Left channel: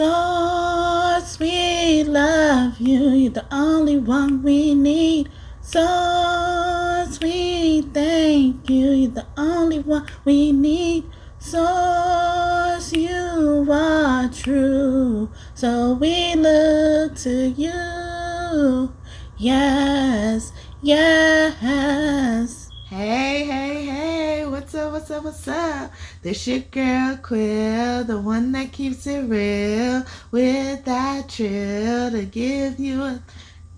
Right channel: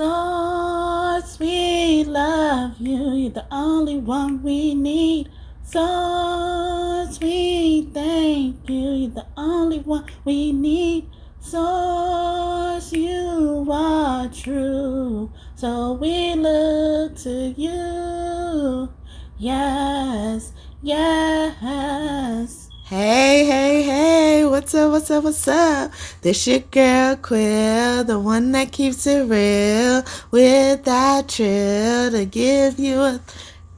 Source, we love you. You're the only one we need. Source, we thank you. You're the only one we need. Source, you are true. So we look to you. Yes, yes. Hey, what's up? This your girl Quill, the one that keeps it real with that trill to give you a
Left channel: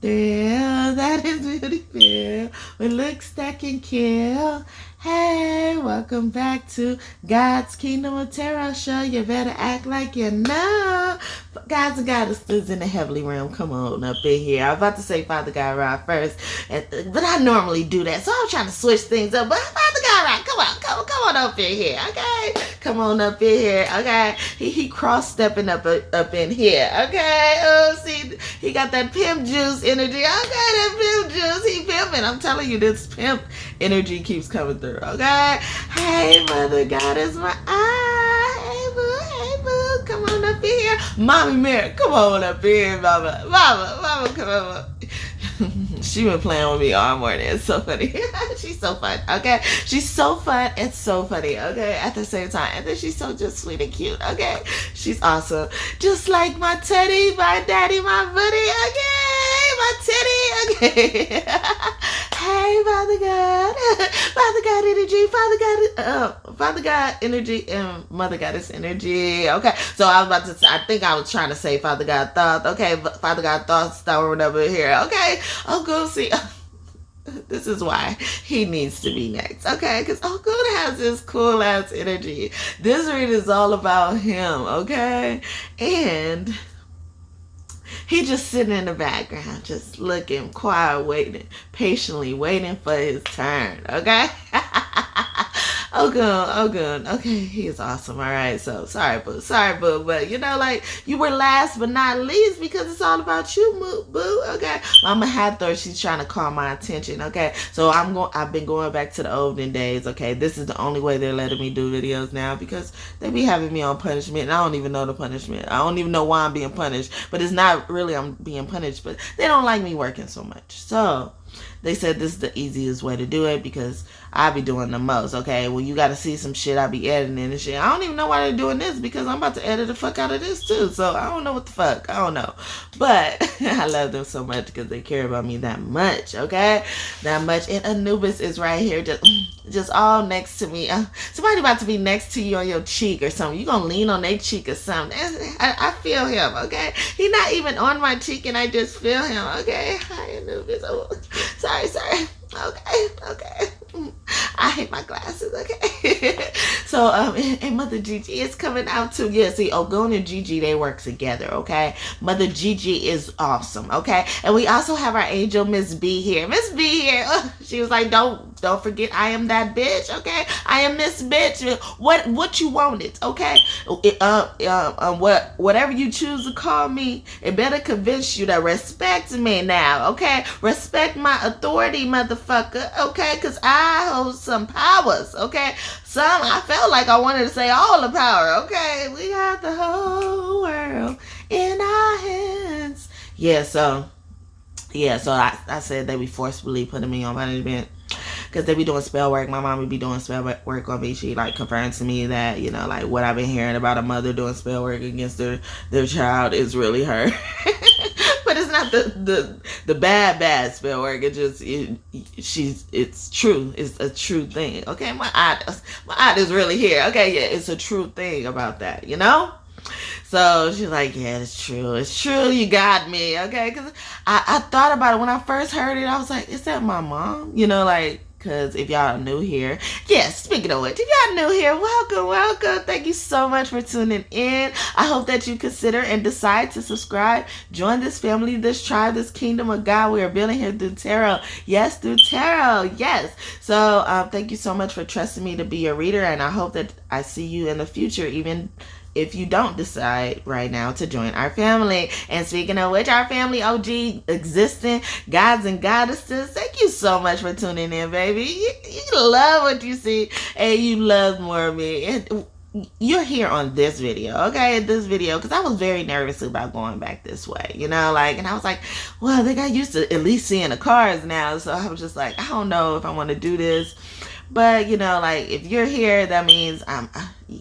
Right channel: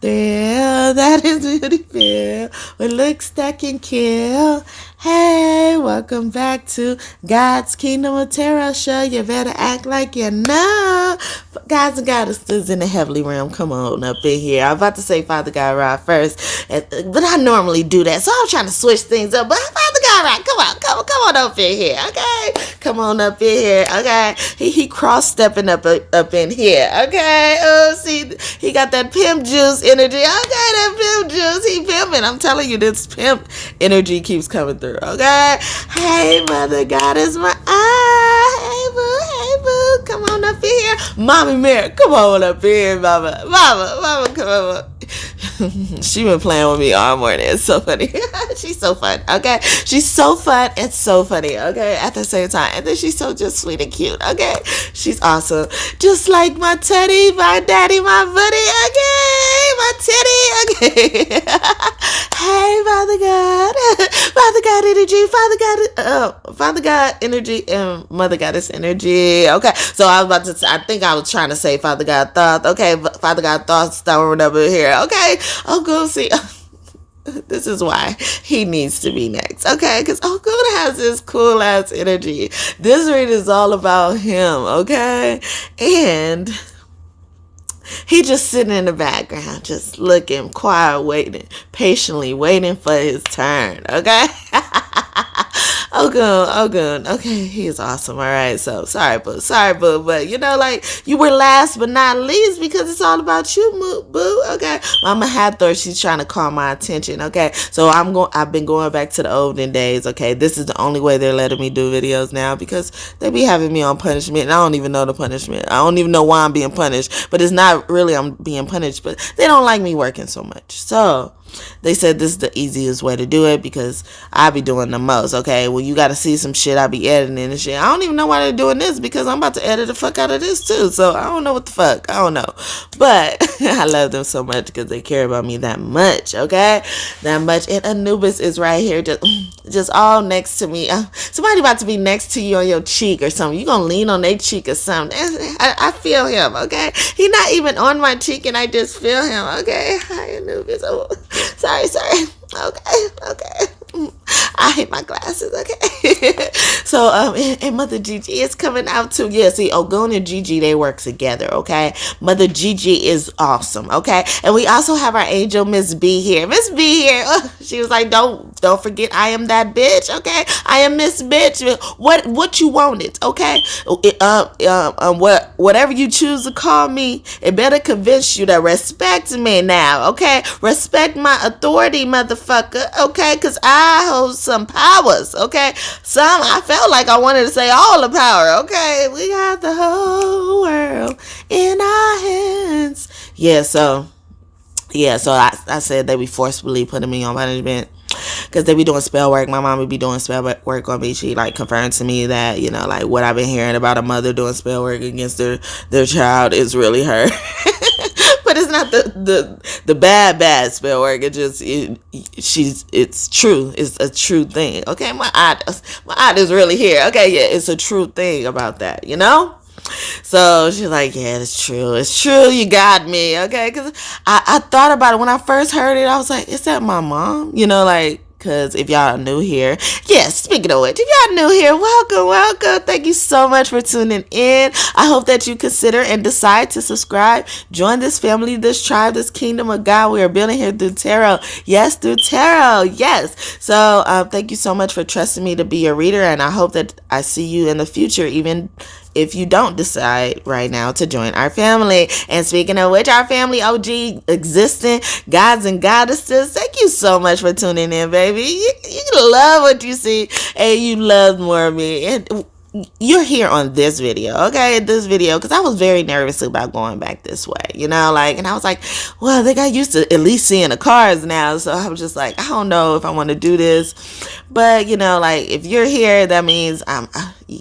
thrill. That is beauty feel with looks that can kill. Hey, welcome back to God's Kingdom of Tarot Show. You better act like you know. Gods and goddesses in the heavenly realm, come on up in here. I'm about to say Father God Ra first, but I normally do that, so I'm trying to switch things up. But Father God Ra, come on up in here, okay? Come on up in here, okay? He cross-stepping up in here, okay? Oh, see, he got that pimp juice energy. Okay, that pimp juice, he pimping. I'm telling you, this pimp energy keeps coming through. Okay, hey Mother Goddess, my hey boo, come on up in here, Mommy Mary, come on up in here, mama, come on. She been playing with me all morning. It's so funny. She's so fun. Okay, she's so fun and so funny. Okay, at the same time, and then she's so just sweet and cute. Okay, she's awesome, just like my teddy, my daddy, my buddy. Okay, my teddy. Okay. Hey, Father God, energy, Father God energy, and Mother Goddess energy. Okay, so I think I was trying to say Father God Thoth. Okay, Father God Thoth storing up here. Okay, go see. This is why he needs to be next, okay? Because Ogun has this cool ass energy. This read is all about him, okay? And he just sitting in the background, just looking, quiet, waiting, patiently waiting for his turn, okay? Ogun, okay, he is awesome, all right? So, sorry, boo, but, you know, like, you were last but not least because it's all about you, boo, okay? Mama Hathor, she's trying to call my attention, okay? So, I've been going back to the olden days, okay? This is the only way they're letting me do videos now because they be having me on punishment, and I don't even know the punishment. I don't even know why I'm being punished, but it's not really I'm being punished, but they don't like me working so much, so they said this is the easiest way to do it because I be doing the most, okay? Well, you got to see some shit I be editing and shit. I don't even know why they're doing this because I'm about to edit the fuck out of this too. So I don't know what the fuck. I don't know. But I love them so much because they care about me that much, okay? That much. And Anubis is right here just all next to me. Somebody about to be next to you on your cheek or something. You going to lean on their cheek or something. I feel him, okay? He not even on my cheek and I just feel him, okay? Hi, Anubis. Oh, sorry. Okay. I hate my glasses, okay? So, and Mother GiGi is coming out too. Yeah, see, Ogun and GiGi, they work together, okay? Mother GiGi is awesome, okay? And we also have our angel, Miss B here. Miss B here, she was like, don't forget I am that bitch, okay? I am Miss Bitch. What you wanted, okay? Whatever you choose to call me, it better convince you to respect me now, okay? Respect my authority, motherfucker, okay? Because I hold some powers, okay? I felt like I wanted to say all the power, okay? We got the whole world in our hands. So I said they be forcibly putting me on punishment because they be doing spell work. My mom would be doing spell work on me. She like confirmed to me that, you know, like what I've been hearing about a mother doing spell work against their child is really her. But it's not the bad spell work. It's true. It's a true thing. Okay, my aunt is really here. Okay, yeah, it's a true thing about that, you know? So she's like, yeah, it's true, you got me, okay? Because I thought about it when I first heard it. I was like, is that my mom? You know, like, because if y'all are new here, yes, speaking of which, if y'all new here, welcome. Thank you so much for tuning in. I hope that you consider and decide to subscribe. Join this family, this tribe, this kingdom of God we are building here through tarot. Yes, through tarot. Yes. So thank you so much for trusting me to be your reader, and I hope that I see you in the future, even if you don't decide right now to join our family. And speaking of which, our family OG existing gods and goddesses, thank you so much for tuning in, baby. You love what you see and you love more of me. And you're here on this video, okay? This video, because I was very nervous about going back this way, you know, like, and I was like, well, they got used to at least seeing the cars now, so I was just like, I don't know if I want to do this, but, you know, like, if you're here, that means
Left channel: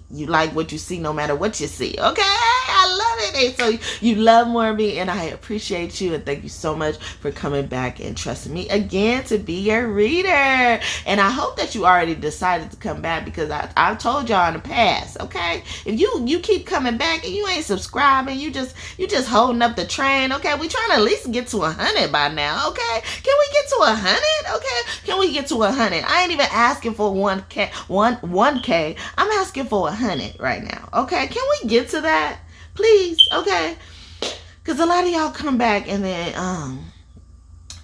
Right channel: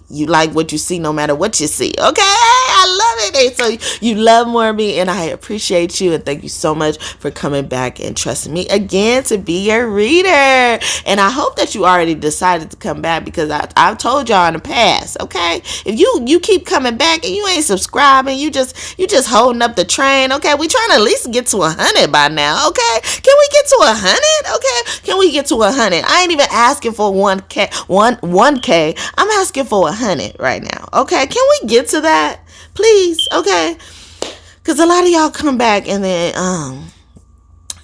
you like what you see no matter what you see, okay? I love it. And so you love more of me, and I appreciate you, and thank you so much for coming back and trusting me again to be your reader. And I hope that you already decided to come back, because I've told y'all in the past, okay? If you keep coming back and you ain't subscribing, you just holding up the train, okay? We trying to at least get to 100 by now, okay? Can we get to 100? Okay? Can we get to 100? I ain't even asking for 1K. I'm asking for 100 right now, okay? Can we get to that? Please, okay? Because a lot of y'all come back and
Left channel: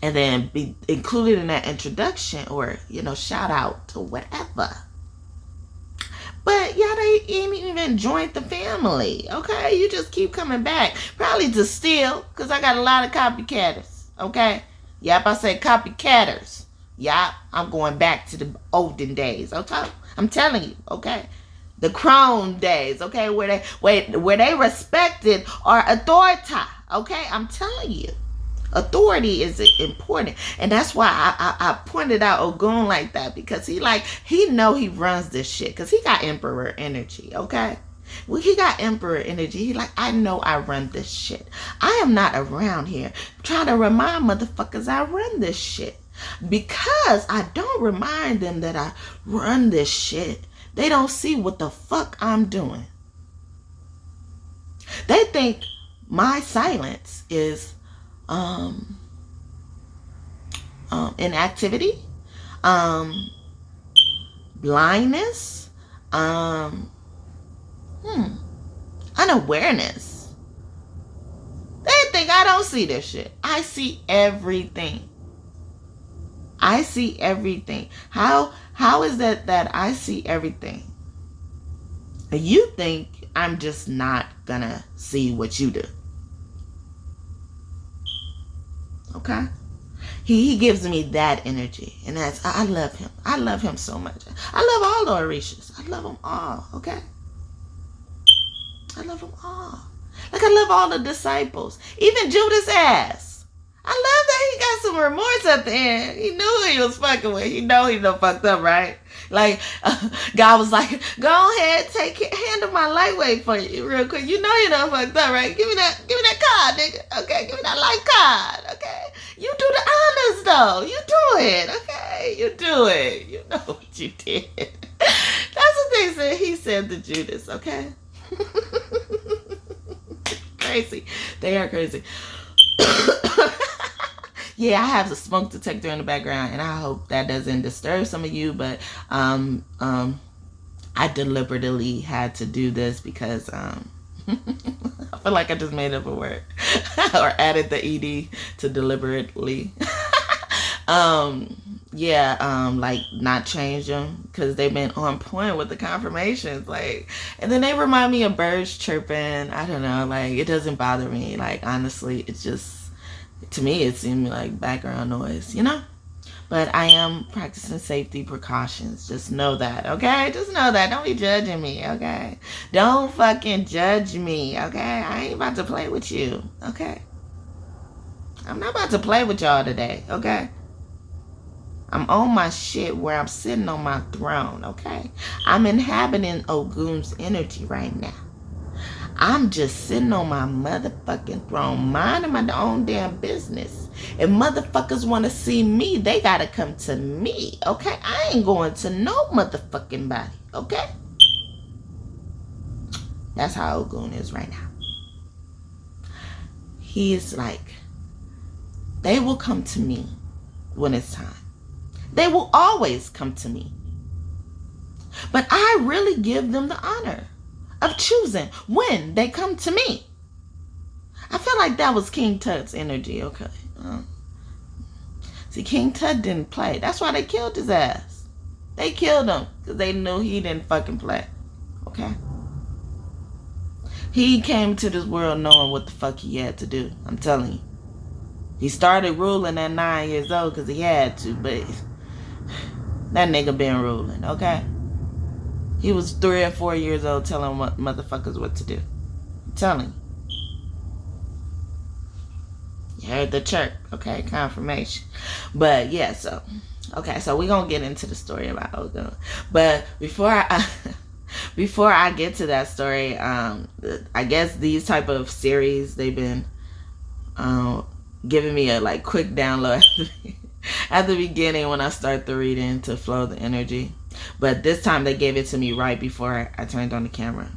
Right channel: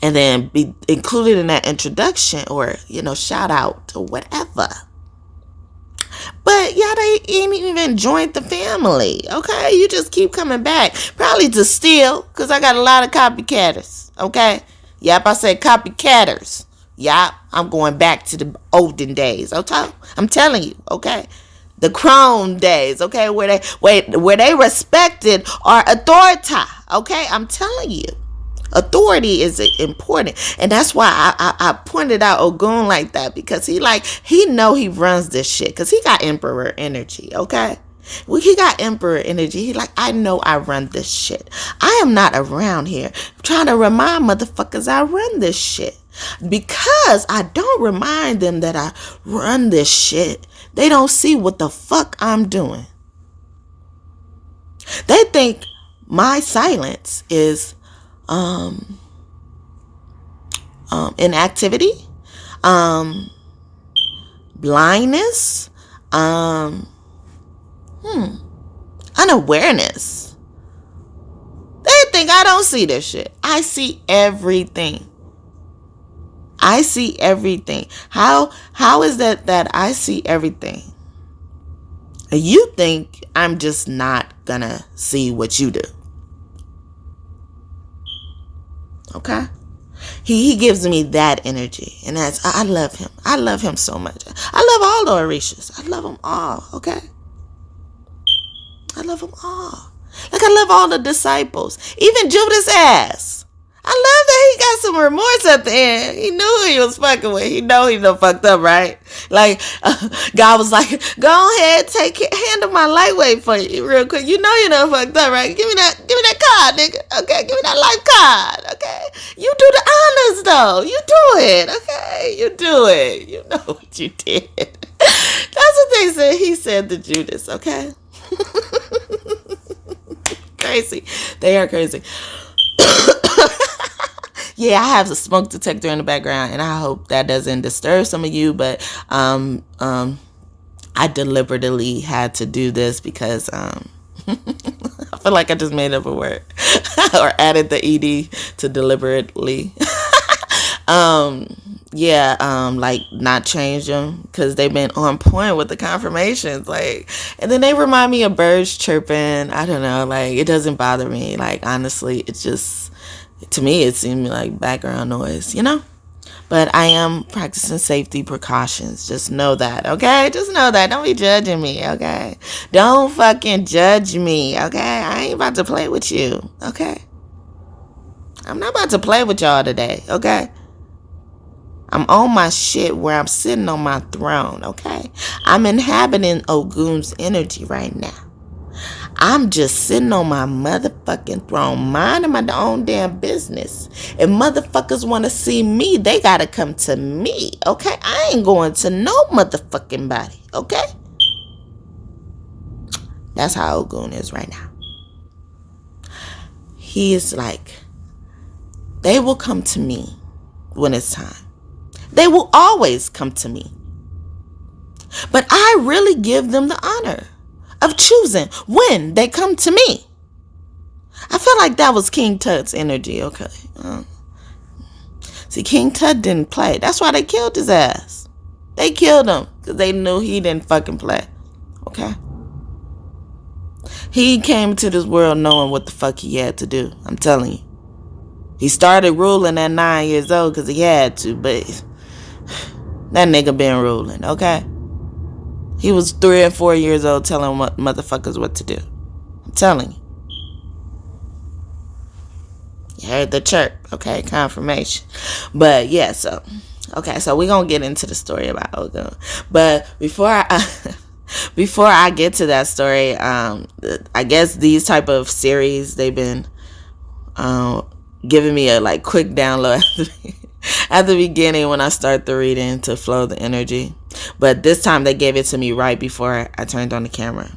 then be included in that introduction, or, you know, shout out or whatever. But y'all ain't even joined the family, okay? You just keep coming back. Probably to steal, because I got a lot of copycatters, okay? Yep, I said copycatters. Yep, I'm going back to the olden days, okay? I'm telling you, okay? The Chrome days, okay? Where they respected our authority, okay? I'm telling you. Authority is important, and that's why I pointed out Ogun like that, because he know he runs this shit, because he got emperor energy, okay? Well, he got emperor energy. He like, I know I run this shit. I am not around here trying to remind motherfuckers I run this shit, because I don't remind them that I run this shit. They don't see what the fuck I'm doing. They think my silence is inactivity, blindness, unawareness. They think I don't see this shit. I see everything. I see everything. How is that I see everything? You think I'm just not gonna see what you do. Okay? He gives me that energy, and I love him. I love him so much. I love all the Orishas. I love them all, okay? I love them all. Like, I love all the disciples. Even Judas' ass. I love that he got some remorse at the end. He knew who he was fucking with. He know he done fucked up, right? Like, God was like, go ahead, handle my lightweight for you real quick. You know you done fucked up, right? Give me that card, nigga. Okay, give me that life card, okay? You do the honors, though. You do it, okay? You do it. You know what you did. That's what he said to Judas, okay? Crazy. They are crazy. Yeah, I have a smoke detector in the background, and I hope that doesn't disturb some of you, but I deliberately had to do this because I feel like I just made up a word or added the ed to deliberately. Like not change them, because they've been on point with the confirmations, like, and then they remind me of birds chirping. I don't know, like, it doesn't bother me, like, honestly. It's just, to me, it seemed like background noise, you know? But I am practicing safety precautions. Just know that, okay? Just know that. Don't be judging me, okay? Don't fucking judge me, okay? I ain't about to play with you, okay? I'm not about to play with y'all today, okay? I'm on my shit where I'm sitting on my throne, okay? I'm inhabiting Ogun's energy right now. I'm just sitting on my motherfucking throne, minding my own damn business. If motherfuckers want to see me, they got to come to me, okay? I ain't going to no motherfucking body, okay? That's how Ogun is right now. He is like, they will come to me when it's time. They will always come to me. But I really give them the honor of choosing when they come to me. I feel like that was King Tut's energy, okay? See, King Tut didn't play. That's why they killed his ass. They killed him because they knew he didn't fucking play, okay? He came to this world knowing what the fuck he had to do. I'm telling you. He started ruling at 9 years old because he had to, but that nigga been ruling, okay? He was 3 and 4 years old telling motherfuckers what to do. I'm telling you. You heard the chirp. Okay, confirmation. But yeah, so okay, so we're gonna get into the story about Ogun. But before I get to that story, I guess these type of series, they've been giving me a like quick download at the beginning when I start the reading to flow the energy. But this time they gave it to me right before I turned on the camera.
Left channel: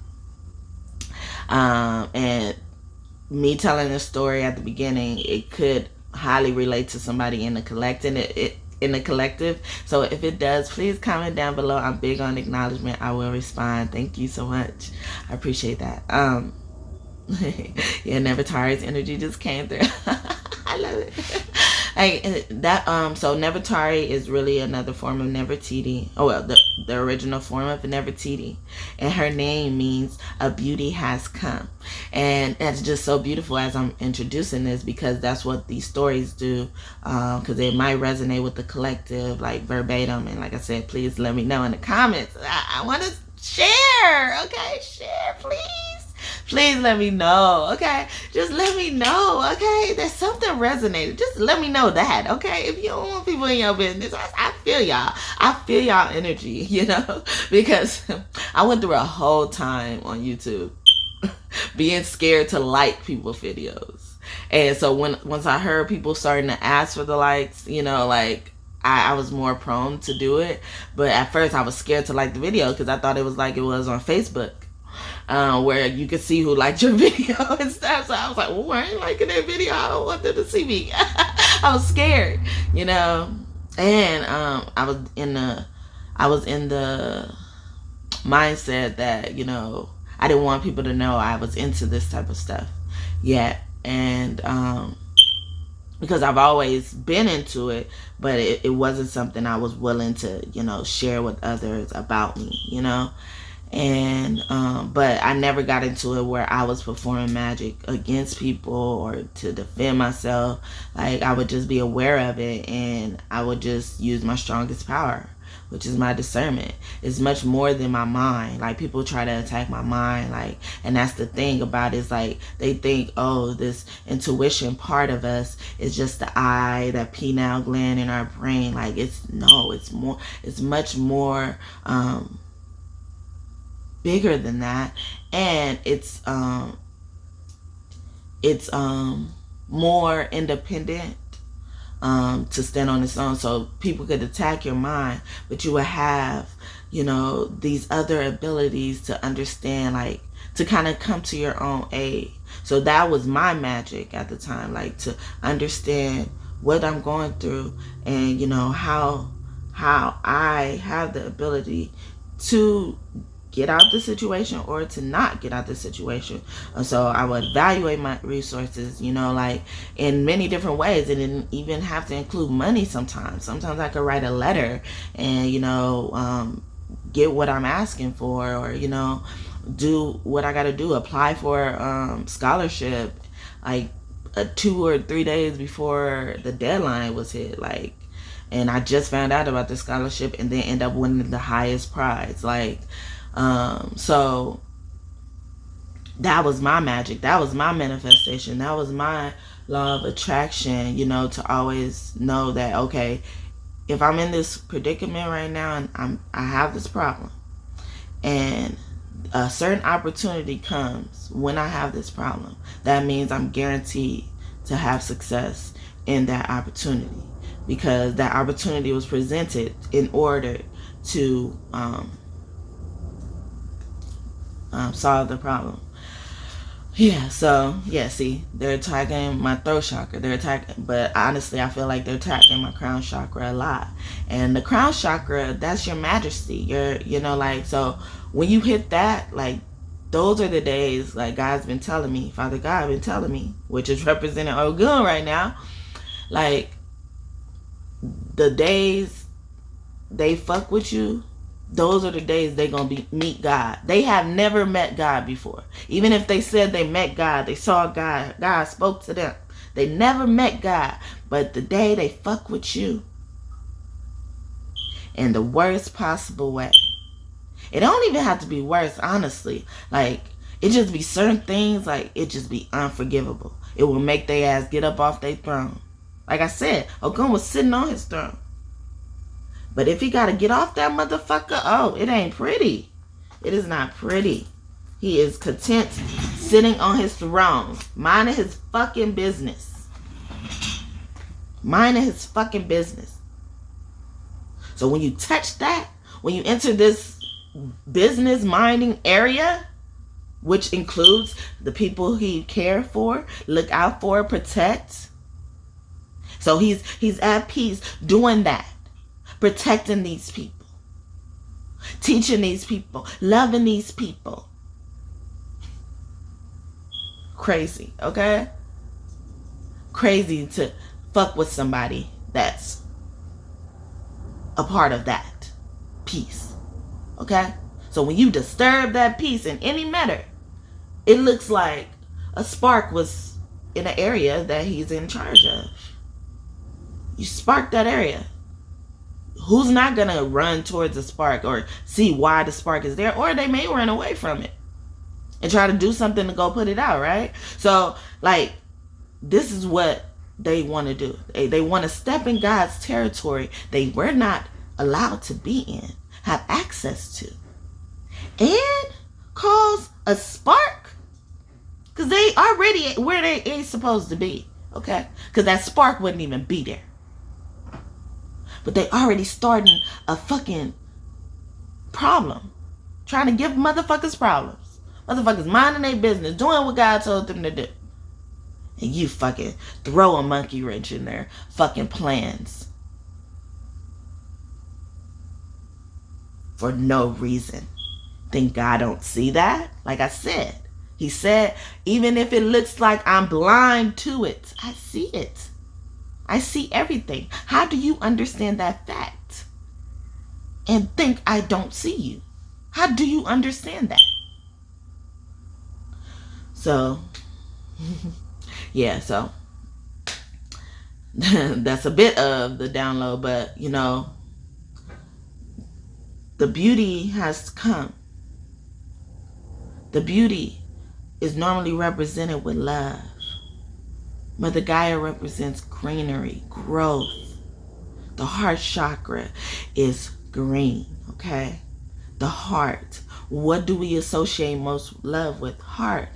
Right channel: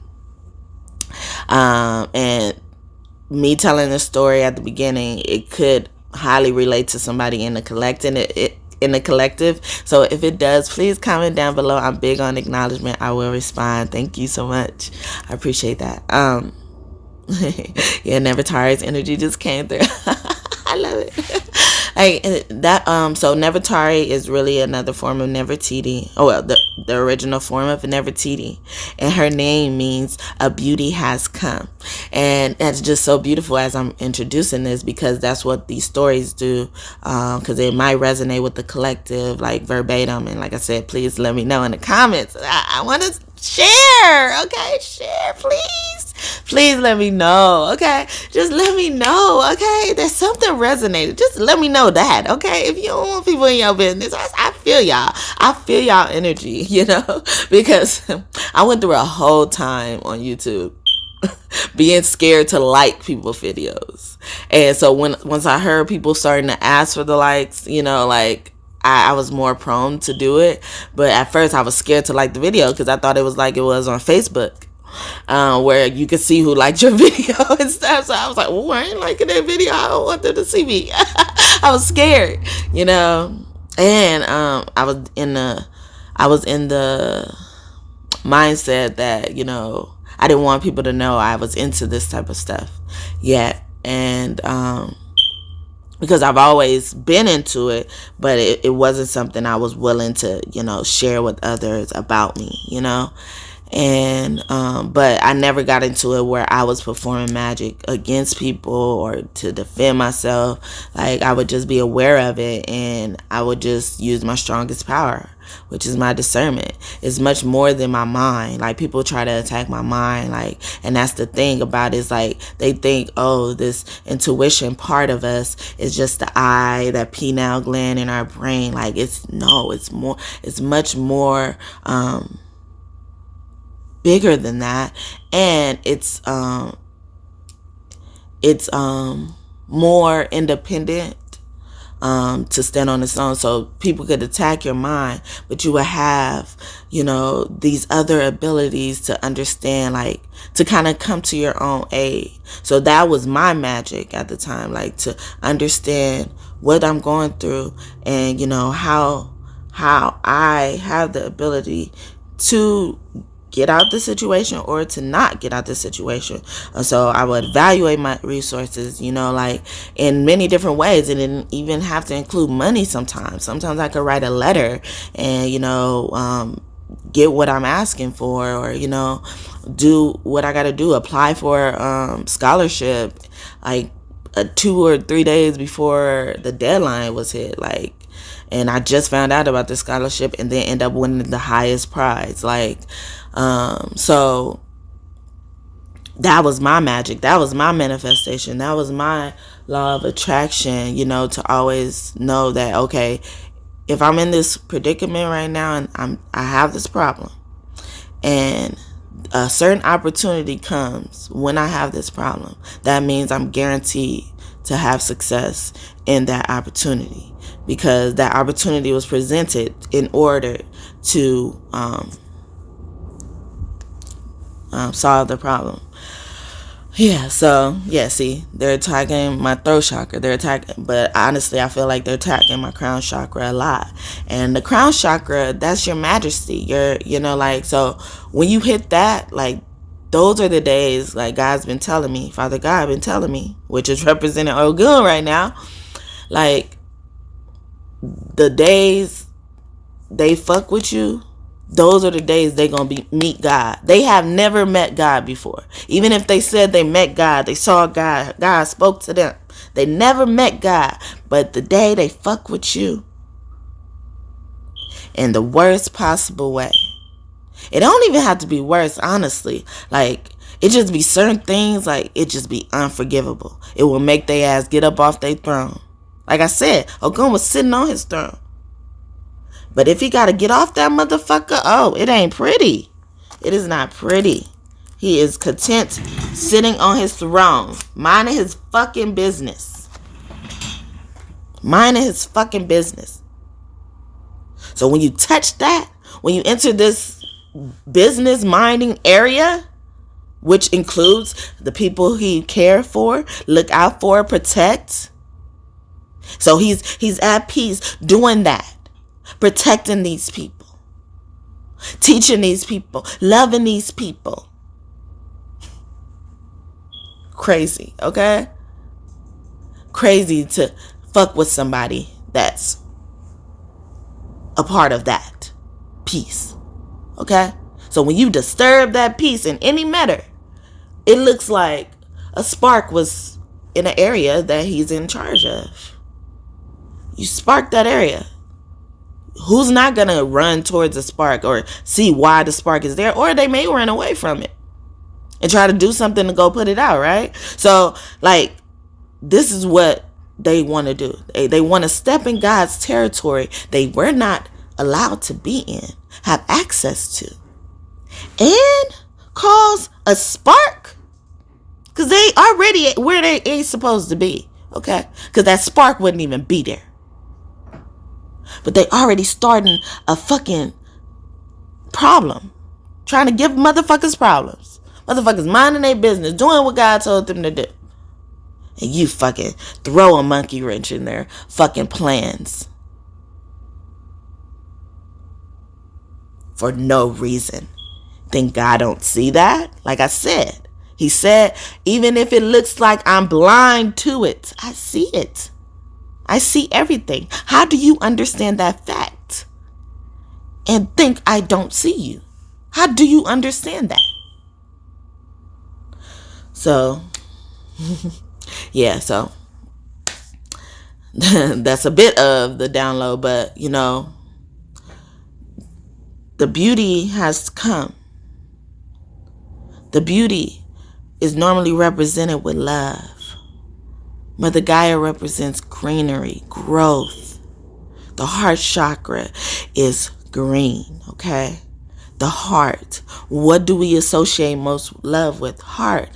And me telling the story at the beginning, it could highly relate to somebody in the collective. So if it does, please comment down below. I'm big on acknowledgement. I will respond. Thank you so much. I appreciate that. Yeah, Never Tired's energy just came through. I love it. So Nefertari is really another form of Nefertiti. Oh well, the original form of Nefertiti, and her name means a beauty has come, and that's just so beautiful as I'm introducing this, because that's what these stories do, because it might resonate with the collective, like verbatim. And like I said, please let me know in the comments. I want to share. Okay, share, please let me know. Okay, just let me know. Okay, there's something resonated. Just let me know that. Okay, if you don't want people in your business, I feel y'all energy, because I went through a whole time on YouTube being scared to like people's videos. And so once I heard people starting to ask for the likes, like I was more prone to do it. But at first I was scared to like the video because I thought it was like it was on Facebook, where you could see who liked your video and stuff. So I was like, well, I ain't liking that video. I don't want them to see me. I was scared, and I was in the mindset that, I didn't want people to know I was into this type of stuff yet. And because I've always been into it, but it wasn't something I was willing to, share with others about me, And but I never got into it where I was performing magic against people or to defend myself. Like, I would just be aware of it, and I would just use my strongest power, which is my discernment. It's much more than my mind. Like, people try to attack my mind, and that's the thing about it, is like they think, oh, this intuition part of us is just the eye, that pineal gland in our brain. Like, it's much more bigger than that, and it's more independent to stand on its own. So people could attack your mind, but you will have, these other abilities to understand, like to kind of come to your own aid. So that was my magic at the time, like to understand what I'm going through, and how I have the ability to get out the situation or to not get out the situation. So I would evaluate my resources, like in many different ways. It didn't even have to include money sometimes. Sometimes I could write a letter and, get what I'm asking for, or, do what I got to do, apply for scholarship, like 2 or 3 days before the deadline was hit. And I just found out about the scholarship and then end up winning the highest prize. So that was my magic. That was my manifestation. That was my law of attraction, to always know that, okay, if I'm in this predicament right now and I have this problem, and a certain opportunity comes when I have this problem, that means I'm guaranteed to have success in that opportunity, because that opportunity was presented in order to solve the problem. See, they're attacking my throat chakra. But honestly, I feel like they're attacking my crown chakra a lot. And the crown chakra, that's your majesty. So when you hit that, those are the days, God's been telling me, Father God been telling me, which is representing Ogun right now, the days they fuck with you, those are the days they're going to meet God. They have never met God before. Even if they said they met God, they saw God, God spoke to them. They never met God. But the day they fuck with you in the worst possible way, It don't even have to be worse, honestly. Like, it just be certain things, like, it just be unforgivable. It will make their ass get up off their throne. Like I said, Ogun was sitting on his throne. But if he got to get off that motherfucker, oh, it ain't pretty. It is not pretty. He is content sitting on his throne, minding his fucking business. Minding his fucking business. So when you touch that, when you enter this business minding area, which includes the people he cared for, look out for, protect. So he's at peace doing that, protecting these people, teaching these people, loving these people. Crazy, okay? Crazy to fuck with somebody that's a part of that peace, okay? So when you disturb that peace in any matter, it looks like a spark was in an area that he's in charge of. You spark that area. Who's not going to run towards a spark or see why the spark is there? Or they may run away from it and try to do something to go put it out, right? So, like, this is what they want to do. They want to step in God's territory they were not allowed to be in, have access to, and cause a spark, because they already where they ain't supposed to be, okay? Because that spark wouldn't even be there. But they already starting a fucking problem, trying to give motherfuckers problems. Motherfuckers minding their business, doing what God told them to do. And you fucking throw a monkey wrench in their fucking plans. For no reason. Think God don't see that? Like I said, he said, even if it looks like I'm blind to it, I see it. I see everything. How do you understand that fact and think I don't see you? How do you understand that? So, yeah, so that's a bit of the download, but you know, the beauty has come. The beauty is normally represented with love. Mother Gaia represents greenery, growth. The heart chakra is green, okay? The heart. What do we associate most love with? Heart.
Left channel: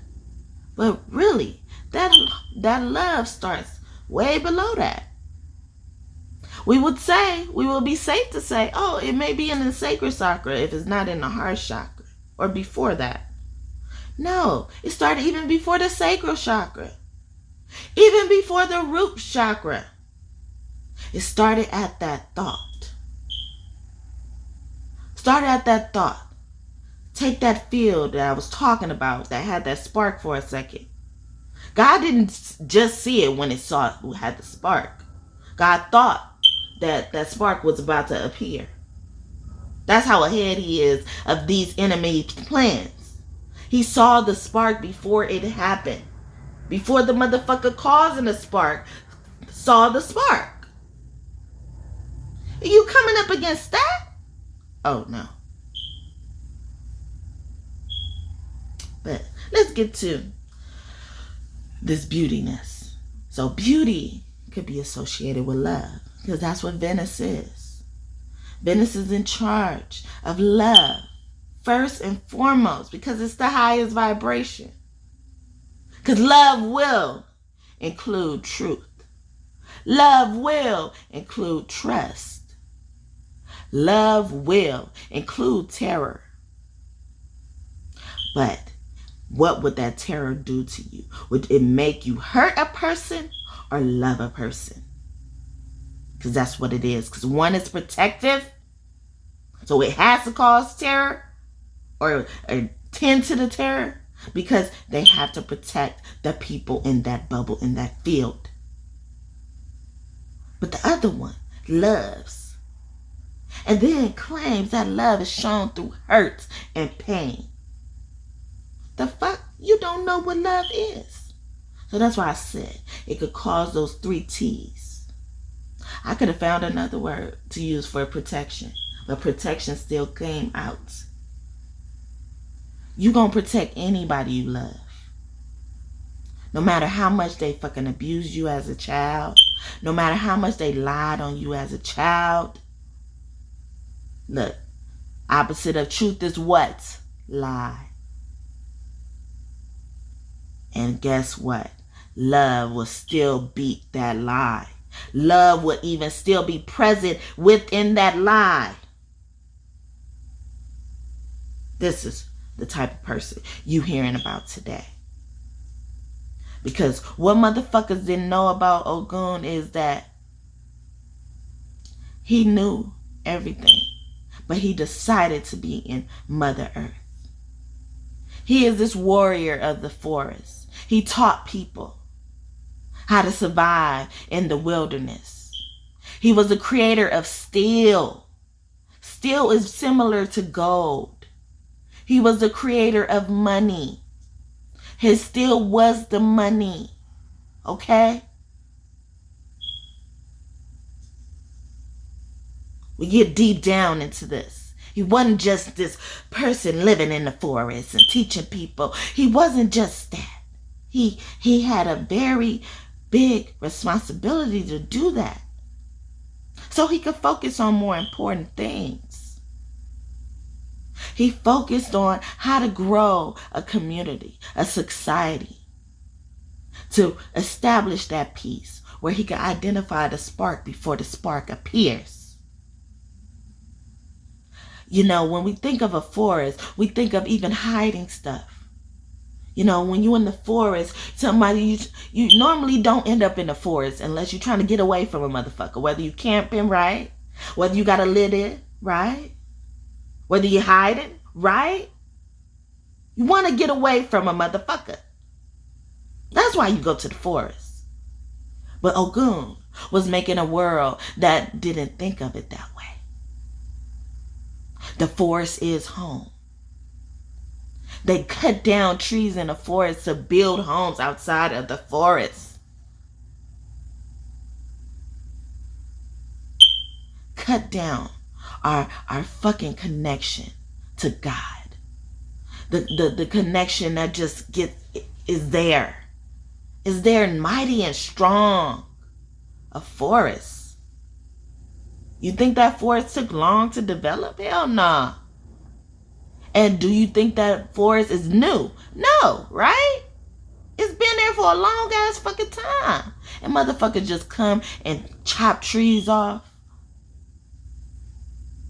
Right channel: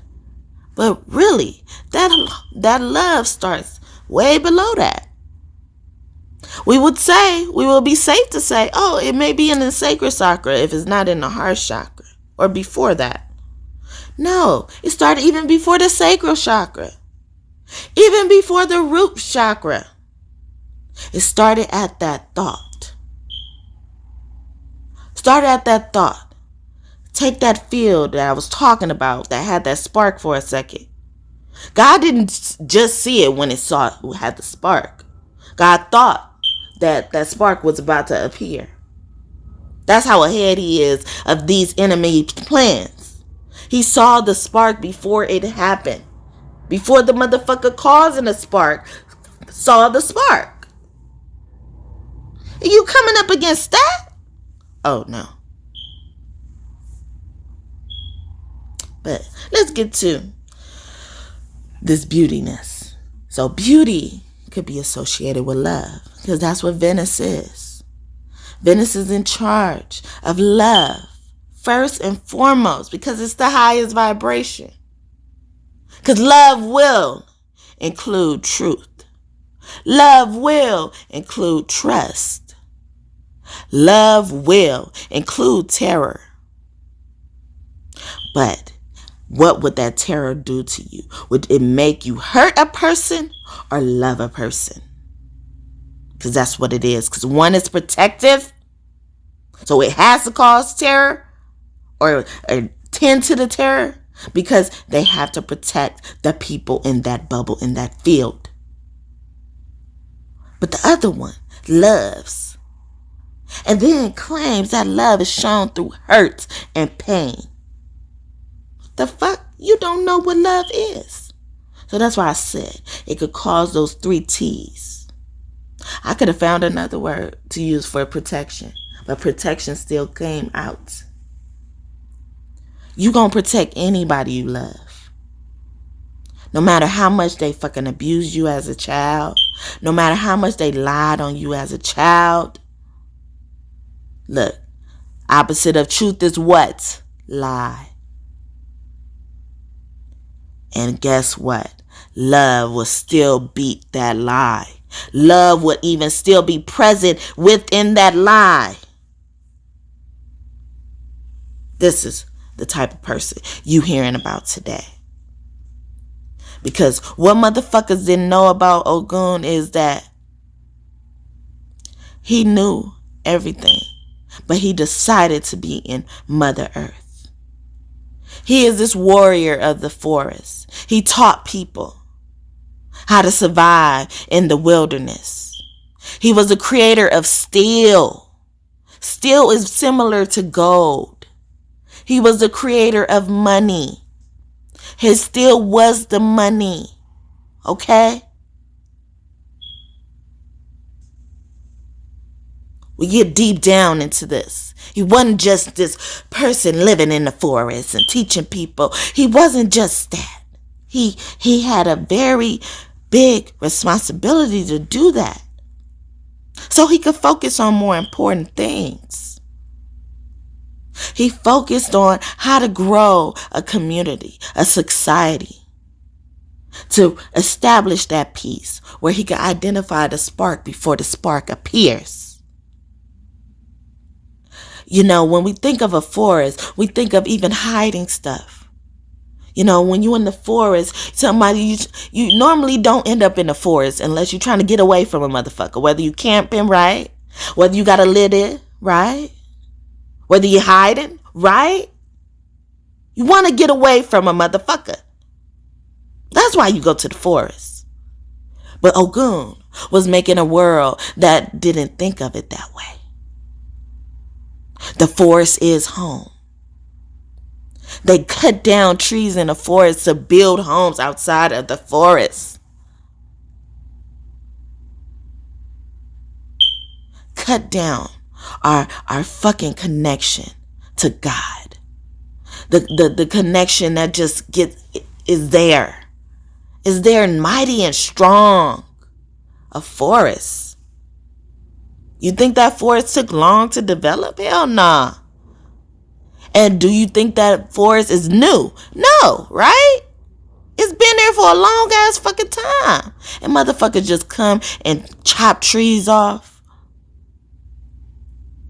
But really, that love starts way below that. We will be safe to say, oh, it may be in the sacral chakra if it's not in the heart chakra, or before that. No, it started even before the sacral chakra. Even before the root chakra. It started at that thought. Started at that thought. Take that field that I was talking about that had that spark for a second. God didn't just see it when it had the spark. God thought that spark was about to appear. That's how ahead he is of these enemy plans. He saw the spark before it happened. Before the motherfucker causing the spark saw the spark. Are you coming up against that? Oh, no. But let's get to this beautiness. So beauty could be associated with love, because that's what Venus is. Venus is in charge of love, first and foremost, because it's the highest vibration. Because love will include truth. Love will include trust. Love will include terror. But what would that terror do to you? Would it make you hurt a person or love a person? Because that's what it is. Because one is protective, so it has to cause terror or tend to the terror, because they have to protect the people in that bubble, in that field. But the other one loves, and then claims that love is shown through hurt and pain. The fuck? You don't know what love is. So that's why I said it could cause those 3 T's. I could have found another word to use for protection, but protection still came out. You gonna protect anybody you love. No matter how much they fucking abused you as a child. No matter how much they lied on you as a child. Look, opposite of truth is what? Lie. And guess what? Love will still beat that lie. Love will even still be present within that lie. This is the type of person you hearing about today. Because what motherfuckers didn't know about Ogun is that he knew everything, but he decided to be in Mother Earth. He is this warrior of the forest. He taught people how to survive in the wilderness. He was the creator of steel. Steel is similar to gold. He was the creator of money. His steel was the money. Okay? We get deep down into this. He wasn't just this person living in the forest and teaching people. He wasn't just that. He had a very big responsibility to do that. So he could focus on more important things. He focused on how to grow a community, a society, to establish that peace where he could identify the spark before the spark appears. You know, when we think of a forest, we think of even hiding stuff. You know, when you're in the forest, you normally don't end up in the forest unless you're trying to get away from a motherfucker. Whether you camping, right? Whether you got a lid, right? Whether you're hiding, right? You want to get away from a motherfucker. That's why you go to the forest. But Ogun was making a world that didn't think of it that way. The forest is home. They cut down trees in the forest to build homes outside of the forest. Cut down our fucking connection to God. The connection that just is there. Is there mighty and strong. A forest. You think that forest took long to develop? Hell nah. And do you think that forest is new? No, right? It's been there for a long ass fucking time. And motherfuckers just come and chop trees off.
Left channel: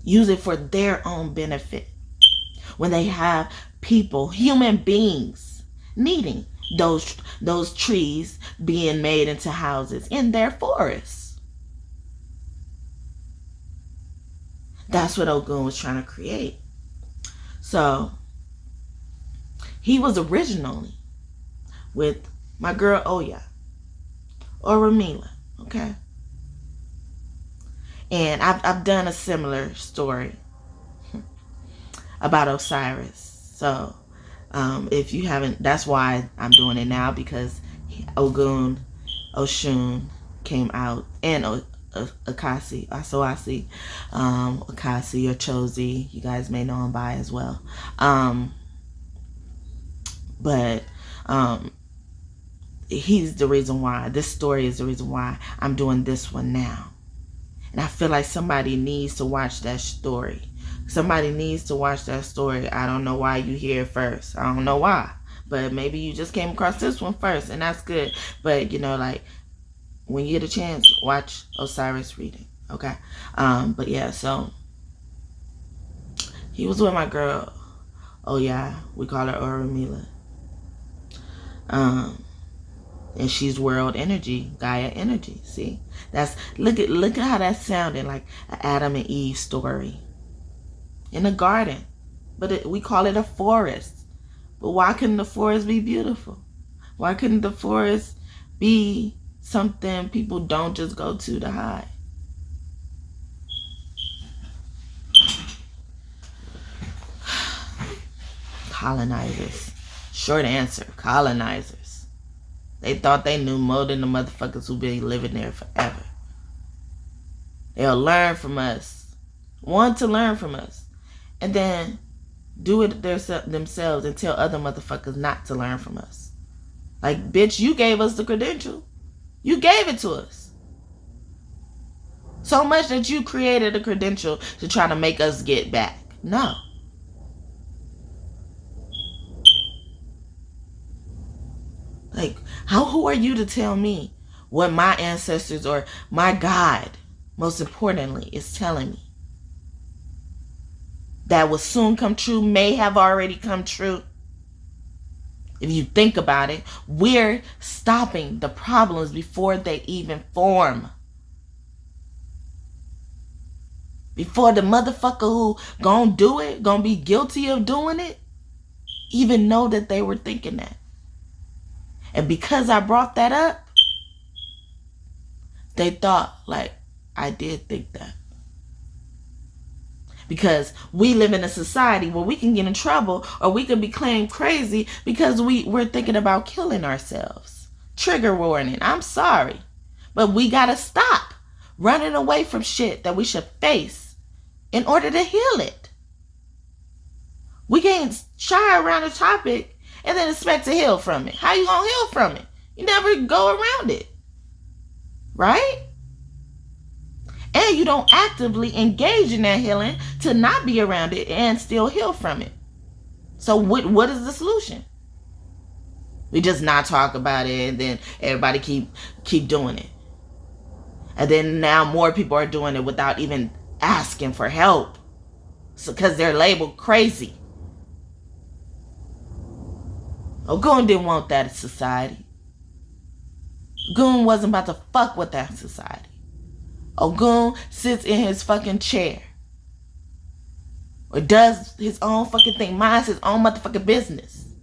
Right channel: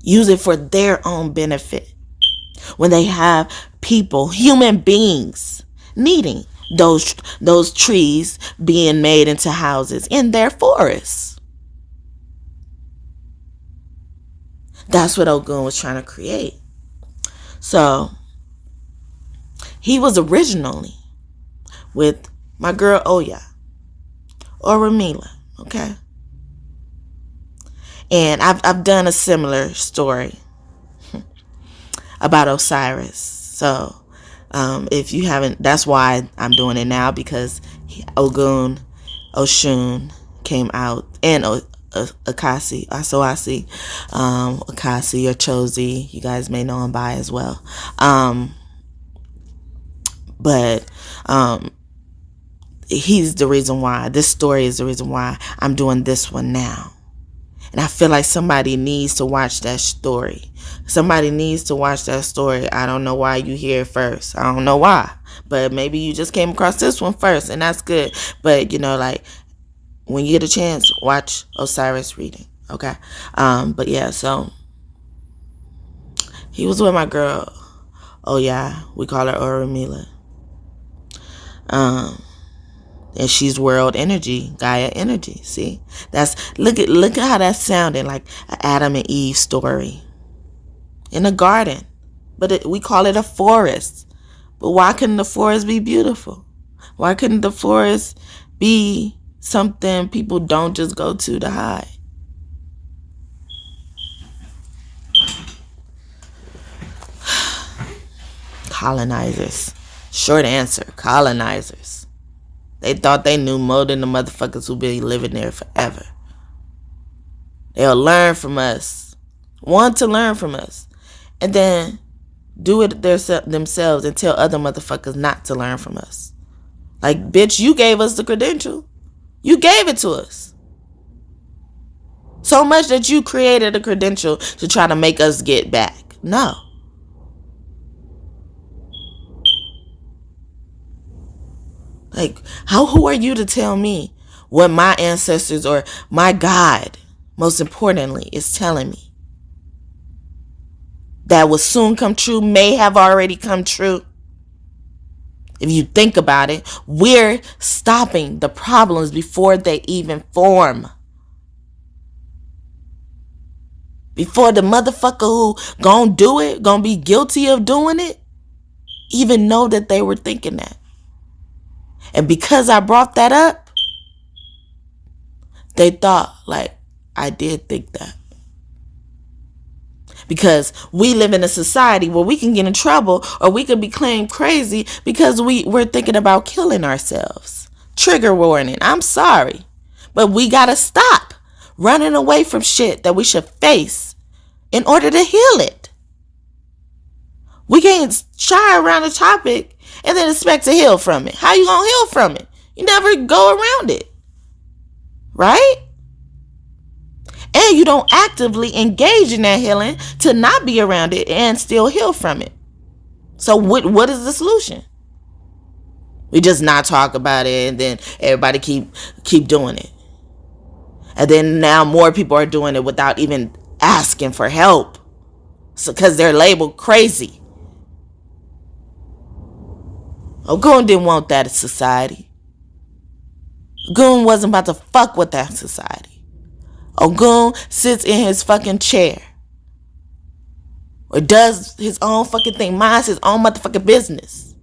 Use it for their own benefit. When they have people, human beings, needing those trees being made into houses in their forests. That's what Ogun was trying to create. So, he was originally with my girl Oya, Orumila, okay? And I've done a similar story about Osiris. So, if you haven't, that's why I'm doing it now, because Ogun, Oshun came out, and Akasi, Asoasi, Akasi or Chosi, you guys may know him by as well. But he's the reason why, this story is the reason why I'm doing this one now. And I feel like somebody needs to watch that story. Somebody needs to watch that story. I don't know why you hear it first. I don't know why. But maybe you just came across this one first, and that's good. But, you know, like, when you get a chance, watch Osiris reading, okay? But yeah, so he was with my girl. Oh yeah, we call her Orumila. And she's world energy, Gaia energy. See, look at how that sounded like an Adam and Eve story in a garden, but we call it a forest. But why couldn't the forest be beautiful? Why couldn't the forest be something people don't just go to hide? Colonizers. Short answer, colonizers. They thought they knew more than the motherfuckers who been living there forever. They'll learn from us. Want to learn from us. And then do it themselves and tell other motherfuckers not to learn from us. Like, bitch, you gave us the credential. You gave it to us. So much that you created a credential to try to make us get back. No. Like, who are you to tell me what my ancestors or my God, most importantly, is telling me? That will soon come true, may have already come true. If you think about it, we're stopping the problems before they even form. Before the motherfucker who gonna do it, gonna be guilty of doing it, even know that they were thinking that. And because I brought that up, they thought, like, I did think that. Because we live in a society where we can get in trouble or we could be claimed crazy because we're thinking about killing ourselves. Trigger warning, I'm sorry. But we gotta stop running away from shit that we should face in order to heal it. We can't shy around a topic and then expect to heal from it. How you gonna heal from it? You never go around it. Right? And you don't actively engage in that healing to not be around it and still heal from it. So what is the solution? We just not talk about it and then everybody keep doing it. And then now more people are doing it without even asking for help. So because they're labeled crazy. Ogun didn't want that society. Ogun wasn't about to fuck with that society. Ogun sits in his fucking chair. Or does his own fucking thing. Minds his own motherfucking business.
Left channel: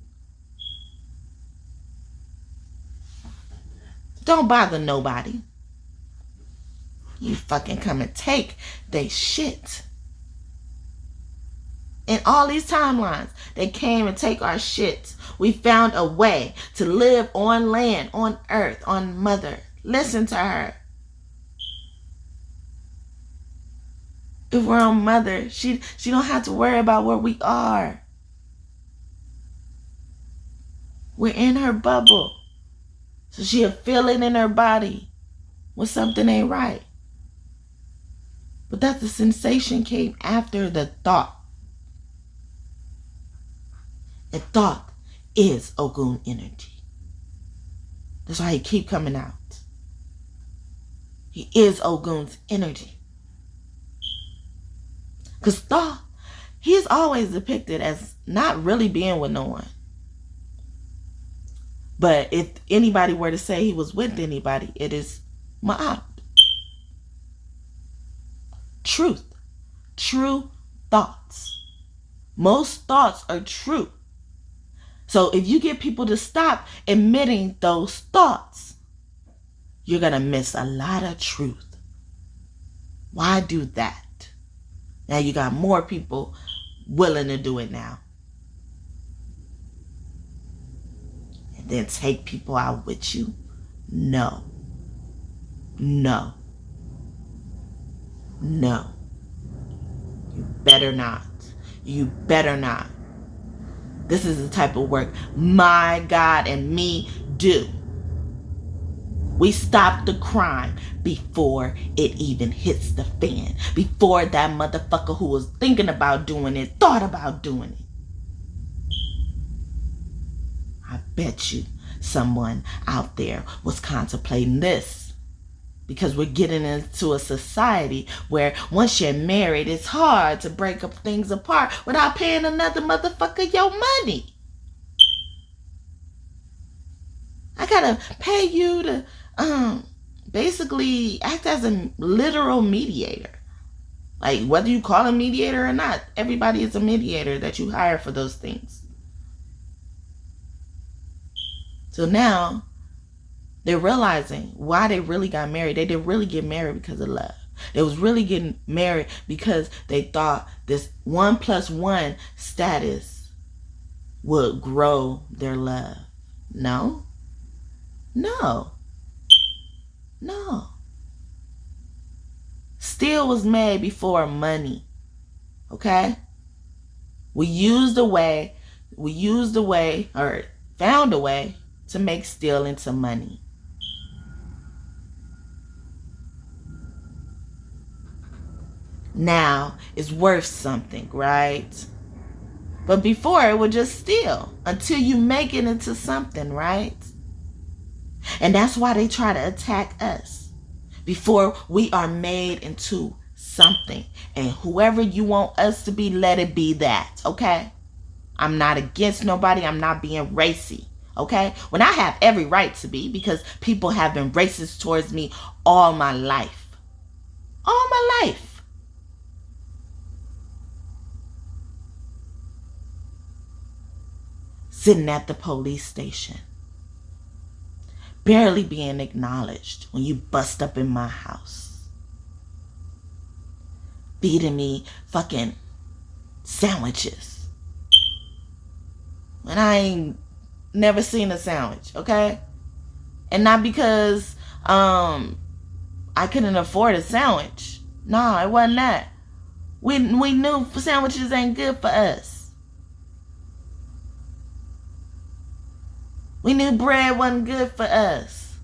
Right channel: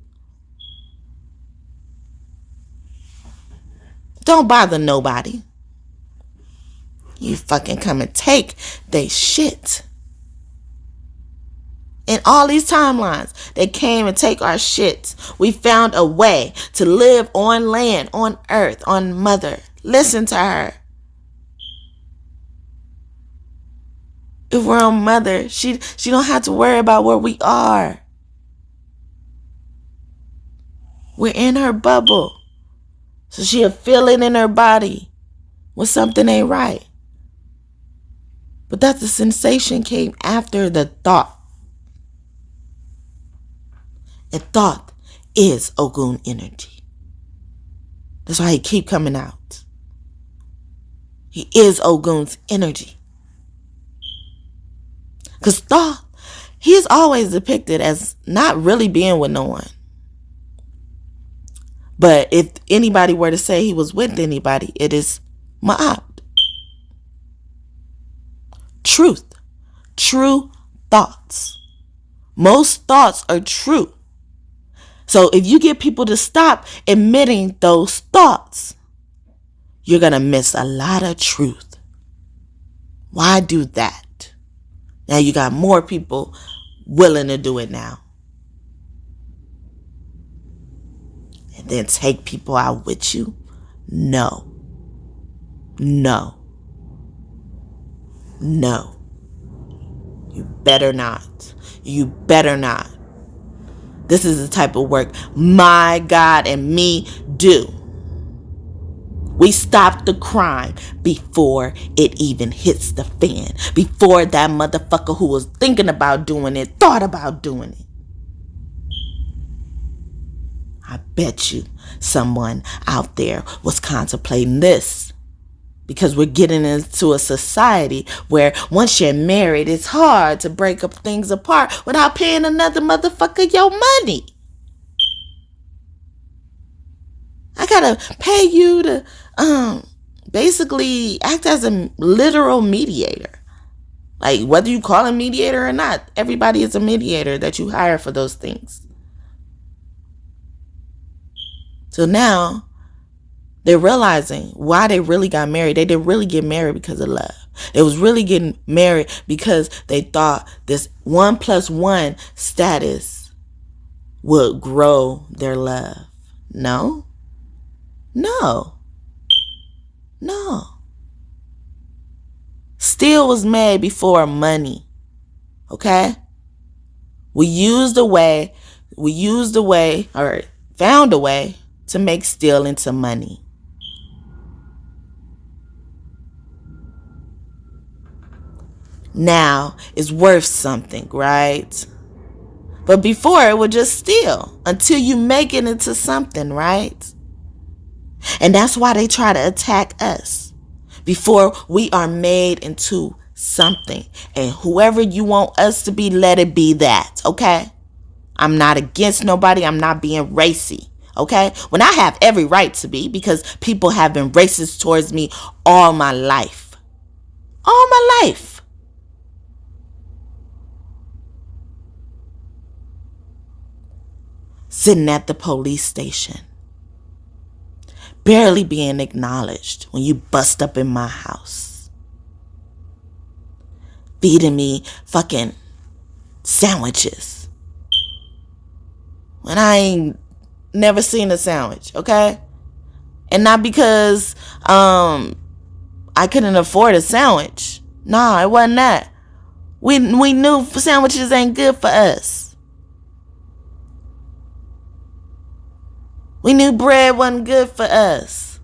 Don't bother nobody. You fucking come and take they shit. In all these timelines, they came and take our shit. We found a way to live on land, on earth, on mother. Listen to her. If we're on mother, she don't have to worry about where we are. We're in her bubble. So she'll feel it in her body when something ain't right. But that the sensation came after the thought. And thought is Ogun energy. That's why he keep coming out. He is Ogun's energy. Because Thoth, he's always depicted as not really being with no one. But if anybody were to say he was with anybody, it is Ma'at. Truth. True thoughts. Most thoughts are true. So if you get people to stop admitting those thoughts, you're going to miss a lot of truth. Why do that? Now you got more people willing to do it now. And then take people out with you? No. No. No. You better not. You better not. This is the type of work my God and me do. We stop the crime before it even hits the fan. Before that motherfucker who was thinking about doing it thought about doing it. I bet you someone out there was contemplating this. Because we're getting into a society where once you're married, it's hard to break up things apart without paying another motherfucker your money. I gotta pay you to basically act as a literal mediator. Like, whether you call a mediator or not, everybody is a mediator that you hire for those things. So now they're realizing why they really got married. They didn't really get married because of love. They was really getting married because they thought this 1+1 status would grow their love. No. No. No. Steel was made before money. Okay? We used a way, or found a way to make steel into money. Now it's worth something, right? But before it was just steel until you make it into something, right? And that's why they try to attack us before we are made into something. And whoever you want us to be, let it be that, okay? I'm not against nobody. I'm not being racy, okay? When I have every right to be, because people have been racist towards me all my life. All my life. Sitting at the police station, barely being acknowledged when you bust up in my house, feeding me fucking sandwiches when I ain't never seen a sandwich, okay? And not because I couldn't afford a sandwich. No, it wasn't that. We knew sandwiches ain't good for us. We knew bread wasn't good for us.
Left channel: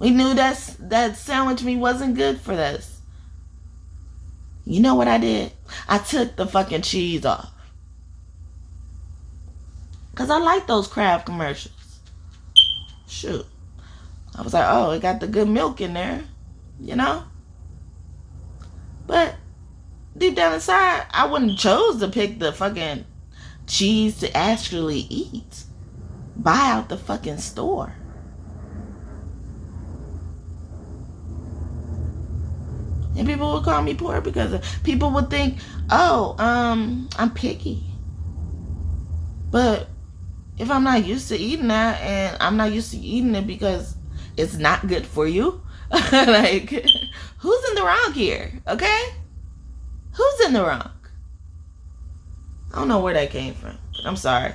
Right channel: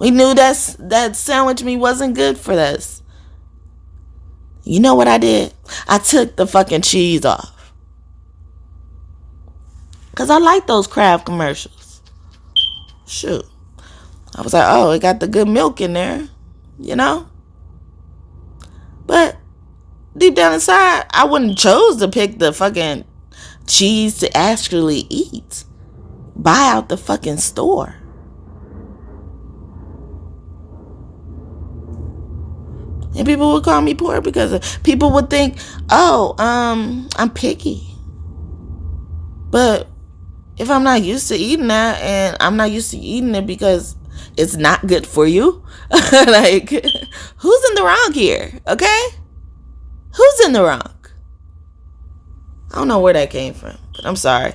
We knew that sandwich meat wasn't good for us. You know what I did? I took the fucking cheese off. Because I like those Kraft commercials. Shoot. I was like, oh, it got the good milk in there. You know? But deep down inside, I wouldn't chose to pick the fucking cheese to actually eat. Buy out the fucking store. And people would call me poor because people would think, oh, I'm picky. But if I'm not used to eating that, and I'm not used to eating it because it's not good for you, like, who's in the wrong here? Okay? Who's in the wrong? I don't know where that came from, but I'm sorry.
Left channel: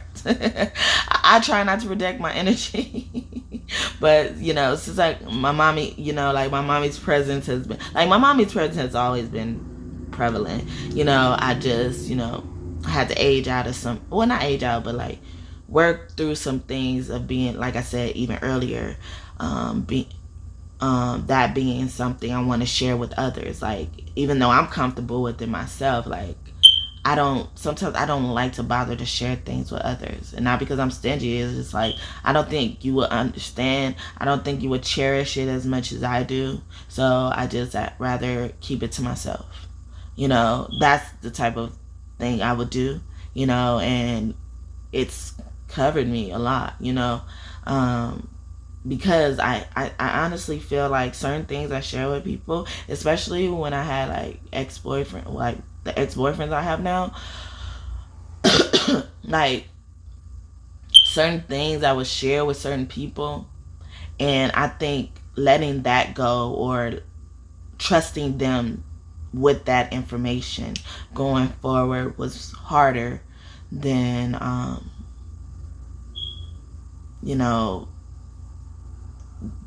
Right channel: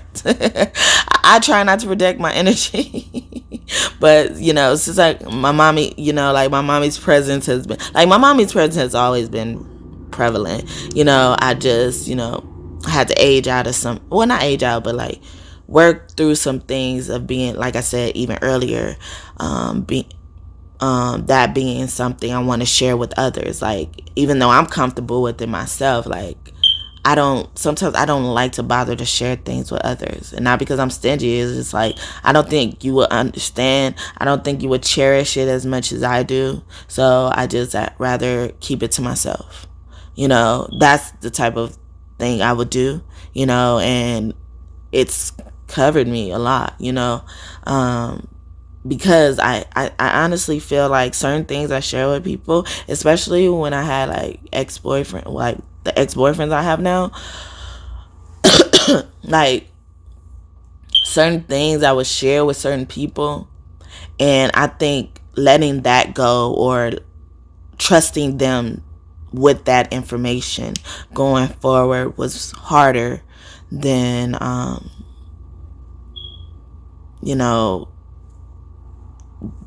I try not to protect my energy. But, you know, since like my mommy, you know, like my mommy's presence has always been prevalent. You know, I just, you know, had to age out of some, well, not age out, but like work through some things of being, like I said, even earlier, that being something I want to share with others. Like, even though I'm comfortable with it myself, like, sometimes I don't like to bother to share things with others. And not because I'm stingy, it's just like, I don't think you would understand. I don't think you would cherish it as much as I do. So I'd rather keep it to myself. You know, that's the type of thing I would do, you know, and it's covered me a lot, you know, because I honestly feel like certain things I share with people, especially when I had like the ex-boyfriends I have now, like certain things I would share with certain people, and I think letting that go or trusting them with that information going forward was harder than you know,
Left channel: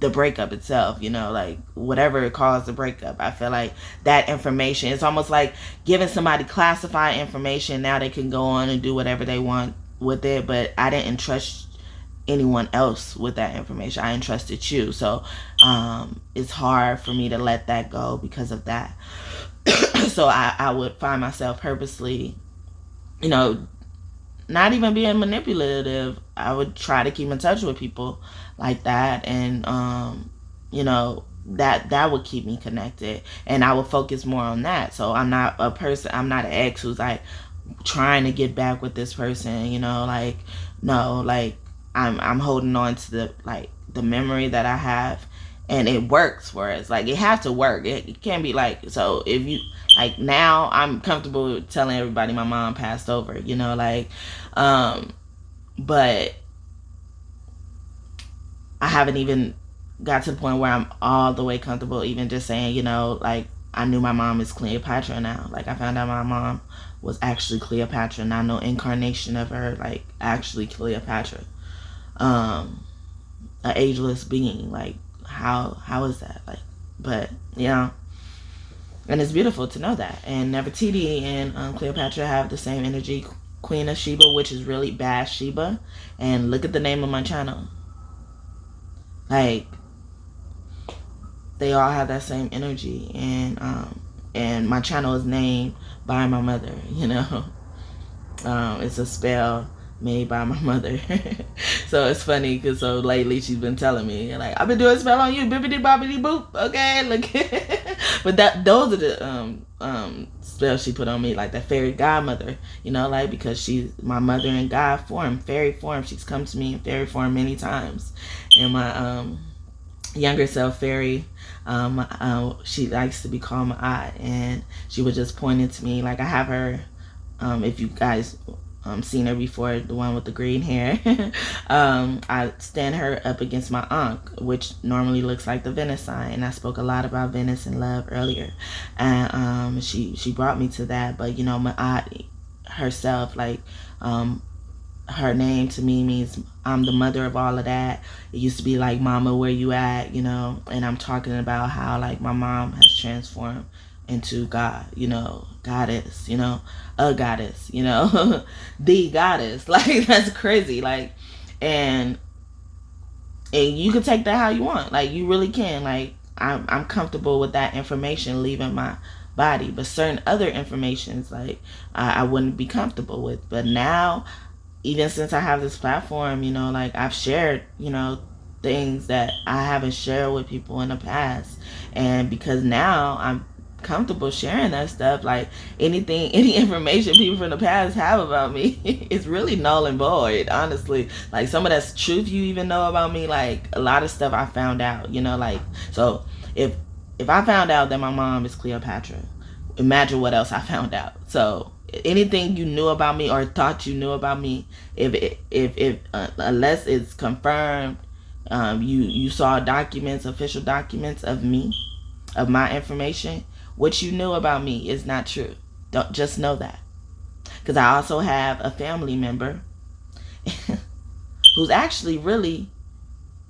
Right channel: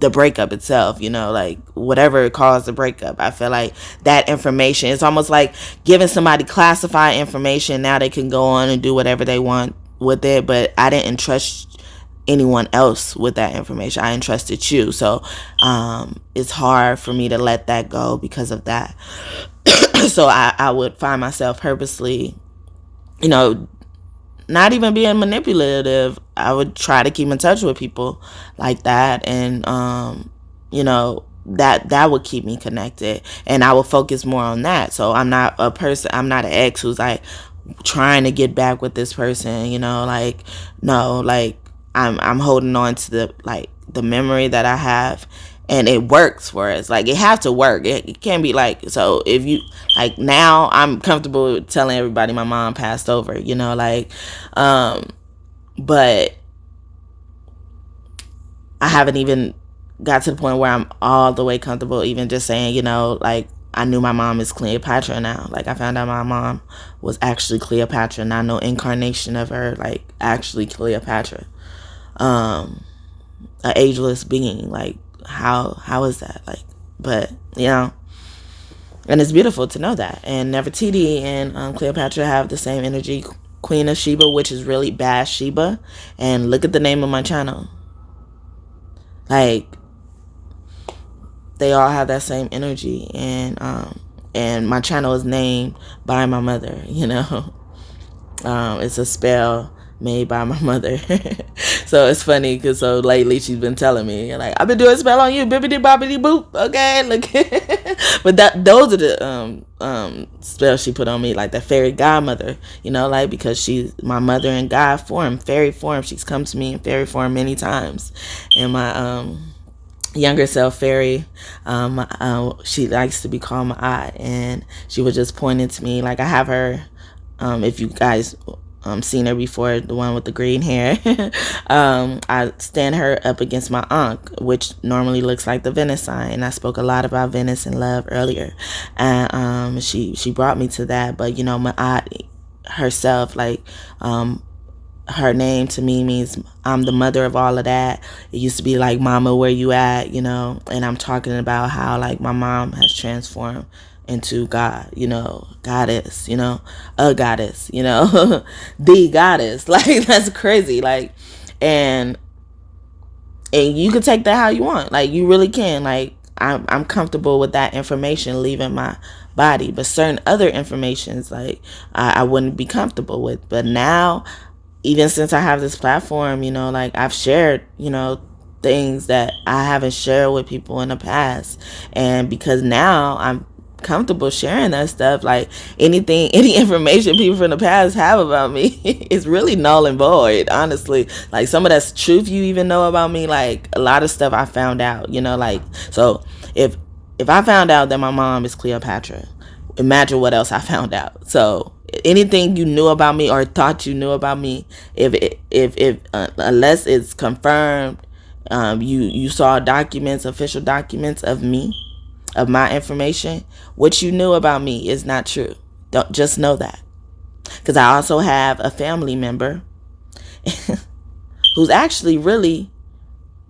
the breakup itself, you know, like whatever caused the breakup. I feel like that information, it's almost like giving somebody classified information. Now they can go on and do whatever they want with it, but I didn't trust anyone else with that information. I entrusted you. So it's hard for me to let that go because of that. So I would find myself purposely, you know, not even being manipulative. I would try to keep in touch with people like that, and you know, that would keep me connected, and I would focus more on that. So I'm not an ex who's like trying to get back with this person, you know, like, no, like I'm holding on to the memory that I have, and it works for us. Like, it has to work. It can't be like, so if you, like, now I'm comfortable with telling everybody my mom passed over, you know, like, but I haven't even got to the point where I'm all the way comfortable even just saying, you know, like, I knew my mom is Cleopatra now. Like, I found out my mom was actually Cleopatra, not no incarnation of her, like, actually Cleopatra. An ageless being. Like, how is that? Like, but, you know, And it's beautiful to know that. And Nefertiti and Cleopatra have the same energy. Queen of Sheba, which is really bad Sheba. And look at the name of my channel. Like, they all have that same energy. And my channel is named by my mother, you know. It's a spell made by my mother. So it's funny because so lately she's been telling me, like, I've been doing a spell on you, bibbidi bobbidi boop. Okay, look. But those are the spells she put on me, like that fairy godmother, you know, like, because she's my mother in God form, fairy form. She's come to me in fairy form many times. And my younger self, fairy, she likes to be called my aunt, and she was just pointing to me, like, I have her, if you guys seen her before, the one with the green hair. I stand her up against my Ankh, which normally looks like the Venus sign, and I spoke a lot about Venus and love earlier, and she brought me to that. But you know, my aunt herself, like, her name to me means I'm the mother of all of that. It used to be like, mama, where you at, you know. And I'm talking about how, like, my mom has transformed into God, you know, goddess, you know, a goddess, you know, the goddess. Like, that's crazy. Like, and you can take that how you want. Like, you really can. Like, I'm comfortable with that information leaving my body, but certain other informations, like, I wouldn't be comfortable with. But now, even since I have this platform, you know, like, I've shared, you know, things that I haven't shared with people in the past. And because now I'm comfortable sharing that stuff, like, any information people from the past have about me is really null and void, honestly. Like, some of that's truth you even know about me. Like, a lot of stuff I found out, you know, like, so if I found out that my mom is Cleopatra, imagine what else I found out. So anything you knew about me or thought you knew about me, if unless it's confirmed, you saw documents, official documents of me, of my information, what you knew about me is not true. Don't just know that. Because I also have a family member who's actually really,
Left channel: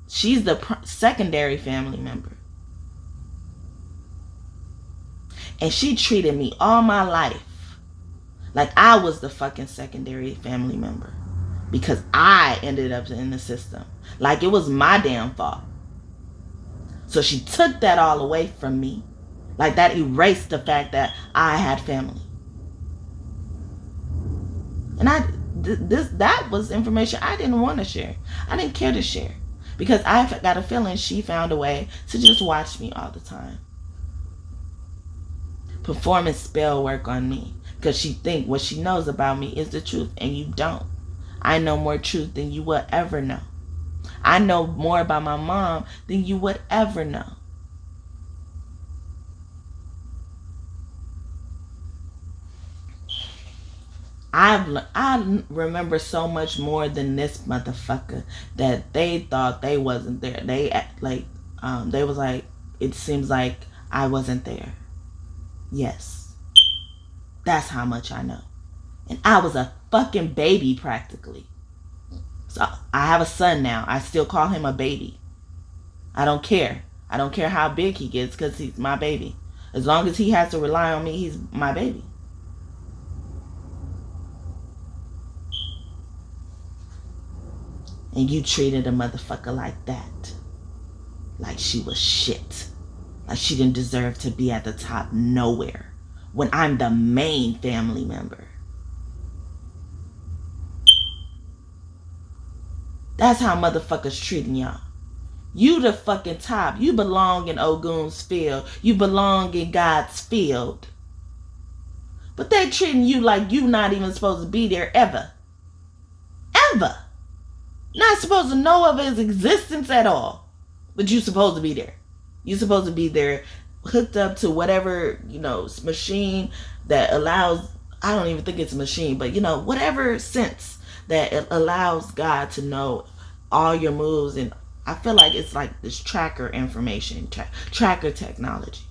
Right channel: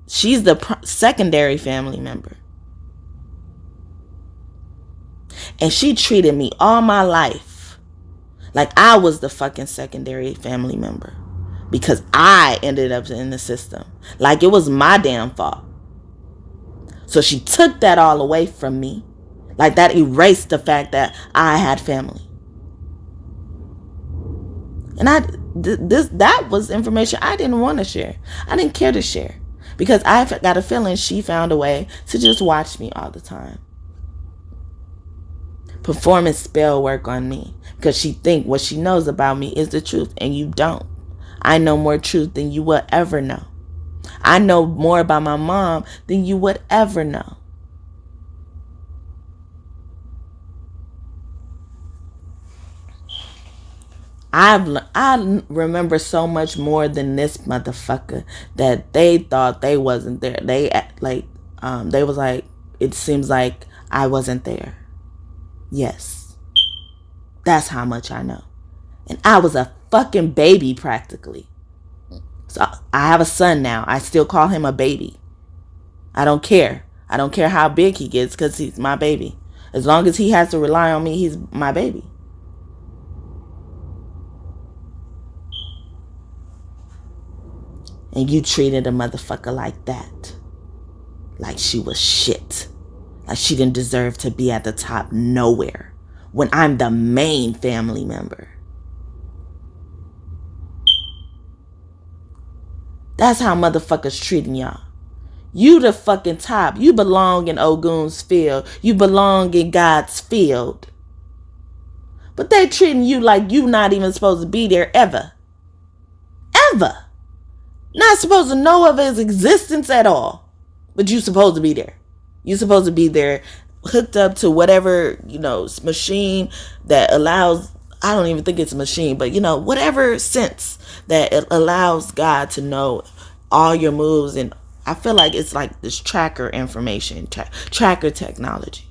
she's the secondary family member. And she treated me all my life like I was the fucking secondary family member, because I ended up in the system. Like, it was my damn fault. So she took that all away from me. Like, that erased the fact that I had family. And that was information I didn't want to share. I didn't care to share, because I got a feeling she found a way to just watch me all the time, performing spell work on me, because she think what she knows about me is the truth, and you don't. I know more truth than you will ever know. I know more about my mom than you would ever know. I remember so much more than this motherfucker that they thought they wasn't there. They they was like, it seems like I wasn't there. Yes, that's how much I know. And I was a fucking baby practically. So I have a son now. I still call him a baby. I don't care. I don't care how big he gets, because he's my baby. As long as he has to rely on me, he's my baby. And you treated a motherfucker like that. Like she was shit. Like she didn't deserve to be at the top nowhere, when I'm the main family member. That's how motherfuckers treating y'all. You the fucking top. You belong in Ogun's field. You belong in God's field. But they treating you like you not even supposed to be there ever. Ever. Not supposed to know of his existence at all. But you supposed to be there. You supposed to be there, hooked up to whatever, machine that allows, I don't even think it's a machine, but whatever sense that it allows God to know all your moves. And I feel like it's like this tracker information, tracker technology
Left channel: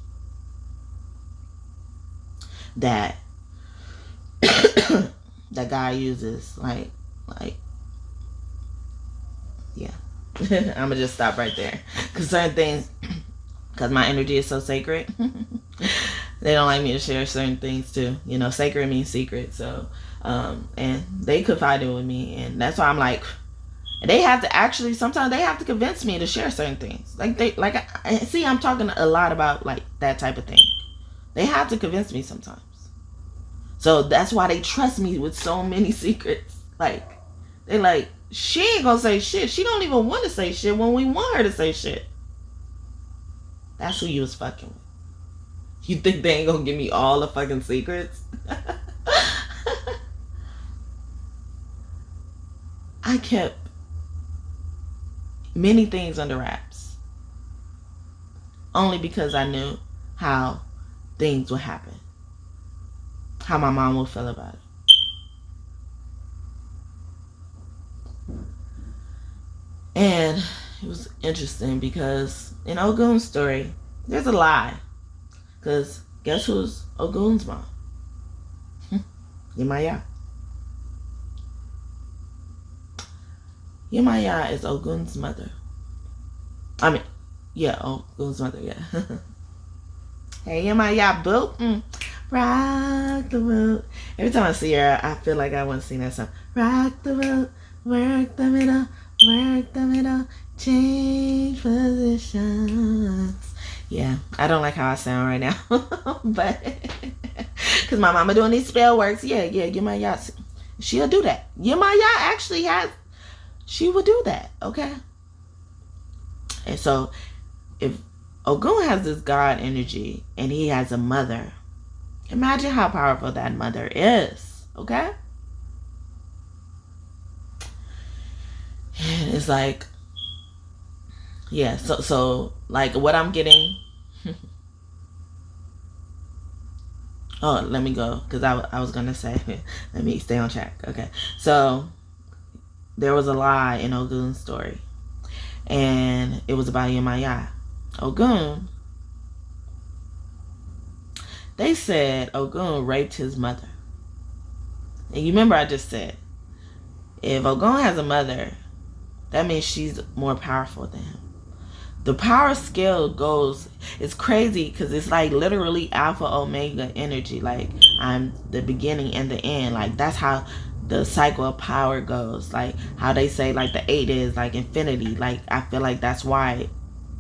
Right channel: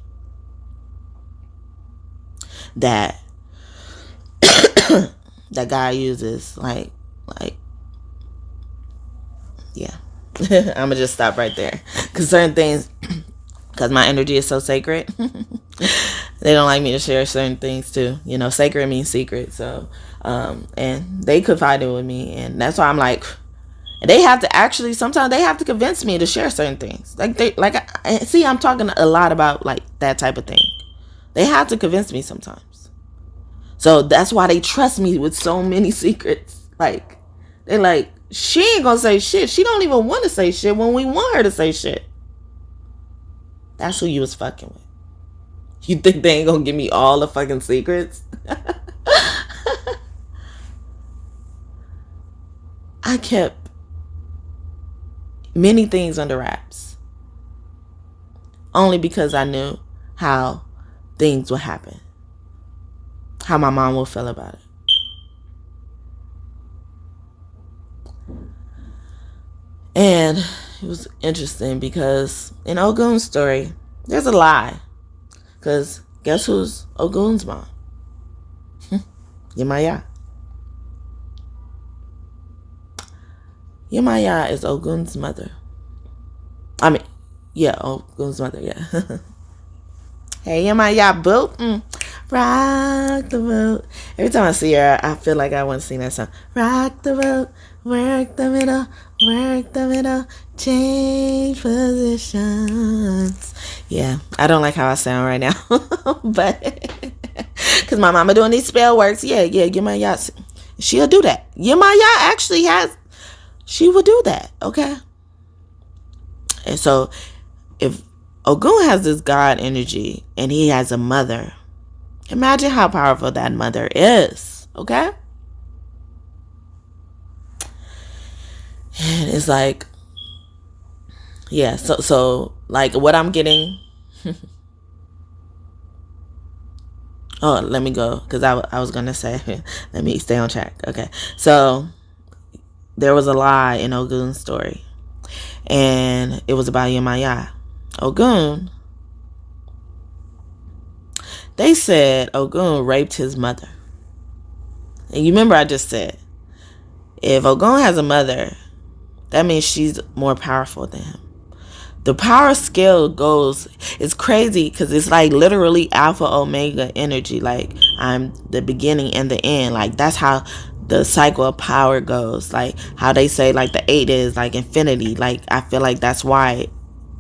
that that guy uses. Like yeah. I'm gonna just stop right there, because certain things, because my energy is so sacred. They don't like me to share certain things too. You know, sacred means secret. So, and they confided with me, and that's why I'm like, they have to actually, sometimes they have to convince me to share certain things. See, I'm talking a lot about like that type of thing. They have to convince me sometimes. So that's why they trust me with so many secrets. Like, they're like, she ain't gonna say shit. She don't even want to say shit when we want her to say shit. That's who you was fucking with. You think they ain't gonna give me all the fucking secrets? I kept many things under wraps. Only because I knew how things would happen. How my mom would feel about it. And it was interesting because in Ogun's story, there's a lie. Because guess who's Ogun's mom? Yemaya. Yemaya is Ogun's mother. Ogun's mother, yeah. Hey, Yemaya, boo. Rock the boat. Every time I see her, I feel like I want to sing that song. Rock the boat, work the middle, change positions. Yeah, I don't like how I sound right now, but because my mama doing these spell works, Yemaya, she'll do that. Yemaya actually she would do that, okay? And so, if Ogun has this God energy and he has a mother, imagine how powerful that mother is, okay? And it's like, yeah, so like what I'm getting. Oh, let me go, because I was gonna say, let me stay on track. Okay, so there was a lie in Ogun's story, and it was about Yemaya. Ogun, they said Ogun raped his mother. And you remember I just said, if Ogun has a mother, that means she's more powerful than him. The power scale goes, it's crazy because it's like literally alpha omega energy. Like, I'm the beginning and the end. Like, that's how the cycle of power goes. Like how they say like the 8 is like infinity. Like, I feel like that's why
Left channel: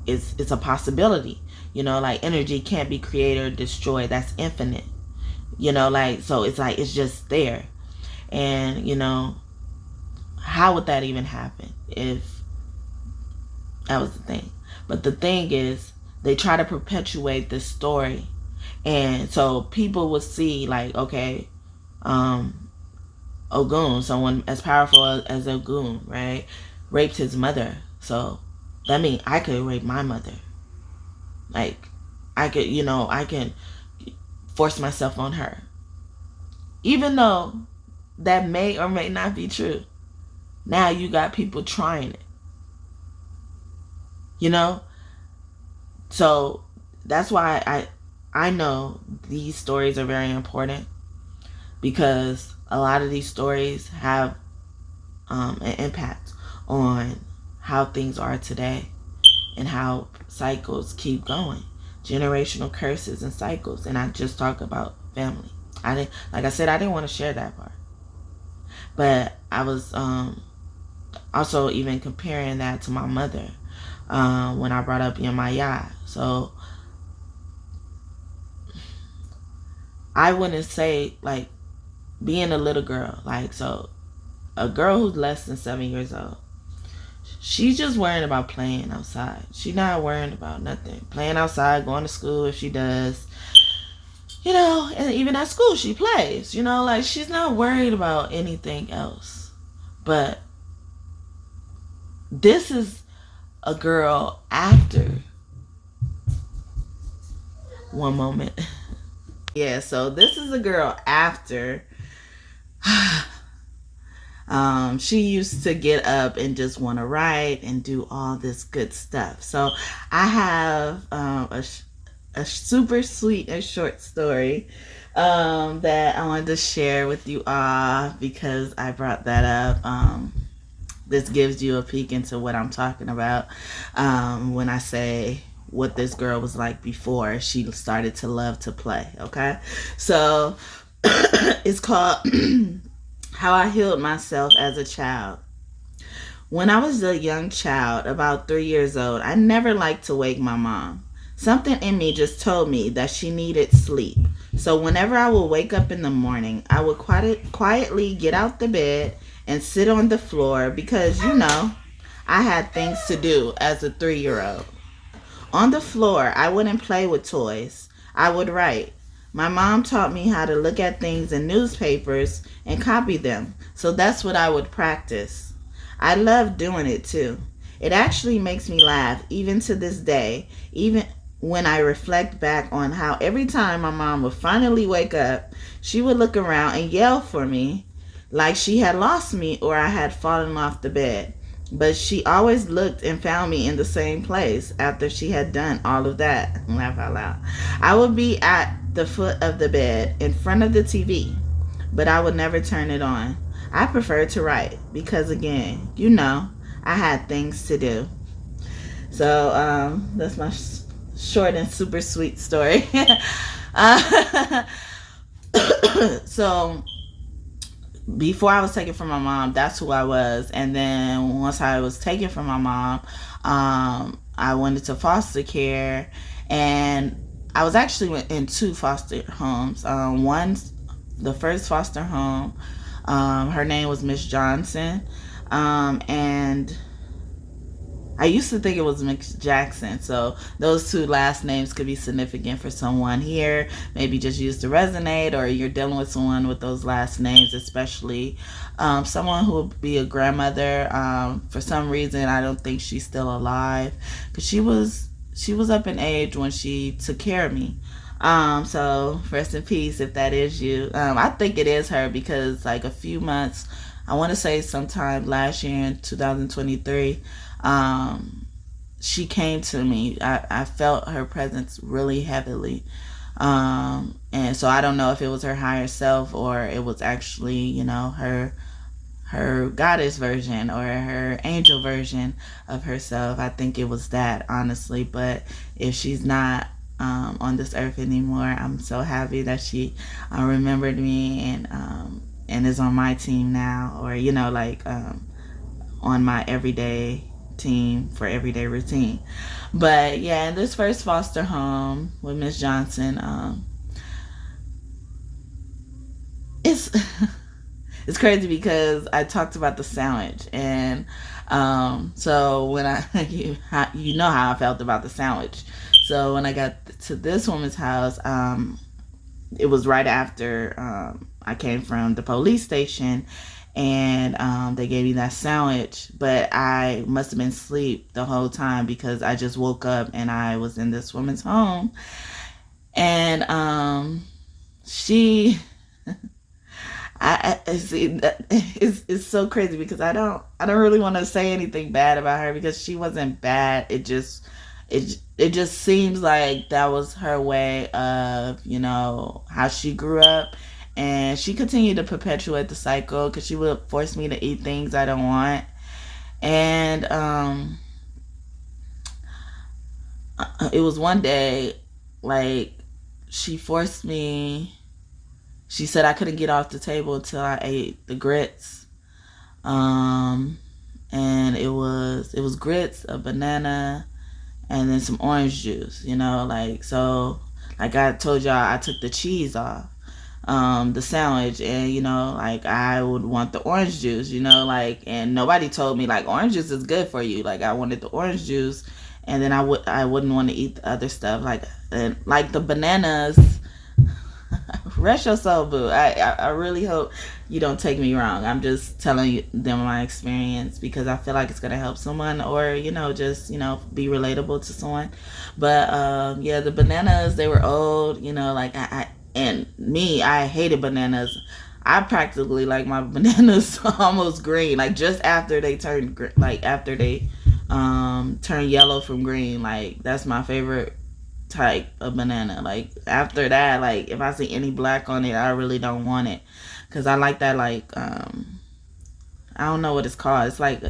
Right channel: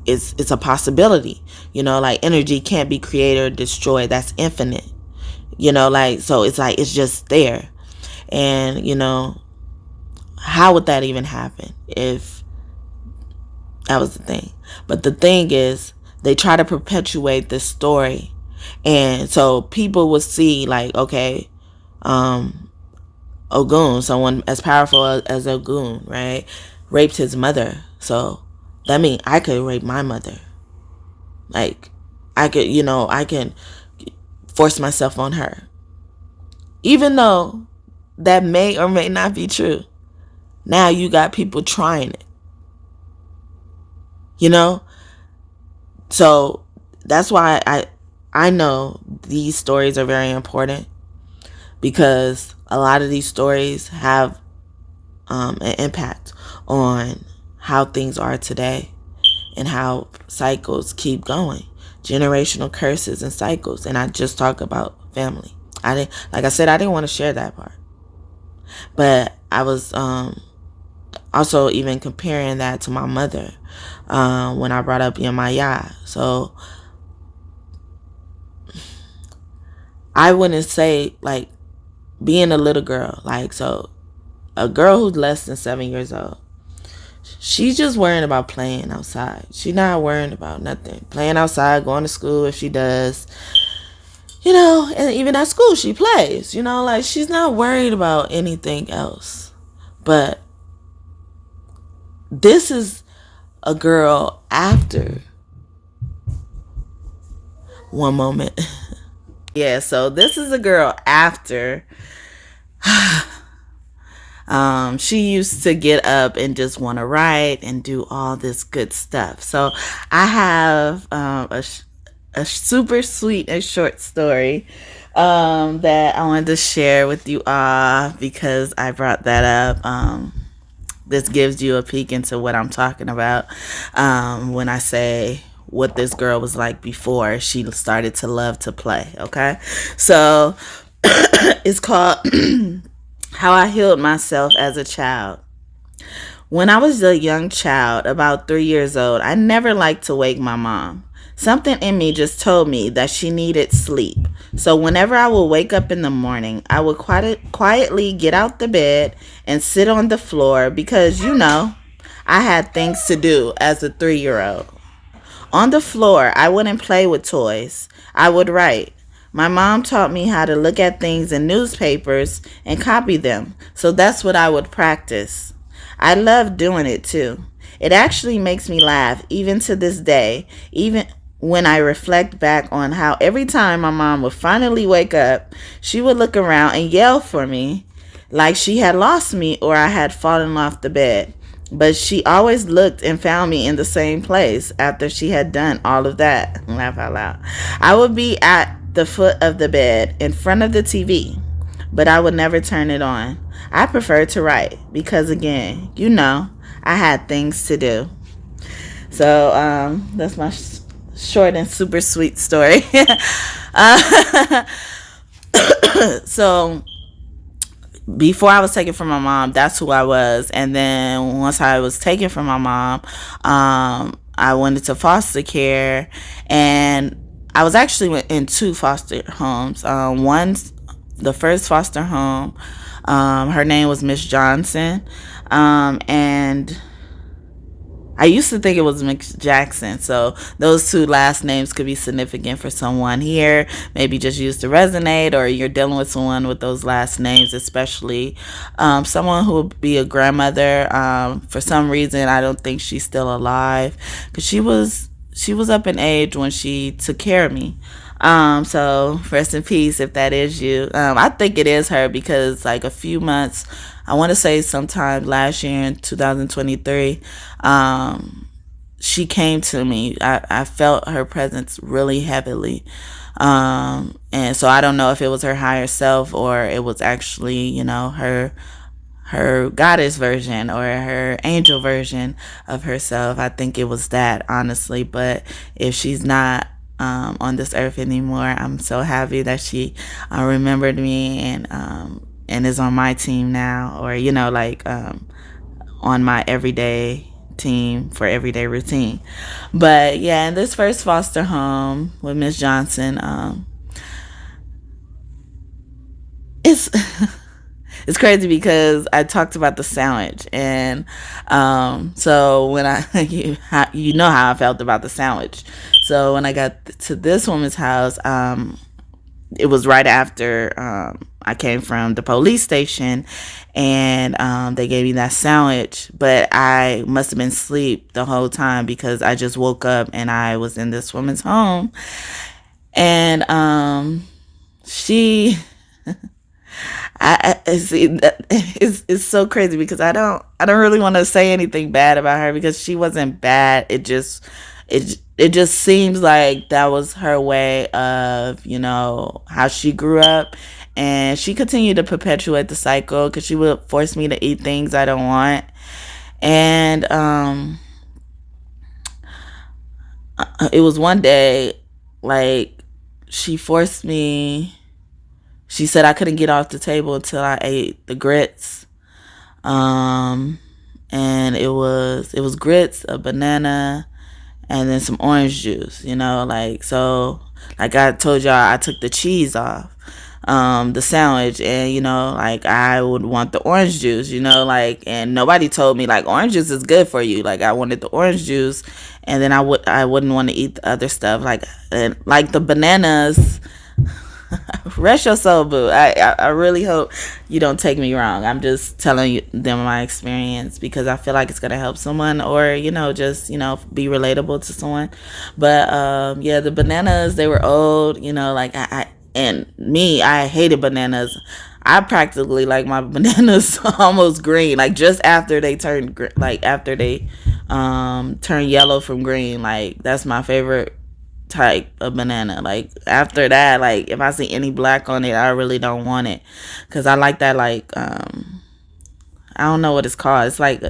it's a possibility. You know, like energy can't be created or destroyed. That's infinite. You know, like, so it's like it's just there. And, you know, how would that even happen if that was the thing? But the thing is, they try to perpetuate this story. And so people would see like, okay, Ogun, someone as powerful as Ogun, right, raped his mother. So that means I could rape my mother. Like, I could, you know, I can force myself on her. Even though that may or may not be true. Now you got people trying it. You know? So that's why I know these stories are very important, because a lot of these stories have an impact on how things are today and how cycles keep going. Generational curses and cycles. And I just talk about family. Like I said, I didn't want to share that part. But I was also even comparing that to my mother when I brought up Yemaya. So I wouldn't say, like, being a little girl, like, so a girl who's less than 7 years old, she's just worrying about playing outside. She's not worrying about nothing. Playing outside, going to school if she does. You know, and even at school she plays. You know, like, she's not worried about anything else. But this is a girl after. One moment. Yeah, so this is a girl after. She used to get up and just want to write and do all this good stuff. So I have a super sweet and short story that I wanted to share with you all, because I brought that up. This gives you a peek into what I'm talking about when I say what this girl was like before she started to love to play. Okay, so it's called How I Healed Myself as a Child. When I was a young child, about 3 years old, I never liked to wake my mom. Something in me just told me that she needed sleep. So whenever I would wake up in the morning, I would quietly get out the bed and sit on the floor because, I had things to do as a 3-year-old. On the floor, I wouldn't play with toys. I would write. My mom taught me how to look at things in newspapers and copy them. So that's what I would practice. I love doing it too. It actually makes me laugh even to this day, even when I reflect back on how every time my mom would finally wake up, she would look around and yell for me like she had lost me or I had fallen off the bed. But she always looked and found me in the same place after she had done all of that. Laugh out loud. I would be at the foot of the bed in front of the TV, but I would never turn it on. I prefer to write because, again, I had things to do. So that's my short and super sweet story. So before I was taken from my mom, that's who I was. And then once I was taken from my mom, I went into foster care, and I was actually in 2 foster homes. The first foster home, her name was Miss Johnson, and I used to think it was Miss Jackson, so those 2 last names could be significant for someone here. Maybe just used to resonate, or you're dealing with someone with those last names, especially someone who would be a grandmother. For some reason, I don't think she's still alive, because she was up in age when she took care of me. So rest in peace if that is you. I think it is her, because like a few months, I want to say sometime last year in 2023, she came to me. I felt her presence really heavily. And so I don't know if it was her higher self or it was actually, her goddess version or her angel version of herself. I think it was that, honestly. But if she's not on this earth anymore, I'm so happy that she remembered me and is on my team now, or on my everyday team for everyday routine. But yeah, in this first foster home with Miss Johnson, it's it's crazy because I talked about the sandwich, and so when you know how I felt about the sandwich. So when I got to this woman's house, it was right after I came from the police station, and they gave me that sandwich, but I must have been asleep the whole time because I just woke up and I was in this woman's home, and she I see that it's so crazy because I don't really want to say anything bad about her because she wasn't bad. It just seems like that was her way of, how she grew up. And she continued to perpetuate the cycle because she would force me to eat things I don't want. And it was one day, like, she forced me. She said I couldn't get off the table until I ate the grits. And it was grits, a banana, and then some orange juice, so like I told y'all, I took the cheese off the sandwich, and I would want the orange juice, and nobody told me like orange juice is good for you. Like I wanted the orange juice, and then I wouldn't want to eat the other stuff, and the bananas. Rest your soul, boo. I really hope you don't take me wrong. I'm just telling them my experience because I feel like it's gonna help someone, or just be relatable to someone. But yeah, the bananas, they were old. I hated bananas. I practically like my bananas almost green, like just after they turn after they turn yellow from green. Like that's my favorite type of banana. Like after that, like if I see any black on it, I really don't want it because I like that, like I don't know what it's called. It's like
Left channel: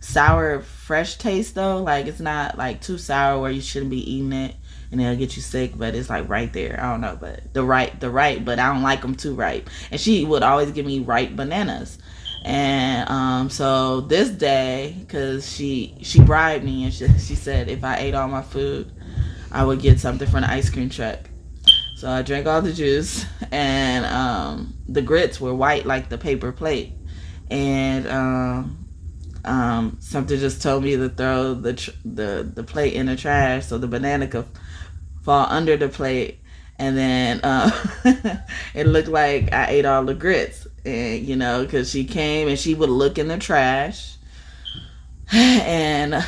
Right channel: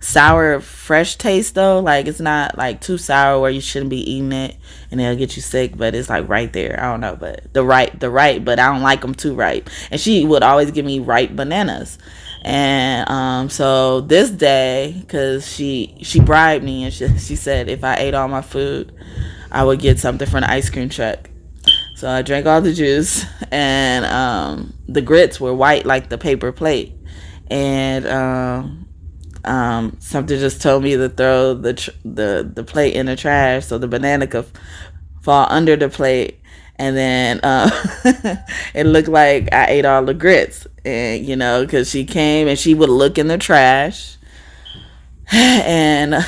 sour fresh taste though. Like it's not like too sour where you shouldn't be eating it and it'll get you sick, but it's like right there. I don't know, but the right, but I don't like them too ripe. And she would always give me ripe bananas. And so this day, because she bribed me, and she said if I ate all my food, I would get something from the ice cream truck. So I drank all the juice, and the grits were white like the paper plate. And something just told me to throw the plate in the trash so the banana could fall under the plate. And then it looked like I ate all the grits. And, because she came and she would look in the trash. And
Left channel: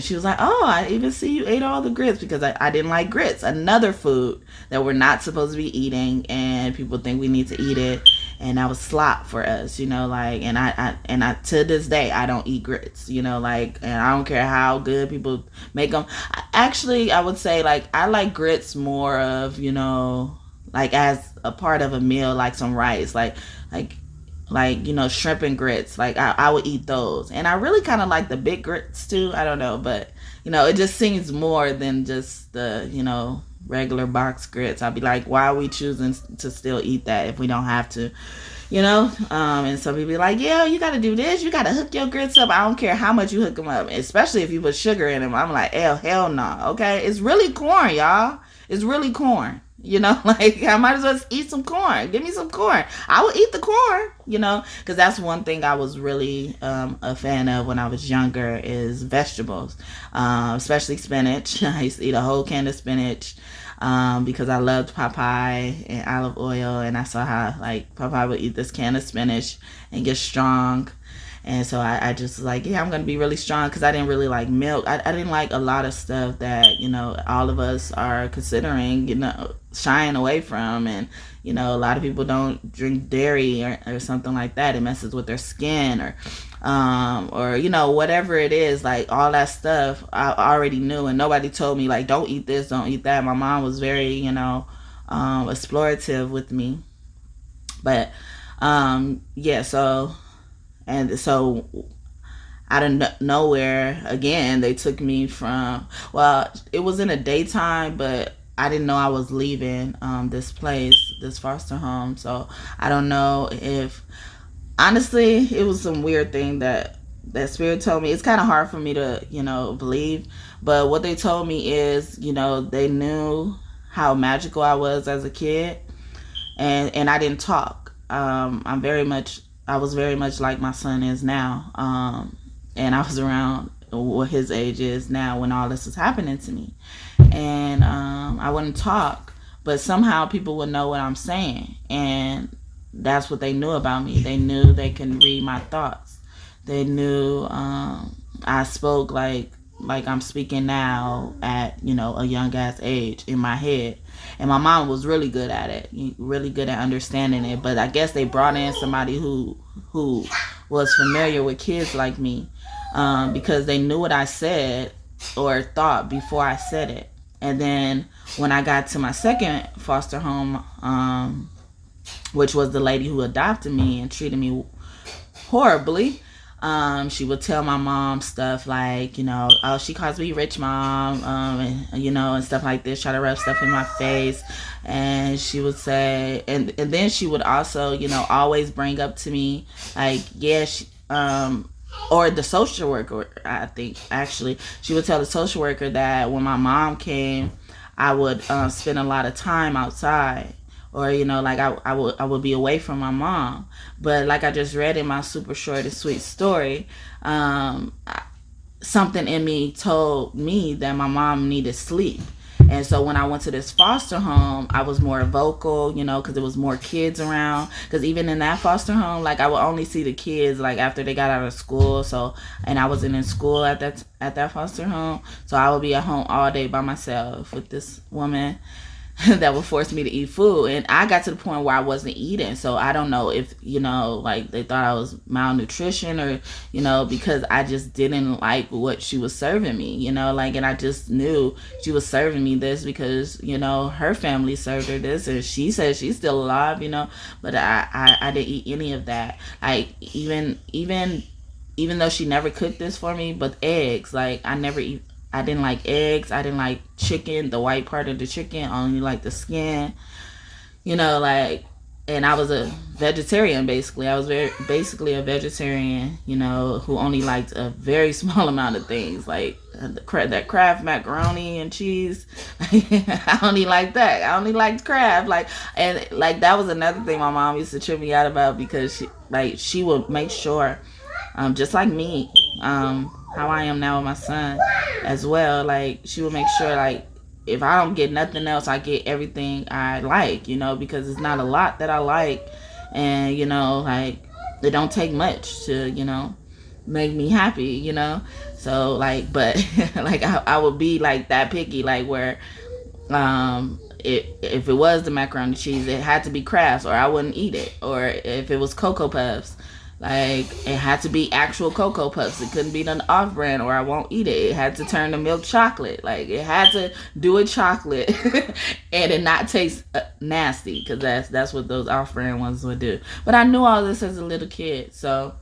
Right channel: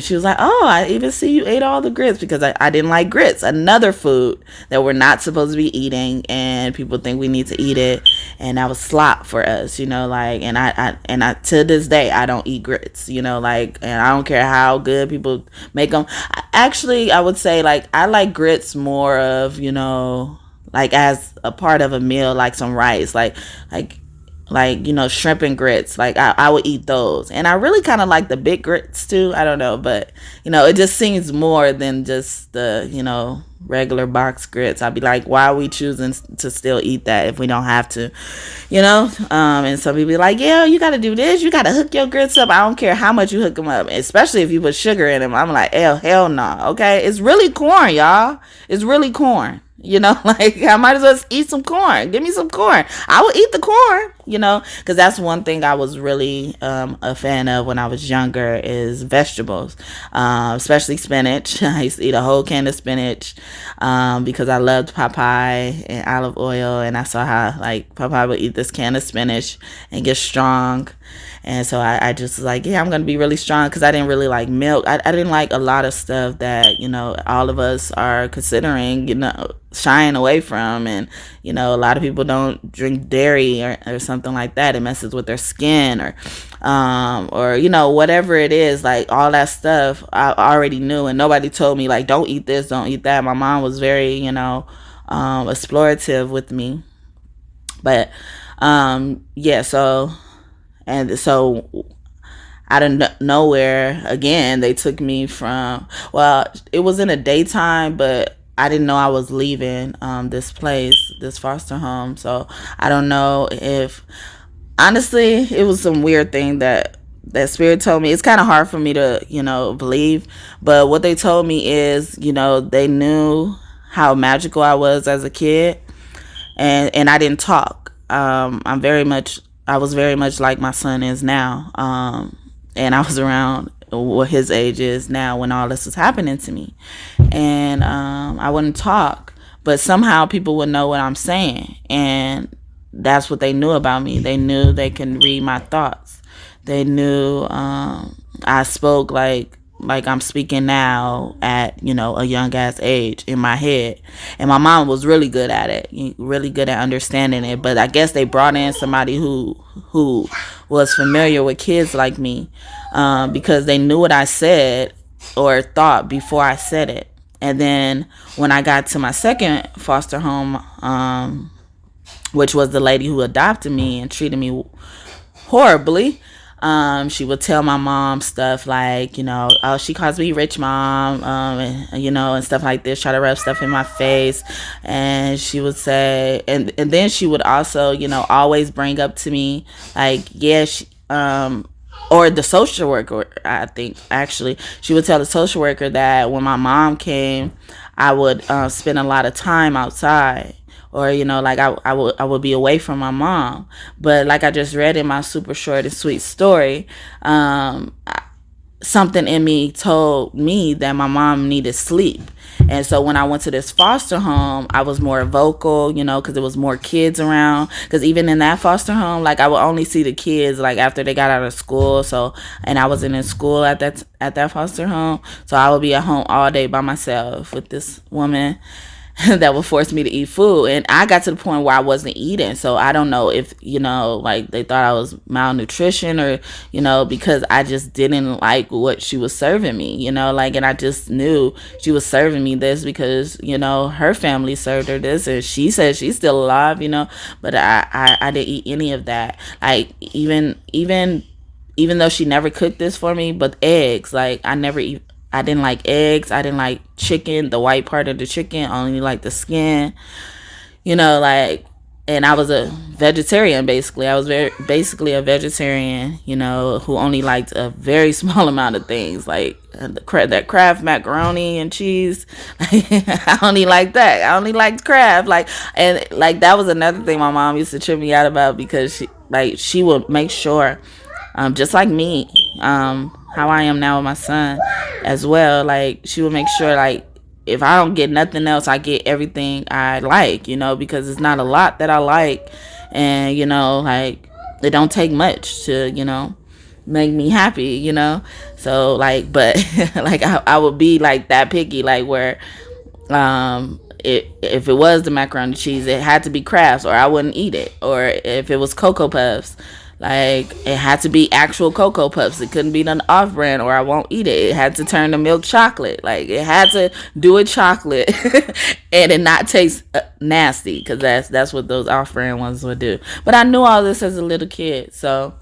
she was like, oh, I even see you ate all the grits, because I didn't like grits. Another food that we're not supposed to be eating, and people think we need to eat it. And that was slop for us, and I to this day, I don't eat grits, and I don't care how good people make them. Actually, I would say, I like grits more of, as a part of a meal, like some rice, like shrimp and grits. I would eat those. And I really kind of like the big grits too. I don't know, but it just seems more than just the regular box grits. I'd be like, why are we choosing to still eat that if we don't have to? And some people be like, yeah, you gotta do this, you gotta hook your grits up. I don't care how much you hook them up, especially if you put sugar in them. I'm like, hell no. Okay, it's really corn, y'all. It's really corn. I might as well eat some corn. Give me some corn. I will eat the corn, because that's one thing I was really a fan of when I was younger is vegetables, especially spinach. I used to eat a whole can of spinach because I loved Popeye and olive oil, and I saw how Popeye would eat this can of spinach and get strong. And so I just was like, yeah, I'm going to be really strong, because I didn't really like milk. I didn't like a lot of stuff that, all of us are considering, shying away from. And, a lot of people don't drink dairy or something like that. It messes with their skin or whatever it is. All that stuff I already knew, and nobody told me, don't eat this, don't eat that. My mom was very, explorative with me. But, yeah, so... And so out of nowhere, again, they took me from, it was in the daytime, but I didn't know I was leaving this place, this foster home. So I don't know if, honestly, it was some weird thing that spirit told me. It's kind of hard for me to, believe. But what they told me is, they knew how magical I was as a kid. And I didn't talk. I was very much like my son is now. And I was around what his age is now when all this was happening to me. And I wouldn't talk, but somehow people would know what I'm saying. And that's what they knew about me. They knew they can read my thoughts. They knew I spoke like I'm speaking now at, a young ass age in my head. And my mom was really good at it, really good at understanding it. But I guess they brought in somebody who was familiar with kids like me, because they knew what I said or thought before I said it. And then when I got to my second foster home, which was the lady who adopted me and treated me horribly, she would tell my mom stuff like, oh, she calls me rich mom, and stuff like this, try to rub stuff in my face. And she would say, and then she would also, always bring up to me, or the social worker, I think, actually, she would tell the social worker that when my mom came, I would spend a lot of time outside. Or, I would be away from my mom. But like I just read in my super short and sweet story, something in me told me that my mom needed sleep. And so when I went to this foster home, I was more vocal, because there was more kids around. Because even in that foster home, I would only see the kids, after they got out of school. So, and I wasn't in school at that foster home. So I would be at home all day by myself with this woman that would force me to eat food. And I got to the point where I wasn't eating. So I don't know if, they thought I was malnutrition or, because I just didn't like what she was serving me, and I just knew she was serving me this because, her family served her this and she said she's still alive, but I didn't eat any of that. Even even though she never cooked this for me, but eggs, like I didn't like eggs. I didn't like chicken, the white part of the chicken. I only like the skin, like, and I was a vegetarian, basically. I was basically a vegetarian, who only liked a very small amount of things, like that Kraft macaroni and cheese. I only liked that. I only liked Kraft. And that was another thing my mom used to trip me out about, because she would make sure, just like me, how I am now with my son as well. Like, she would make sure, like, if I don't get nothing else, I get everything I like, because it's not a lot that I like. And, like, it don't take much to, make me happy, So, like, but, like, I would be, like, that picky, like, where, if it was the macaroni and cheese, it had to be Kraft's or I wouldn't eat it. Or if it was Cocoa Puffs, like, it had to be actual Cocoa Puffs. It couldn't be none off-brand or I won't eat it. It had to turn to milk chocolate. Like, it had to do a chocolate and it not taste nasty, because that's what those off-brand ones would do. But I knew all this as a little kid, so...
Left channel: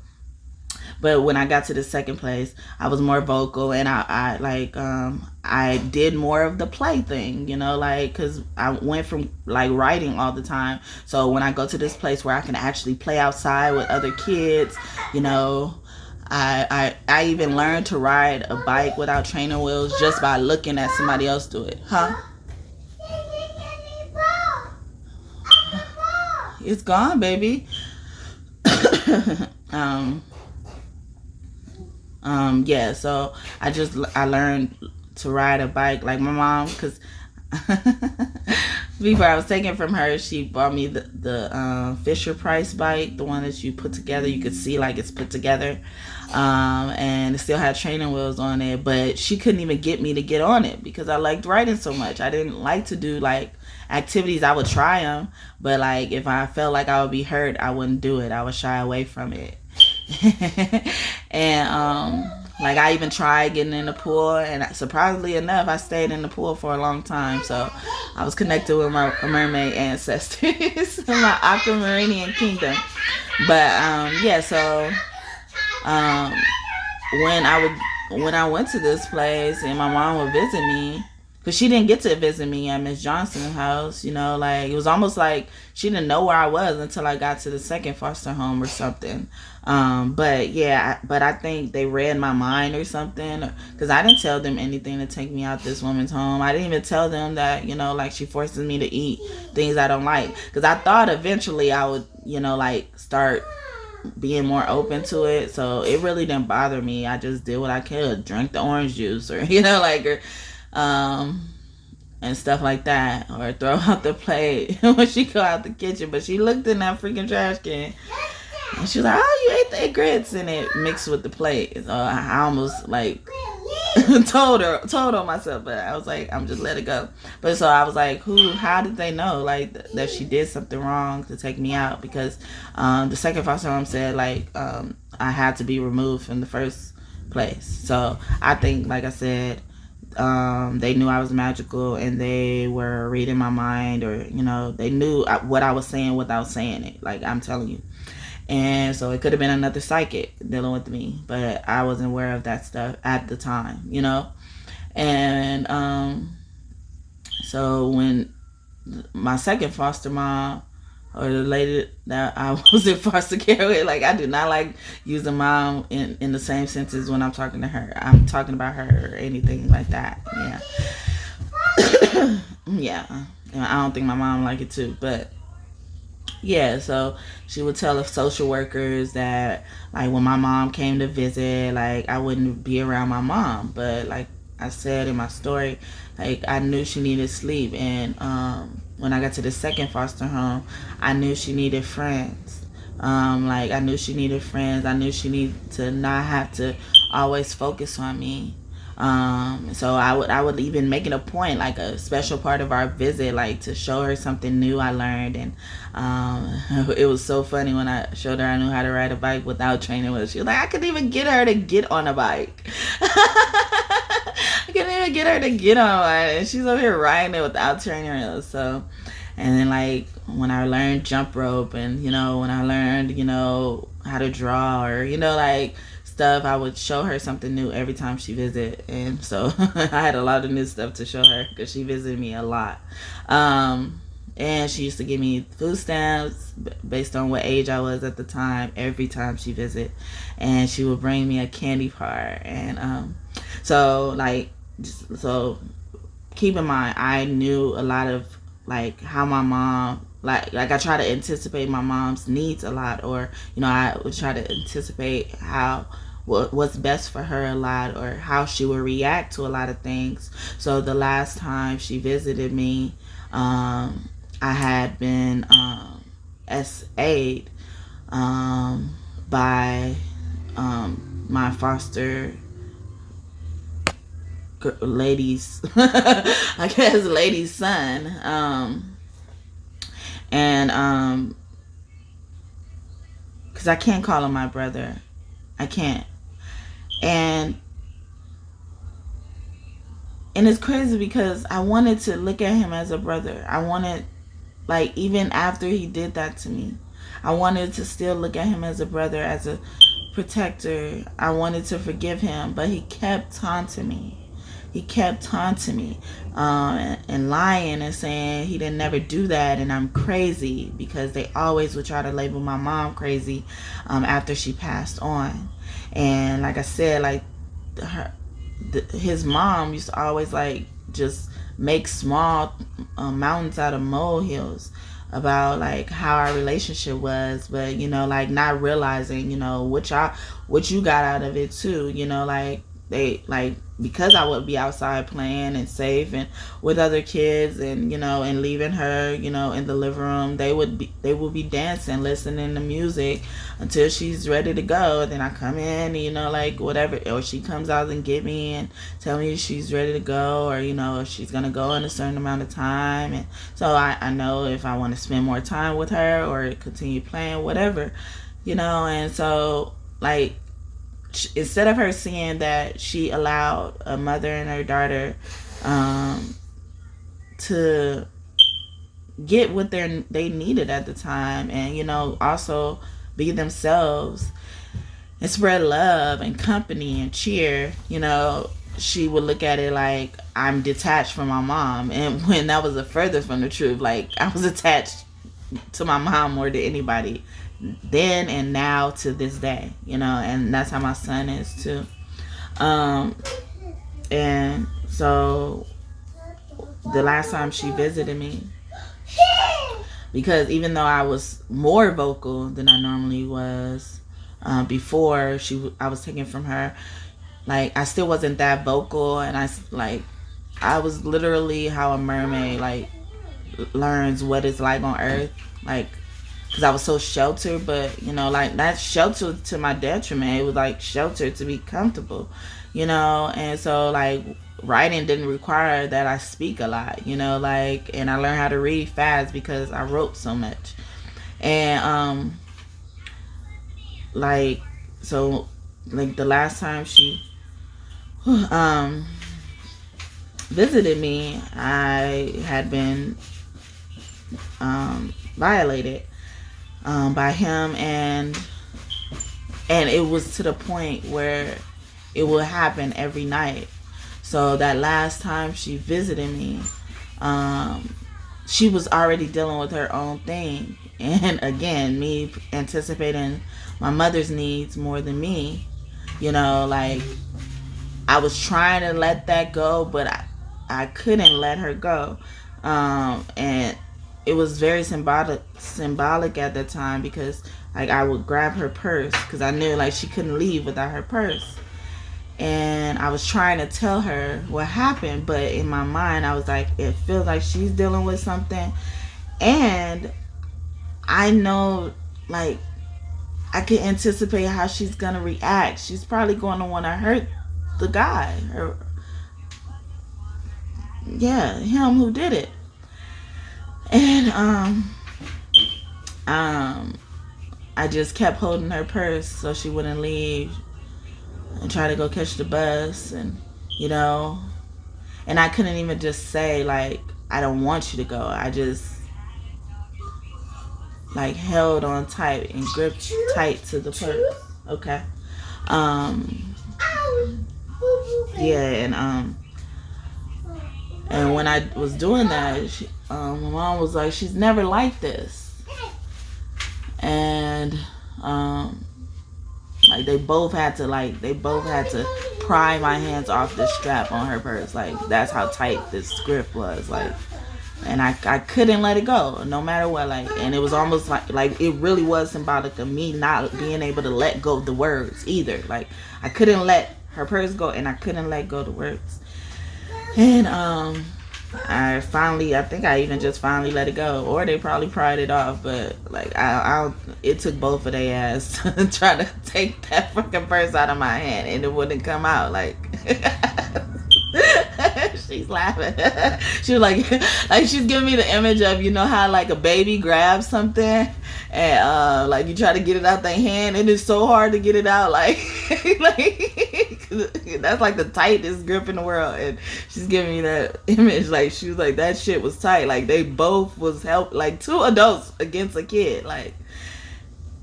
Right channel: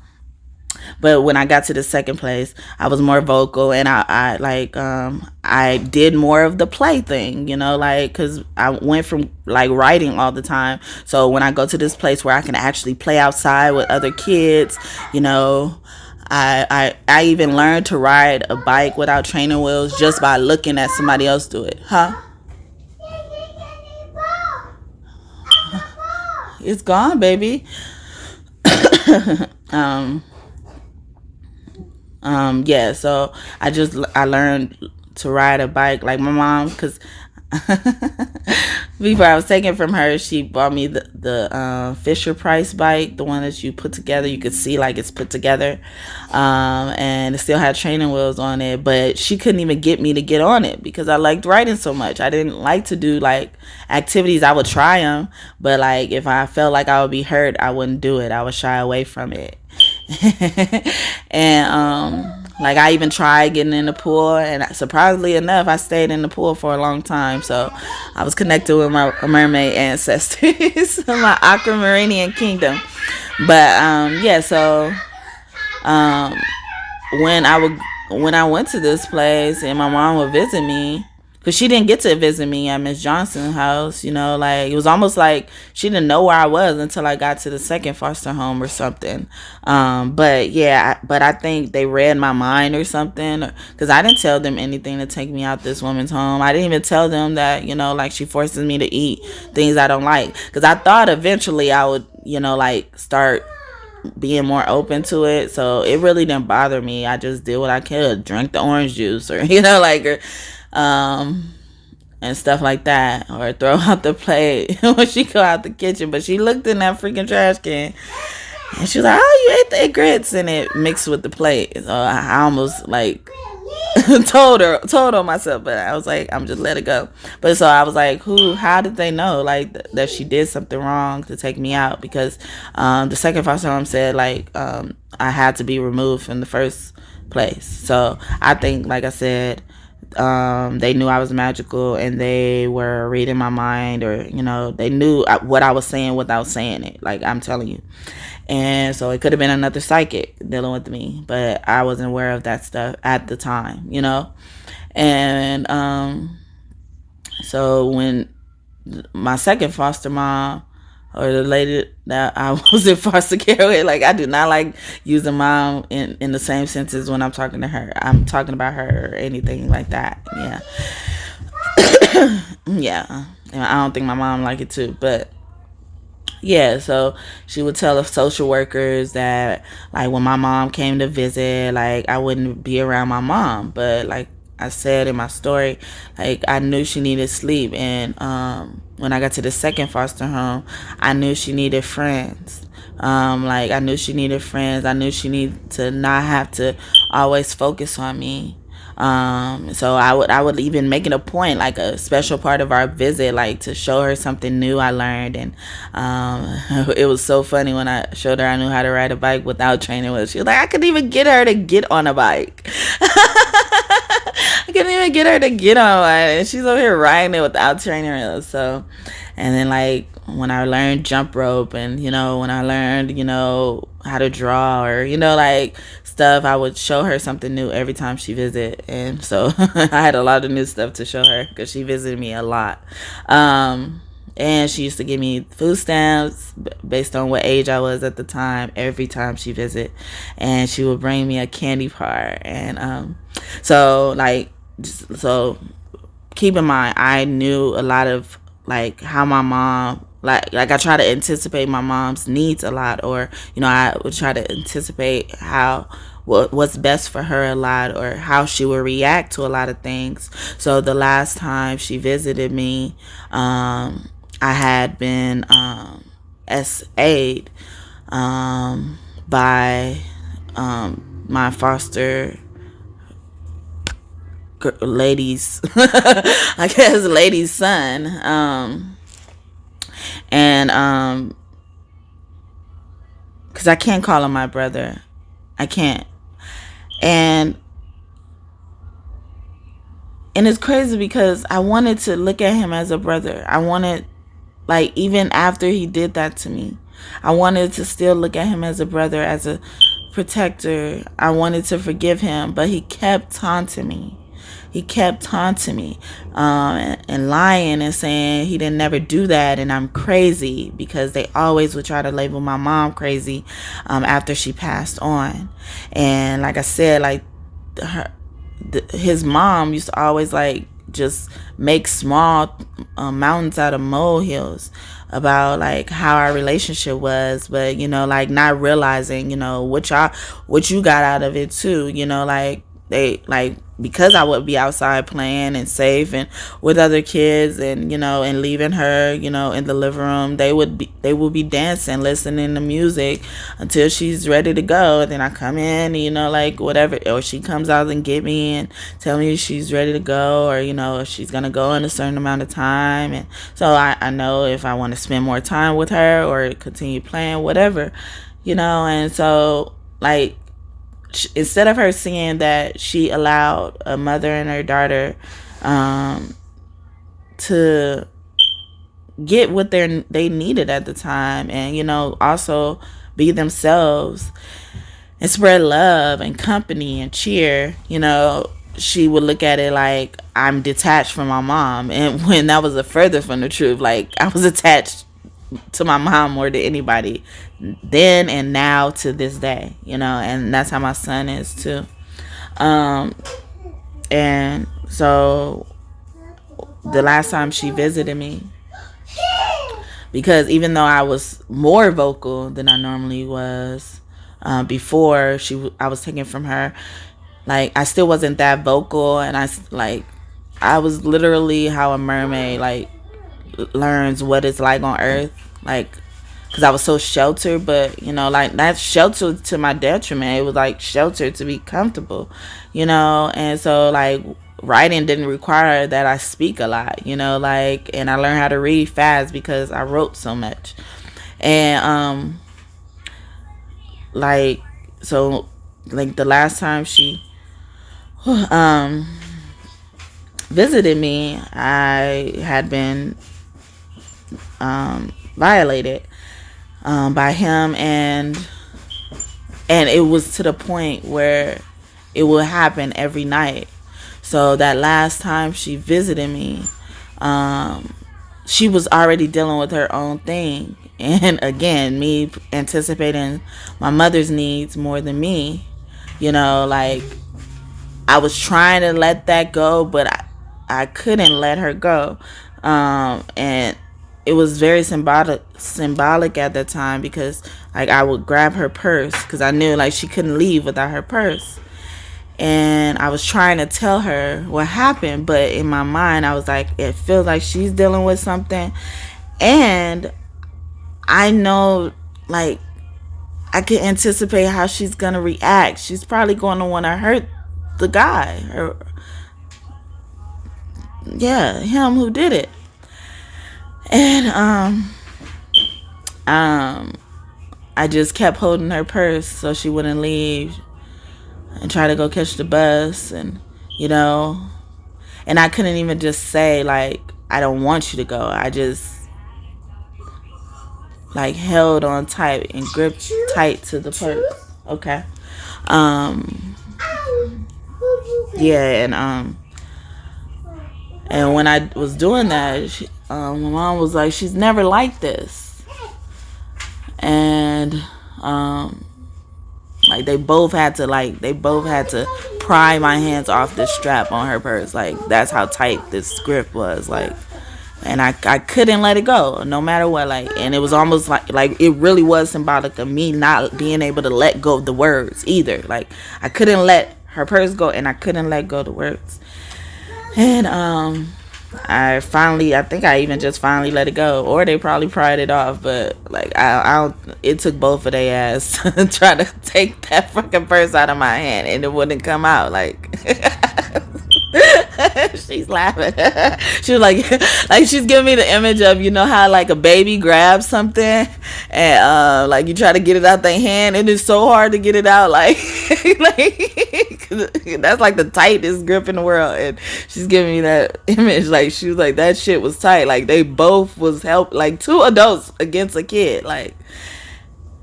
But when I got to the second place, I was more vocal, and I did more of the play thing, like, because I went from, like, writing all the time. So when I go to this place where I can actually play outside with other kids, I even learned to ride a bike without training wheels just by looking at somebody else do it. Huh? It's gone, baby. Yeah, so I learned to ride a bike like my mom, because before I was taken from her, she bought me the Fisher Price bike, the one that you put together. You could see, like, it's put together, and it still had training wheels on it, but she couldn't even get me to get on it because I liked riding so much. I didn't like to do, like, activities. I would try them, but, like, if I felt like I would be hurt, I wouldn't do it. I would shy away from it. And like, I even tried getting in the pool, and surprisingly enough, I stayed in the pool for a long time. So I was connected with my mermaid ancestors, my aquamarinian kingdom. But yeah, so when I went to this place and my mom would visit me, because she didn't get to visit me at Miss Johnson's house, like, it was almost like she didn't know where I was until I got to the second foster home or something. But yeah, but I think they read my mind or something, because I didn't tell them anything to take me out this woman's home. I didn't even tell them that, like, she forces me to eat things I don't like, because I thought eventually I would, like, start being more open to it. So it really didn't bother me. I just did what I could, drink the orange juice, or and stuff like that, or throw out the plate when she go out the kitchen. But she looked in that freaking trash can and she was like, "Oh, you ate the grits," and it mixed with the plate. So I almost, like, told on myself, but I was like, I'm just let it go. But so I was like, how did they know, like, that she did something wrong to take me out? Because the second foster home said, like, I had to be removed from the first place. So I think, like I said, they knew I was magical, and they were reading my mind, or they knew what I was saying without saying it, like I'm telling you. And so it could have been another psychic dealing with me, but I wasn't aware of that stuff at the time, and so when my second foster mom, or the lady that I was in foster care with, like, I do not like using mom in the same senses when I'm talking to her. I'm talking about her or anything like that. Yeah. Yeah. And I don't think my mom liked it too, but yeah, so she would tell the social workers that, like, when my mom came to visit, like, I wouldn't be around my mom. But like I said in my story, like, I knew she needed sleep. And when I got to the second foster home, I knew she needed friends. Like, I knew she needed friends. I knew she needed to not have to always focus on me. So I would even make it a point, like a special part of our visit, like, to show her something new I learned. And it was so funny when I showed her I knew how to ride a bike without training wheels. She was like, I couldn't even get her to get on a bike. I couldn't even get her to get on one, and she's over here riding it without training wheels. So, and then, like, when I learned jump rope, and when I learned how to draw, or like stuff. I would show her something new every time she visited, and so I had a lot of new stuff to show her because she visited me a lot. And she used to give me food stamps based on what age I was at the time every time she visited, and she would bring me a candy bar. And so keep in mind, I knew a lot of like how my mom, like I try to anticipate my mom's needs a lot, or I would try to anticipate what's best for her a lot, or how she would react to a lot of things. So the last time she visited me, I had been SA'd by my foster lady's lady's son, and because I can't call him my brother, I can't. And it's crazy because I wanted to look at him as a brother. I wanted, like, even after he did that to me, I wanted to still look at him as a brother, as a protector. I wanted to forgive him, but he kept taunting me. He kept taunting me and lying and saying he didn't never do that, and I'm crazy, because they always would try to label my mom crazy after she passed on. And like I said, like his mom used to always like just make small mountains out of molehills about like how our relationship was, but like not realizing what you got out of it too. Like they, like, because I would be outside playing and safe and with other kids, and and leaving her in the living room, they would be dancing, listening to music until she's ready to go. And then I come in, like whatever, or she comes out and get me and tell me she's ready to go, or if she's gonna go in a certain amount of time. And so I know if I want to spend more time with her or continue playing, whatever, and so like, instead of her seeing that she allowed a mother and her daughter to get what they needed at the time, and also be themselves and spread love and company and cheer, she would look at it like I'm detached from my mom. And when that was a further from the truth, like I was attached to my mom more than anybody then and now to this day, and that's how my son is too. And so the last time she visited me, because even though I was more vocal than I normally was before I was taken from her, like I still wasn't that vocal, and I was literally how a mermaid like learns what it's like on earth, like, because I was so sheltered. But like, that's sheltered to my detriment. It was like sheltered to be comfortable, and so like writing didn't require that I speak a lot, like, and I learned how to read fast because I wrote so much. And like, so like the last time she visited me, I had been violated by him, and it was to the point where it would happen every night. So that last time she visited me, she was already dealing with her own thing, and again, me anticipating my mother's needs more than me, like I was trying to let that go, but I couldn't let her go. And it was very symbolic at that time, because like I would grab her purse, because I knew like she couldn't leave without her purse. And I was trying to tell her what happened, but in my mind I was like, it feels like she's dealing with something, and I know, like, I can anticipate how she's gonna react. She's probably going to want to hurt the guy, or him who did it. And I just kept holding her purse so she wouldn't leave, and try to go catch the bus, and and I couldn't even just say like, I don't want you to go. I just like held on tight and gripped tight to the purse. Okay. Yeah, and when I was doing that, my mom was like, she's never like this. And like they both had to pry my hands off the strap on her purse. Like that's how tight this grip was. Like, and I couldn't let it go no matter what. Like, and it was almost like it really was symbolic of me not being able to let go of the words either. Like I couldn't let her purse go, and I couldn't let go of the words. And I think I even just finally let it go, or they probably pried it off. But like it took both of their ass to try to take that fucking purse out of my hand, and it wouldn't come out. Like she's laughing. She was like she's giving me the image of, you know how like a baby grabs something and like you try to get it out their hand and it's so hard to get it out, like that's like the tightest grip in the world. And she's giving me that image, like she was like that shit was tight, like they both was like two adults against a kid, like.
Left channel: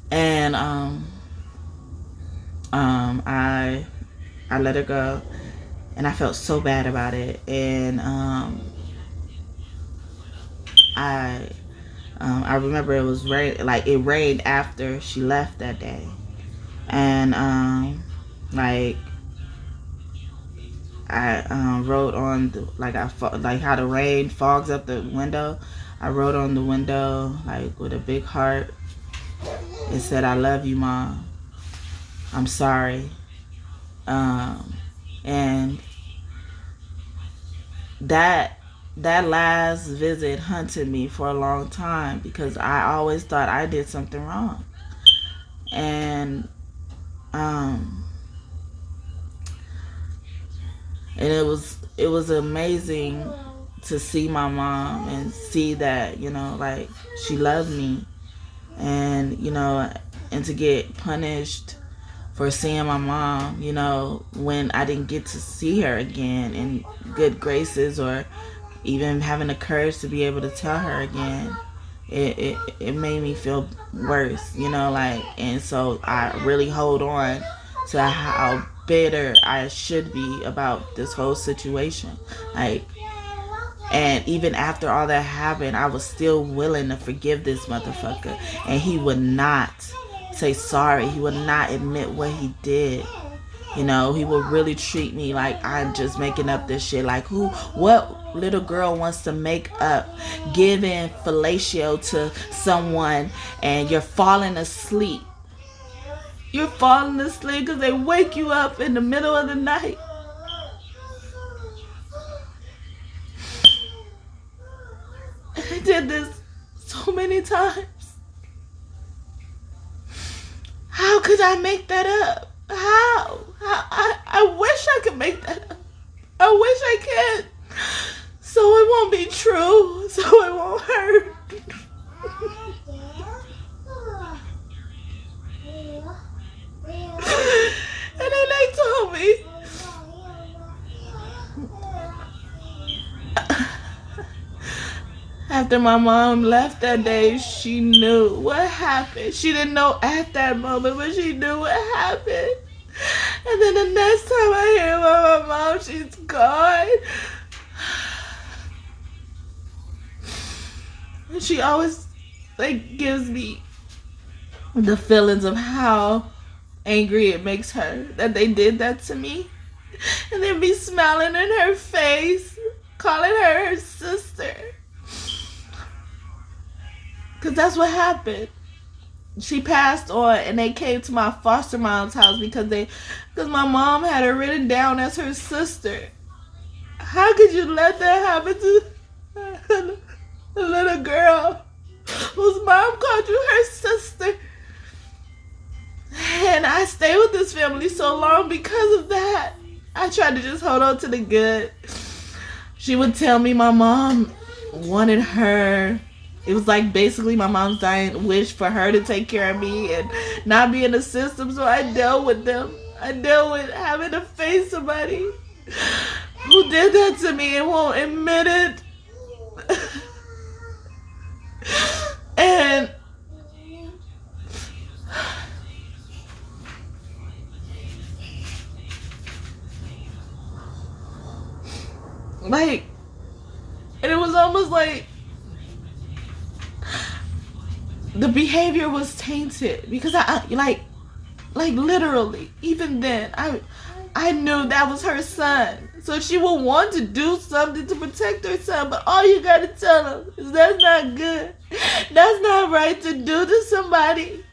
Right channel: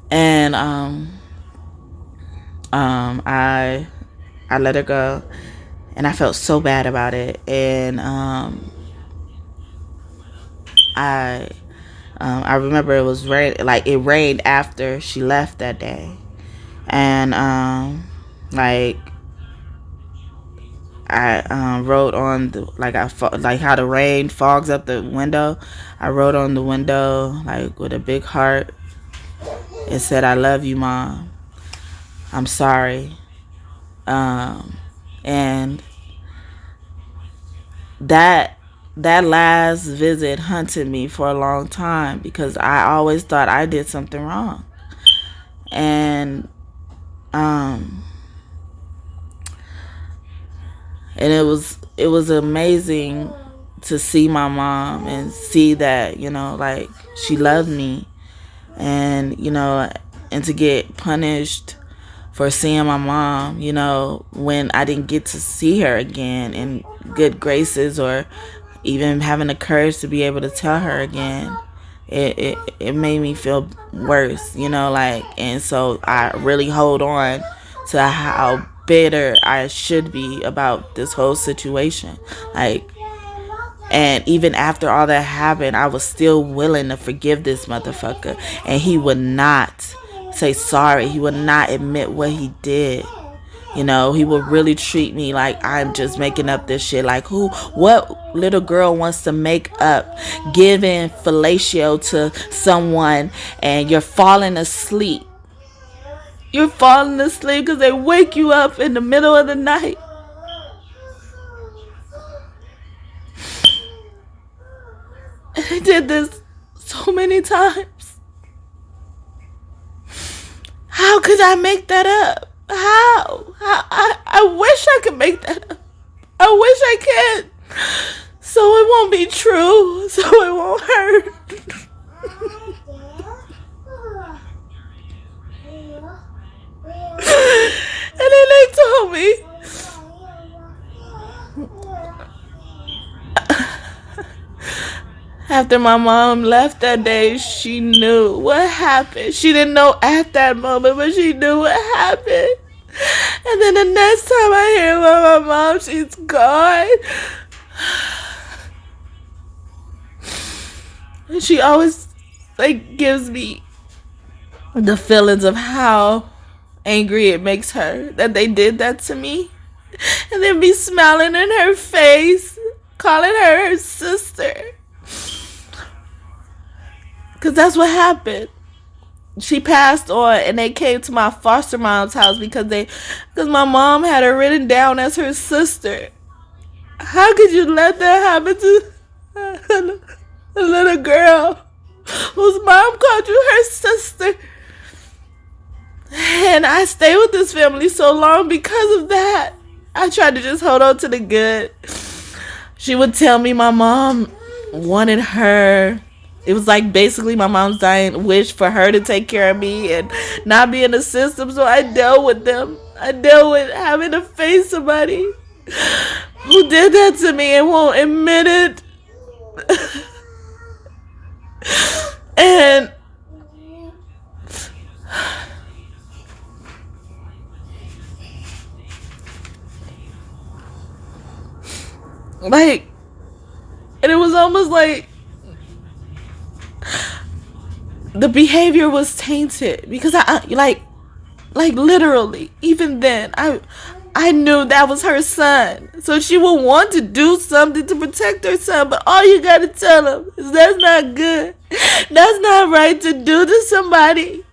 And I let her go. And I felt so bad about it. And I remember it was rain, like it rained after she left that day. And like I wrote on the, like how the rain fogs up the window. I wrote on the window like with a big heart. It said, "I love you, Mom. I'm sorry." And that last visit hunted me for a long time because I always thought I did something wrong. And it was amazing to see my mom and see that, you know, like she loved me, and, you know, and to get punished for seeing my mom, you know, when I didn't get to see her again in good graces, or even having the courage to be able to tell her again. It made me feel worse, you know, like. And so I really hold on to how bitter I should be about this whole situation, like. And even after all that happened, I was still willing to forgive this motherfucker, and he would not say sorry. He would not admit what he did. You know, he would really treat me like I'm just making up this shit. Like, what little girl wants to make up giving fellatio to someone and you're falling asleep? You're falling asleep because they wake you up in the middle of the night. And I did this so many times. How could I make that up? How? I wish I could make that up. I wish I could. So it won't be true. So it won't hurt. And then they told me, after my mom left that day, she knew what happened. She didn't know at that moment, but she knew what happened. And then the next time I hear about my mom, she's gone. And she always like gives me the feelings of how angry it makes her that they did that to me. And then be smiling in her face, calling her sister. Because that's what happened. She passed on, and they came to my foster mom's house because my mom had her written down as her sister. How could you let that happen to a little girl whose mom called you her sister? And I stayed with this family so long because of that. I tried to just hold on to the good. She would tell me my mom wanted her. It was like basically my mom's dying wish for her to take care of me and not be in the system. So I dealt with them. I dealt with having to face somebody who did that to me and won't admit it. And Like, and it was almost like the behavior was tainted because I like literally, even then, I knew that was her son. So she would want to do something to protect her son, but all you gotta tell him is that's not good. That's not right to do to somebody.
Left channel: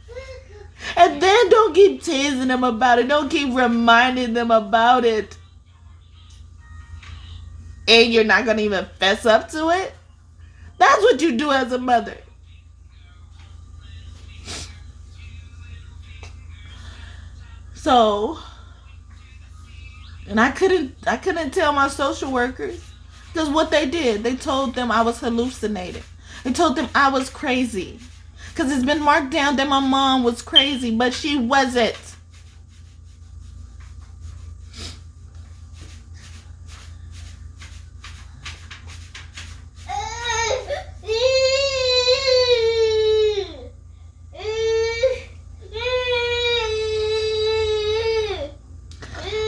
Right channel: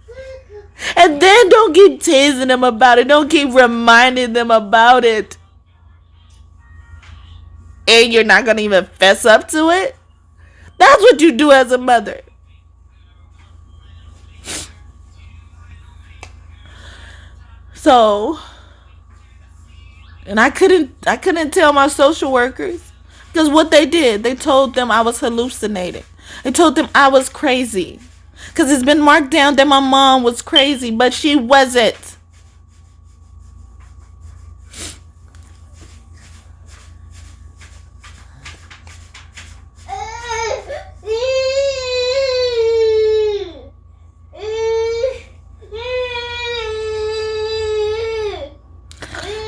And then don't keep teasing them about it. Don't keep reminding them about it. And you're not gonna even fess up to it? That's what you do as a mother. So, and I couldn't tell my social workers, because what they did, they told them I was hallucinating. They told them I was crazy, because it's been marked down that my mom was crazy, but she wasn't.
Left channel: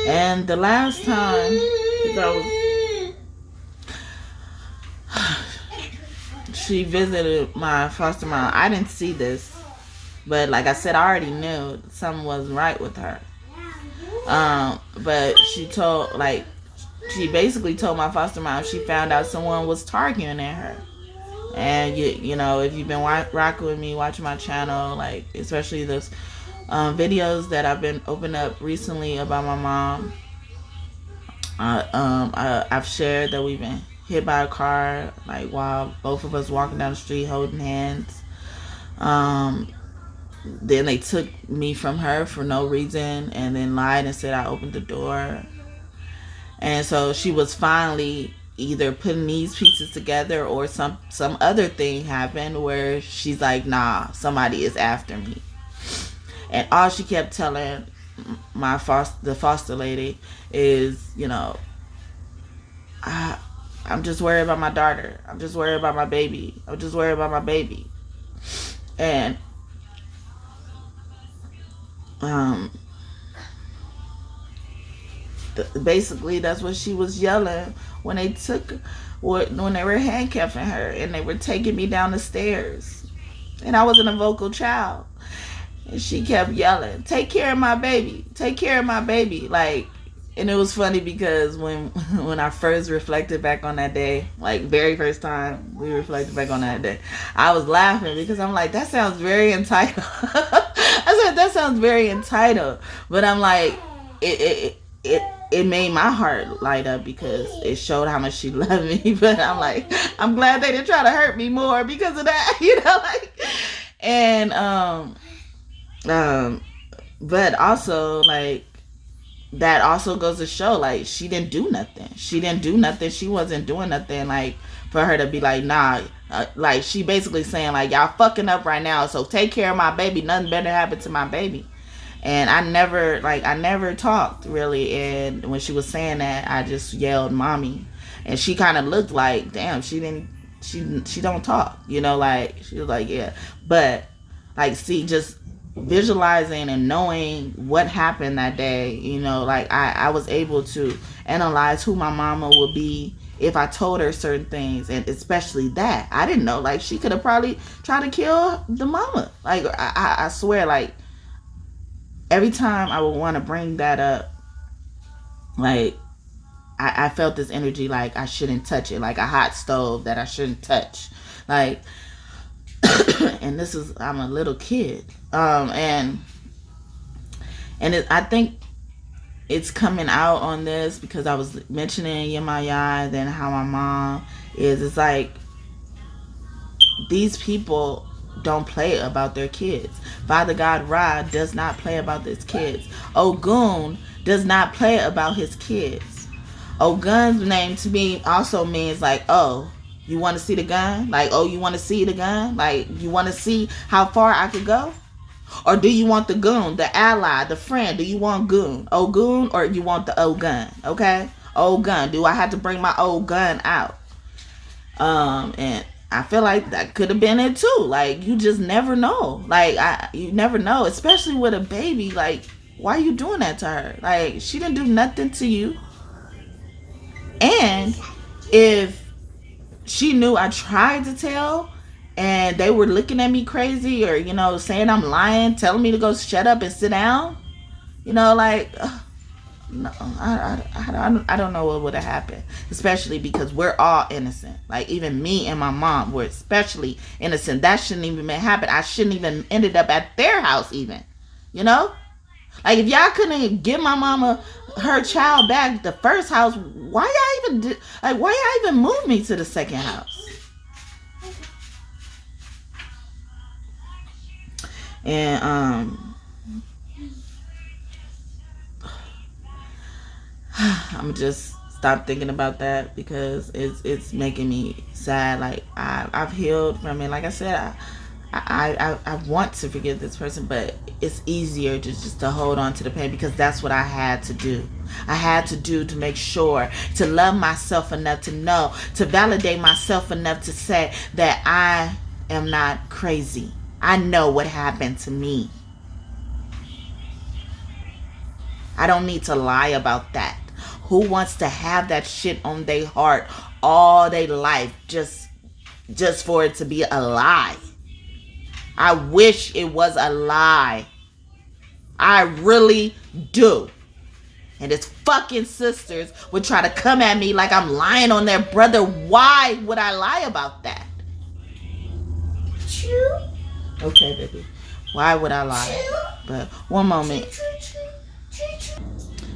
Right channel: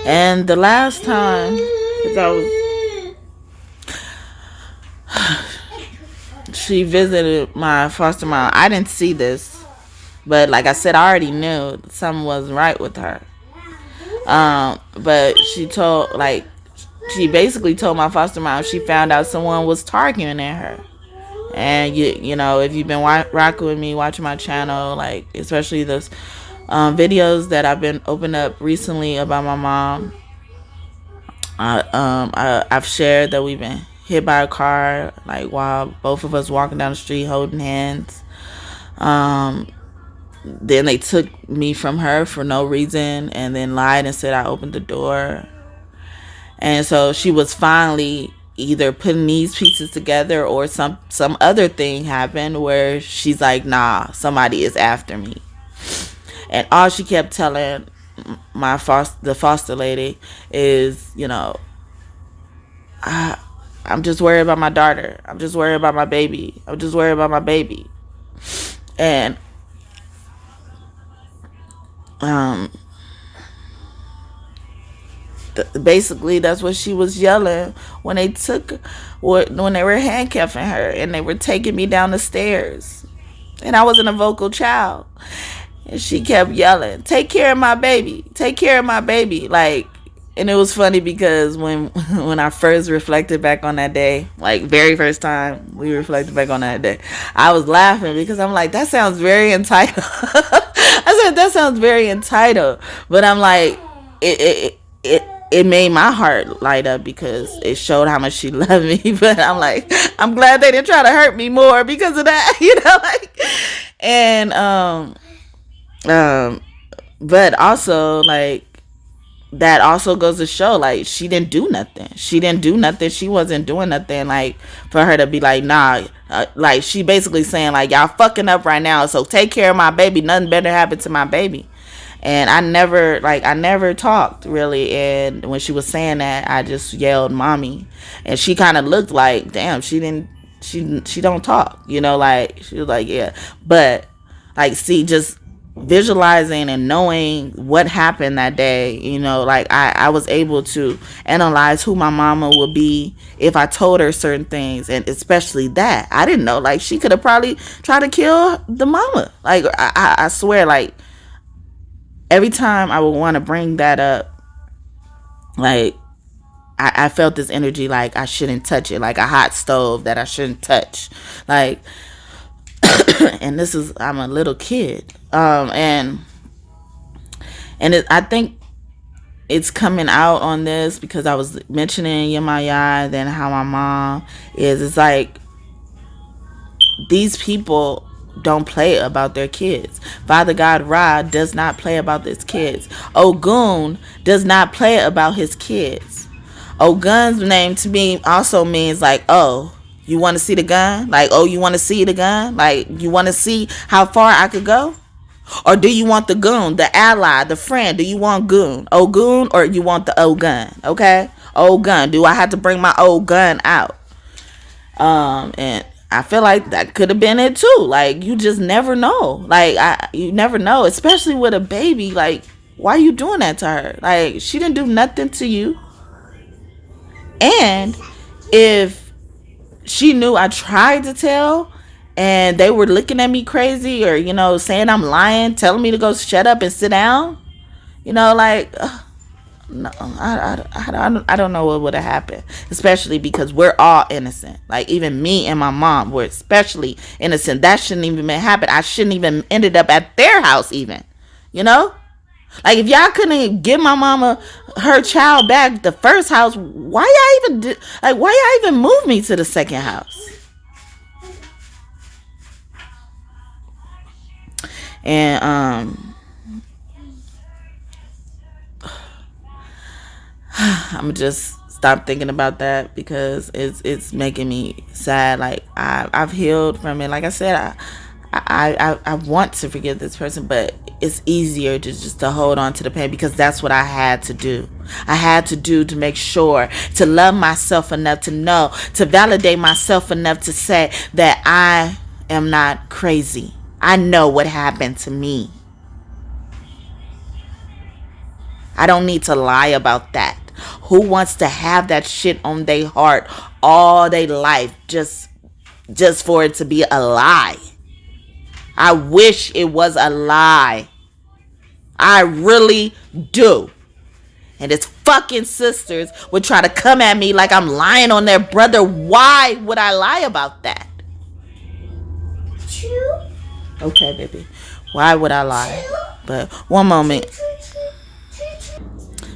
And the last time, she visited my foster mom, I didn't see this, but like I said, I already knew something wasn't right with her. But she basically told my foster mom she found out someone was targeting at her. And you know, if you've been rocking with me, watching my channel, like especially those videos that I've been opening up recently about my mom, I've shared that we've been hit by a car, like while both of us walking down the street holding hands. Then they took me from her for no reason, and then lied and said I opened the door. And so she was finally either putting these pieces together, or some other thing happened where she's like, nah, somebody is after me. And all she kept telling the foster lady is, you know, I'm just worried about my daughter. I'm just worried about my baby. I'm just worried about my baby. And basically that's what she was yelling when they were handcuffing her and they were taking me down the stairs. And I wasn't a vocal child. And she kept yelling, take care of my baby. Take care of my baby. Like, and it was funny because when I first reflected back on that day, like very first time we reflected back on that day, I was laughing because I'm like, that sounds very entitled. I said, that sounds very entitled. But I'm like, it made my heart light up because it showed how much she loved me. But I'm like, I'm glad they didn't try to hurt me more because of that, you know, like, and but also, like, that also goes to show, like, she didn't do nothing. She wasn't doing nothing, like, for her to be like, nah, like, she basically saying, like, y'all fucking up right now, so take care of my baby. Nothing better happened to my baby. And I never talked, really. And when she was saying that, I just yelled, mommy. And she kind of looked like, damn, she don't talk, you know, like, she was like, yeah. But, like, see, just visualizing and knowing what happened that day, you know, like I was able to analyze who my mama would be if I told her certain things. And especially that I didn't know, like, she could have probably tried to kill the mama. Like, I swear, like, every time I would want to bring that up, like, I felt this energy, like I shouldn't touch it, like a hot stove that I shouldn't touch, like. And I'm a little kid, and I think it's coming out on this because I was mentioning Yemaya, then how my mom is. It's like these people don't play about their kids. Father God Ra does not play about his kids. Ogun does not play about his kids. Ogun's name to me also means, like, oh, you want to see the gun? Like, oh, you want to see the gun? Like, you want to see how far I could go? Or do you want the goon, the ally, the friend? Do you want goon? Ogun, or you want the old gun? Okay? Old gun. Do I have to bring my old gun out? And I feel like that could have been it too. Like, you just never know. Like, you never know, especially with a baby. Like, why are you doing that to her? Like, she didn't do nothing to you. And if she knew I tried to tell and they were looking at me crazy or, saying I'm lying, telling me to go shut up and sit down, like, no, I don't know what would have happened, especially because we're all innocent. Like, even me and my mom were especially innocent. That shouldn't even happen. I shouldn't even ended up at their house even, Like, if y'all couldn't give my mama her child back the first house, why y'all even move me to the second house? And I'm just stop thinking about that because it's making me sad. Like, I've healed from it. Like I said, I want to forgive this person, but it's easier just to hold on to the pain because that's what I had to do. I had to do to make sure to love myself enough to know, to validate myself enough to say that I am not crazy. I know what happened to me. I don't need to lie about that. Who wants to have that shit on their heart all their life just for it to be a lie? I wish it was a lie. I really do. And his fucking sisters would try to come at me like I'm lying on their brother. Why would I lie about that? Okay, baby. Why would I lie? But one moment.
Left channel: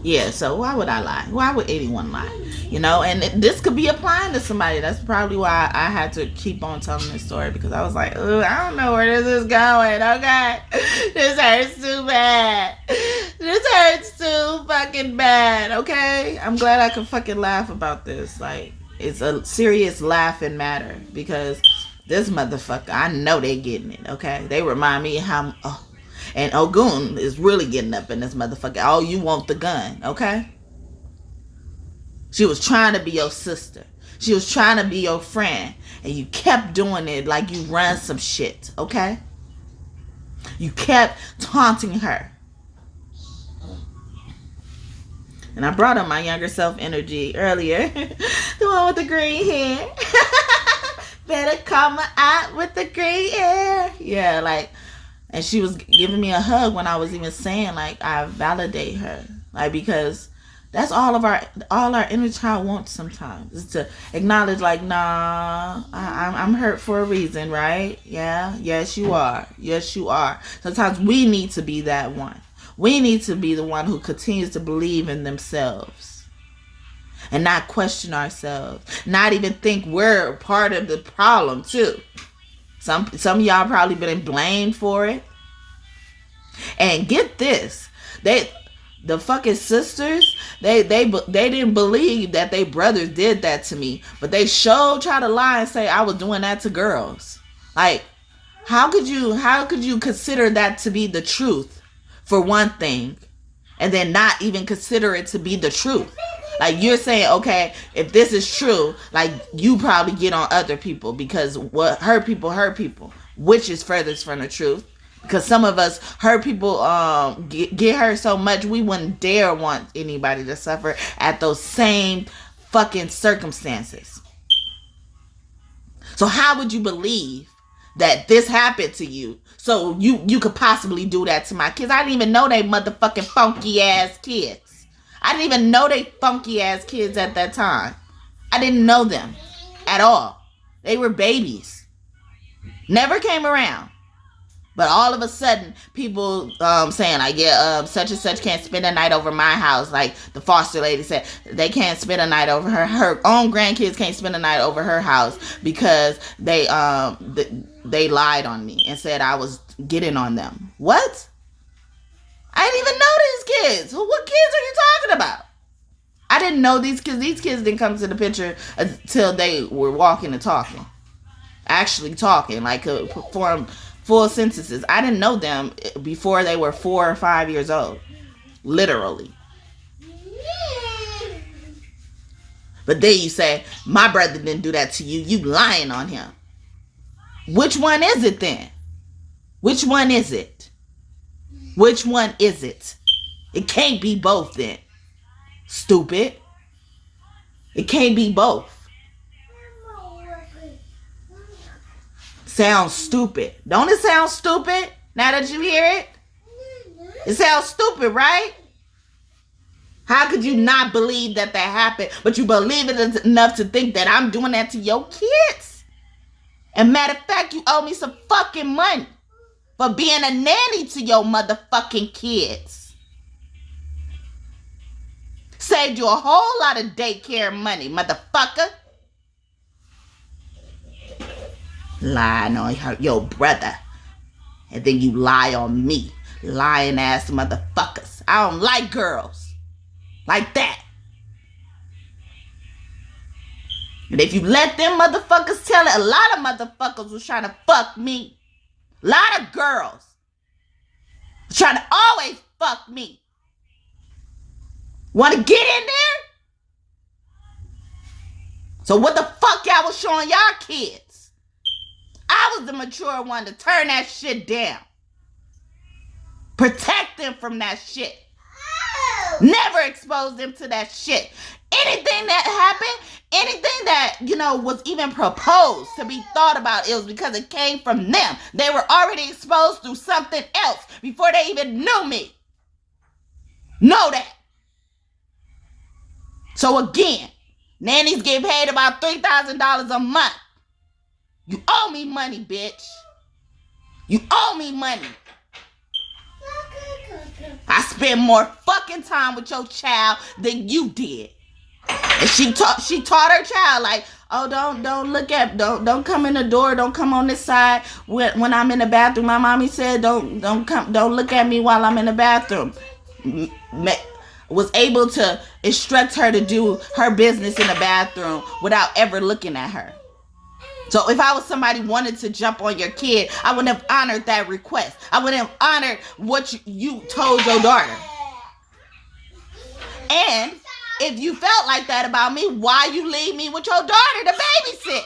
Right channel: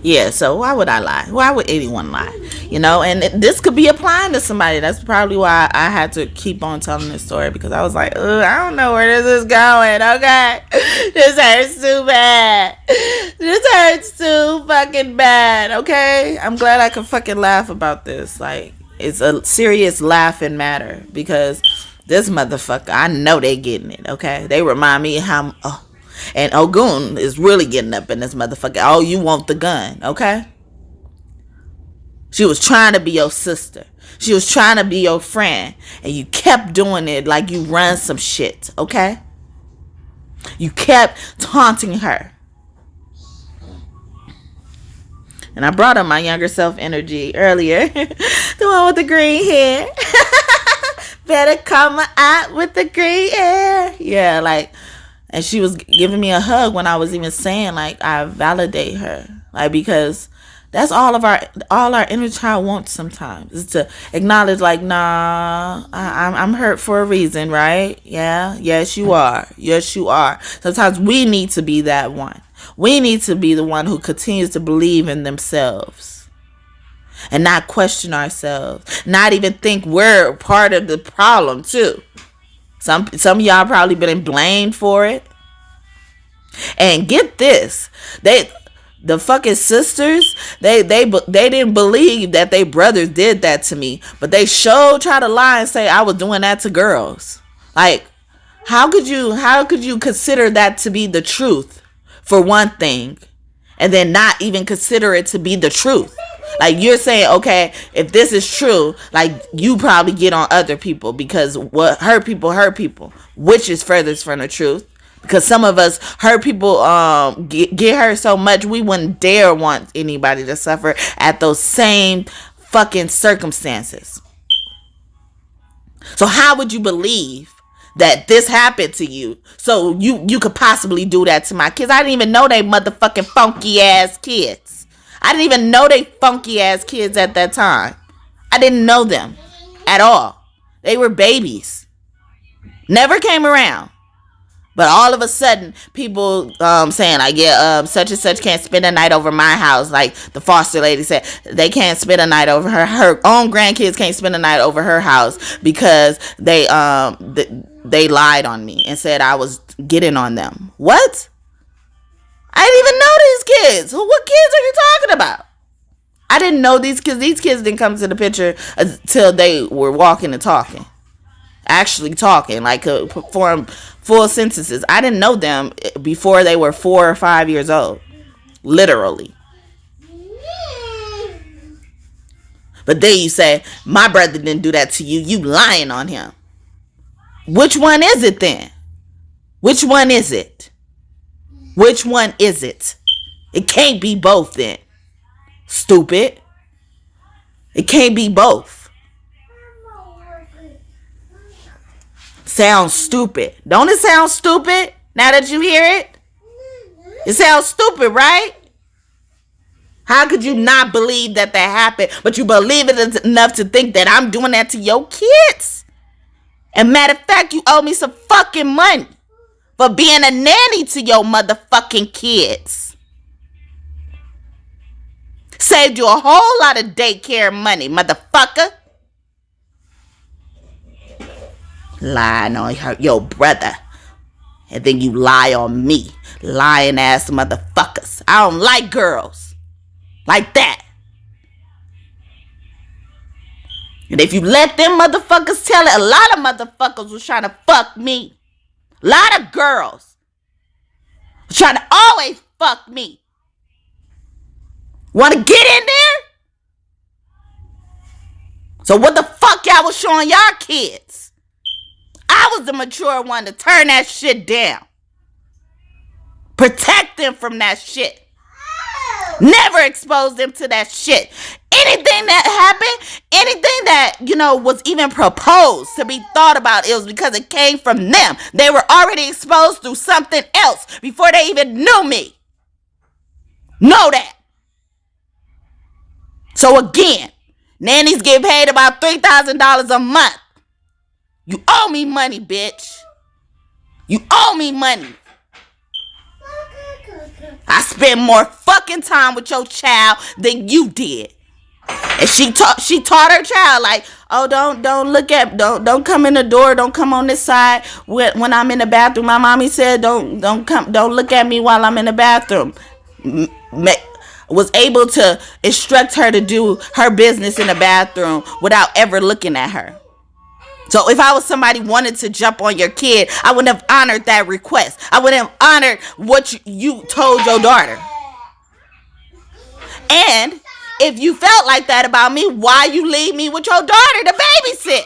Yeah, so why would I lie? Why would anyone lie? And this could be applying to somebody. That's probably why I had to keep on telling this story, because I was like, I don't know where this is going, okay? This hurts too bad. This hurts too fucking bad, okay? I'm glad I can fucking laugh about this. Like, it's a serious laughing matter, because this motherfucker, I know they getting it, okay? They remind me how... and Ogun is really getting up in this motherfucker. Oh, you want the gun, okay? She was trying to be your sister. She was trying to be your friend. And you kept doing it like you run some shit, okay? You kept taunting her. And I brought up my younger self energy earlier. The one with the green hair. Better come out with the green hair. Yeah, like... And she was giving me a hug when I was even saying, like, I validate her. Like, because that's all our inner child wants sometimes, is to acknowledge, like, nah, I'm hurt for a reason, right? Yeah, yes, you are. Yes, you are. Sometimes we need to be that one. We need to be the one who continues to believe in themselves and not question ourselves, not even think we're part of the problem, too. Some of y'all probably been blamed for it. And get this, the fucking sisters, they didn't believe that they brothers did that to me, but they sure try to lie and say I was doing that to girls. Like, how could you consider that to be the truth, for one thing, and then not even consider it to be the truth? Like, you're saying, okay, if this is true, like, you probably get on other people because what hurt people, which is furthest from the truth. Because some of us hurt people, get hurt so much we wouldn't dare want anybody to suffer at those same fucking circumstances. So how would you believe that this happened to you so you could possibly do that to my kids? I didn't even know they motherfucking funky ass kids. I didn't even know they funky ass kids at that time. I didn't know them at all. They were babies. Never came around. But all of a sudden, people saying, like, yeah, such and such can't spend a night over my house. Like the foster lady said, they can't spend a night over her own grandkids can't spend a night over her house because they lied on me and said I was getting on them. What? I didn't even know these kids. What kids are you talking about? I didn't know these kids. These kids didn't come to the picture until they were walking and talking. Actually talking, like could perform full sentences. I didn't know them before they were 4 or 5 years old. Literally. But then you say, my brother didn't do that to you. You lying on him. Which one is it then? Which one is it? Which one is it? It can't be both then. Stupid. It can't be both. sounds stupid. Don't it sound stupid now that you hear it? It sounds stupid, right? How could you not believe that happened, but you believe it enough to think that I'm doing that to your kids? And matter of fact, you owe me some fucking money for being a nanny to your motherfucking kids. Saved you a whole lot of daycare money, motherfucker. Lying on your brother. And then you lie on me. Lying ass motherfuckers. I don't like girls like that. And if you let them motherfuckers tell it, a lot of motherfuckers was trying to fuck me. A lot of girls was trying to always fuck me. Want to get in there? So what the fuck y'all was showing y'all kids? I was the mature one to turn that shit down. Protect them from that shit. Never expose them to that shit. Anything that happened, anything that, was even proposed to be thought about, it was because it came from them. They were already exposed through something else before they even knew me. Know that. So again, nannies get paid about $3,000 a month. You owe me money, bitch. You owe me money. I spent more fucking time with your child than you did. And she taught her child, like, oh, don't come in the door, don't come on this side when I'm in the bathroom. My mommy said don't look at me while I'm in the bathroom. Was able to instruct her to do her business in the bathroom without ever looking at her. So if I was somebody wanted to jump on your kid, I wouldn't have honored that request. I wouldn't have honored what you told your daughter. And if you felt like that about me, why you leave me with your daughter to babysit?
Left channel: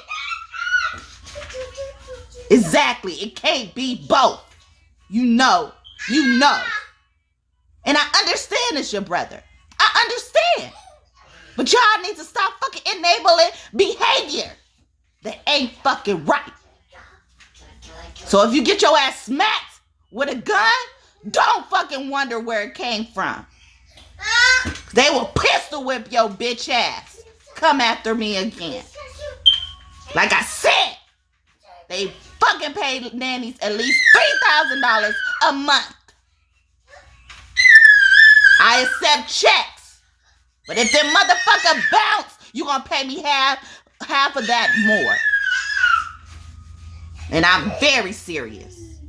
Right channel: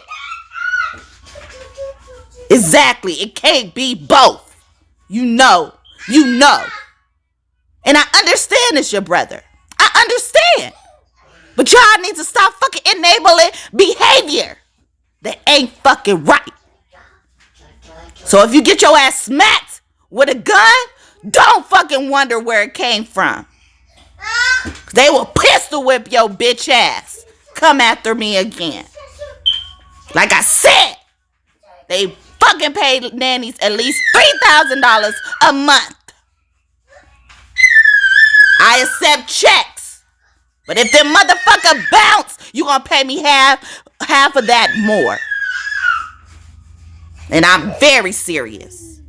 Exactly. It can't be both. You know. And I understand it's your brother. I understand. But y'all need to stop fucking enabling behavior that ain't fucking right. So if you get your ass smacked with a gun, don't fucking wonder where it came from. They will pistol whip your bitch ass. Come after me again. Like I said, they fucking paid nannies at least $3,000 a month. I accept checks. But if them motherfucker bounce, you gonna pay me half of that more. And I'm very serious.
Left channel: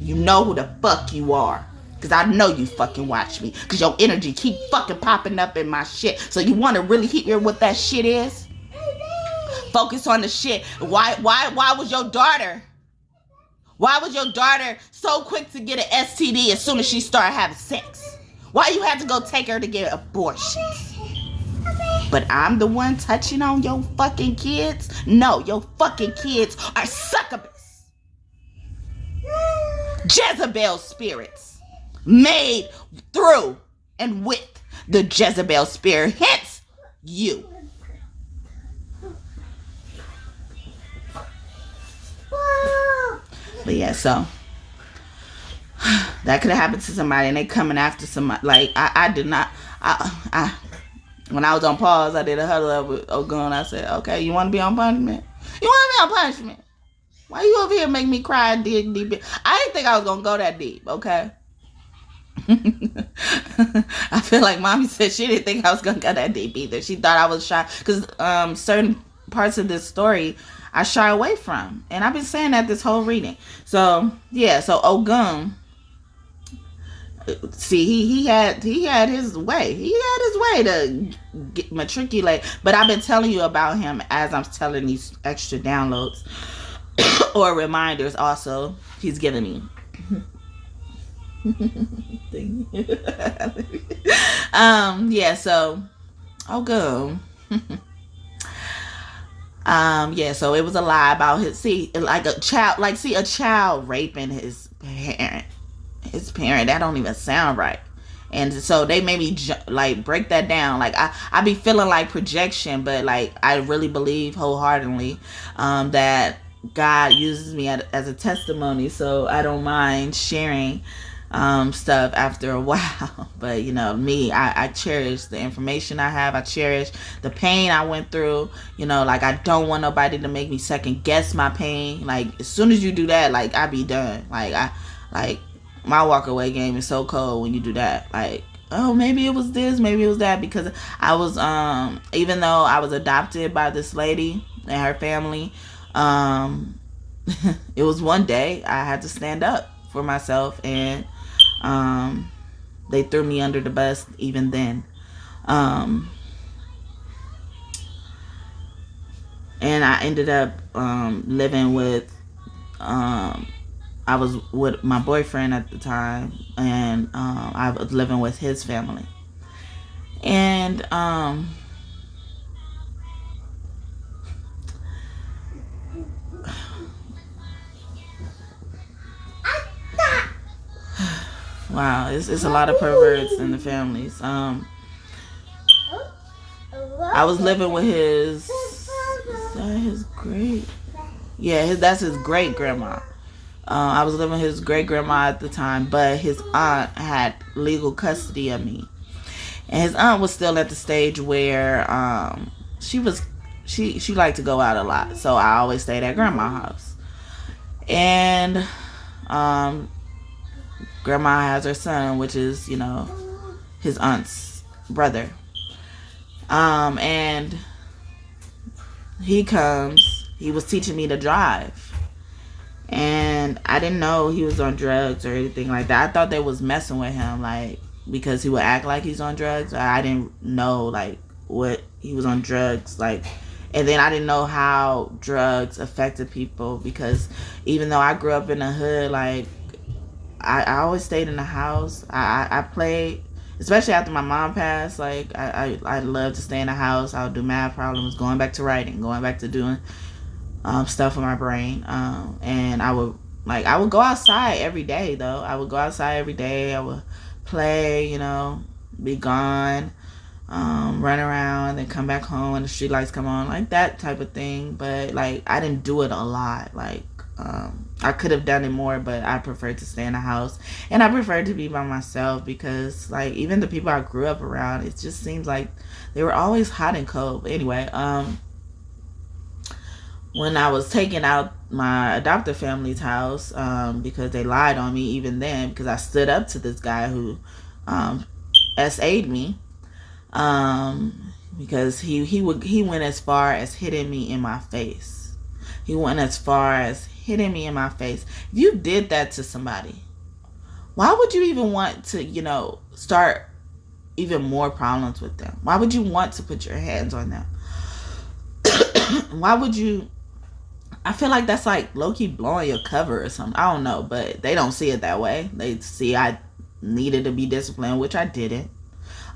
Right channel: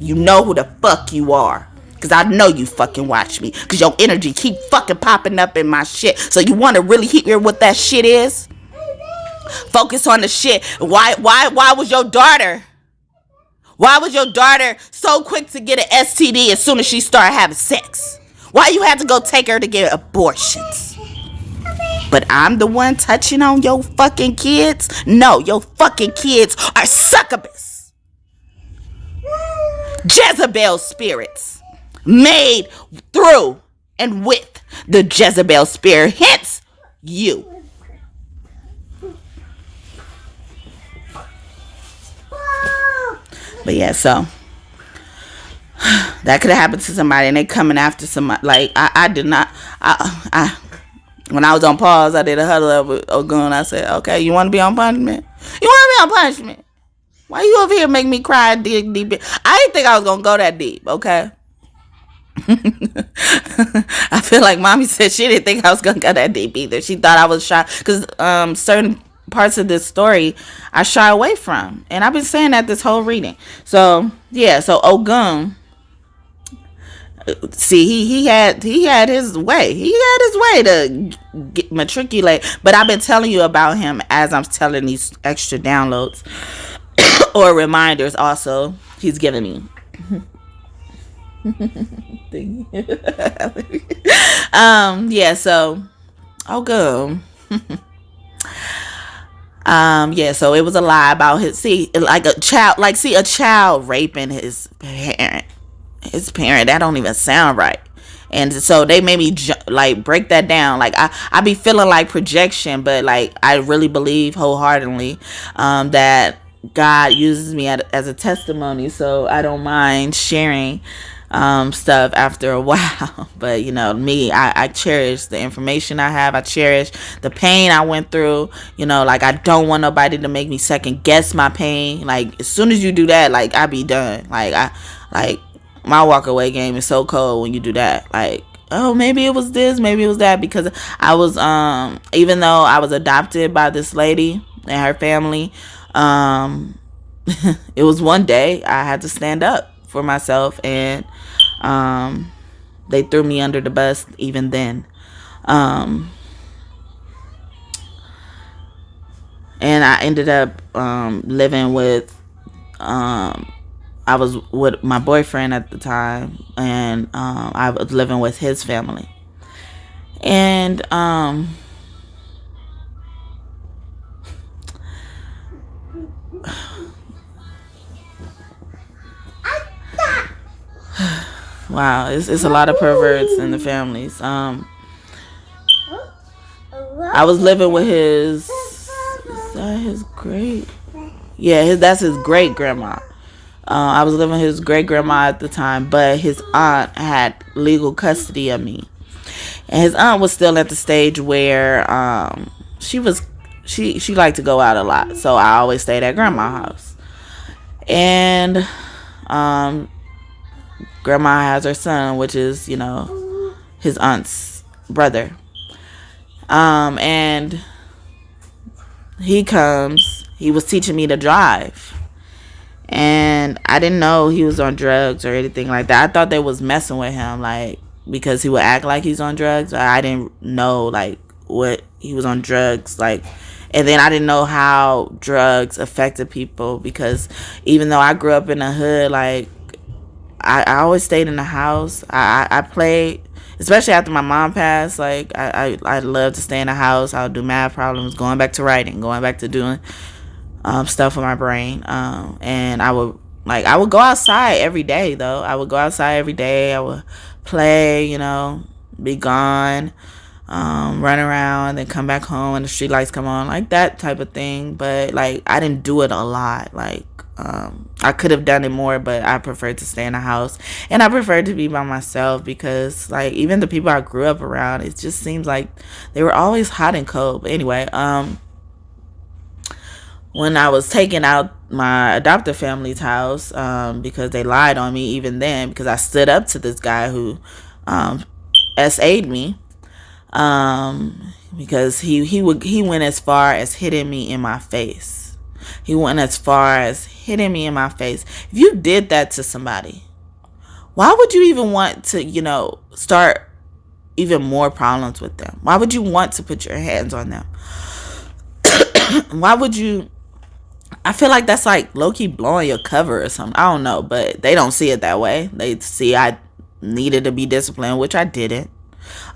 You know who the fuck you are. Because I know you fucking watch me. Because your energy keep fucking popping up in my shit. So you want to really hear what that shit is? Focus on the shit. Why was your daughter? Why was your daughter so quick to get an STD as soon as she started having sex? Why you had to go take her to get abortions? But I'm the one touching on your fucking kids? No, your fucking kids are succubus. Jezebel spirits. Made through and with the Jezebel spirit. Hence, you. But yeah, so that could have happened to somebody and they coming after somebody. Like, I did not, when I was on pause, I did a huddle up with Ogun. I said, okay, you want to be on punishment? You want to be on punishment? Why you over here make me cry deep? I didn't think I was going to go that deep, okay? I feel like mommy said she didn't think I was going to go that deep either. She thought I was shy. Because certain parts of this story I shy away from. And I've been saying that this whole reading. So, yeah. So, Ogun... See, he had his way. He had his way to matriculate. But I've been telling you about him as I'm telling these extra downloads or reminders. Also, he's giving me. Yeah. So, good. Yeah. So it was a lie about a child raping his parent. His parent, that don't even sound right. And so they made me break that down. Like I be feeling like projection, but like I really believe wholeheartedly that God uses me as a testimony, so I don't mind sharing stuff after a while. But me, I cherish the information I have. I cherish the pain I went through. Like, I don't want nobody to make me second guess my pain. Like, as soon as you do that, like, I be done. Like my walk away game is so cold when you do that. Like, oh, maybe it was this, maybe it was that, because I was even though I was adopted by this lady and her family, it was one day I had to stand up for myself, and they threw me under the bus even then. And I ended up living with I was with my boyfriend at the time, and I was living with his family. And wow, it's a lot of perverts in the families. I was living with his, is that his great? Yeah, that's his great grandma. I was living with his great grandma at the time, but his aunt had legal custody of me, and his aunt was still at the stage where she liked to go out a lot, so I always stayed at grandma's house. And grandma has her son, which is his aunt's brother. And he comes. He was teaching me to drive, and I didn't know he was on drugs or anything like that. I thought they was messing with him, like, because he would act like he's on drugs. I didn't know, like, what he was on drugs, like. And then I didn't know how drugs affected people, because even though I grew up in the hood, like, I always stayed in the house. I played, especially after my mom passed. Like, I loved to stay in the house. I would do math problems, going back to writing, going back to doing stuff with my brain. And I would go outside every day, though. I would go outside every day. I would play, be gone, run around, then come back home when the street lights come on, like that type of thing. But, like, I didn't do it a lot. Like, I could have done it more, but I preferred to stay in the house, and I preferred to be by myself, because, like, even the people I grew up around, it just seems like they were always hot and cold. But anyway, when I was taking out my adoptive family's house, because they lied on me even then, because I stood up to this guy who SA'd me, because he went as far as hitting me in my face. He went as far as hitting me in my face. If you did that to somebody, why would you even want to, start even more problems with them? Why would you want to put your hands on them? Why would you? I feel like that's like low-key blowing your cover or something. I don't know, but they don't see it that way. They see I needed to be disciplined, which I didn't.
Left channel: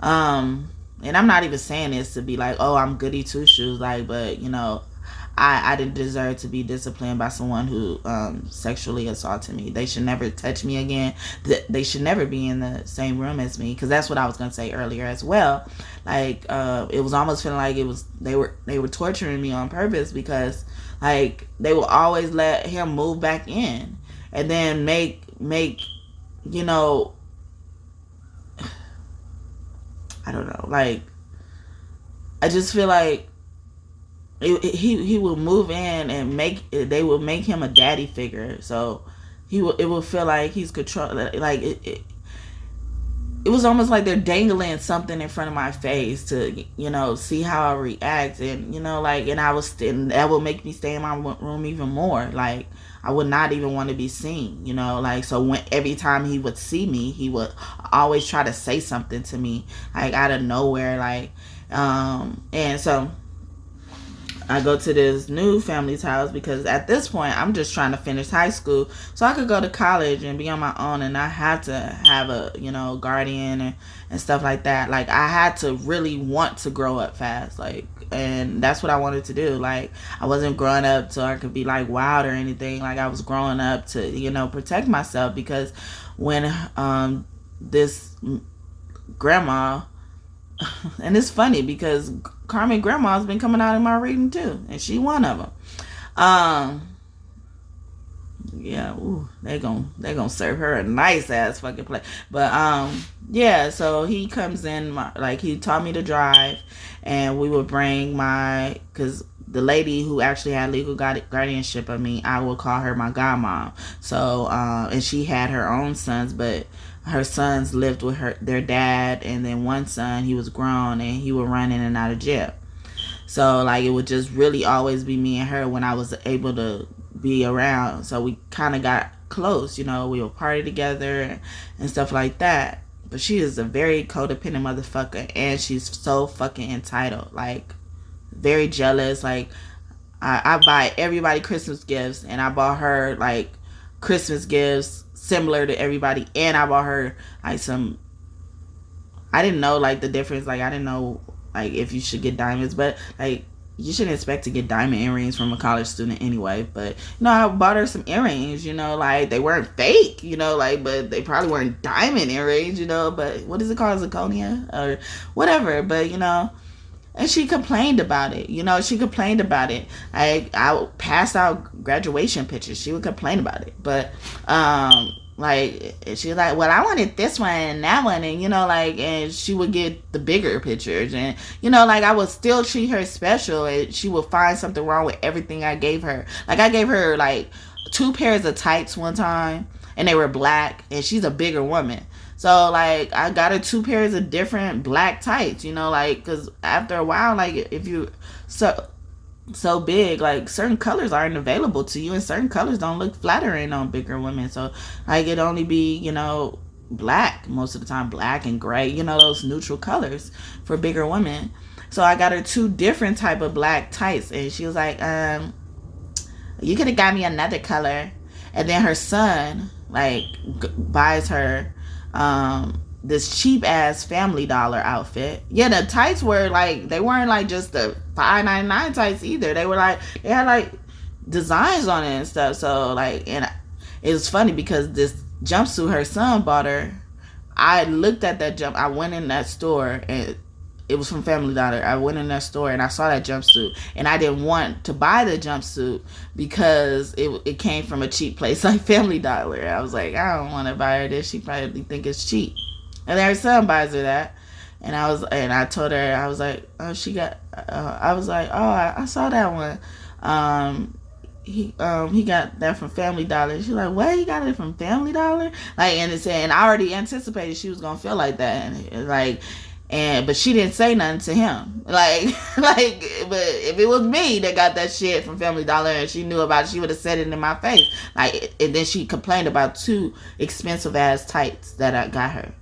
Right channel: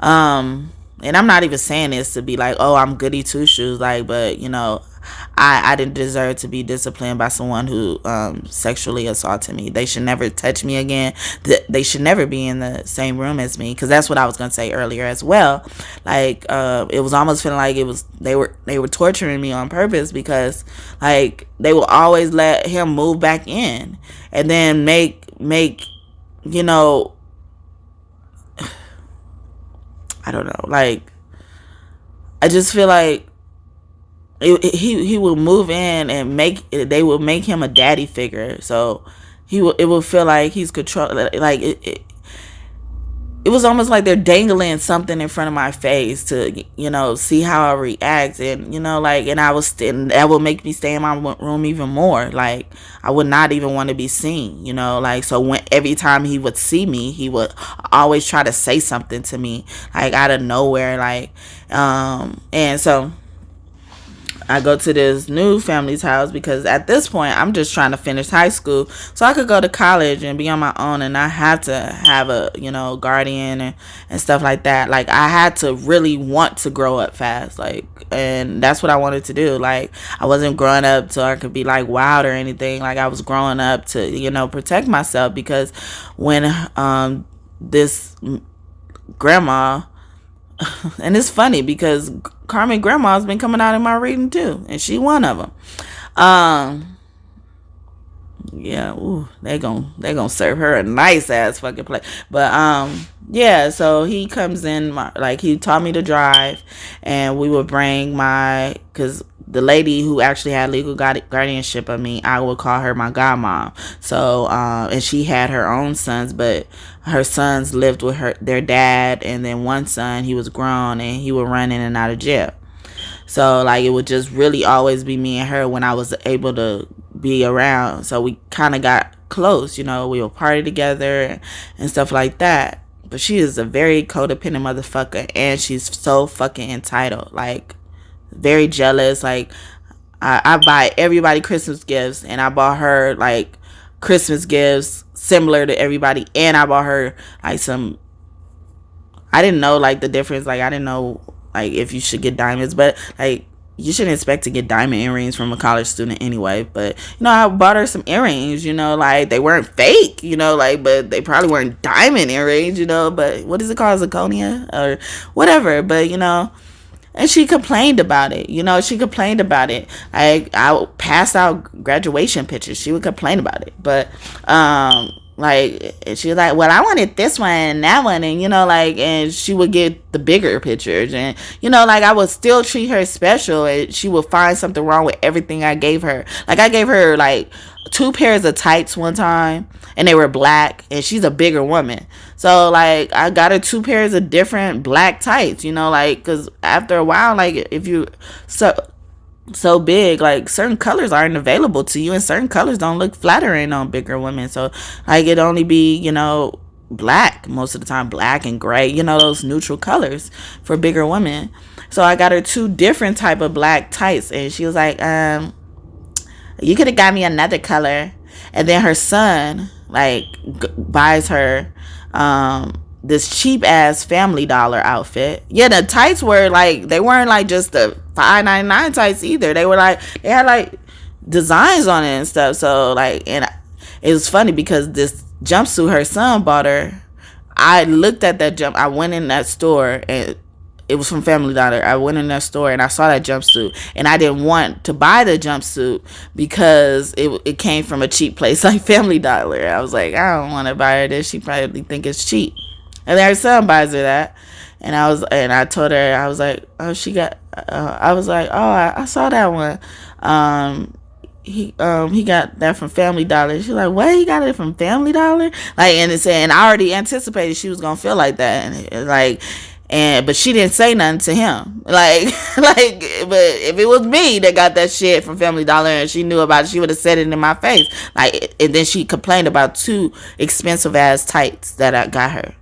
And I'm not even saying this to be like, oh, I'm goody two-shoes, like, but, I didn't deserve to be disciplined by someone who sexually assaulted me. They should never touch me again. They should never be in the same room as me, because that's what I was gonna say earlier as well. Like, it was almost feeling like they were torturing me on purpose, because, like, they will always let him move back in, and then make I don't know. Like, I just feel like he will move in and they will make him a daddy figure. So it will feel like he's control. Like it was almost like they're dangling something in front of my face to see how I react, and and that will make me stay in my room even more. Like, I would not even want to be seen, like, so every time he would see me, he would always try to say something to me, like, out of nowhere, like, and so I go to this new family's house, because at this point I'm just trying to finish high school so I could go to college and be on my own, and I had to have a guardian and stuff like that. Like, I had to really want to grow up fast, like, and that's what I wanted to do. Like, I wasn't growing up so I could be like wild or anything. Like, I was growing up to protect myself, because when this grandma and it's funny because Carmen grandma's been coming out in my reading too, and she one of them. yeah, ooh, they gonna serve her a nice ass fucking plate. But yeah, so he comes in, like, he taught me to drive, and we would bring because the lady who actually had legal guardianship of me, I would call her my godmom. So and she had her own sons, but her sons lived with their dad, and then one son, he was grown and he would run in and out of jail. So like it would just really always be me and her when I was able to be around. So we kind of got close, we would party together and stuff like that. But she is a very codependent motherfucker, and she's so fucking entitled, like very jealous. Like I buy everybody Christmas gifts, and I bought her like Christmas gifts similar to everybody, and I bought her like some. I didn't know like the difference. Like I didn't know like if you should get diamonds, but like you shouldn't expect to get diamond earrings from a college student anyway. But I bought her some earrings, like they weren't fake, like, but they probably weren't diamond earrings, but what is it called, zirconia or whatever. But and she complained about it. She complained about it. I passed out graduation pictures. She would complain about it. But like she was like, well, I wanted this one and that one, and and she would get the bigger pictures, and like I would still treat her special, and she would find something wrong with everything I gave her. Like I gave her like 2 pairs of tights one time, and they were black, and she's a bigger woman. So like I got her 2 pairs of different black tights, like, because after a while, like if you so big, like certain colors aren't available to you, and certain colors don't look flattering on bigger women. So like it only be black most of the time, black and gray, those neutral colors for bigger women. So I got her 2 different type of black tights, and she was like, you could have got me another color. And then her son like buys her this cheap ass Family Dollar outfit. Yeah, the tights were like, they weren't like just the $5.99 tights either. They were like, they had like designs on it and stuff. So like, and it was funny because this jumpsuit her son bought her, I looked at that I went in that store, and it was from Family Dollar. I went in that store and I saw that jumpsuit, and I didn't want to buy the jumpsuit because it came from a cheap place like Family Dollar. I was like, I don't want to buy her this. She probably think it's cheap. And then her son buys her that, and I told her, I was like, oh, she got. I was like, oh, I saw that one. He got that from Family Dollar. She's like, what? He got it from Family Dollar? Like, and I already anticipated she was gonna feel like that, and like. But she didn't say nothing to him. Like, but if it was me that got that shit from Family Dollar and she knew about it, she would have said it in my face. Like, and then she complained about 2 expensive ass tights that I got her.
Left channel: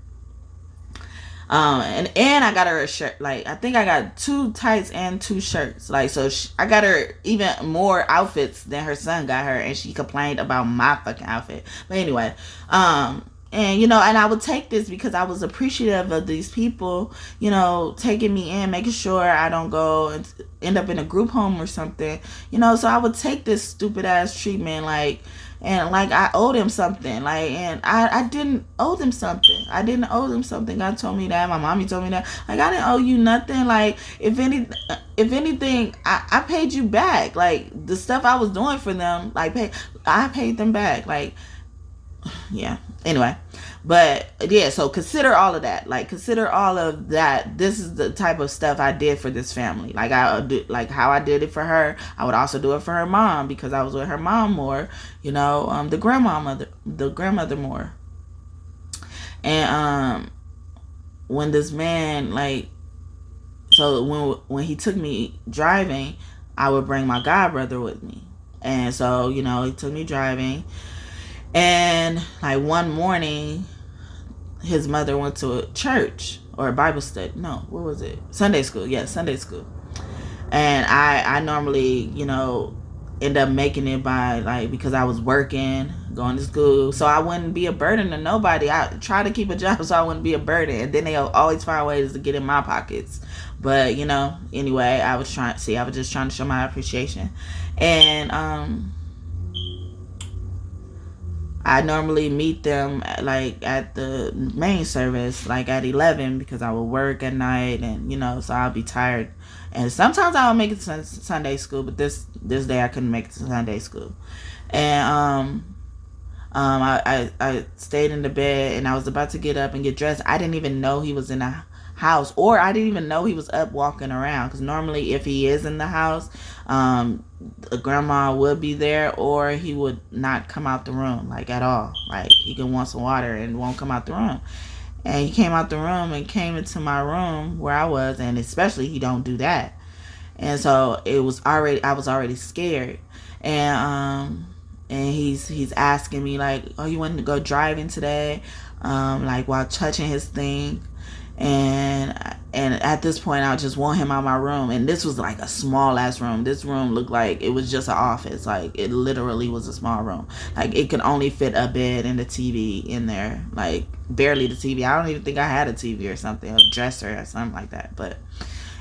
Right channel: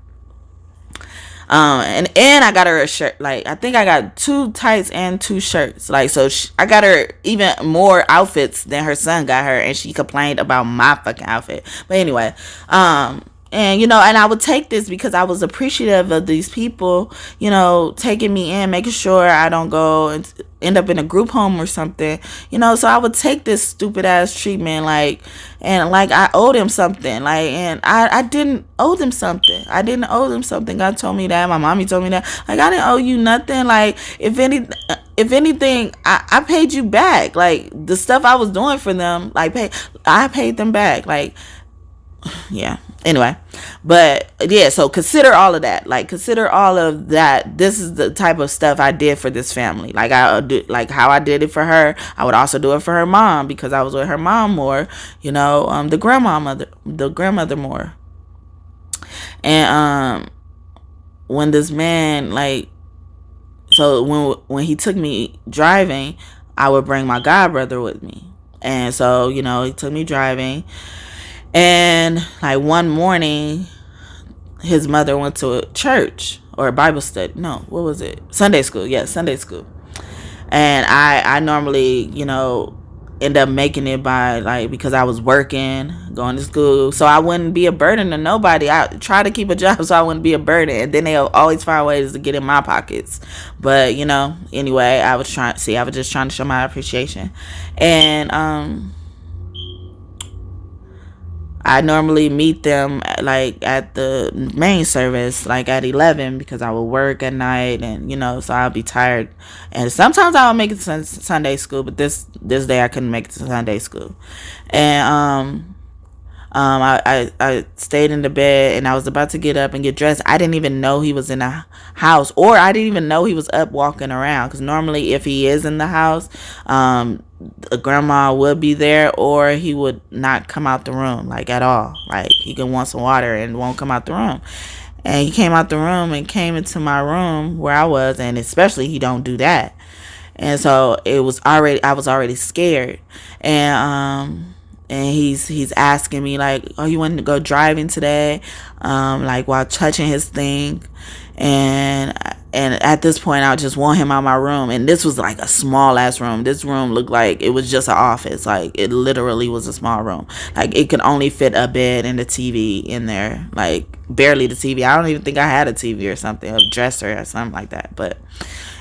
And I got her a shirt. Like, I think I got 2 tights and 2 shirts. Like, so I got her even more outfits than her son got her, and she complained about my fucking outfit. But anyway, and and I would take this because I was appreciative of these people, taking me in, making sure I don't go and end up in a group home or something, so I would take this stupid ass treatment, like, and like I owed him something, like, and I didn't owe them something. I didn't owe them something. God told me that. My mommy told me that. Like, I didn't owe you nothing. Like, if anything, I paid you back. Like, the stuff I was doing for them, like, I paid them back. Like, yeah. Anyway, but yeah, so consider all of that. Like, consider all of that. This is the type of stuff I did for this family. Like, like how I did it for her, I would also do it for her mom, because I was with her mom more, the grandmother more. And when this man, like, so when he took me driving, I would bring my godbrother with me. And so, he took me driving. And like one morning, his mother went to a church or a Bible study. No, what was it? Sunday school. Yeah, Sunday school. And I normally, end up making it by, like, because I was working, going to school, so I wouldn't be a burden to nobody. I try to keep a job so I wouldn't be a burden, and then they'll always find ways to get in my pockets. But anyway, I was just trying to show my appreciation. And I normally meet them like at the main service, like at 11, because I will work at night, and so I'll be tired. And sometimes I'll make it to Sunday school, but this day I couldn't make it to Sunday school. And I stayed in the bed and I was about to get up and get dressed. I didn't even know he was in the house, or I didn't even know he was up walking around, because normally if he is in the house, grandma would be there, or he would not come out the room like at all. Like he could want some water and won't come out the room. And he came out the room and came into my room where I was, and especially he don't do that. And so I was already scared. And he's asking me like, oh, you want to go driving today? Like while touching his thing. And at this point I just want him out of my room. And this was like a small ass room. This room looked like it was just an office. Like it literally was a small room. Like it could only fit a bed and a TV in there. Like barely the TV. I don't even think I had a TV or something, a dresser or something like that.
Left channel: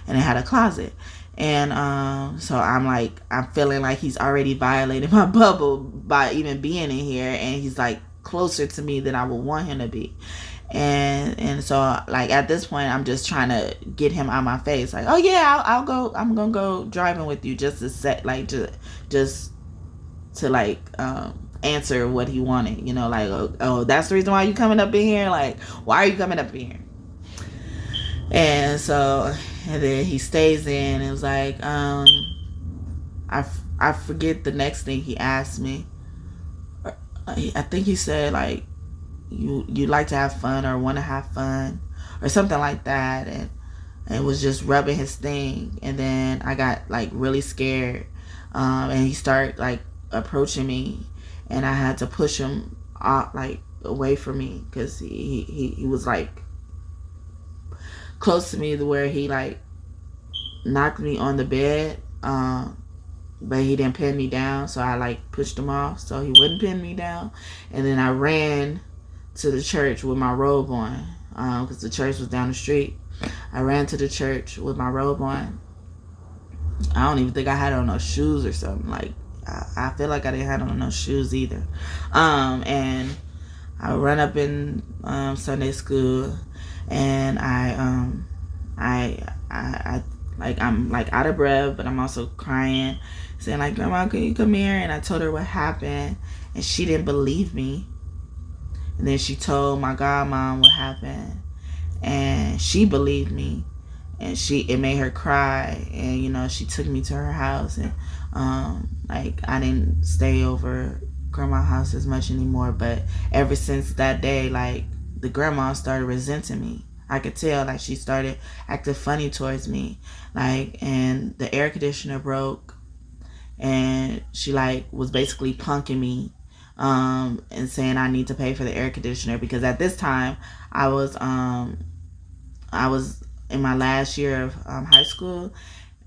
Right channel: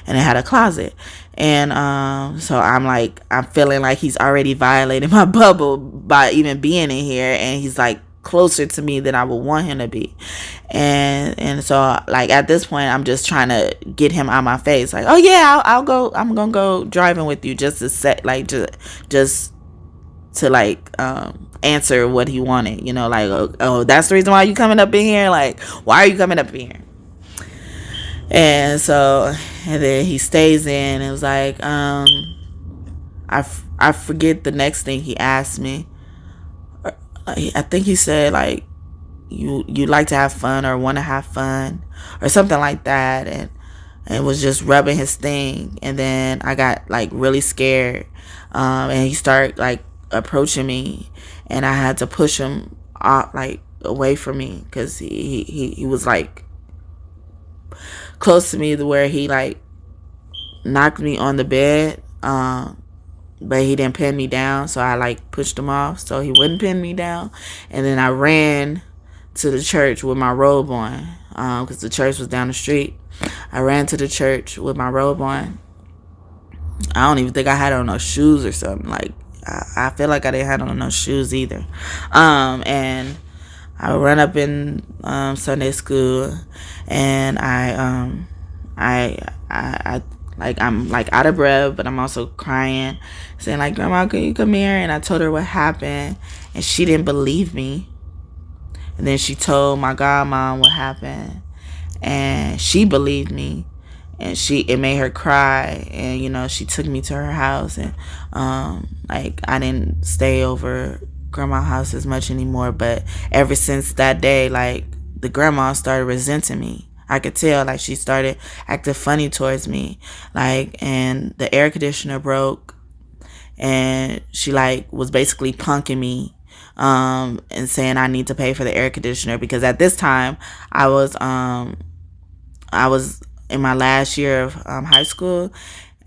And it had a closet. And so I'm feeling like he's already violated my bubble by even being in here, and he's like closer to me than I would want him to be. And so like at this point I'm just trying to get him out of my face, like, oh yeah, I'll go, I'm gonna go driving with you, just to set, like, just to like answer what he wanted, you know, like, oh, that's the reason why you coming up in here, like, why are you coming up in here? And so, and then he stays in. It was like, I forget the next thing he asked me. I think he said like, you like to have fun or want to have fun or something like that, and was just rubbing his thing. And then I got like really scared, and he started like approaching me, and I had to push him like away from me, because he was like close to me to where he like knocked me on the bed, but he didn't pin me down, so I like pushed him off so he wouldn't pin me down. And then I ran to the church with my robe on, because the church was down the street. I ran to the church with my robe on. I don't even think I had on no shoes or something. Like I feel like I didn't have on no shoes either. And I run up in Sunday school, and I like, I'm like out of breath, but I'm also crying, saying like, Grandma, can you come here? And I told her what happened, and she didn't believe me. And then she told my godmom what happened, and she believed me, and it made her cry. And you know, she took me to her house, and like I didn't stay over grandma's house as much anymore. But ever since that day, like the grandma started resenting me. I could tell, like, she started acting funny towards me, like, and the air conditioner broke, and she like was basically punking me, and saying I need to pay for the air conditioner, because at this time I was in my last year of high school,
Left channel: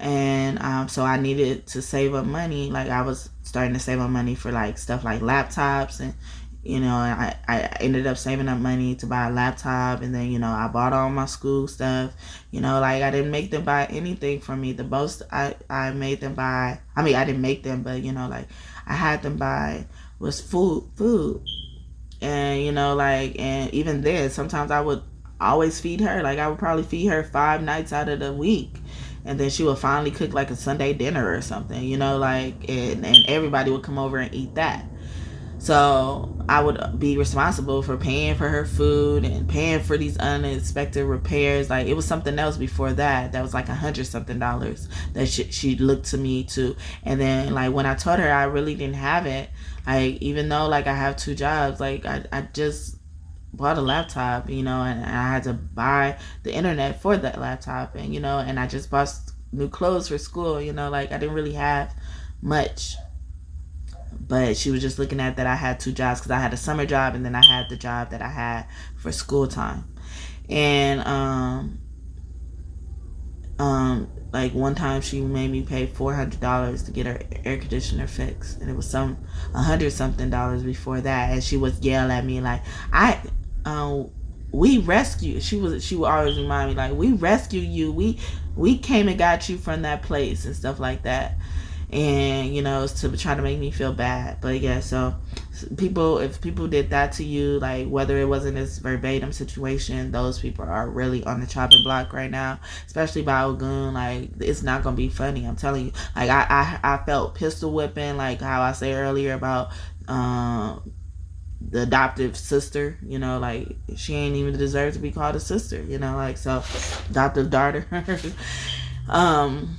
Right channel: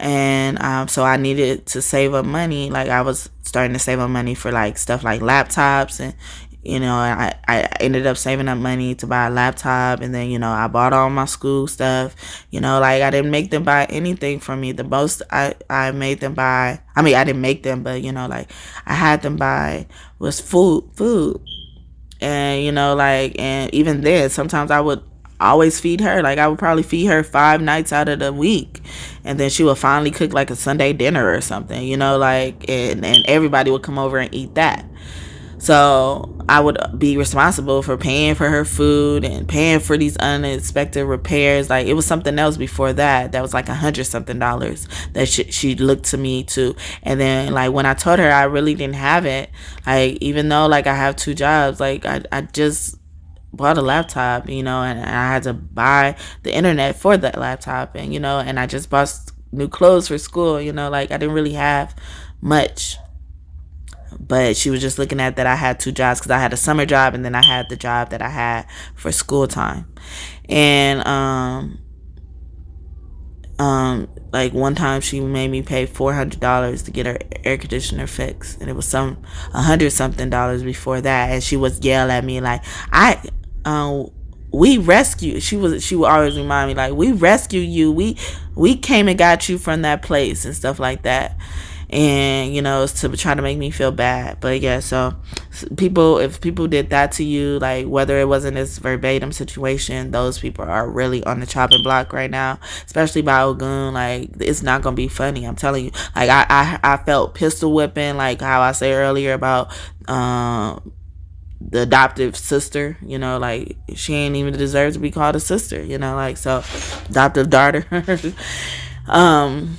and so I needed to save up money. Like I was starting to save up money for like stuff like laptops, and you know, I ended up saving up money to buy a laptop. And then, you know, I bought all my school stuff. You know, like I didn't make them buy anything from me. The most I made them buy, I mean, I didn't make them, but you know, like I had them buy was food. And you know, like, and even then sometimes I would always feed her. Like I would probably feed her 5 nights out of the week, and then she would finally cook like a Sunday dinner or something, you know, like, and everybody would come over and eat that. So I would be responsible for paying for her food and paying for these unexpected repairs. Like it was something else before that was like $100-something that she looked to me to. And then like when I told her I really didn't have it, like even though like I have 2 jobs, like I just bought a laptop, you know, and I had to buy the internet for that laptop, and you know, and I just bought new clothes for school, you know, like I didn't really have much. But she was just looking at that I had 2 jobs, because I had a summer job and then I had the job that I had for school time. And like one time she made me pay $400 to get her air conditioner fixed, and it was $100-something before that. And she would yell at me like, we rescued, she would always remind me like, we rescued you, we came and got you from that place and stuff like that. And you know, it's to try to make me feel bad. But yeah, so if people did that to you, like whether it wasn't this verbatim situation, those people are really on the chopping block right now, especially by Ogun. Like it's not gonna be funny, I'm telling you. Like I felt pistol whipping, like how I said earlier about the adoptive sister, you know, like she ain't even deserve to be called a sister, you know, like, so adoptive daughter. um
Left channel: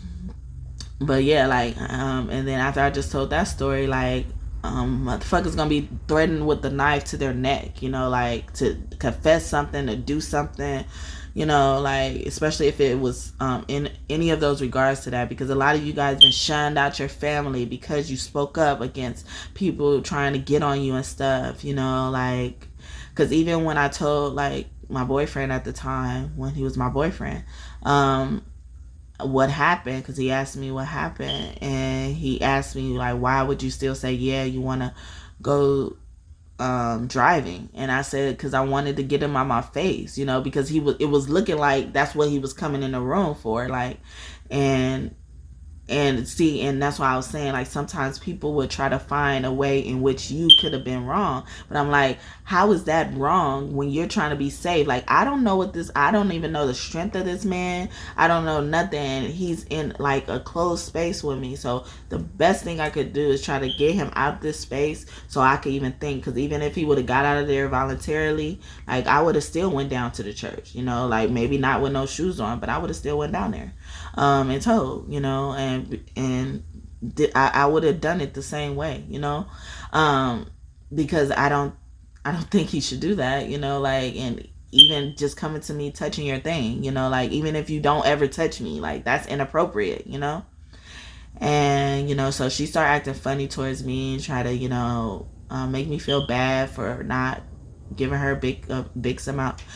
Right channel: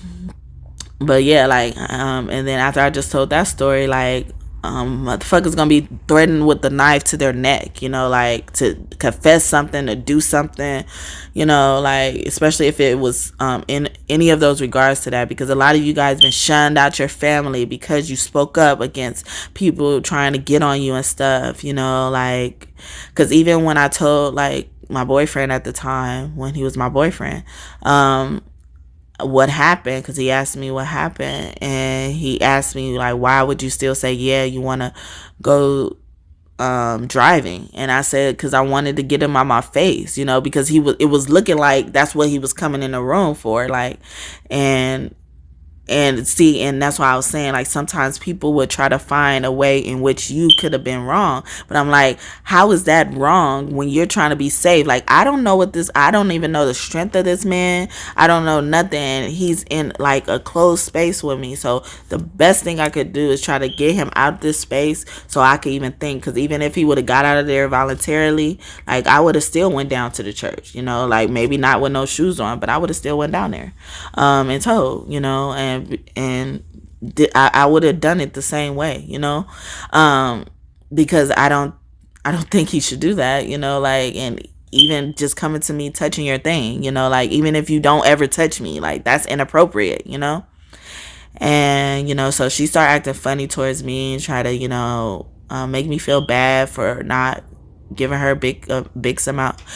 but yeah, like, and then after I just told that story, like, motherfuckers gonna be threatened with the knife to their neck, you know, like to confess something, to do something, you know, like, especially if it was in any of those regards to that, because a lot of you guys been shunned out your family because you spoke up against people trying to get on you and stuff, you know, like, because even when I told, like, my boyfriend at the time, when he was my boyfriend, what happened, because he asked me what happened, and he asked me, like, why would you still say, yeah, you want to go driving? And I said, because I wanted to get him out my face, you know, because it was looking like that's what he was coming in the room for, like, and see, and that's why I was saying, like, sometimes people would try to find a way in which you could have been wrong, but I'm like, how is that wrong when you're trying to be safe? Like, I don't even know the strength of this man. I don't know nothing. He's in like a closed space with me, so the best thing I could do is try to get him out of this space so I could even think, because even if he would have got out of there voluntarily, like, I would have still went down to the church, you know, like, maybe not with no shoes on, but I would have still went down there and told, you know, and I would have done it the same way, you know, because I don't think he should do that, you know, like, and even just coming to me touching your thing, you know, like, even if you don't ever touch me, like, that's inappropriate, you know. And, you know, so she started acting funny towards me and try to, you know, make me feel bad for not giving her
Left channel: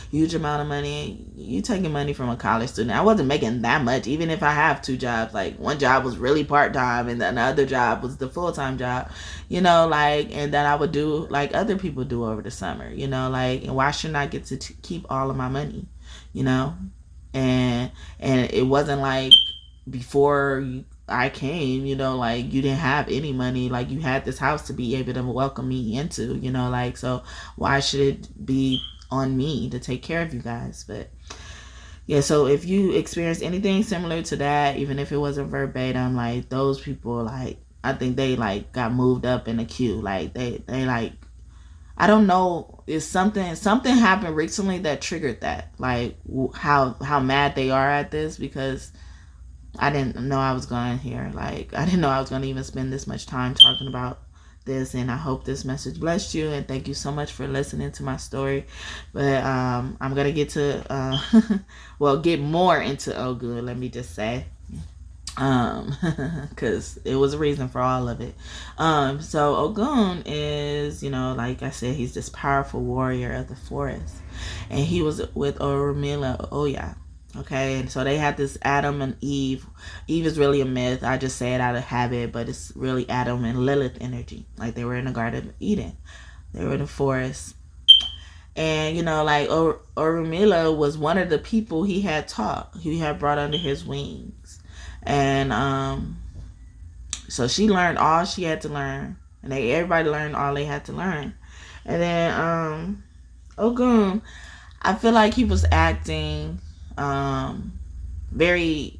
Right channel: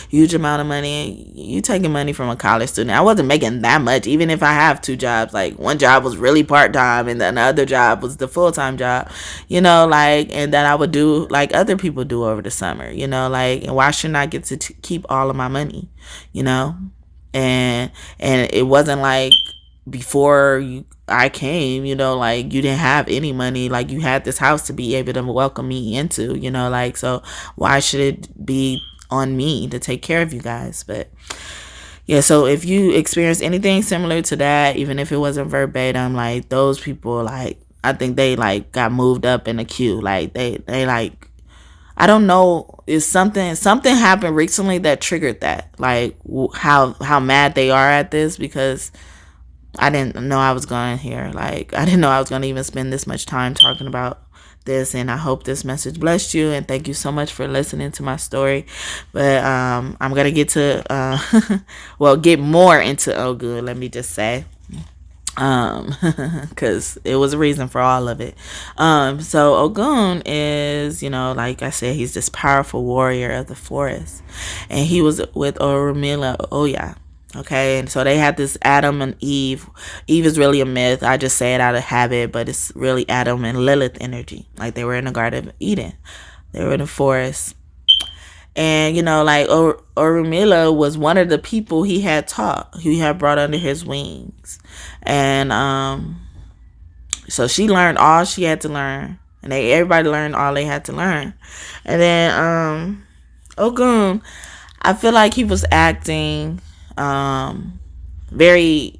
huge amount of money. You taking money from a college student. I wasn't making that much, even if I have two jobs. Like, one job was really part-time and then the other job was the full-time job, you know, like, and then I would do like other people do over the summer, you know, like, and why shouldn't I get to keep all of my money, you know? And it wasn't like before I came, you know, like, you didn't have any money, like, you had this house to be able to welcome me into, you know, like, so why should it be on me to take care of you guys? But yeah, so if you experience anything similar to that, even if it wasn't verbatim, like, those people, like, I think they like got moved up in the queue, like, they like, I don't know, is something happened recently that triggered that, like, how mad they are at this, because I didn't know I was going here. Like, I didn't know I was going to even spend this much time talking about this. And I hope this message blessed you. And thank you so much for listening to my story. But I'm going to get to, get more into Ogun, let me just say. Because it was a reason for all of it. So Ogun is, you know, like I said, he's this powerful warrior of the forest. And he was with Orumila Oya. Okay, and so they had this Adam and Eve. Eve is really a myth. I just say it out of habit, but it's really Adam and Lilith energy. Like, they were in the Garden of Eden. They were in the forest. And, you know, like, Orumila was one of the people he had taught, he had brought under his wings. And so she learned all she had to learn. And everybody learned all they had to learn. And then Ogun, I feel like he was acting very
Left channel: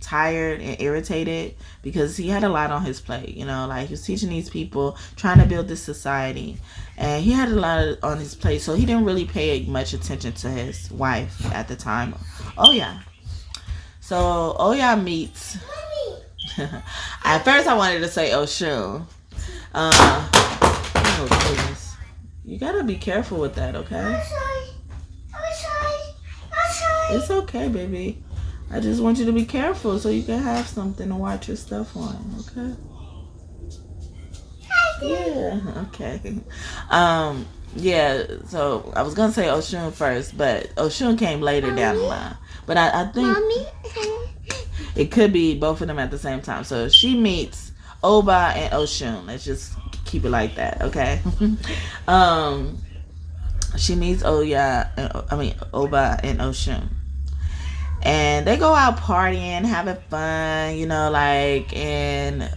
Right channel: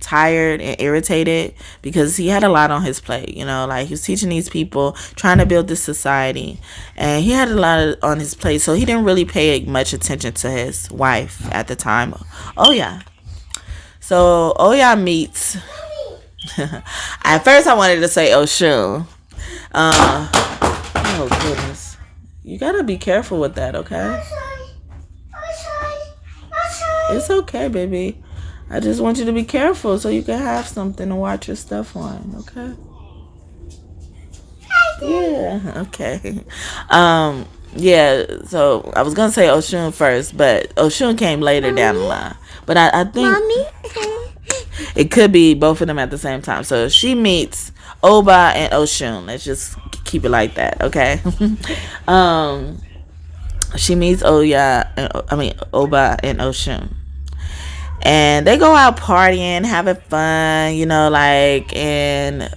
tired and irritated because he had a lot on his plate, you know, like, he was teaching these people, trying to build this society, and he had a lot on his plate, so he didn't really pay much attention to his wife at the time. So Oya meets at first I wanted to say Oshun. Oh goodness, you gotta be careful with that, okay? It's okay, baby. I just want you to be careful so you can have something to watch your stuff on, okay? Yeah, okay. Yeah, so I was going to say Oshun first, but Oshun came later down the line. But I think it could be both of them at the same time. So she meets Oba and Oshun. Let's just keep it like that, okay? She meets Oba and Oshun. And they go out partying, having fun, you know, like, and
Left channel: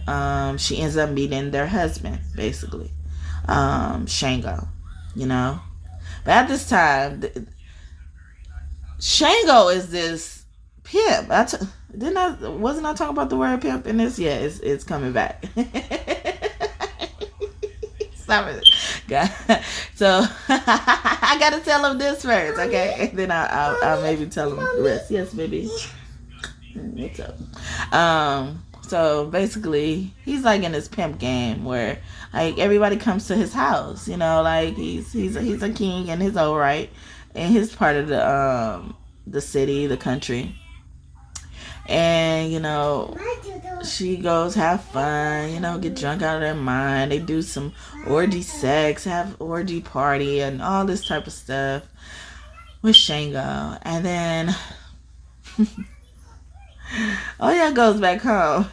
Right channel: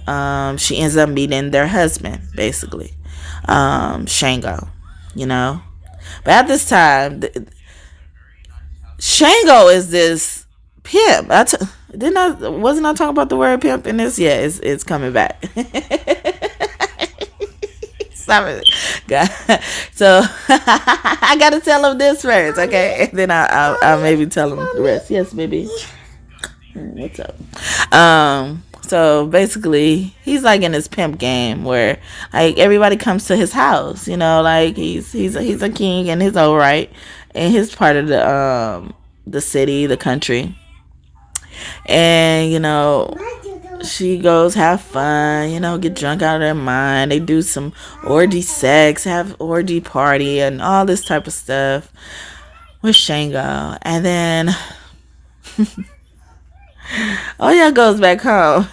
she ends up meeting their husband, basically, Shango, you know. But at this time, Shango is this pimp. Wasn't I talking about the word pimp in this? Yeah, it's coming back. Stop it. God. So I gotta tell him this first, okay? And then I'll maybe tell him the rest. Yes, baby. What's up? So basically, he's like in his pimp game where like everybody comes to his house, you know, like he's a king and he's all right in his part of the city, the country. And you know, she goes have fun, you know, get drunk out of their mind. They do some orgy sex, have orgy party and all this type of stuff with Shango. And then Oya goes back home.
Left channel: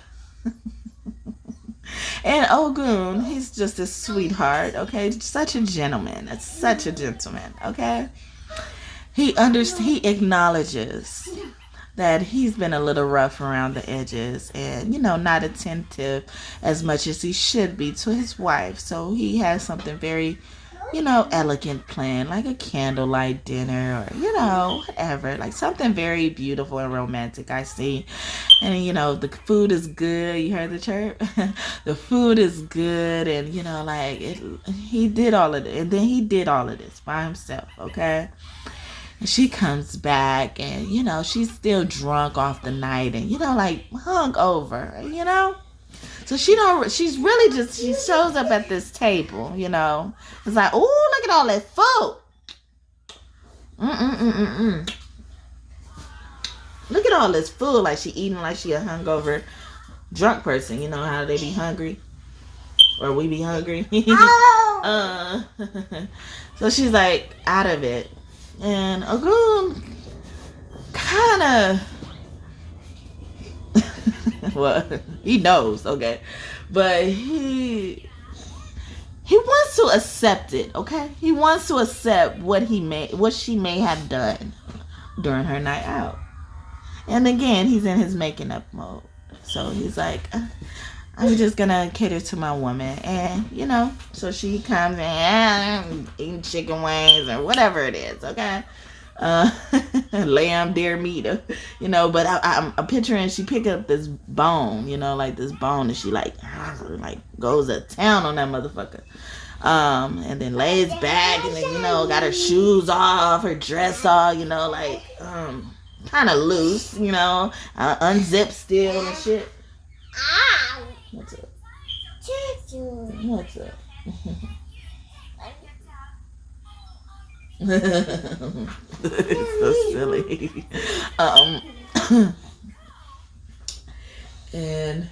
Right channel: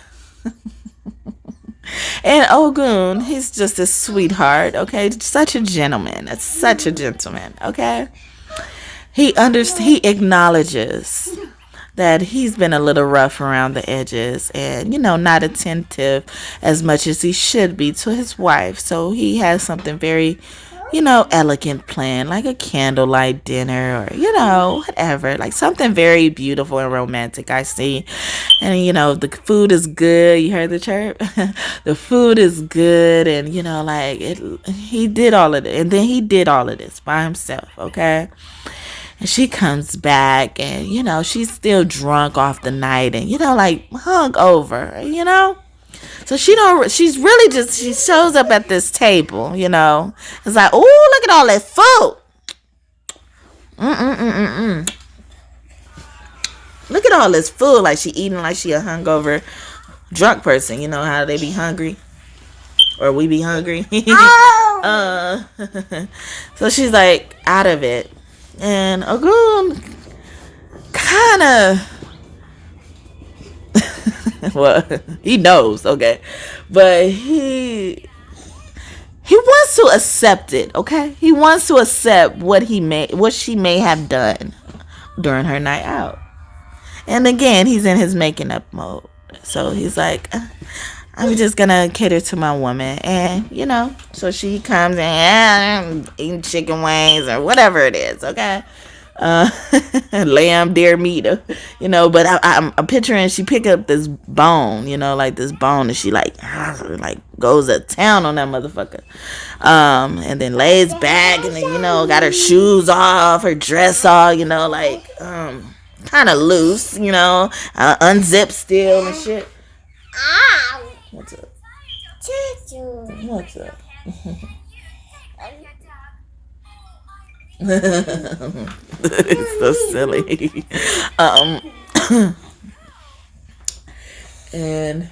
And Ogun, he's just a sweetheart, okay? Such a gentleman. Such a gentleman, okay? He acknowledges that he's been a little rough around the edges and, you know, not attentive as much as he should be to his wife. So he has something very, you know, elegant planned, like a candlelight dinner or, you know, whatever, like something very beautiful and romantic, I see. And, you know, the food is good. You heard the chirp? The food is good. And, you know, like he did all of it. And then he did all of this by himself, okay? And she comes back and, you know, she's still drunk off the night and, you know, like hung over, you know? So she shows up at this table, you know. It's like, oh, look at all that food. Look at all this food. Like she eating like she a hungover drunk person. You know how they be hungry? Or we be hungry. So she's like out of it. And Ogun kind of... well, he knows, okay, but he wants to accept it, okay. He wants to accept what she may have done during her night out. And again, he's in his making up mode. So he's like, I'm just gonna cater to my woman, and you know, so she comes and eating chicken wings or whatever it is, okay. Lamb, deer meat, you know, but I'm picturing she pick up this bone, you know, like this bone, and she like goes to town on that motherfucker, and then lays back, and then, you know, got her shoes off, her dress off, you know, like kind of loose, you know, unzipped still and shit. What's up? What's up? It's so silly. And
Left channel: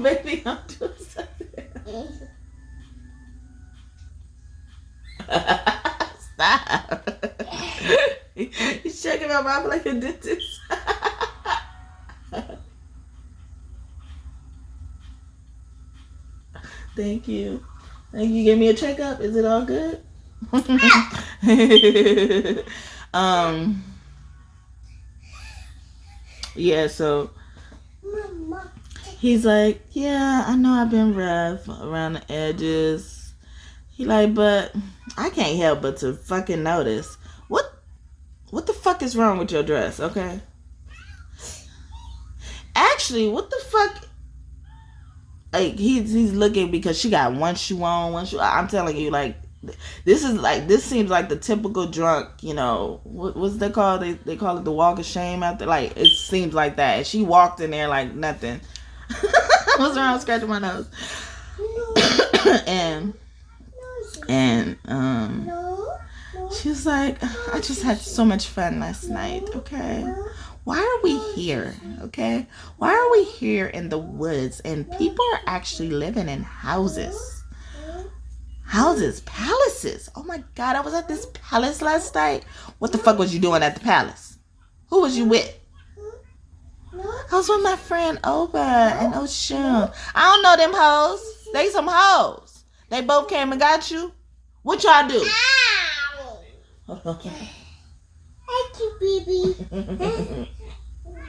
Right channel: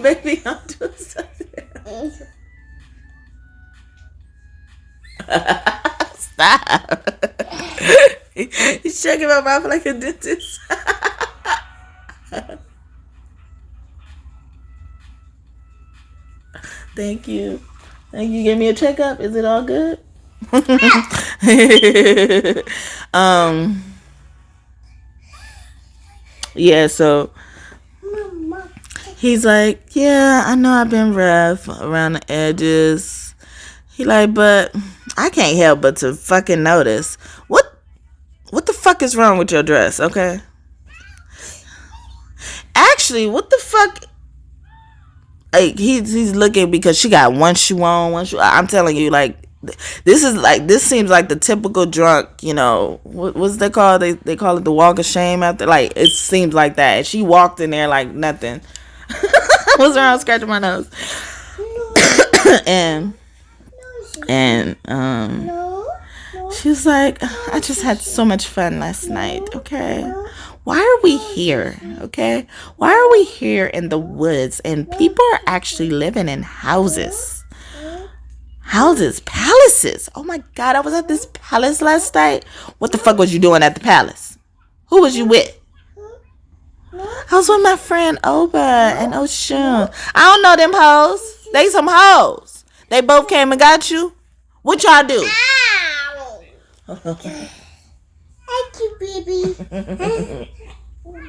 maybe I'm doing something else. Stop. He's checking my mouth like a dentist. Thank you. You gave me a checkup. Is it all good? Yeah, so he's like, yeah, I know I've been rough around the edges. He like, but I can't help but to fucking notice. What the fuck is wrong with your dress, okay? Actually, what the fuck? Like, he's looking because she got one shoe on, one shoe. I'm telling you, like, this seems like the typical drunk, you know, what's they call? They call it the walk of shame out there. Like, it seems like that. And she walked in there like nothing. What's wrong? Scratching my nose. and she was like, I just had so much fun last night, okay? Why are we here, okay? Why are we here in the woods and people are actually living in houses? Houses, palaces. Oh my God, I was at this palace last night. What the fuck was you doing at the palace? Who was you with? I was with my friend Oba and Oshun. I don't know them hoes. They some hoes. They both came and got you. What y'all do? Thank you, baby.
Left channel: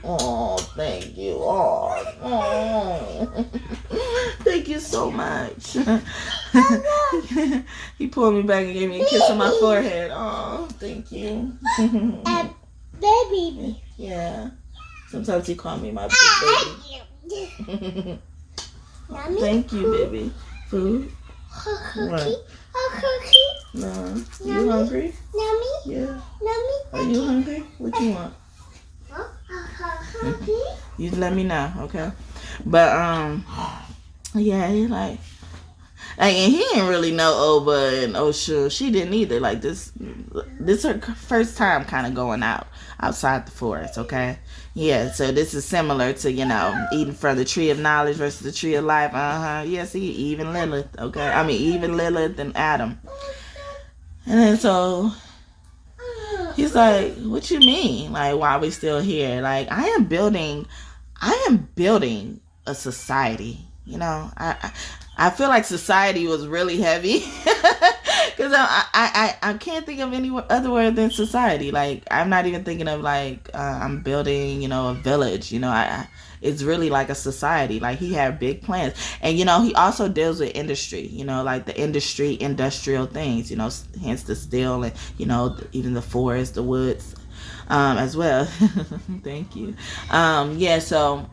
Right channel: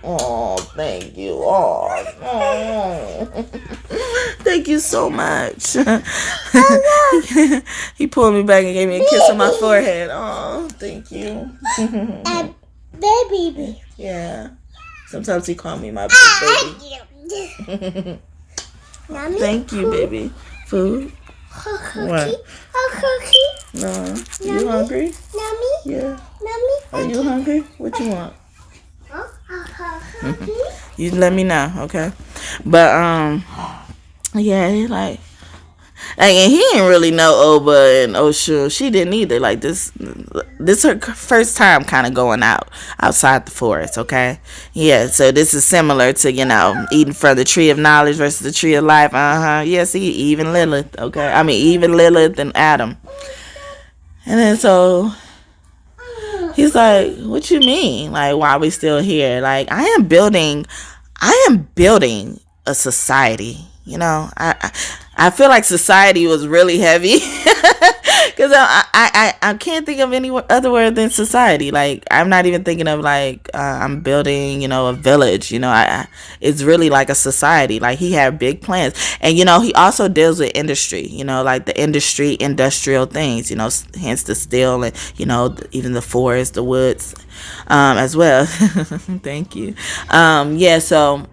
Oh, thank you. Oh. Thank you so much. He pulled me back and gave me a kiss on my forehead. Oh, thank you. baby. Yeah. Sometimes he call me my baby. Thank you, baby. Food? What? No. You hungry? Yeah. Are you hungry? What you want? You let me know, okay? But yeah, he like, and he didn't really know Oba and Oshu. She didn't either. Like this her first time kind of going outside the forest. Okay, yeah. So this is similar to eating from the tree of knowledge versus the tree of life. Yeah. See, even Lilith. Okay, I mean even Lilith and Adam. And then so he's like, "What you mean? Like, why are we still here? Like, I am building a society. I feel like society was really heavy because I can't think of any other word than society. Like, I'm not even thinking of like I'm building a village. It's really like a society. Like, he had big plans, and he also deals with industry. Like the industrial things. Hence the steel and even the forest, the woods, as well. Thank you. Yeah. So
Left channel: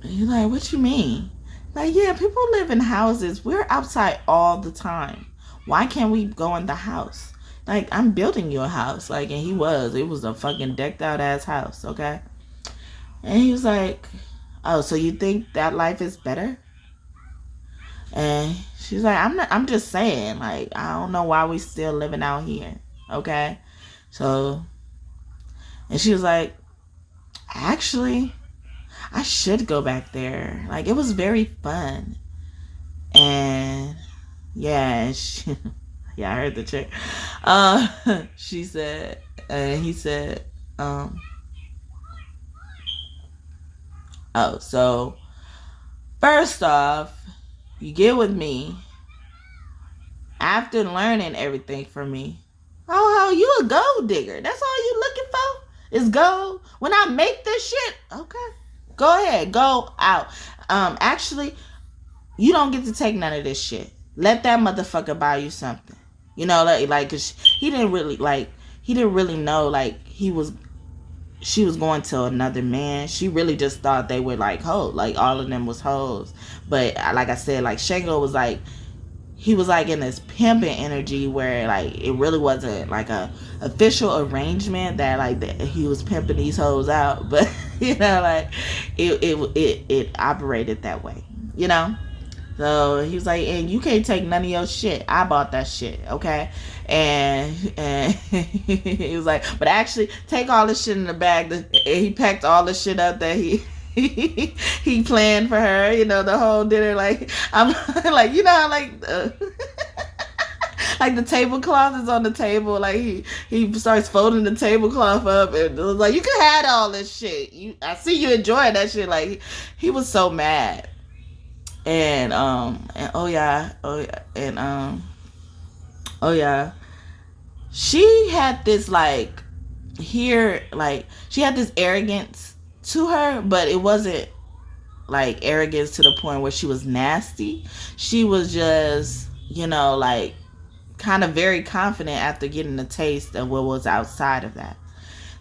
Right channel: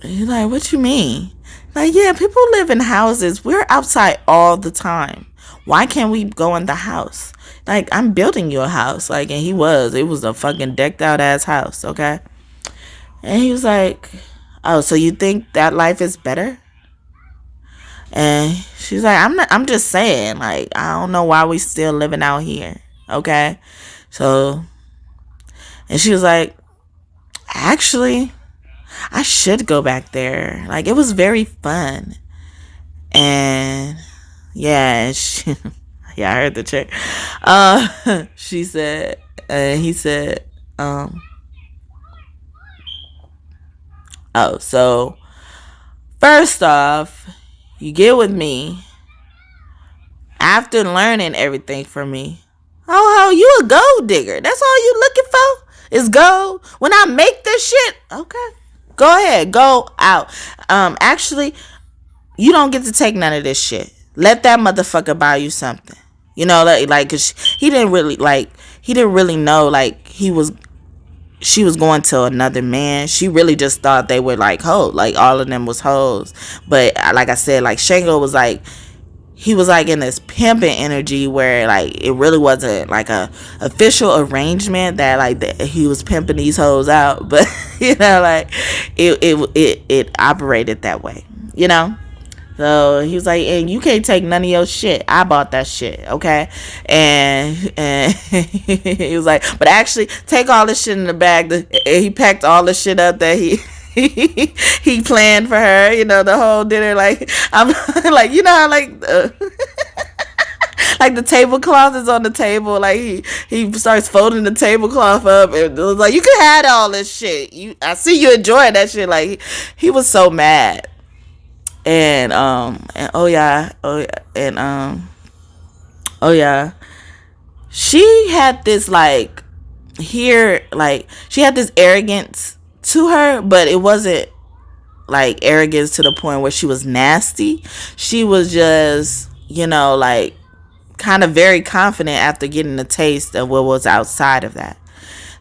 he's like, what you mean? Like, yeah, people live in houses. We're outside all the time. Why can't we go in the house? Like, I'm building you a house. Like, and it was a fucking decked out ass house, okay? And he was like, oh, so you think that life is better? And she's like, I'm just saying, like, I don't know why we still living out here, okay? So, and she was like, actually, I should go back there. Like, it was very fun. And yeah, yeah, I heard the chick. She said, he said, oh, so first off, you get with me after learning everything from me. Oh, you a gold digger. That's all you looking for is gold. When I make this shit, okay. Go ahead, go out. Actually, you don't get to take none of this shit. Let that motherfucker buy you something. Like, cause he didn't really know, like, she was going to another man. She really just thought they were like hoes, like all of them was hoes. But like I said, like Shango was like, he was like in this pimping energy where like it really wasn't like a official arrangement that like he was pimping these hoes out, but like it operated that way, So he was like, and you can't take none of your shit. I bought that shit, okay? And he was like, but actually take all this shit in the bag. He packed all the shit up that he planned for her, the whole dinner. Like, I'm like, how like like the tablecloth is on the table. Like he starts folding the tablecloth up and it was like, you can have all this shit. I see you enjoying that shit. Like he was so mad. And oh yeah, she had this like she had this arrogance to her, but it wasn't like arrogance to the point where she was nasty. She was just like kind of very confident after getting a taste of what was outside of that.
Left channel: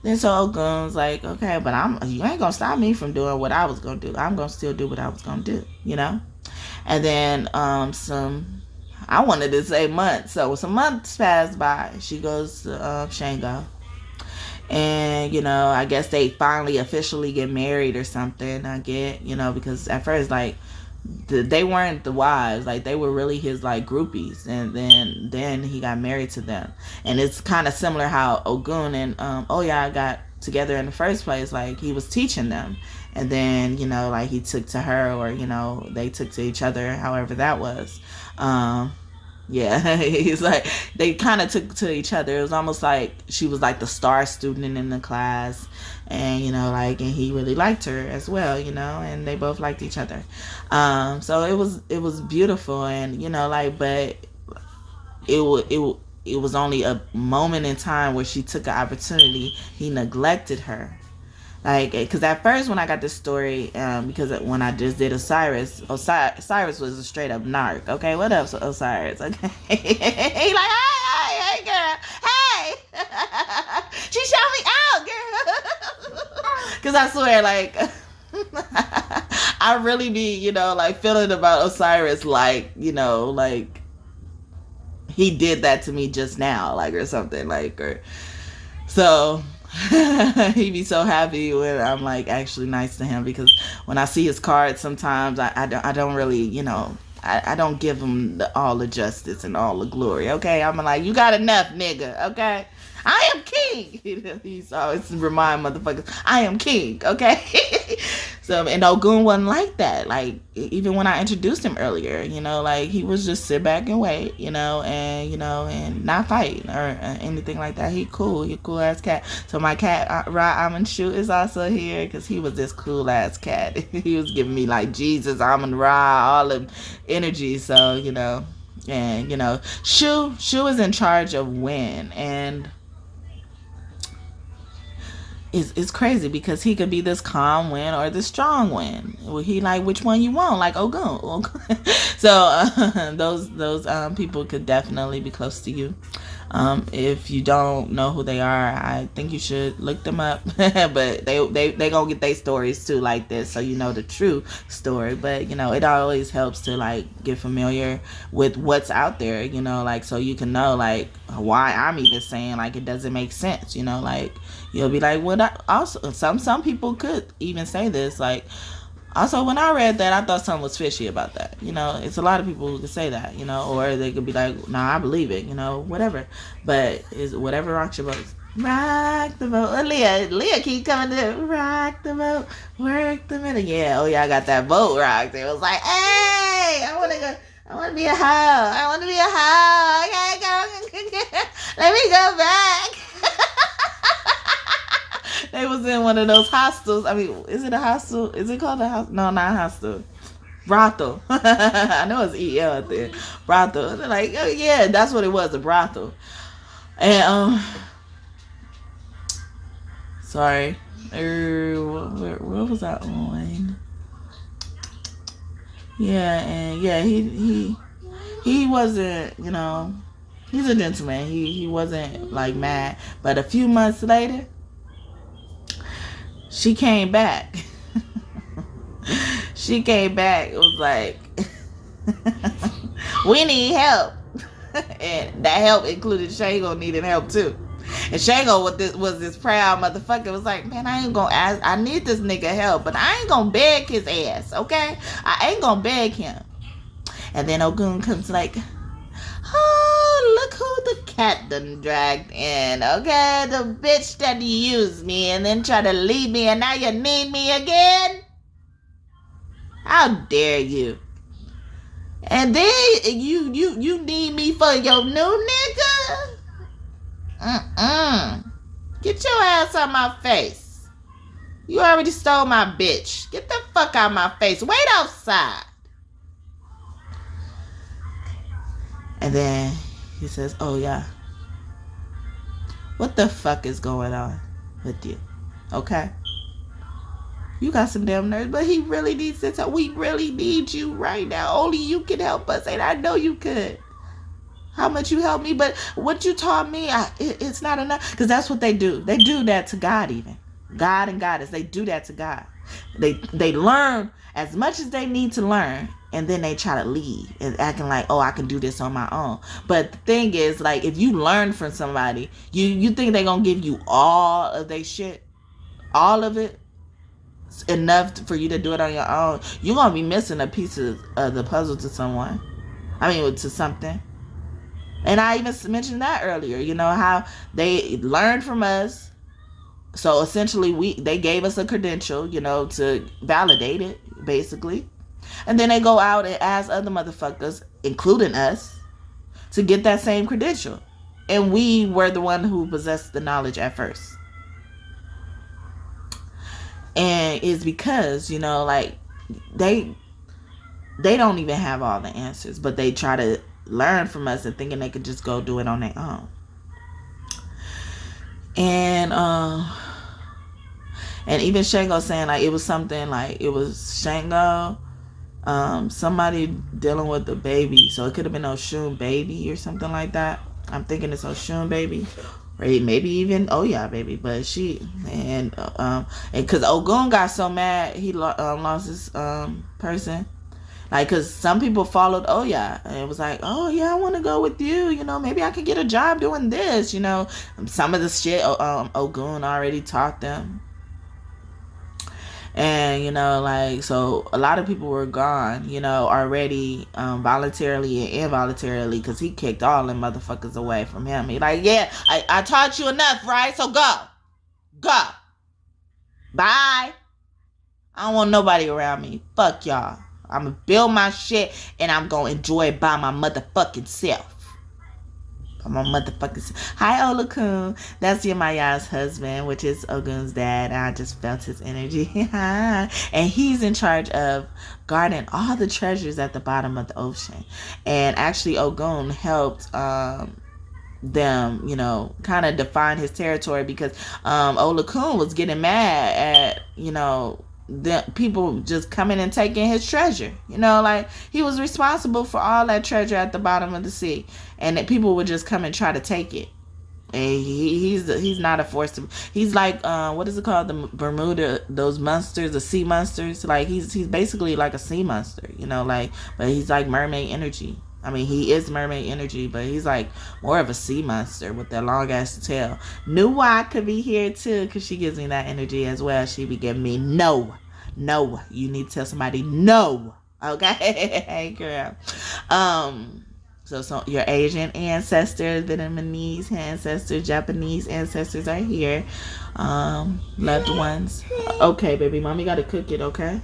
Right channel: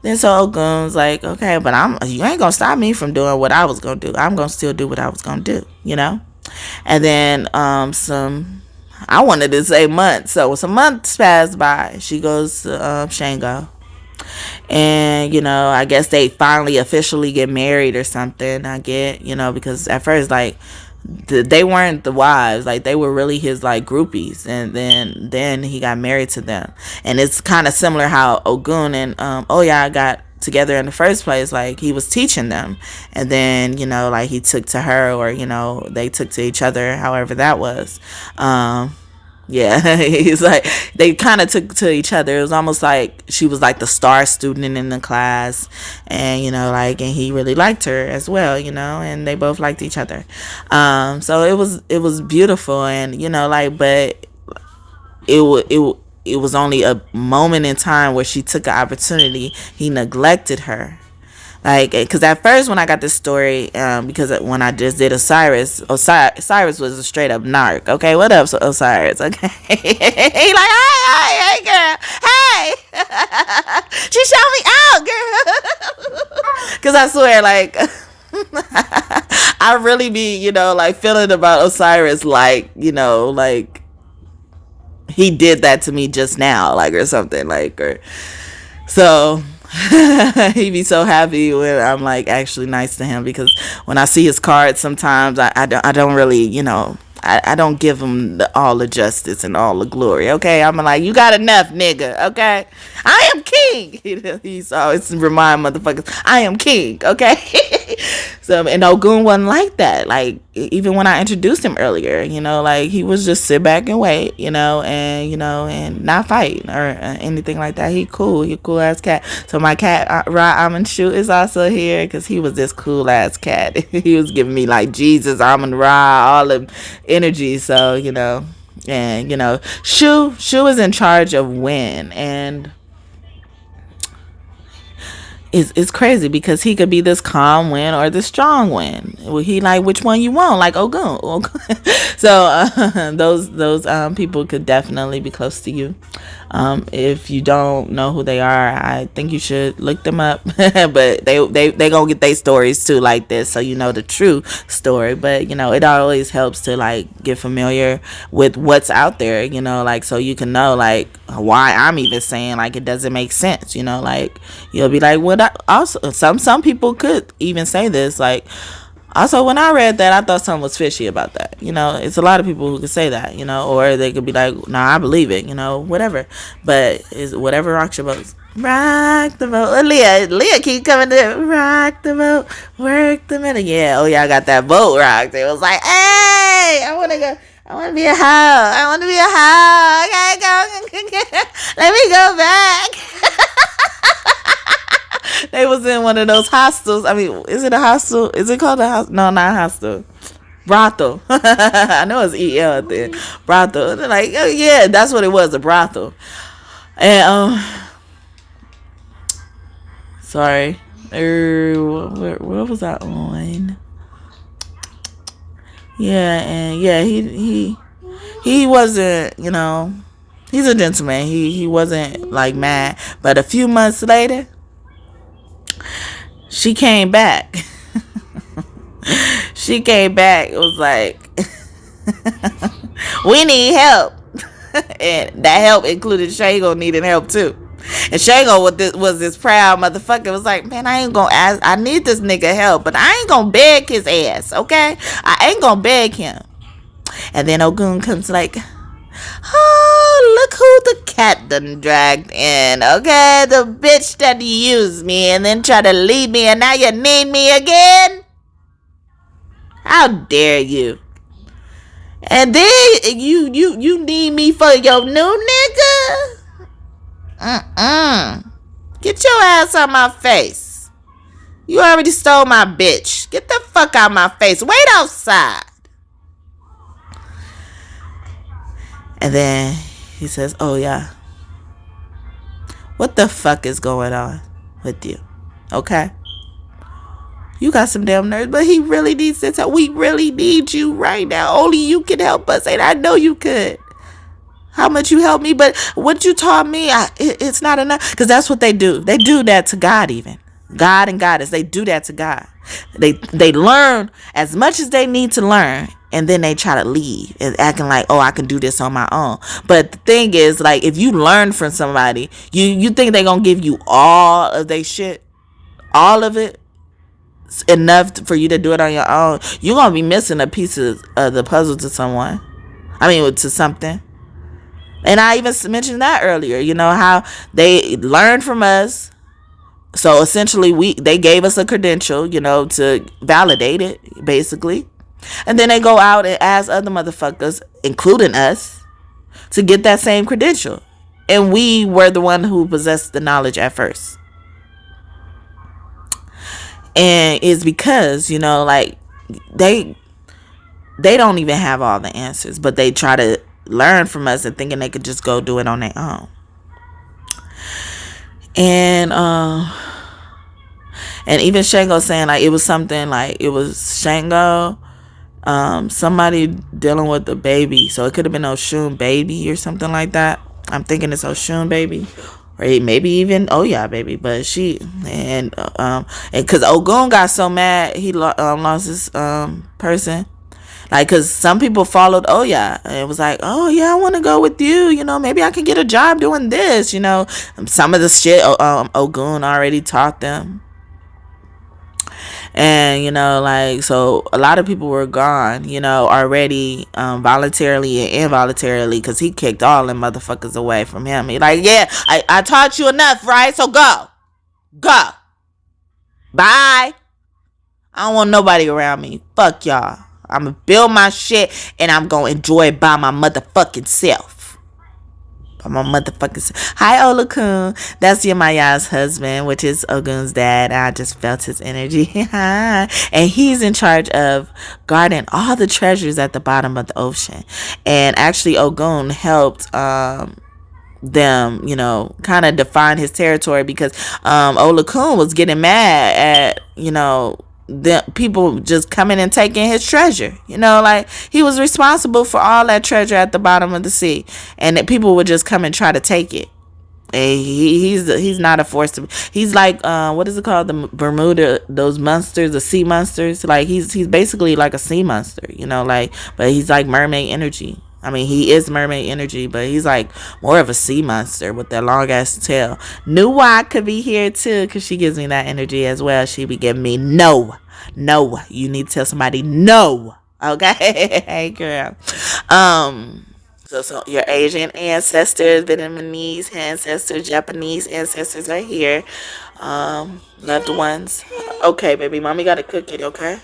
Then so Ogun's like, okay, but you ain't gonna stop me from doing what I was gonna do. I'm gonna still do what I was gonna do, And then I wanted to say months. So some months passed by. She goes to Shango. And, I guess they finally officially get married or something. I get, because at first, like, they weren't the wives. Like, they were really his, like, groupies. And then he got married to them. And it's kind of similar how Ogun and Oya got together in the first place. Like, he was teaching them. And then, like, he took to her or, they took to each other, however that was. Yeah, he's like, they kind of took to each other. It was almost like she was like the star student in the class, and and he really liked her as well, and they both liked each other. So it was beautiful, and but it was only a moment in time where she took an opportunity. He neglected her. Like, because at first when I got this story, because when I just did Osiris was a straight up narc. Okay, what up, Osiris? Okay, he like, hey girl, hey. She showed Cause I swear, like, I really be, like feeling about Osiris, like, like he did that to me just now, like, or something, like, or so. He be so happy when I'm like actually nice to him, because when I see his cards sometimes I don't really, I don't give him all the justice and all the glory. Okay, I'm like, you got enough, nigga. Okay, I am king. He's always remind motherfuckers, I am king. Okay. So, and Ogun wasn't like that. Like, even when I introduced him earlier, like he was just sit back and wait, and not fight or anything like that. He cool ass cat. So my cat Amen Shoot is also here, because he was this cool ass cat. He was giving me like Jesus, Amen Ra, all the energy. So, and Shu is in charge of wind, and it's crazy because he could be this calm wind or this strong wind. Well, he like, which one you want, like Ogun. So those people could definitely be close to you. If you don't know who they are, I think you should look them up. But they gonna get their stories too, like this, so you know the true story. But it always helps to like get familiar with what's out there, like, so you can know like why I'm even saying like it doesn't make sense. Like you'll be like, what? Also, some people could even say this, like, also, when I read that, I thought something was fishy about that. It's a lot of people who could say that, or they could be like, nah, I believe it, whatever. But it's whatever rocks your boat. Rock the boat. Leah keep coming to rock the boat, work the minute. Yeah, I got that boat rocked. It was like, hey, I want to go. I want to be a hoe. I want to be a hoe. Okay, go. Let me go back. They was in one of those hostels. I mean, is it a hostel? Is it called a hostel? No, not a hostel. Brothel. I know it's EL at the end. Brothel. They're like, oh, yeah, that's what it was, a brothel. And, sorry. Where was I on? Yeah, and yeah, he wasn't, he's a gentleman. He wasn't like mad. But a few months later, she came back. She came back. It was like, we need help. And that help included Shago needing help too. And Shago was this proud motherfucker. Was like, man, I ain't gonna ask. I need this nigga help, but I ain't gonna beg his ass, okay? I ain't gonna beg him. And then Ogun comes like, oh, look who the cat done dragged in, okay? The bitch that used me and then tried to leave me, and now you need me again? How dare you? And then you need me for your new nigga? Get your ass out my face. You already stole my bitch. Get the fuck out my face. Wait outside. And then he says, oh yeah, what the fuck is going on with you? Okay? You got some damn nerves, but he really needs this help. We really need you right now. Only you can help us, and I know you could. How much you helped me, but what you taught me, it's not enough. Because that's what they do. They do that to God even. God and Goddess, they do that to God. They learn as much as they need to learn, and then they try to leave and acting like, oh, I can do this on my own. But the thing is, like, if you learn from somebody, you think they're going to give you all of their shit? All of it? Enough for you to do it on your own? You're going to be missing a piece of the puzzle to someone. I mean, to something. And I even mentioned that earlier, how they learned from us. So essentially they gave us a credential, to validate it, basically. And then they go out and ask other motherfuckers, including us, to get that same credential. And we were the one who possessed the knowledge at first. And it's because, like, they don't even have all the answers, but they try to learn from us and thinking they could just go do it on their own. And even Shango saying, like, it was something like, it was Shango, somebody dealing with a baby. So it could have been Oshun baby or something like that. I'm thinking it's Oshun baby. or maybe even Oya, baby. But and because Ogun got so mad, he lost his person. Like, because some people followed Oya and it was like, oh yeah, I want to go with you, you know, maybe I can get a job doing this, you know. Some of the shit Ogun already taught them. And, you know, like, so a lot of people were gone, you know, already, voluntarily and involuntarily, because he kicked all them motherfuckers away from him. He like, yeah, I taught you enough, right? So go. Bye. I don't want nobody around me. Fuck y'all. I'm gonna build my shit and I'm gonna enjoy it by my motherfucking self. My motherfucking hi Olakun, that's Yemaya's husband, which is Ogun's dad. I just felt his energy. And he's in charge of guarding all the treasures at the bottom of the ocean. And actually Ogun helped them, you know, kind of define his territory, because Olakun was getting mad at, you know, the people just coming and taking his treasure, you know, like he was responsible for all that treasure at the bottom of the sea, and that people would just come and try to take it. And he's not a force to, he's like what is it called, the Bermuda, those monsters, the sea monsters. Like he's basically like a sea monster, you know, like, but he's like mermaid energy. I mean, he is mermaid energy, but he's like more of a sea monster with that long ass tail. Nuwa could be here too, because she gives me that energy as well. She be giving me no. You need to tell somebody no. Okay, hey girl. So your Asian ancestors, Vietnamese ancestors, Japanese ancestors are here. Loved ones. Okay, baby, mommy gotta cook it. Okay.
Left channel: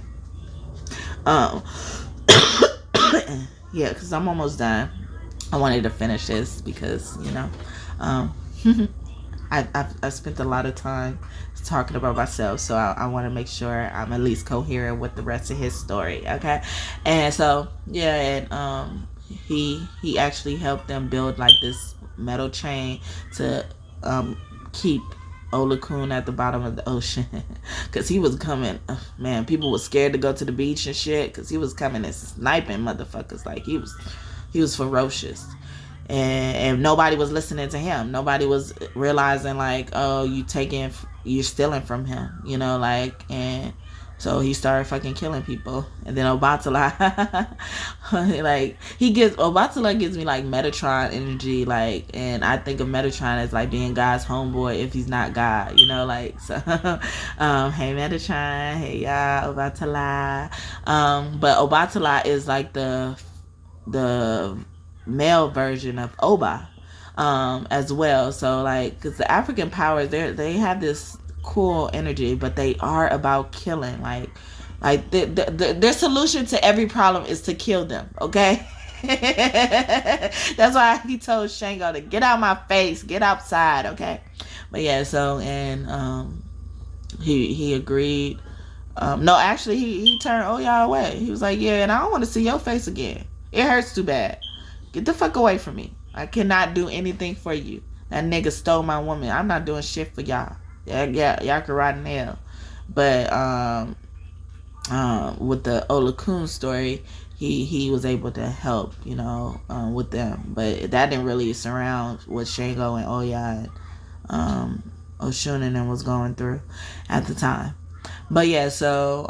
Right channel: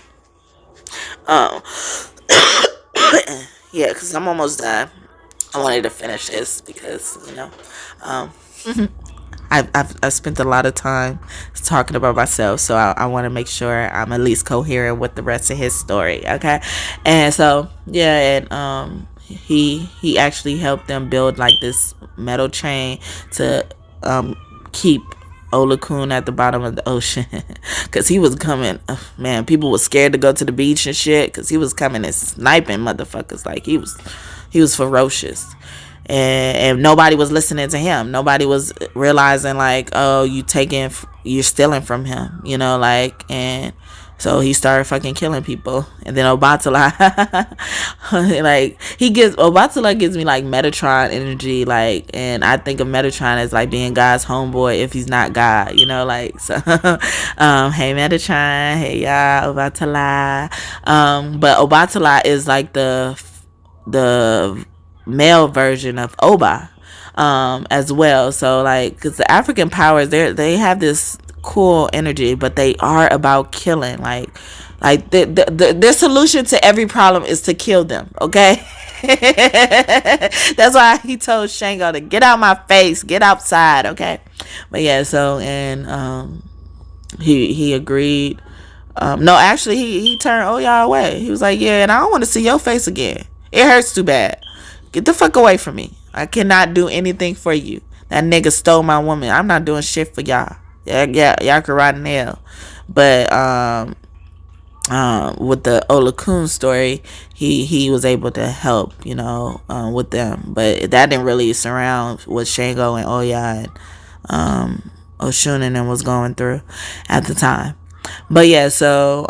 Yeah, because I'm almost done. I wanted to finish this because, you know, I've spent a lot of time talking about myself, so I want to make sure I'm at least coherent with the rest of his story, okay? And so, yeah, and he actually helped them build like this metal chain to keep Olakun at the bottom of the ocean, because he was coming, man, people were scared to go to the beach and shit, because he was coming and sniping motherfuckers. Like he was ferocious, and nobody was listening to him. Nobody was realizing like, oh, you're stealing from him, you know, like. And so he started fucking killing people. And then Obatala, like Obatala gives me like Metatron energy, like, and I think of Metatron as like being God's homeboy if he's not God, you know, like. So hey Metatron, hey y'all, Obatala. But Obatala is like the male version of Oba, as well. So like, because the African powers, they have this cool energy, but they are about killing. Like their solution to every problem is to kill them. Okay. That's why he told Shango to get out my face, get outside. Okay. But yeah, so, and he agreed. No, actually he turned Oya away. He was like, yeah, and I don't want to see your face again. It hurts too bad. Get the fuck away from me. I cannot do anything for you. That nigga stole my woman. I'm not doing shit for y'all. Yeah, y'all can ride an L. But with the Olakun story, he was able to help, you know, with them. But that didn't really surround what Shango and Oya and Oshun and them was going through at the time. But yeah, so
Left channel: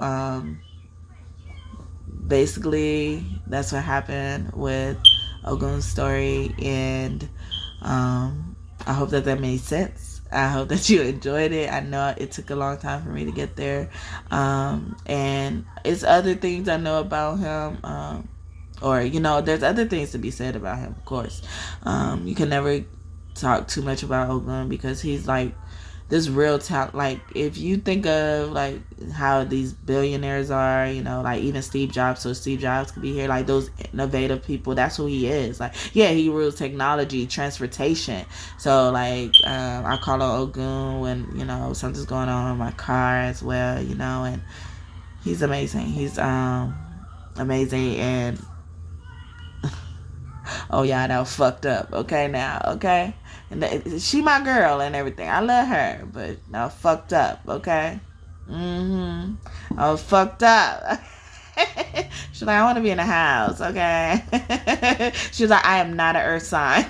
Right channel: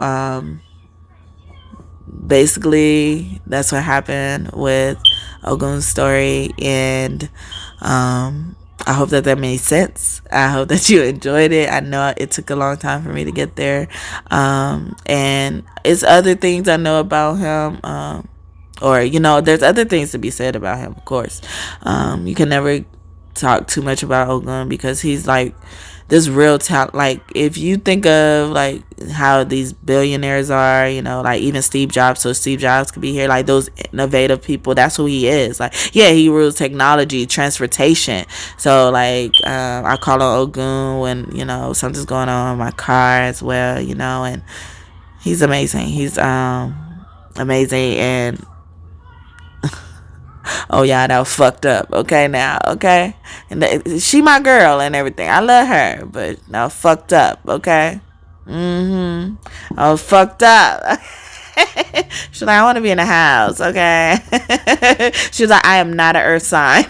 basically that's what happened with Ogun's story, and I hope that made sense. I hope that you enjoyed it. I know it took a long time for me to get there, and it's other things I know about him, or, you know, there's other things to be said about him, of course. You can never talk too much about Ogun, because he's like this real talent. Like, if you think of like how these billionaires are, you know, like even Steve Jobs, so Steve Jobs could be here, like those innovative people, that's who he is. Like, yeah, he rules technology, transportation. So like, I call on Ogun when, you know, something's going on in my car as well, you know. And he's amazing. He's amazing. And oh yeah, that was fucked up. Okay, now, okay, and she my girl and everything. I love her, but now fucked up. Okay, I was fucked up. She's like, I want to be in the house. Okay, she was like, I am not an earth sign.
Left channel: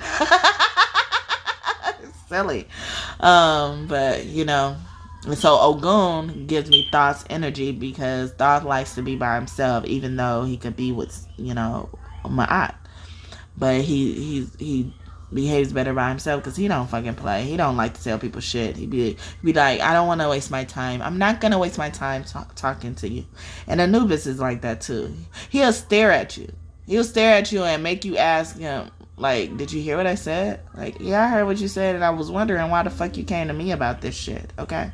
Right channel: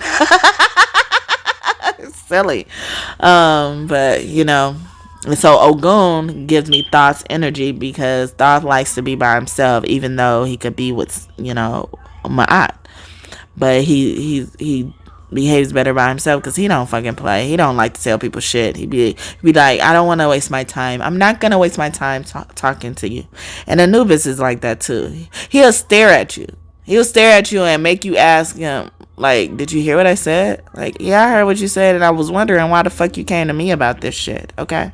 silly. But you know, and so Ogun gives me Thoth's energy because Thoth likes to be by himself, even though he could be with, you know, Ma'at. But he behaves better by himself because he don't fucking play. He don't like to tell people shit. He be like, I don't want to waste my time. I'm not gonna waste my time talking to you. And Anubis is like that too. He'll stare at you. He'll stare at you and make you ask him, like, did you hear what I said? Like, yeah, I heard what you said, and I was wondering why the fuck you came to me about this shit. Okay,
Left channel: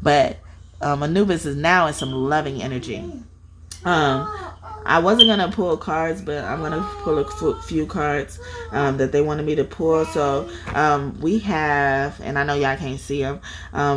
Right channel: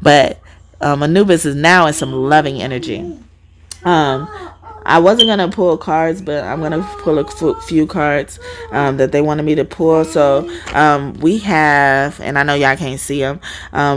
but Anubis is now in some loving energy. I wasn't gonna pull cards, but I'm gonna pull a few cards that they wanted me to pull. So we have, and I know y'all can't see them.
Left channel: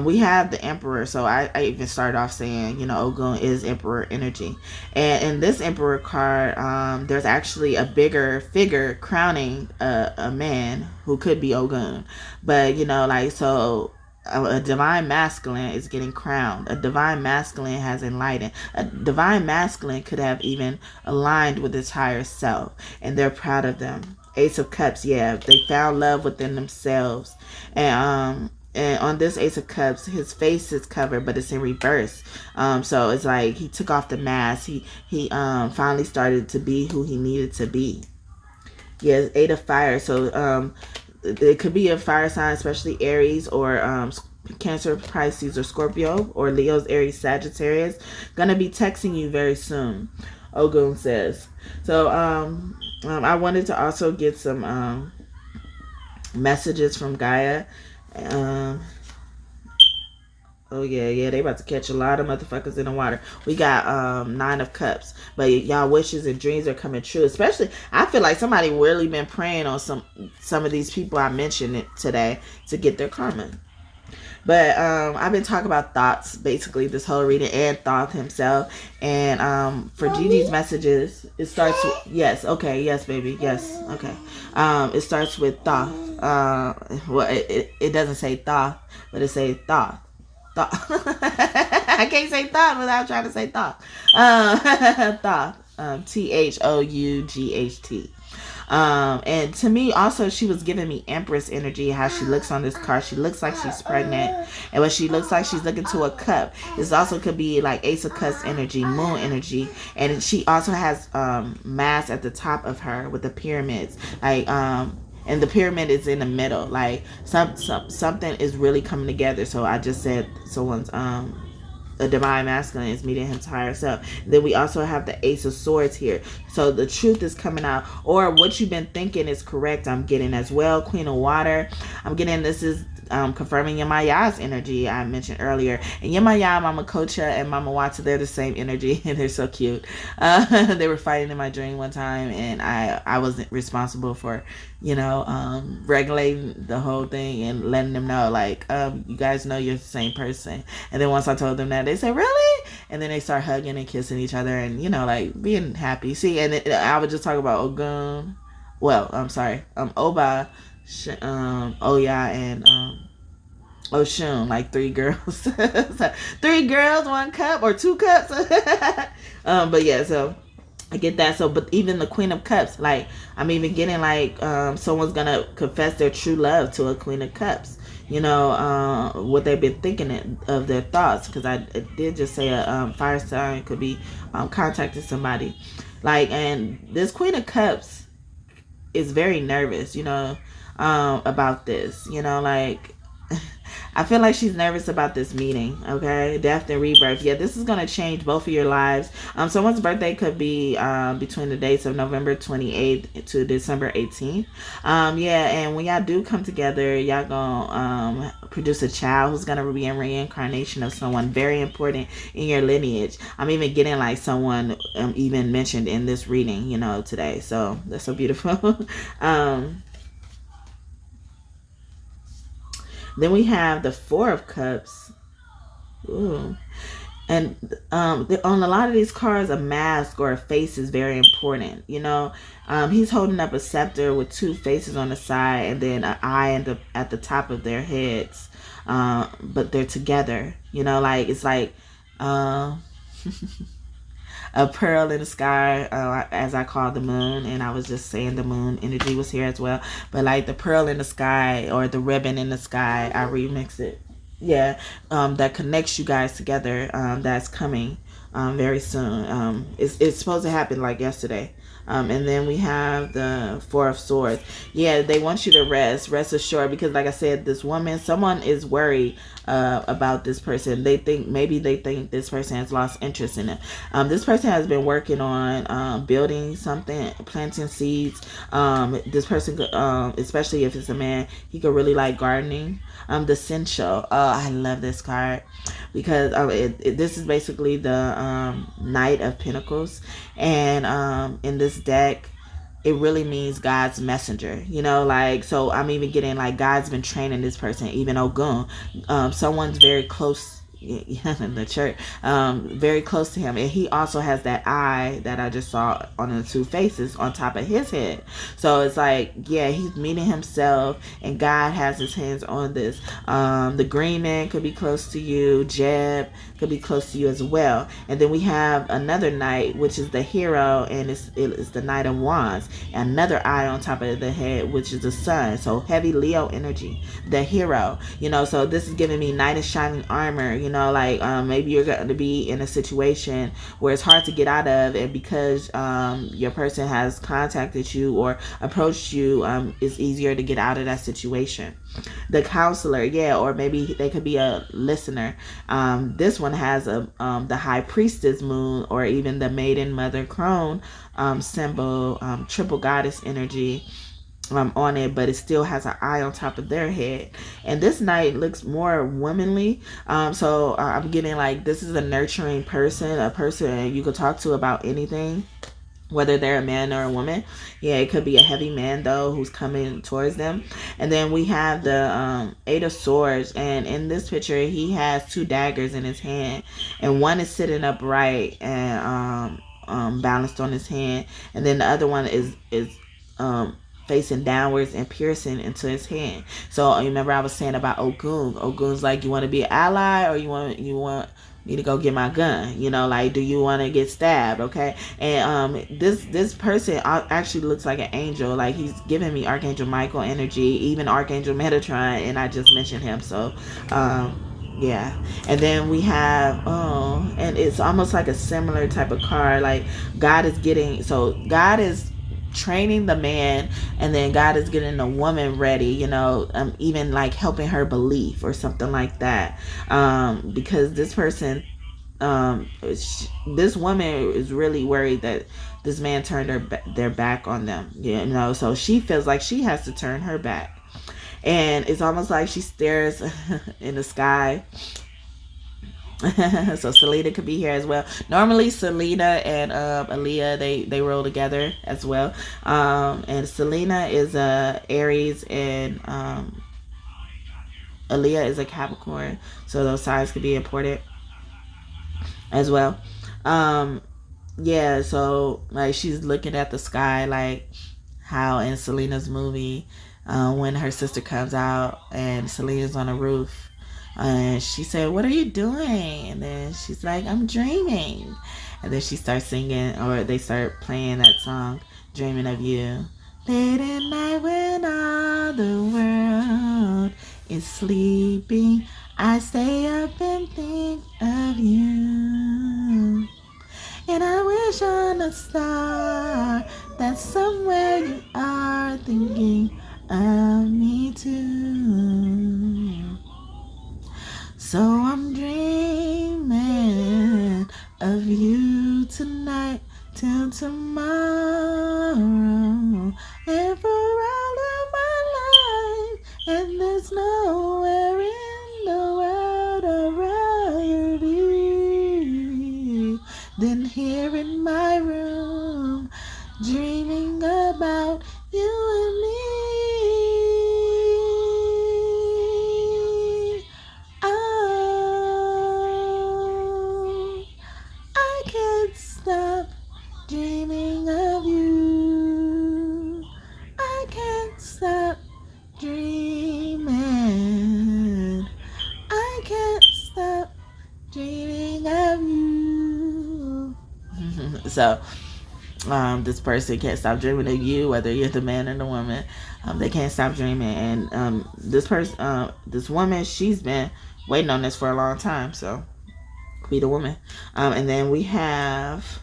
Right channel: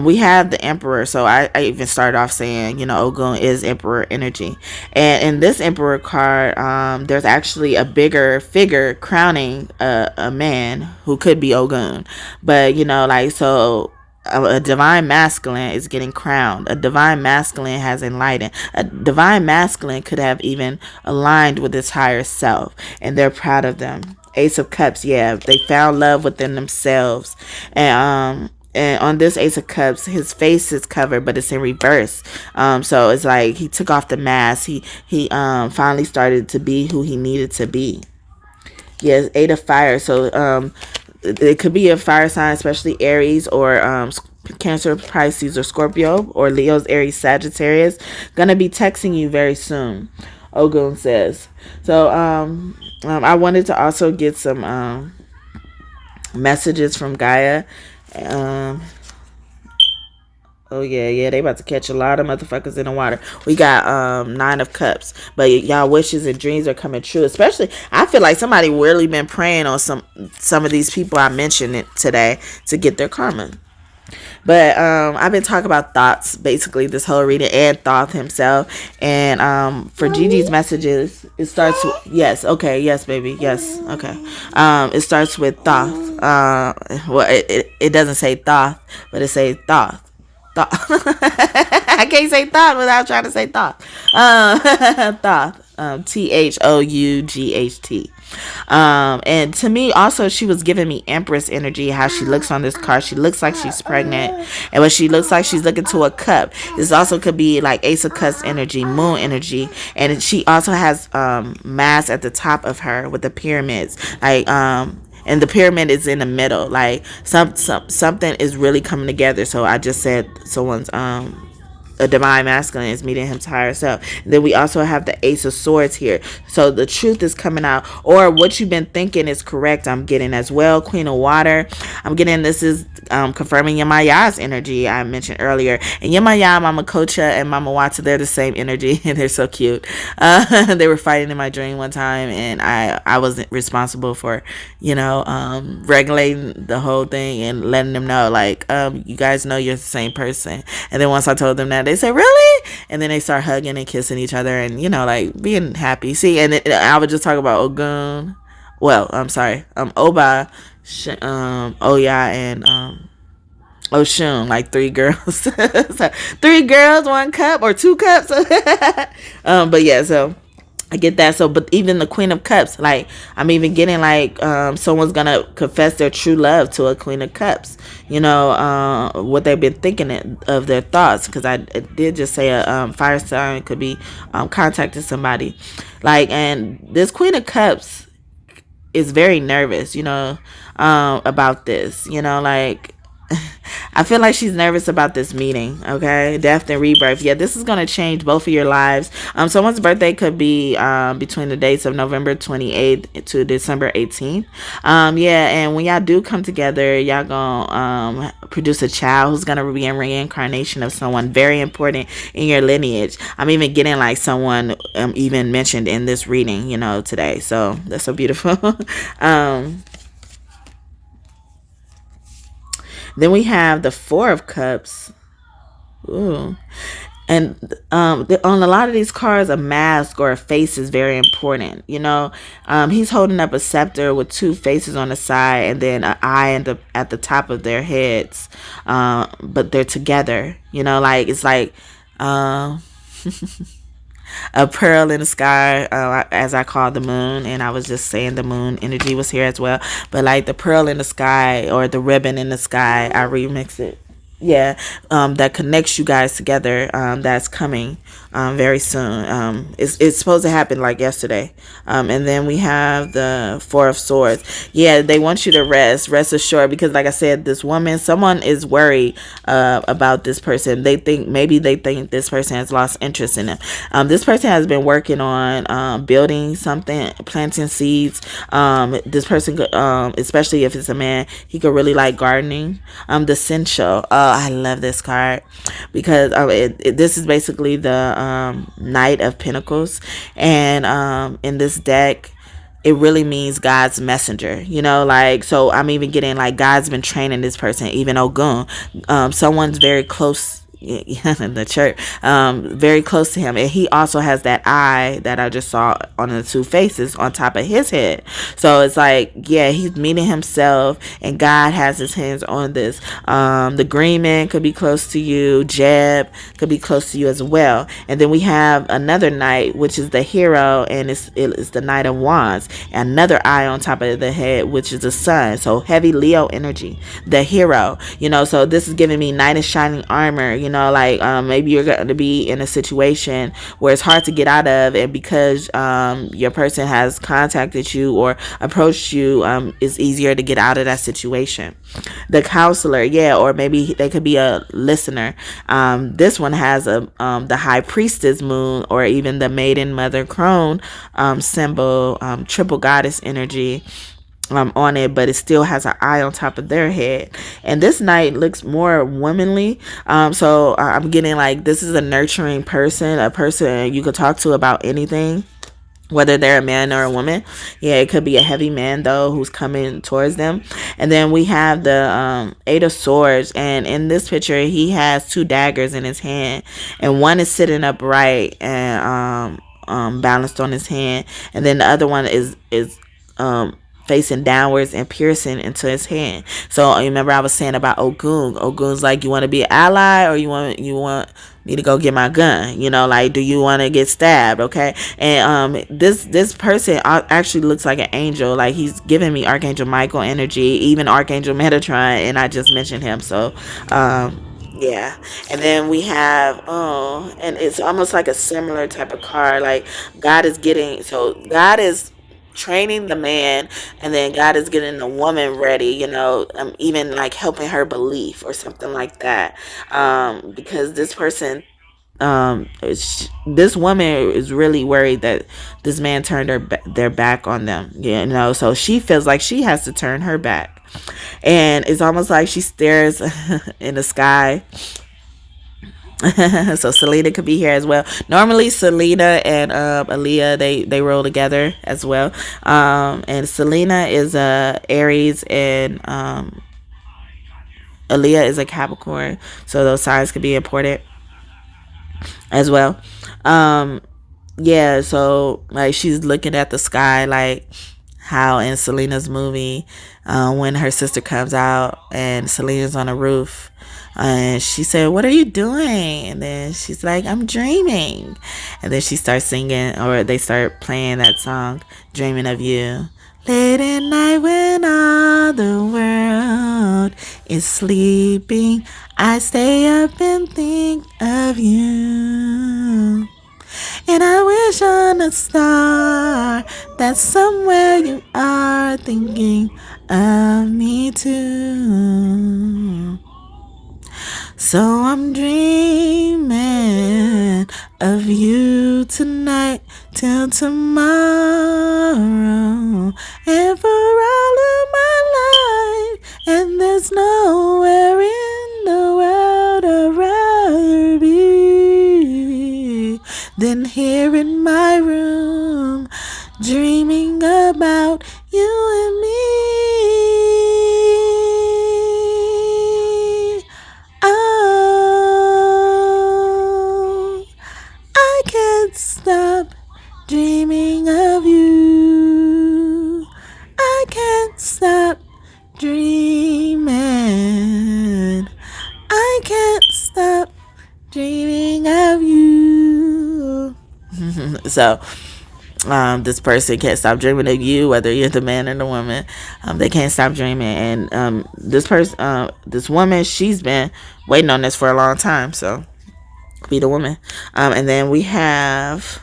We have the Emperor. So I even started off saying, you know, Ogun is Emperor energy, and in this Emperor card, there's actually a bigger figure crowning a man who could be Ogun, but you know, like so. A divine masculine is getting crowned. A divine masculine has enlightened. A divine masculine could have even aligned with its higher self, and they're proud of them. Ace of Cups, yeah, they found love within themselves, and on this Ace of Cups, his face is covered, but it's in reverse. So it's like he took off the mask. He finally started to be who he needed to be. Yes, Eight of Fire. So it could be a fire sign, especially Aries or Cancer, Pisces, or Scorpio, or Leo's, Aries, Sagittarius. Gonna be texting you very soon, Ogun says. So I wanted to also get some messages from Gaia. Oh yeah, they about to catch a lot of motherfuckers in the water. We got Nine of Cups, but y'all wishes and dreams are coming true. Especially, I feel like somebody really been praying on some of these people I mentioned it today to get their karma. But I've been talking about thoughts basically this whole reading, and Thoth himself. And for GiGi's messages, it starts with yes, okay, yes, baby, yes, okay. It starts with Thoth. Well, it doesn't say Thoth, but it says Thoth. I can't say thought without trying to say thought. Thoth. THOUGHT. And to me also, she was giving me Empress energy. How she looks on this card, she looks like she's pregnant, and when she looks like she's looking to a cup, this also could be like Ace of Cups energy, Moon energy. And she also has mass at the top of her with the pyramids, like and the pyramid is in the middle. Like something is really coming together. So I just said someone's a divine masculine is meeting his higher self. And then we also have the Ace of Swords here. So the truth is coming out, or what you've been thinking is correct. I'm getting as well. Queen of Water. I'm getting this is confirming Yemaya's energy I mentioned earlier. And Yemaya, Mama Kocha, and Mama Wata, they're the same energy, and they're so cute. They were fighting in my dream one time, and I wasn't responsible for, you know, regulating the whole thing and letting them know, like, you guys know you're the same person. And then once I told them that, they said, really? And then they start hugging and kissing each other and, you know, like being happy. See, and I would just talk about Ogun. Well, I'm sorry. Oba, Oya, and Oshun, like three girls. So, 3 girls, 1 cup, or 2 cups. But yeah, so I get that. So, but even the Queen of Cups, like I'm even getting like someone's gonna confess their true love to a Queen of Cups. You know, what they've been thinking of their thoughts, because I did just say a fire sign could be contacting somebody, like, and this Queen of Cups is very nervous, you know, about this, you know, like I feel like she's nervous about this meeting. Okay, death and rebirth. Yeah, this is going to change both of your lives. Someone's birthday could be between the dates of November 28th to December 18th. Yeah, and when y'all do come together, y'all gonna produce a child who's gonna be a reincarnation of someone very important in your lineage. I'm even getting like someone even mentioned in this reading, you know, today. So that's so beautiful. Then we have the 4 of Cups. Ooh. And on a lot of these cards, a mask or a face is very important. You know, he's holding up a scepter with 2 faces on the side, and then an eye at the top of their heads. But they're together. You know, like it's like a pearl in the sky, as I called the moon, and I was just saying the moon energy was here as well. But like the pearl in the sky or the ribbon in the sky, I remix it. Yeah, that connects you guys together. That's coming very soon. It's supposed to happen like yesterday. And then we have the Four of Swords. Yeah, they want you to rest assured, because like I said, this woman, someone is worried about this person. They think this person has lost interest in them. This person has been working on building something, planting seeds. This person, especially if it's a man, he could really like gardening. The Sensual. Oh, I love this card because this is basically the Knight of Pentacles, and in this deck, it really means God's messenger, like, so I'm even getting like God's been training this person, even Ogun, someone's very close in the church, very close to him, and he also has that eye that I just saw on the two faces on top of his head. So it's like, yeah, he's meeting himself, and God has his hands on this. The Greenman could be close to you. Jeb could be close to you as well. And then we have another knight, which is the hero, and it's the Knight of Wands, and another eye on top of the head, which is the sun. So heavy Leo energy, the hero, so this is giving me knight in shining armor, like maybe you're going to be in a situation where it's hard to get out of, and because your person has contacted you or approached you, it's easier to get out of that situation. The counselor, yeah, or maybe they could be a listener. This one has the high priestess moon, or even the maiden mother crone symbol, triple goddess energy on it, but it still has an eye on top of their head. And this knight looks more womanly, so I'm getting like this is a nurturing person, a person you could talk to about anything, whether they're a man or a woman. Yeah, it could be a heavy man though who's coming towards them. And then we have the Eight of Swords, and in this picture he has two daggers in his hand, and one is sitting upright and balanced on his hand, and then the other one is facing downwards and piercing into his hand. So remember I was saying about Ogun. Ogun's like, you want to be an ally, or you want me to go get my gun? Like, do you want to get stabbed? Okay. And this person actually looks like an angel. Like, he's giving me Archangel Michael energy, even Archangel Metatron, and I just mentioned him. So yeah. And then we have and it's almost like a similar type of card. Like, God is training the man, and then God is getting the woman ready, even like helping her belief or something like that, because this person, this woman is really worried that this man turned their back on them, so she feels like she has to turn her back, and it's almost like she stares in the sky. So Selena could be here as well. Normally Selena and Aaliyah, they roll together as well. And Selena is a Aries, and Aaliyah is a Capricorn. So those signs could be important as well. Yeah, so like she's looking at the sky, like how in Selena's movie, when her sister comes out and Selena's on a roof, and she said, "What are you doing?" And then she's like, "I'm dreaming." And then she starts singing, or they start playing that song, "Dreaming of You." Late at night when all the world is sleeping, I stay up and think of you. And I wish on a star that somewhere you are thinking of me too. So I'm dreaming of you tonight till tomorrow, and for all of my life. And there's nowhere in the world I'd rather be than here in my room, dreaming about you and me. Stop dreaming of you. I can't stop dreaming. I can't stop dreaming of you. So this person can't stop dreaming of you, whether you're the man or the woman. They can't stop dreaming, and this woman, she's been waiting on this for a long time. So be the woman. And then we have,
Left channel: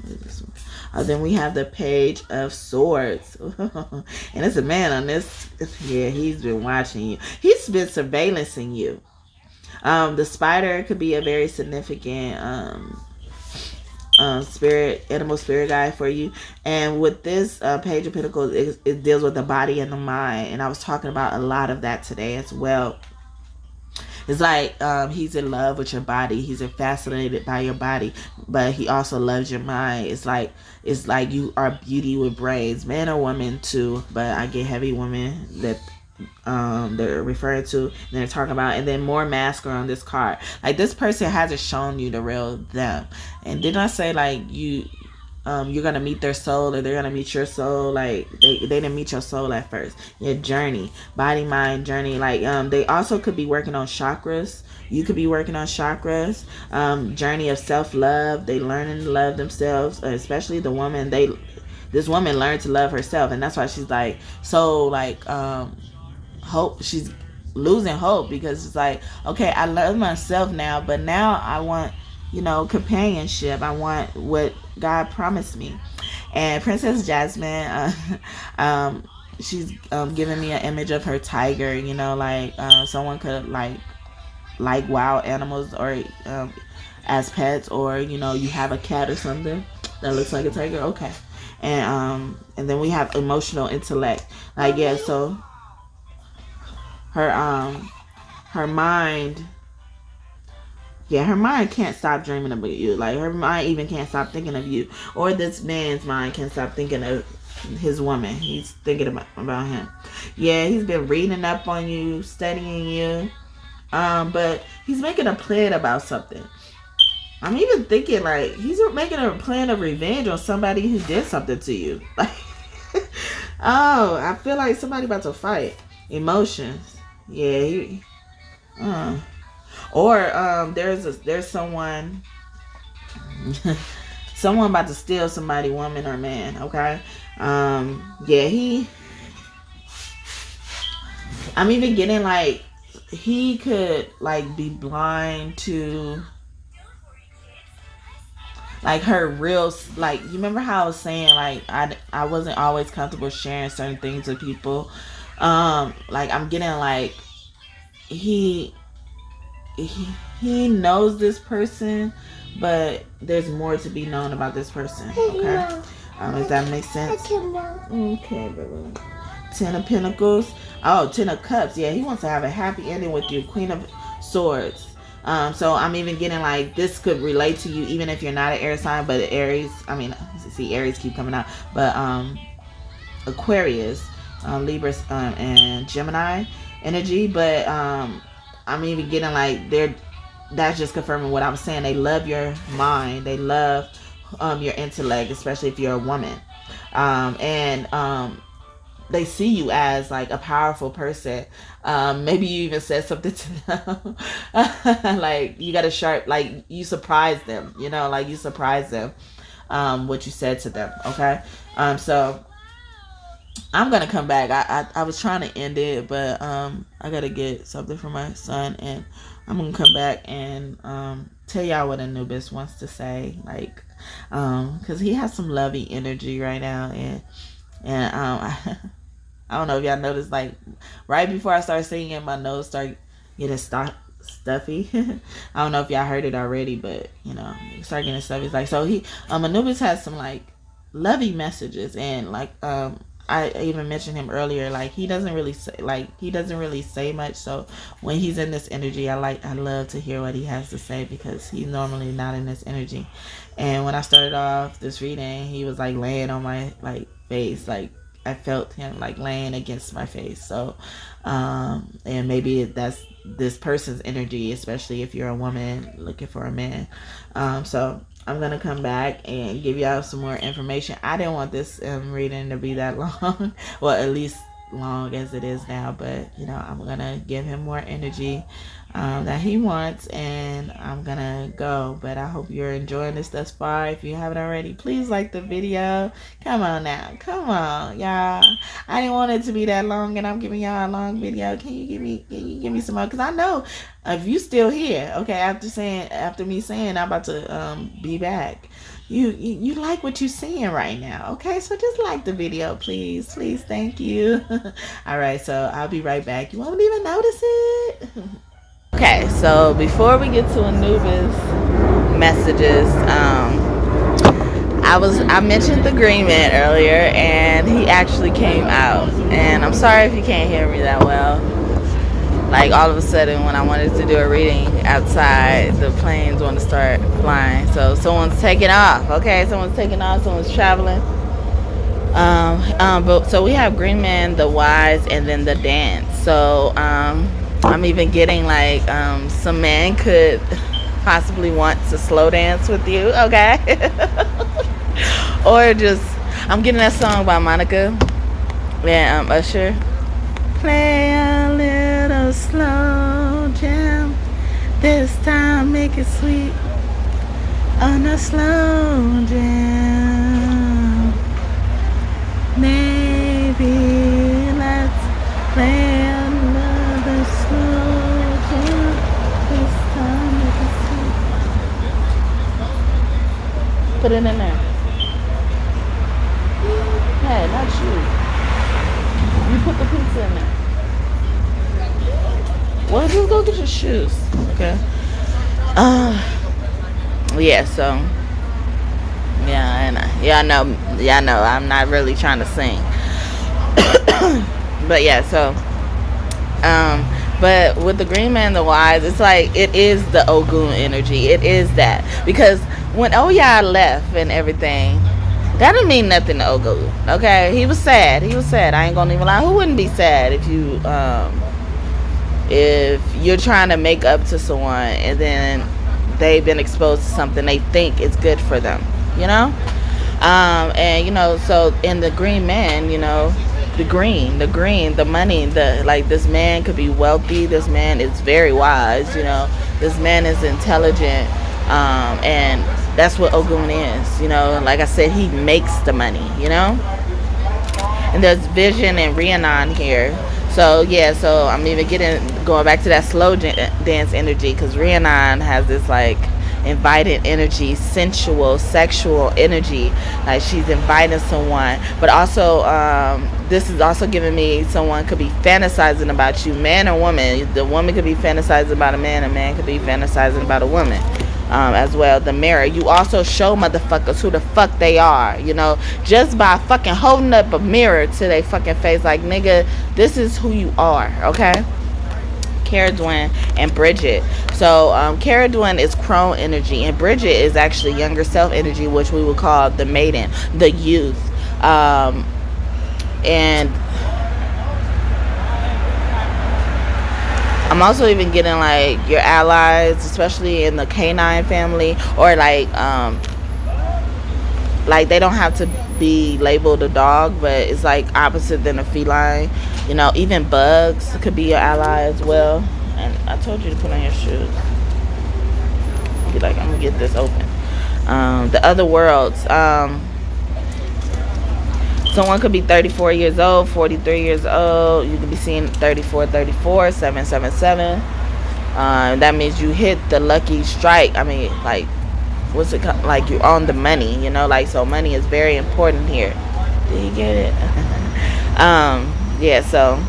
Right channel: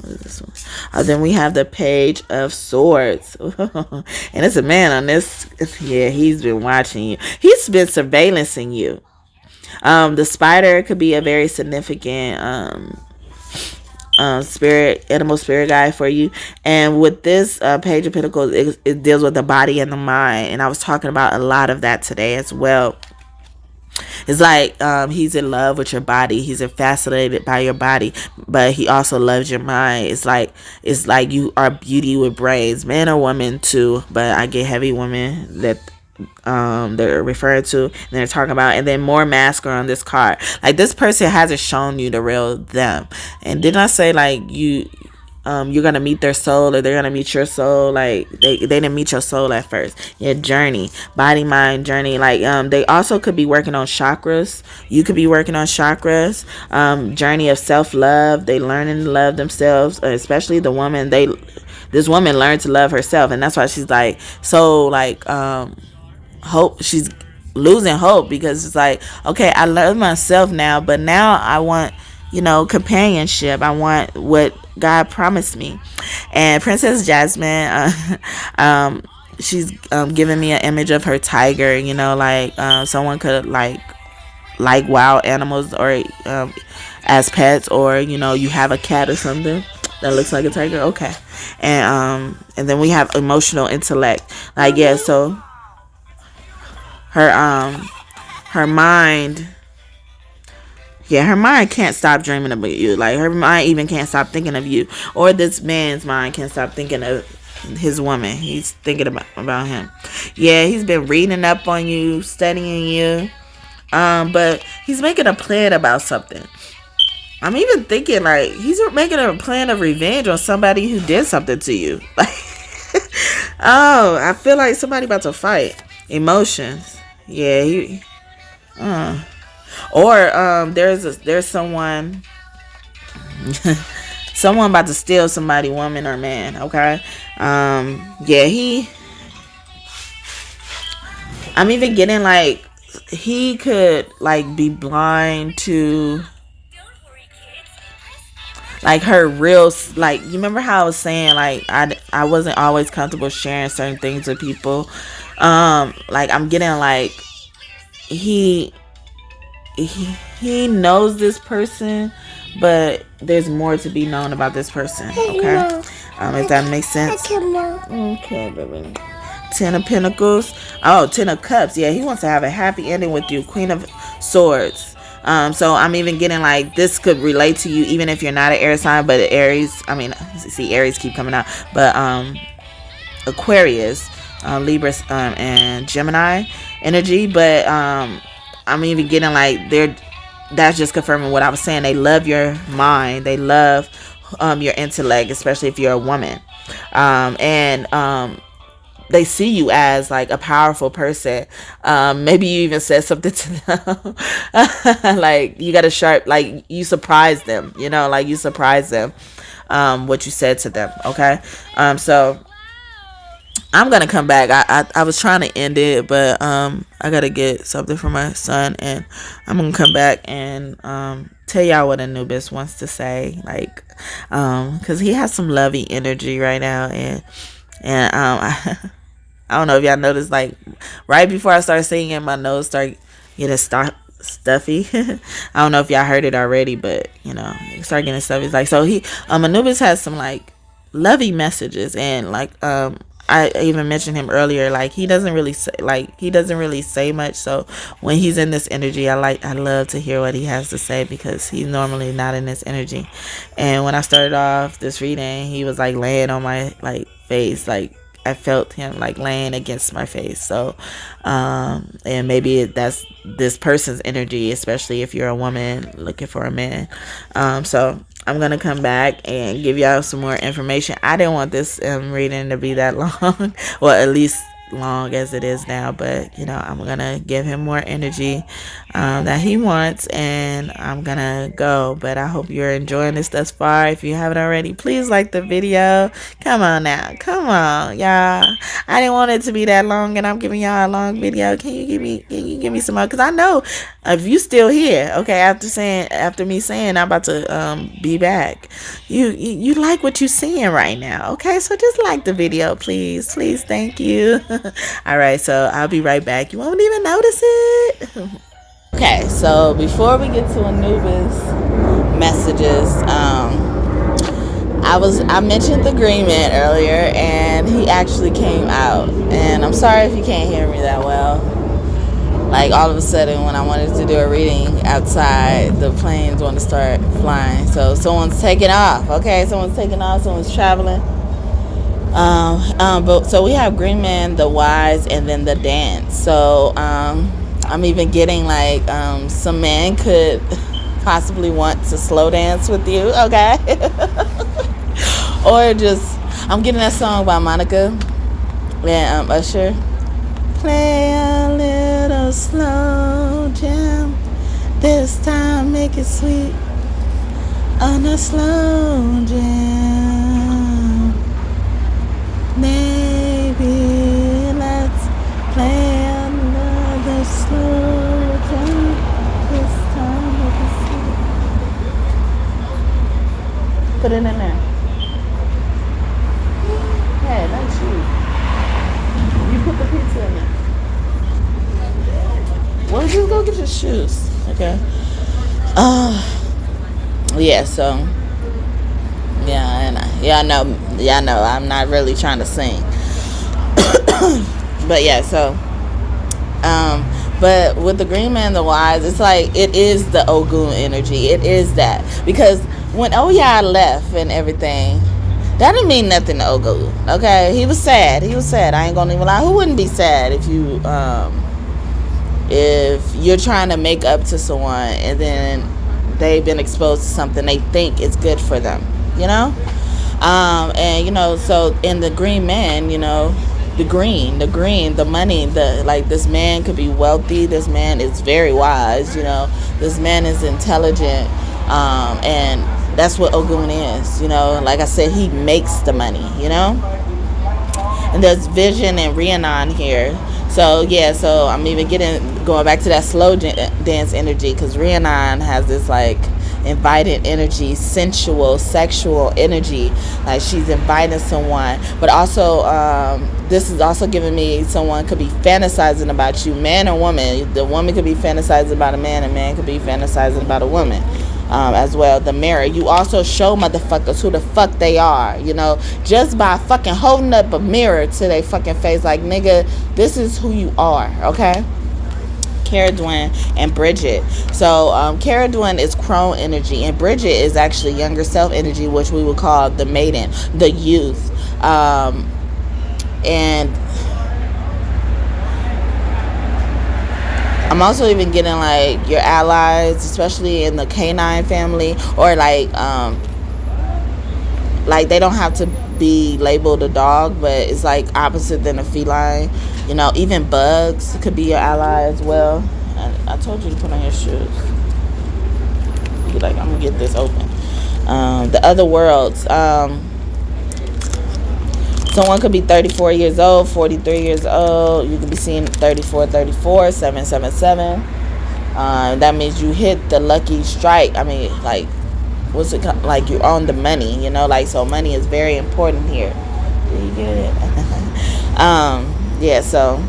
what is this one? Then we have the Page of Swords, and it's a man on this. Yeah, he's been watching you. He's been surveillancing you. The Spider could be a very significant animal spirit guide for you. And with this Page of Pentacles, it deals with the body and the mind, and I was talking about a lot of that today as well. It's like he's in love with your body. He's fascinated by your body, but he also loves your mind. It's like you are beauty with brains, man or woman too. But I get heavy women that they're referring to, and they're talking about, and then more masculine on this card. Like, this person hasn't shown you the real them. And didn't I say, like, you're gonna meet their soul, or they're gonna meet your soul? Like, they didn't meet your soul at first. Your journey, body, mind, journey. Like, they also could be working on chakras. You could be working on chakras. Journey of self-love. They learning to love themselves, especially the woman. This woman learned to love herself, and that's why she's like so like hope. She's losing hope, because it's like, okay, I love myself now, but now I want, companionship. I want what God promised me. And Princess Jasmine, she's giving me an image of her tiger. Someone could like wild animals, or as pets, or you have a cat or something that looks like a tiger. Okay. And then we have emotional intellect. Like, yeah, so her mind, her mind can't stop dreaming about you. Like, her mind even can't stop thinking of you. Or this man's mind can't stop thinking of his woman. He's thinking about him. Yeah, he's been reading up on you, studying you. But he's making a plan about something. I'm even thinking, like, he's making a plan of revenge on somebody who did something to you. Like, oh, I feel like somebody about to fight. Emotions. Yeah, or there's someone someone about to steal somebody, woman or man. Okay. I'm even getting like he could like be blind to like her real, like, you remember how I was saying, like, I wasn't always comfortable sharing certain things with people. Like, I'm getting like he knows this person, but there's more to be known about this person. Okay. If that makes sense. Okay, baby. 10 of Pentacles. Oh, 10 of Cups. Yeah, he wants to have a happy ending with you. Queen of Swords. So I'm even getting like this could relate to you, even if you're not an air sign, but Aries. I mean, see, Aries keep coming out, but Aquarius, Libra, and Gemini energy. But I'm even getting like that's just confirming what I was saying. They love your mind. They love your intellect, especially if you're a woman. And they see you as like a powerful person. Maybe you even said something to them. Like, you got a sharp, like, you surprise them, like you surprise them, what you said to them. Okay. So I'm going to come back. I was trying to end it, but I got to get something for my son, and I'm going to come back and tell y'all what Anubis wants to say. Like, cause he has some lovey energy right now. And I don't know if y'all noticed, like, right before I started singing, my nose started getting stuffy. I don't know if y'all heard it already, but it started getting stuffy. It's like, so Anubis has some like lovey messages, and like I even mentioned him earlier. Like, he doesn't really say much. So when he's in this energy, I love to hear what he has to say, because he's normally not in this energy. And when I started off this reading, he was like laying on my like face, like I felt him like laying against my face. So and maybe that's this person's energy, especially if you're a woman looking for a man. So I'm gonna come back and give y'all some more information. I didn't want this reading to be that long, well, at least long as it is now, but I'm gonna give him more energy. that he wants, and I'm gonna go. But I hope you're enjoying this thus far. If you haven't already, please like the video. Come on now, come on, y'all. I didn't want it to be that long, and I'm giving y'all a long video. Can you give me some more? Cause I know if you still here, okay, after me saying I'm about to be back, you like what you're seeing right now, okay? So just like the video, please, thank you. All right, so I'll be right back. You won't even notice it. Okay, so before we get to Anubis messages, I mentioned the Greenman earlier, and he actually came out. And I'm sorry if you can't hear me that well. Like all of a sudden, when I wanted to do a reading outside, the planes want to start flying. So someone's taking off. Okay, someone's taking off. Someone's traveling. But so we have Greenman, the Wise, and then the Dance. So I'm even getting like some men could possibly want to slow dance with you, okay? Or just, I'm getting that song by Monica and Usher. Play a little slow jam. This time make it sweet. And a slow jam. Maybe let's play another slow jam. This time make it sweet. Put it in there. Hey, not you. You put the pizza in there. Why don't you go get your shoes? Okay. Yeah, so I know I'm not really trying to sing. But yeah, so but with the Greenman, the Wise, it's like it is the Ogun energy. It is that. Because when Oya left and everything, that didn't mean nothing to Ogun. Okay? He was sad. I ain't gonna even lie. Who wouldn't be sad if you're trying to make up to someone and then they've been exposed to something they think is good for them, you know? And so in the Greenman, the green, the money, this man could be wealthy, this man is very wise, this man is intelligent, and that's what Ogun is, like I said, he makes the money, and there's Vision and Rhiannon here. So yeah, so I'm even going back to that slow dance energy, because Rhiannon has this like invited energy, sensual, sexual energy, like she's inviting someone. But also this is also giving me someone could be fantasizing about you, man or woman. The woman could be fantasizing about a man could be fantasizing about a woman. As well, the mirror. You also show motherfuckers who the fuck they are, just by fucking holding up a mirror to their fucking face, like, nigga, this is who you are, okay? Cara Dwayne and Bridget. So Cara Dwayne is crone energy, and Bridget is actually younger self energy, which we would call the maiden, the youth. And I'm also even getting like your allies, especially in the canine family, or like they don't have to be labeled a dog, but it's like opposite than a feline. Even bugs could be your ally as well. And I told you to put on your shoes. You're like, I'm gonna get this open. The other worlds. Someone could be 34 years old, 43 years old. You could be seeing 34, 777. That means you hit the lucky strike. I mean, like, what's it called? Like, you're on the money, so money is very important here. Did you get it? Yeah, so.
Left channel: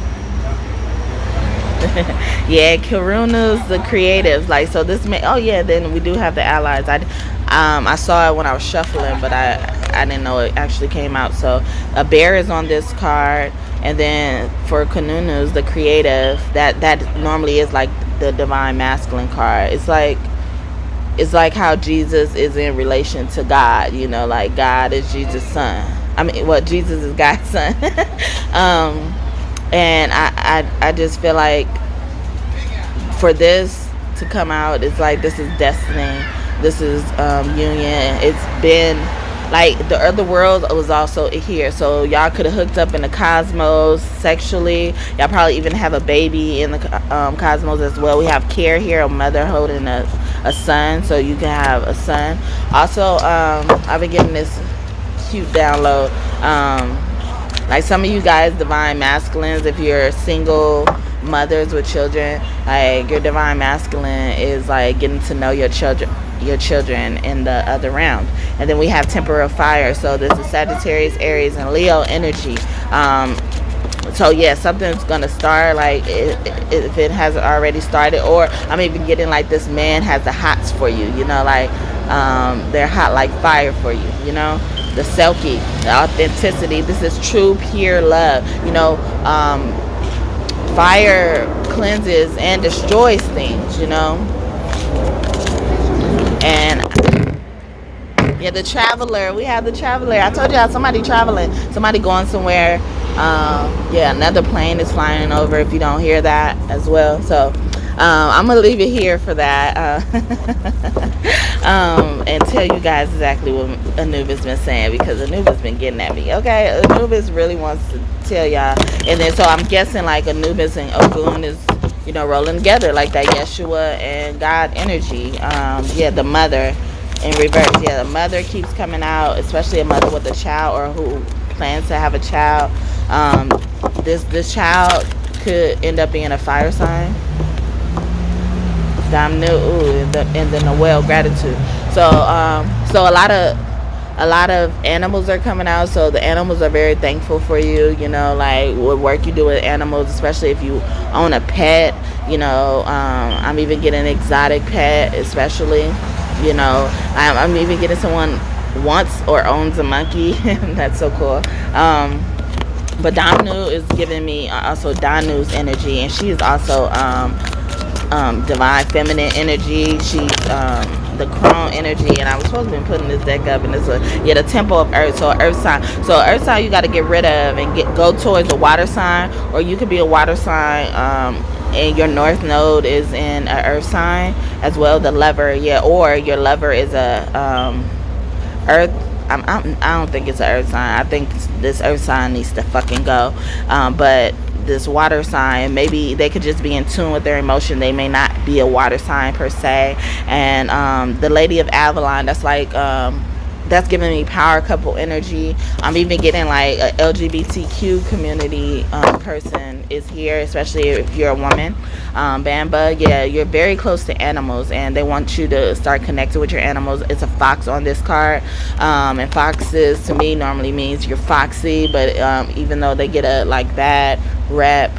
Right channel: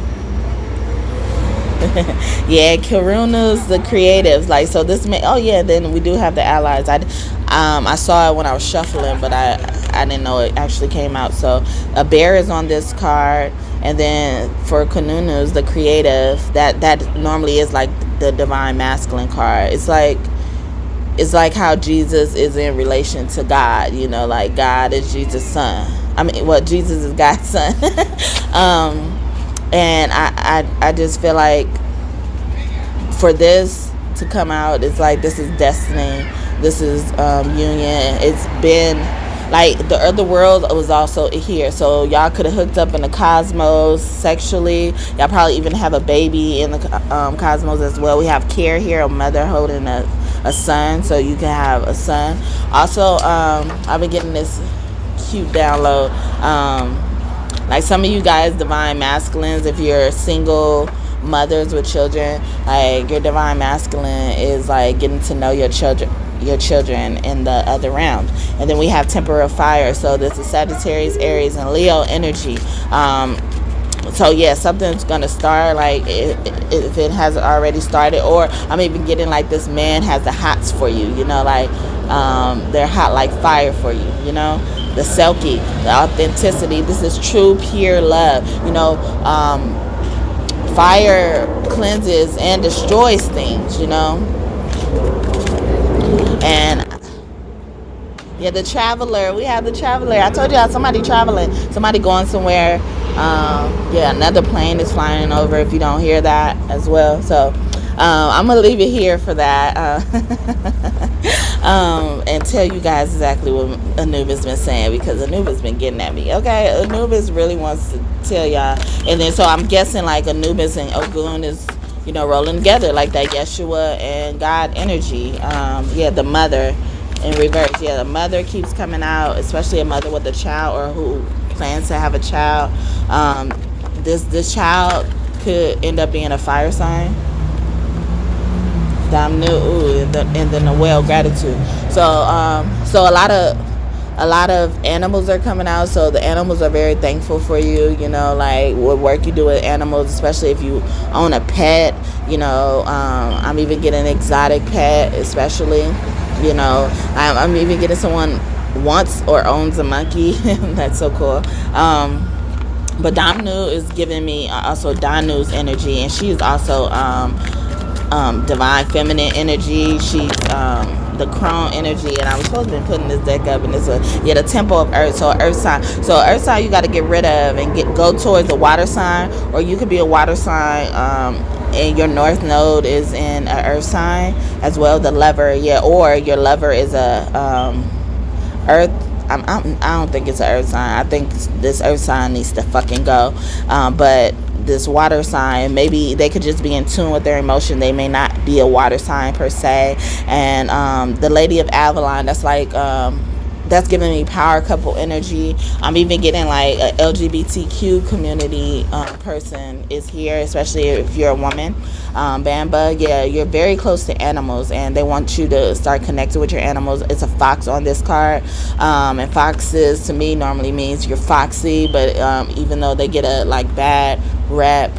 Yeah, Karuna's the creatives. Like, so this then we do have the allies. I saw it when I was shuffling, but I didn't know it actually came out. So a bear is on this card, and then for Kanunu's the creative, that normally is like the divine masculine card. It's like how Jesus is in relation to God, like God is Jesus' son. I mean, Jesus is God's son. And I just feel like for this to come out, it's like this is destiny. This is union. like the other world was also here, so y'all could have hooked up in the cosmos sexually. Y'all probably even have a baby in the cosmos as well. We have care here, a mother holding a son, so you can have a son. Also, I've been getting this cute download. Like some of you guys, divine masculines, if you're single mothers with children, like your divine masculine is like getting to know your children in the other round. And then we have temporal fire, so this is Sagittarius, Aries, and Leo energy. So yeah, something's gonna start, like if it hasn't already started. Or I'm even getting like this man has the hots for you, you know, like they're hot like fire for you, you know, the selkie, the authenticity. This is true pure love, you know. Fire cleanses and destroys things, you know. And yeah, the traveler. We have the traveler. I told y'all somebody traveling, somebody going somewhere. Yeah, another plane is flying over if you don't hear that as well. So I'm going to leave it here for that. And tell you guys exactly what Anubis been saying, because Anubis been getting at me. Okay, Anubis really wants to tell y'all. And then so I'm guessing like Anubis and Ogun is, you know, rolling together like that Yeshua and God energy. Yeah, the mother in reverse. Yeah, the mother keeps coming out, especially a mother with a child or who plans to have a child. This child could end up being a fire sign. Damn new, and then the well gratitude. So a lot of animals are coming out, so the animals are very thankful for you, you know, like what work you do with animals, especially if you own a pet, you know. I'm even getting an exotic pet, especially, you know. I'm even getting someone wants or owns a monkey. That's so cool. But Damnu is giving me also Danu's energy, and she is also divine feminine energy. She's the crone energy, and I was supposed to be putting this deck up, and it's the temple of earth. So earth sign. So earth sign you got to get rid of and go towards the water sign, or you could be a water sign. And your north node is in an earth sign as well. The lover, yeah, or your lover is a earth. I don't think it's an earth sign. I think this earth sign needs to fucking go. But this water sign, maybe they could just be in tune with their emotion. They may not be a water sign per se. And the Lady of Avalon, that's like that's giving me power couple energy. I'm even getting like a LGBTQ community person is here, especially if you're a woman. Bamba, yeah, you're very close to animals, and they want you to start connecting with your animals. It's a fox on this card, and foxes to me normally means you're foxy, but even though they get a like bad rep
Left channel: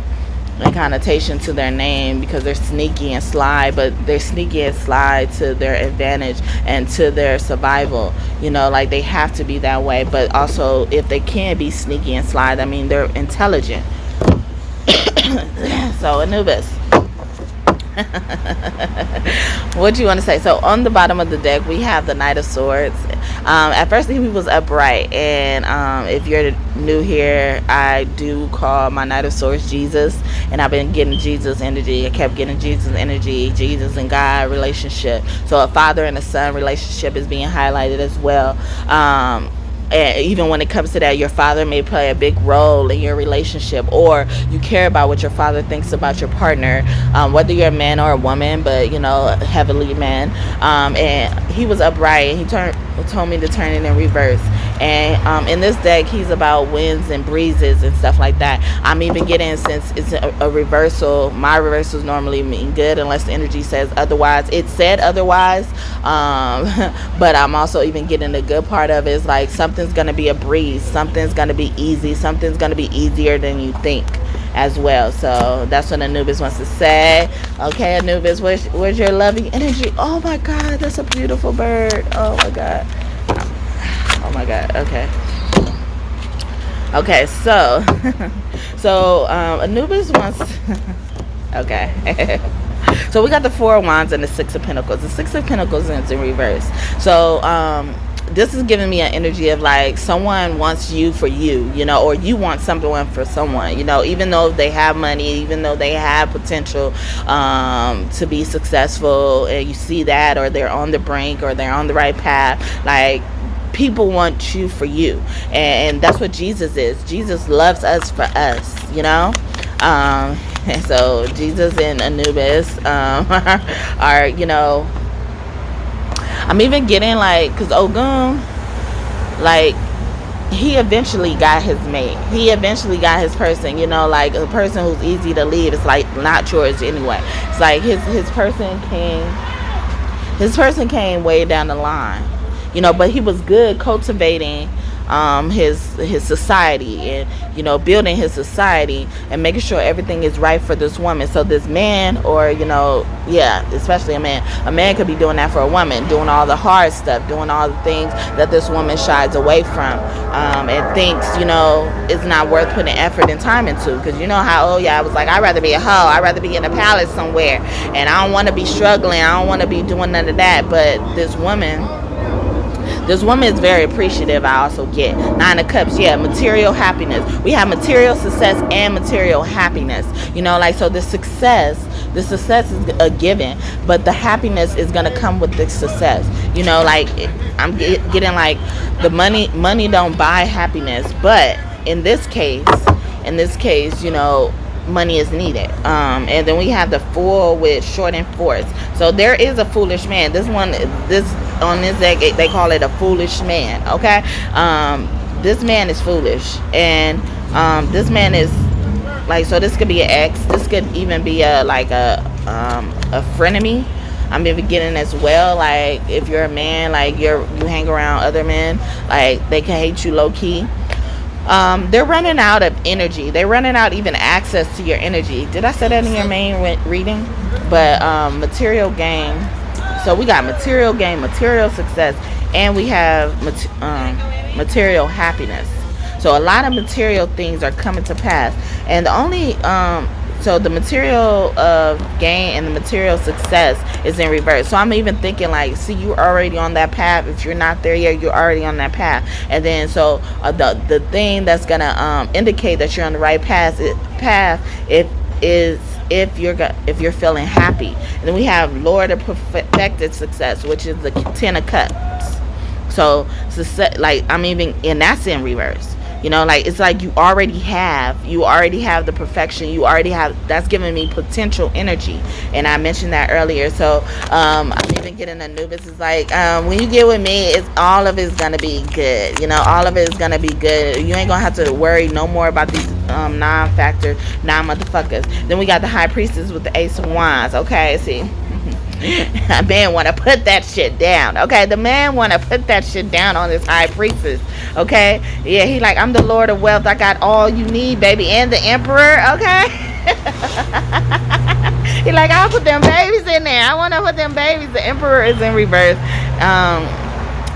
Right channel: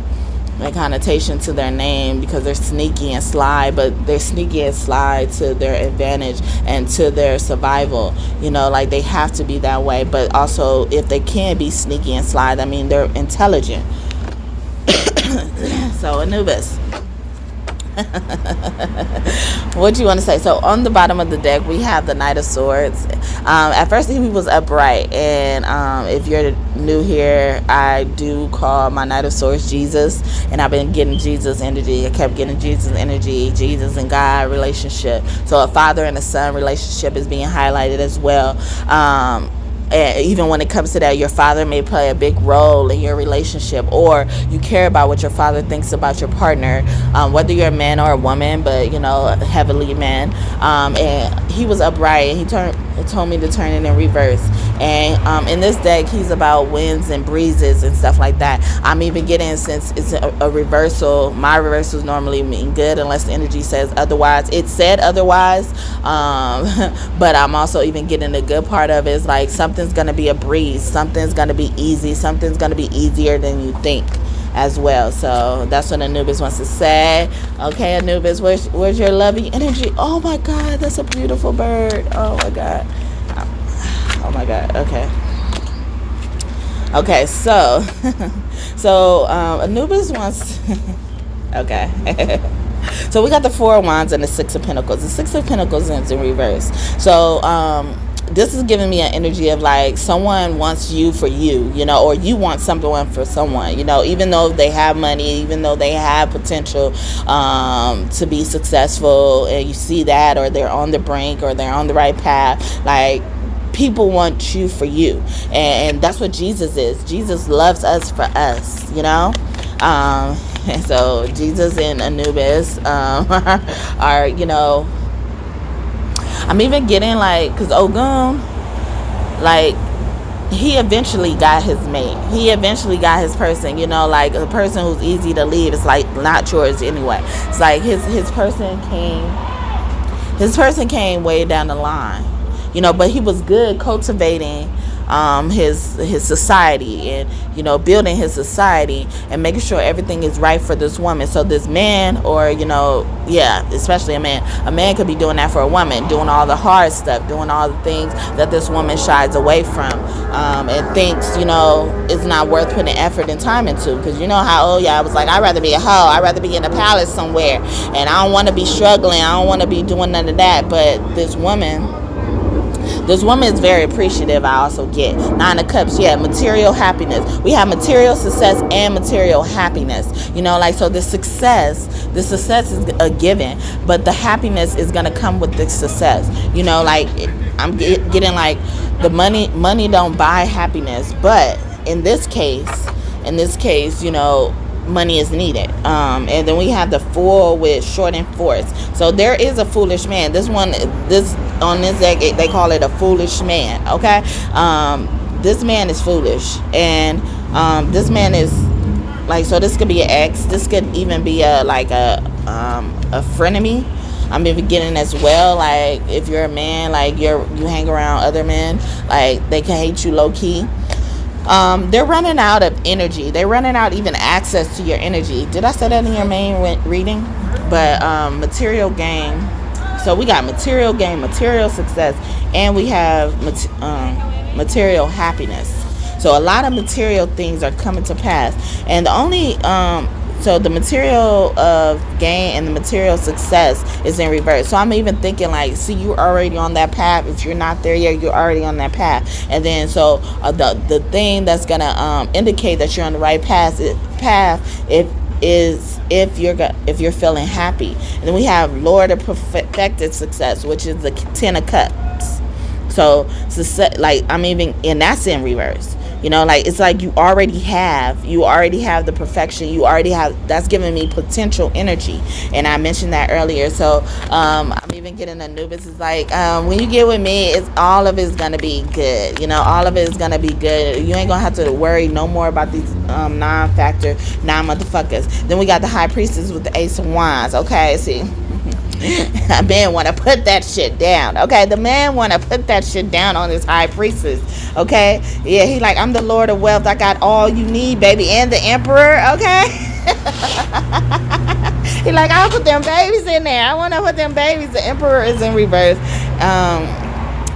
and connotation to their name because they're sneaky and sly, but they're sneaky and sly to their advantage and to their survival, you know, like they have to be that way. But also if they can be sneaky and sly, I mean they're intelligent. So Anubis, what do you want to say? So on the bottom of the deck we have the Knight of Swords. At first he was upright, and if you're new here, I do call my Knight of Swords Jesus, and I've been getting Jesus energy. I kept getting Jesus energy, Jesus and God relationship. So a father and a son relationship is being highlighted as well. And even when it comes to that, your father may play a big role in your relationship, or you care about what your father thinks about your partner, whether you're a man or a woman, but you know, heavily man. And he was upright, and he told me to turn it in reverse. And in this deck, he's about winds and breezes and stuff like that. I'm even getting, since it's a reversal, my reversals normally mean good unless the energy says otherwise. It said otherwise, but I'm also even getting the good part of it is like something's going to be a breeze, something's going to be easy, something's going to be easier than you think as well. So that's what Anubis wants to say. Okay, Anubis, where's your lovey energy? Oh my God, that's a beautiful bird. Oh my God. Oh my God. Okay, so Anubis wants okay. So we got the Four of Wands and the Six of Pentacles. The Six of Pentacles is in reverse. So this is giving me an energy of like someone wants you for you, you know, or you want someone for someone, you know, even though they have money, even though they have potential to be successful, and you see that, or they're on the brink, or they're on the right path, like people want you for you, and that's what Jesus is. Jesus loves us for us, and so Jesus and Anubis are, I'm even getting like, because Ogun, like, he eventually got his mate. He eventually got his person, like a person who's easy to leave. It's like not yours anyway. It's like his person came way down the line, but he was good cultivating his society, and building his society and making sure everything is right for this woman. So this man, or especially a man could be doing that for a woman, doing all the hard stuff, doing all the things that this woman shies away from, and thinks it's not worth putting effort and time into, because how I was like, I'd rather be a hoe, I'd rather be in a palace somewhere, and I don't want to be struggling, I don't want to be doing none of that. But this woman is very appreciative. I also get 9 of Cups. Material happiness. We have material success and material happiness. So the success is a given, but the happiness is gonna come with the success. I'm getting like the money don't buy happiness, but in this case, money is needed. And then we have the Fool with Short and Force. So there is a foolish man. On this deck, they call it a foolish man. Okay, this man is foolish, and this man is like, so this could be an ex. This could even be a frenemy. I'm even getting as well, like if you're a man, like you hang around other men, like they can hate you low key. They're running out of energy. They're running out even access to your energy. Did I say that in your main reading? But material gain. So we got material gain, material success, and we have material happiness. So a lot of material things are coming to pass, and the only so the material of gain and the material success is in reverse. So I'm even thinking like, see, you're already on that path. If you're not there yet, you're already on that path. And then so the thing that's gonna indicate that you're on the right path if you're feeling happy. And then we have Lord of Perfected Success, which is the 10 of Cups. So success, like, I'm even, and that's in reverse. Like it's like you already have the perfection. You already have, that's giving me potential energy, and I mentioned that earlier. So I'm even getting Anubis is like, when you get with me, it's all of it's gonna be good. All of it is gonna be good. You ain't gonna have to worry no more about these non-factor motherfuckers. Then we got the High Priestess with the Ace of Wands. Okay, see. A man want to put that shit down. Okay, the man want to put that shit down on this High Priestess. Okay, yeah, he like, I'm the Lord of Wealth. I got all you need, baby, and the Emperor. Okay. He like, I'll put them babies in there. I want to put them babies. The Emperor is in reverse.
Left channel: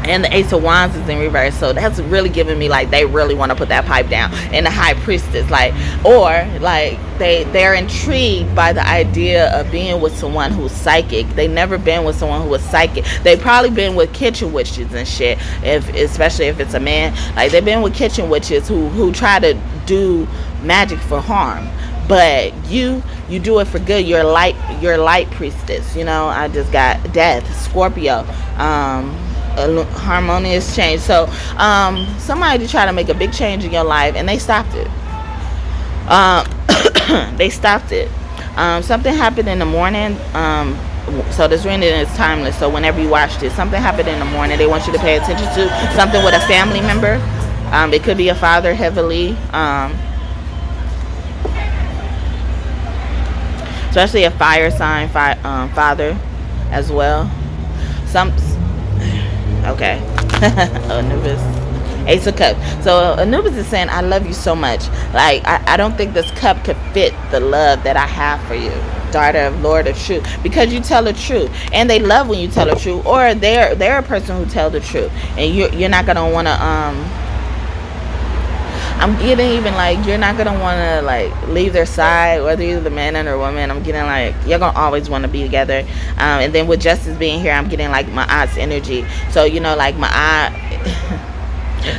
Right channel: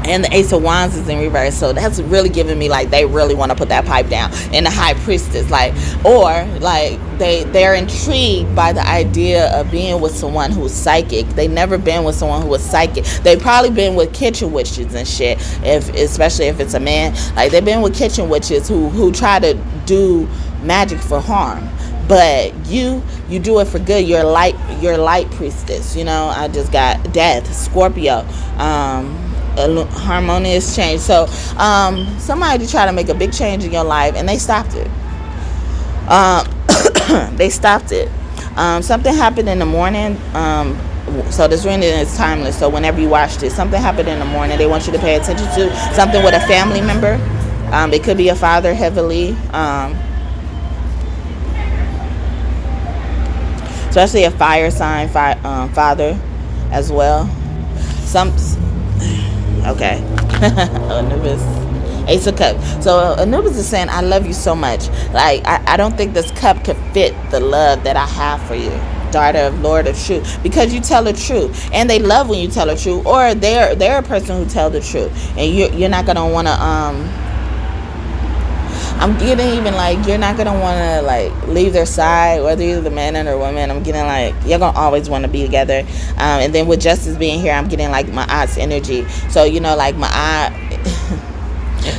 And the Ace of Wands is in reverse. So that's really giving me like they really want to put that pipe down. And the High Priestess, like, or like they're intrigued by the idea of being with someone who's psychic. They never been with someone who was psychic. They probably been with kitchen witches and shit. Especially if it's a man, like they've been with kitchen witches who try to do magic for harm. But you do it for good. You're light priestess. I just got Death, Scorpio, a harmonious change. So somebody tried to make a big change in your life, and they stopped it. Something happened in the morning. So this reading is timeless. So whenever you watch this, something happened in the morning they want you to pay attention to. Something with a family member. It could be a father heavily. Especially a fire sign father as well. Okay. Anubis, Ace of Cups. So Anubis is saying, I love you so much. Like, I don't think this cup could fit the love that I have for you, daughter of Lord of Truth, because you tell the truth, and they love when you tell the truth, or they're a person who tell the truth, and you're not gonna want to I'm getting even like you're not gonna want to like leave their side, whether you're the man or the woman. I'm getting like you're gonna always want to be together. And then with Justice being here, I'm getting like my aunt's energy. So like my aunt,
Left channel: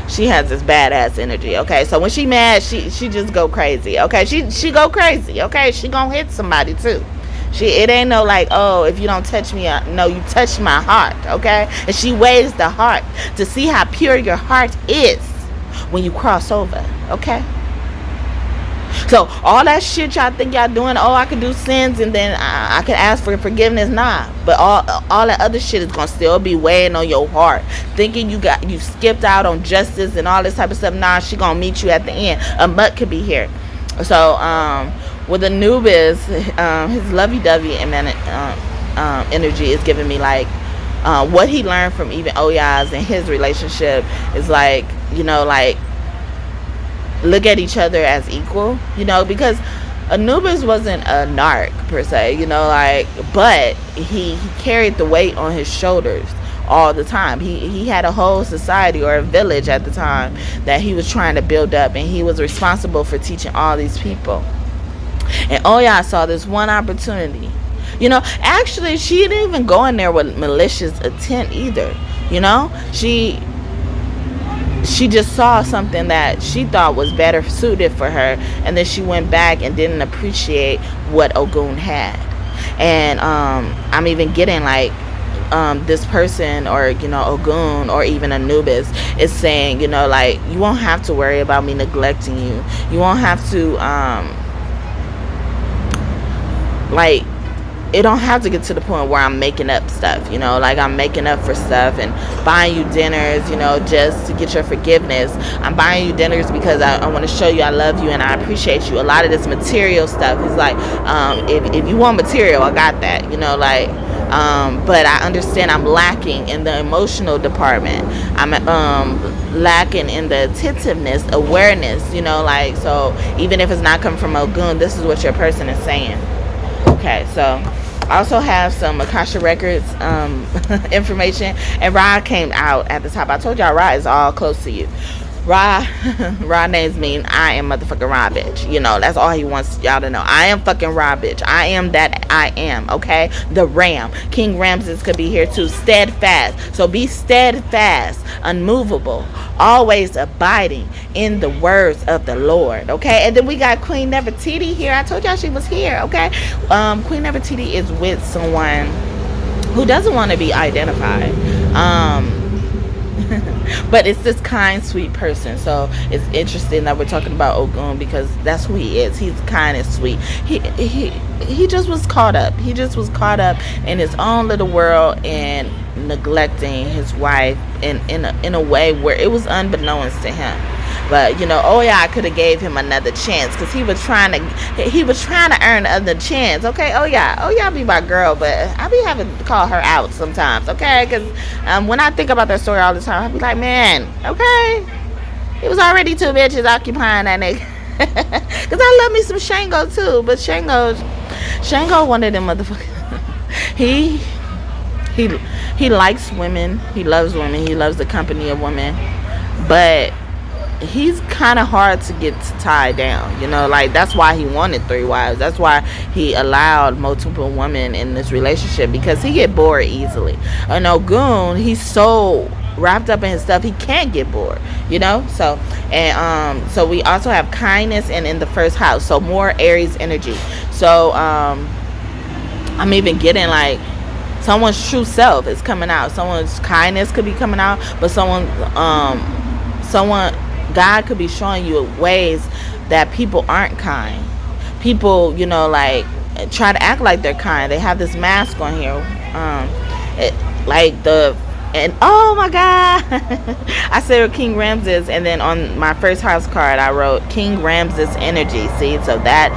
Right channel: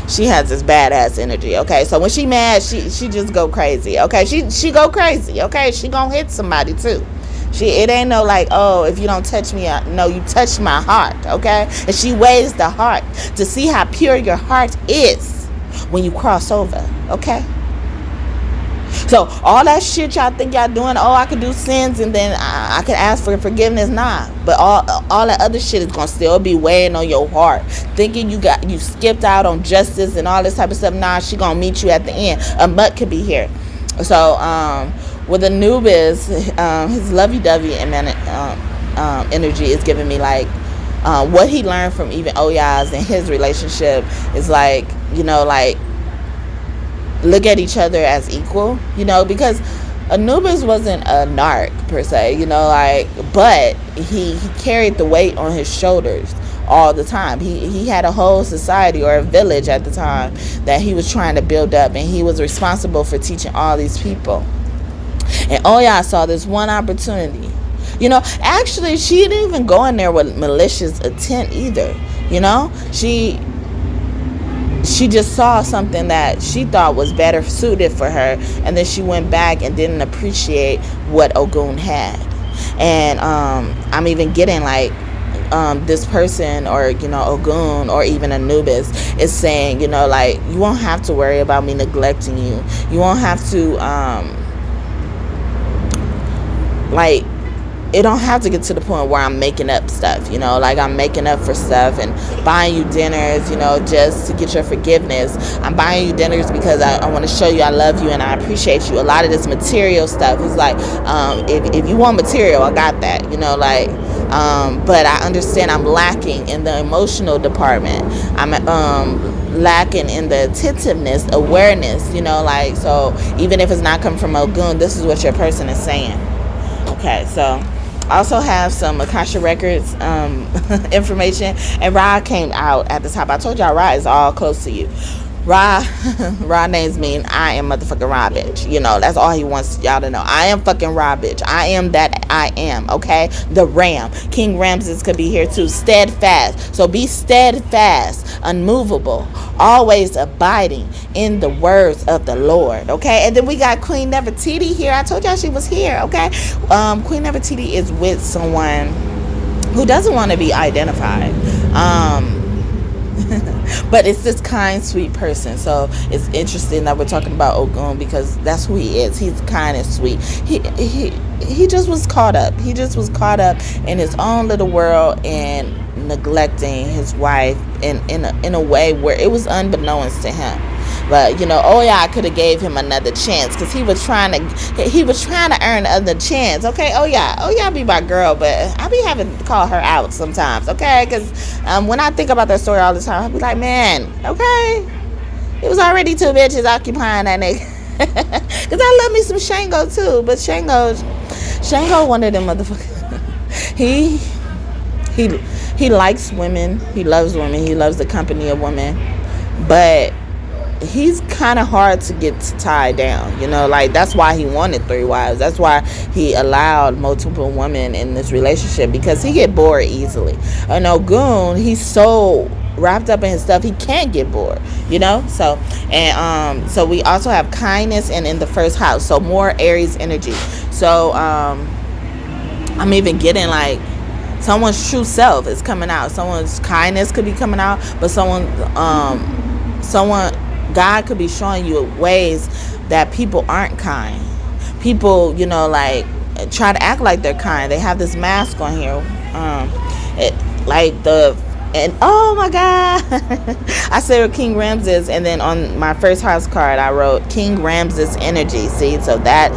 she has this badass energy. Okay, so when she mad, she just go crazy. Okay, she go crazy. Okay, she gonna hit somebody too. It ain't no like, oh, if you don't touch me, no, you touch my heart, okay? And she weighs the heart to see how pure your heart is when you cross over, okay? So all that shit y'all think y'all doing, oh, I could do sins and then I could ask for forgiveness, nah. But all that other shit is gonna still be weighing on your heart, thinking you skipped out on justice and all this type of stuff. Nah, she gonna meet you at the end. A mutt could be here. So with Anubis, his lovey-dovey and then energy is giving me like what he learned from even Oyas and his relationship is like, you know, like look at each other as equal, you know, because Anubis wasn't a narc per se, you know, like, but he carried the weight on his shoulders all the time. He had a whole society or a village at the time that he was trying to build up, and he was responsible for teaching all these people. And Oya saw this one opportunity. You know, actually, she didn't even go in there with malicious intent either. You know, she just saw something that she thought was better suited for her, and then she went back and didn't appreciate what Ogun had. And I'm even getting like this person, or you know, Ogun or even Anubis is saying, you know, like, you won't have to worry about me neglecting you. You won't have to like, it don't have to get to the point where I'm making up stuff, you know, like I'm making up for stuff and buying you dinners, you know, just to get your forgiveness. I'm buying you dinners because I want to show you I love you and I appreciate you. A lot of this material stuff is like, if you want material, I got that, you know, like, but I understand I'm lacking in the emotional department. I'm lacking in the attentiveness, awareness, you know, like, so even if it's not coming from Ogun, this is what your person is saying. Okay, so I also have some Akasha Records information, and Ra came out at the top. I told y'all Ra is all close to you. Ra names mean I am motherfucking Ra bitch. You know, that's all he wants y'all to know. I am fucking Ra bitch. I am that I am, okay? The Ram. King Ramses could be here too. Steadfast. So be steadfast, unmovable, always abiding in the words of the Lord, okay? And then we got Queen Nefertiti here. I told y'all she was here, okay? Queen Nefertiti is with someone who doesn't want to be identified. But it's this kind, sweet person. So it's interesting that we're talking about Ogun, because that's who he is. He's kind and sweet. He just was caught up. He just was caught up in his own little world and neglecting his wife in a way where it was unbeknownst to him. But you know, I could have gave him another chance, because he was trying to earn another chance. Okay, Oya be my girl, but I be having to call her out sometimes. Okay, because when I think about that story all the time, I be like, man, okay, it was already two bitches occupying that nigga. Because I love me some Shango too, but Shango one of them motherfuckers. He likes women. He loves women. He loves the company of women, but he's kind of hard to get tied down, you know, like that's why he wanted 3 wives. That's why he allowed multiple women in this relationship, because he get bored easily. And Ogun, he's so wrapped up in his stuff, he can't get bored, you know. So, and so we also have kindness and in the first house, so more Aries energy. So I'm even getting like someone's true self is coming out. Someone's kindness could be coming out, but someone God could be showing you ways that people aren't kind. People, you know, like try to act like they're kind. They have this mask on here. And oh my God, I said King Ramses, and then on my first house card I wrote King Ramses energy. See, so that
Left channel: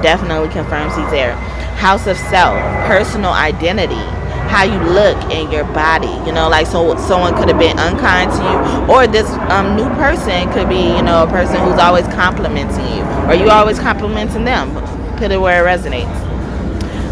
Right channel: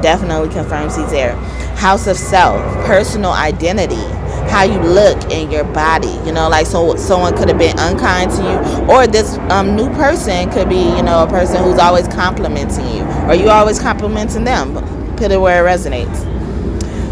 definitely confirms he's there. House of self, personal identity, how you look in your body, you know, like, so someone could have been unkind to you, or this new person could be, you know, a person who's always complimenting you, or you always complimenting them. Put it where it resonates.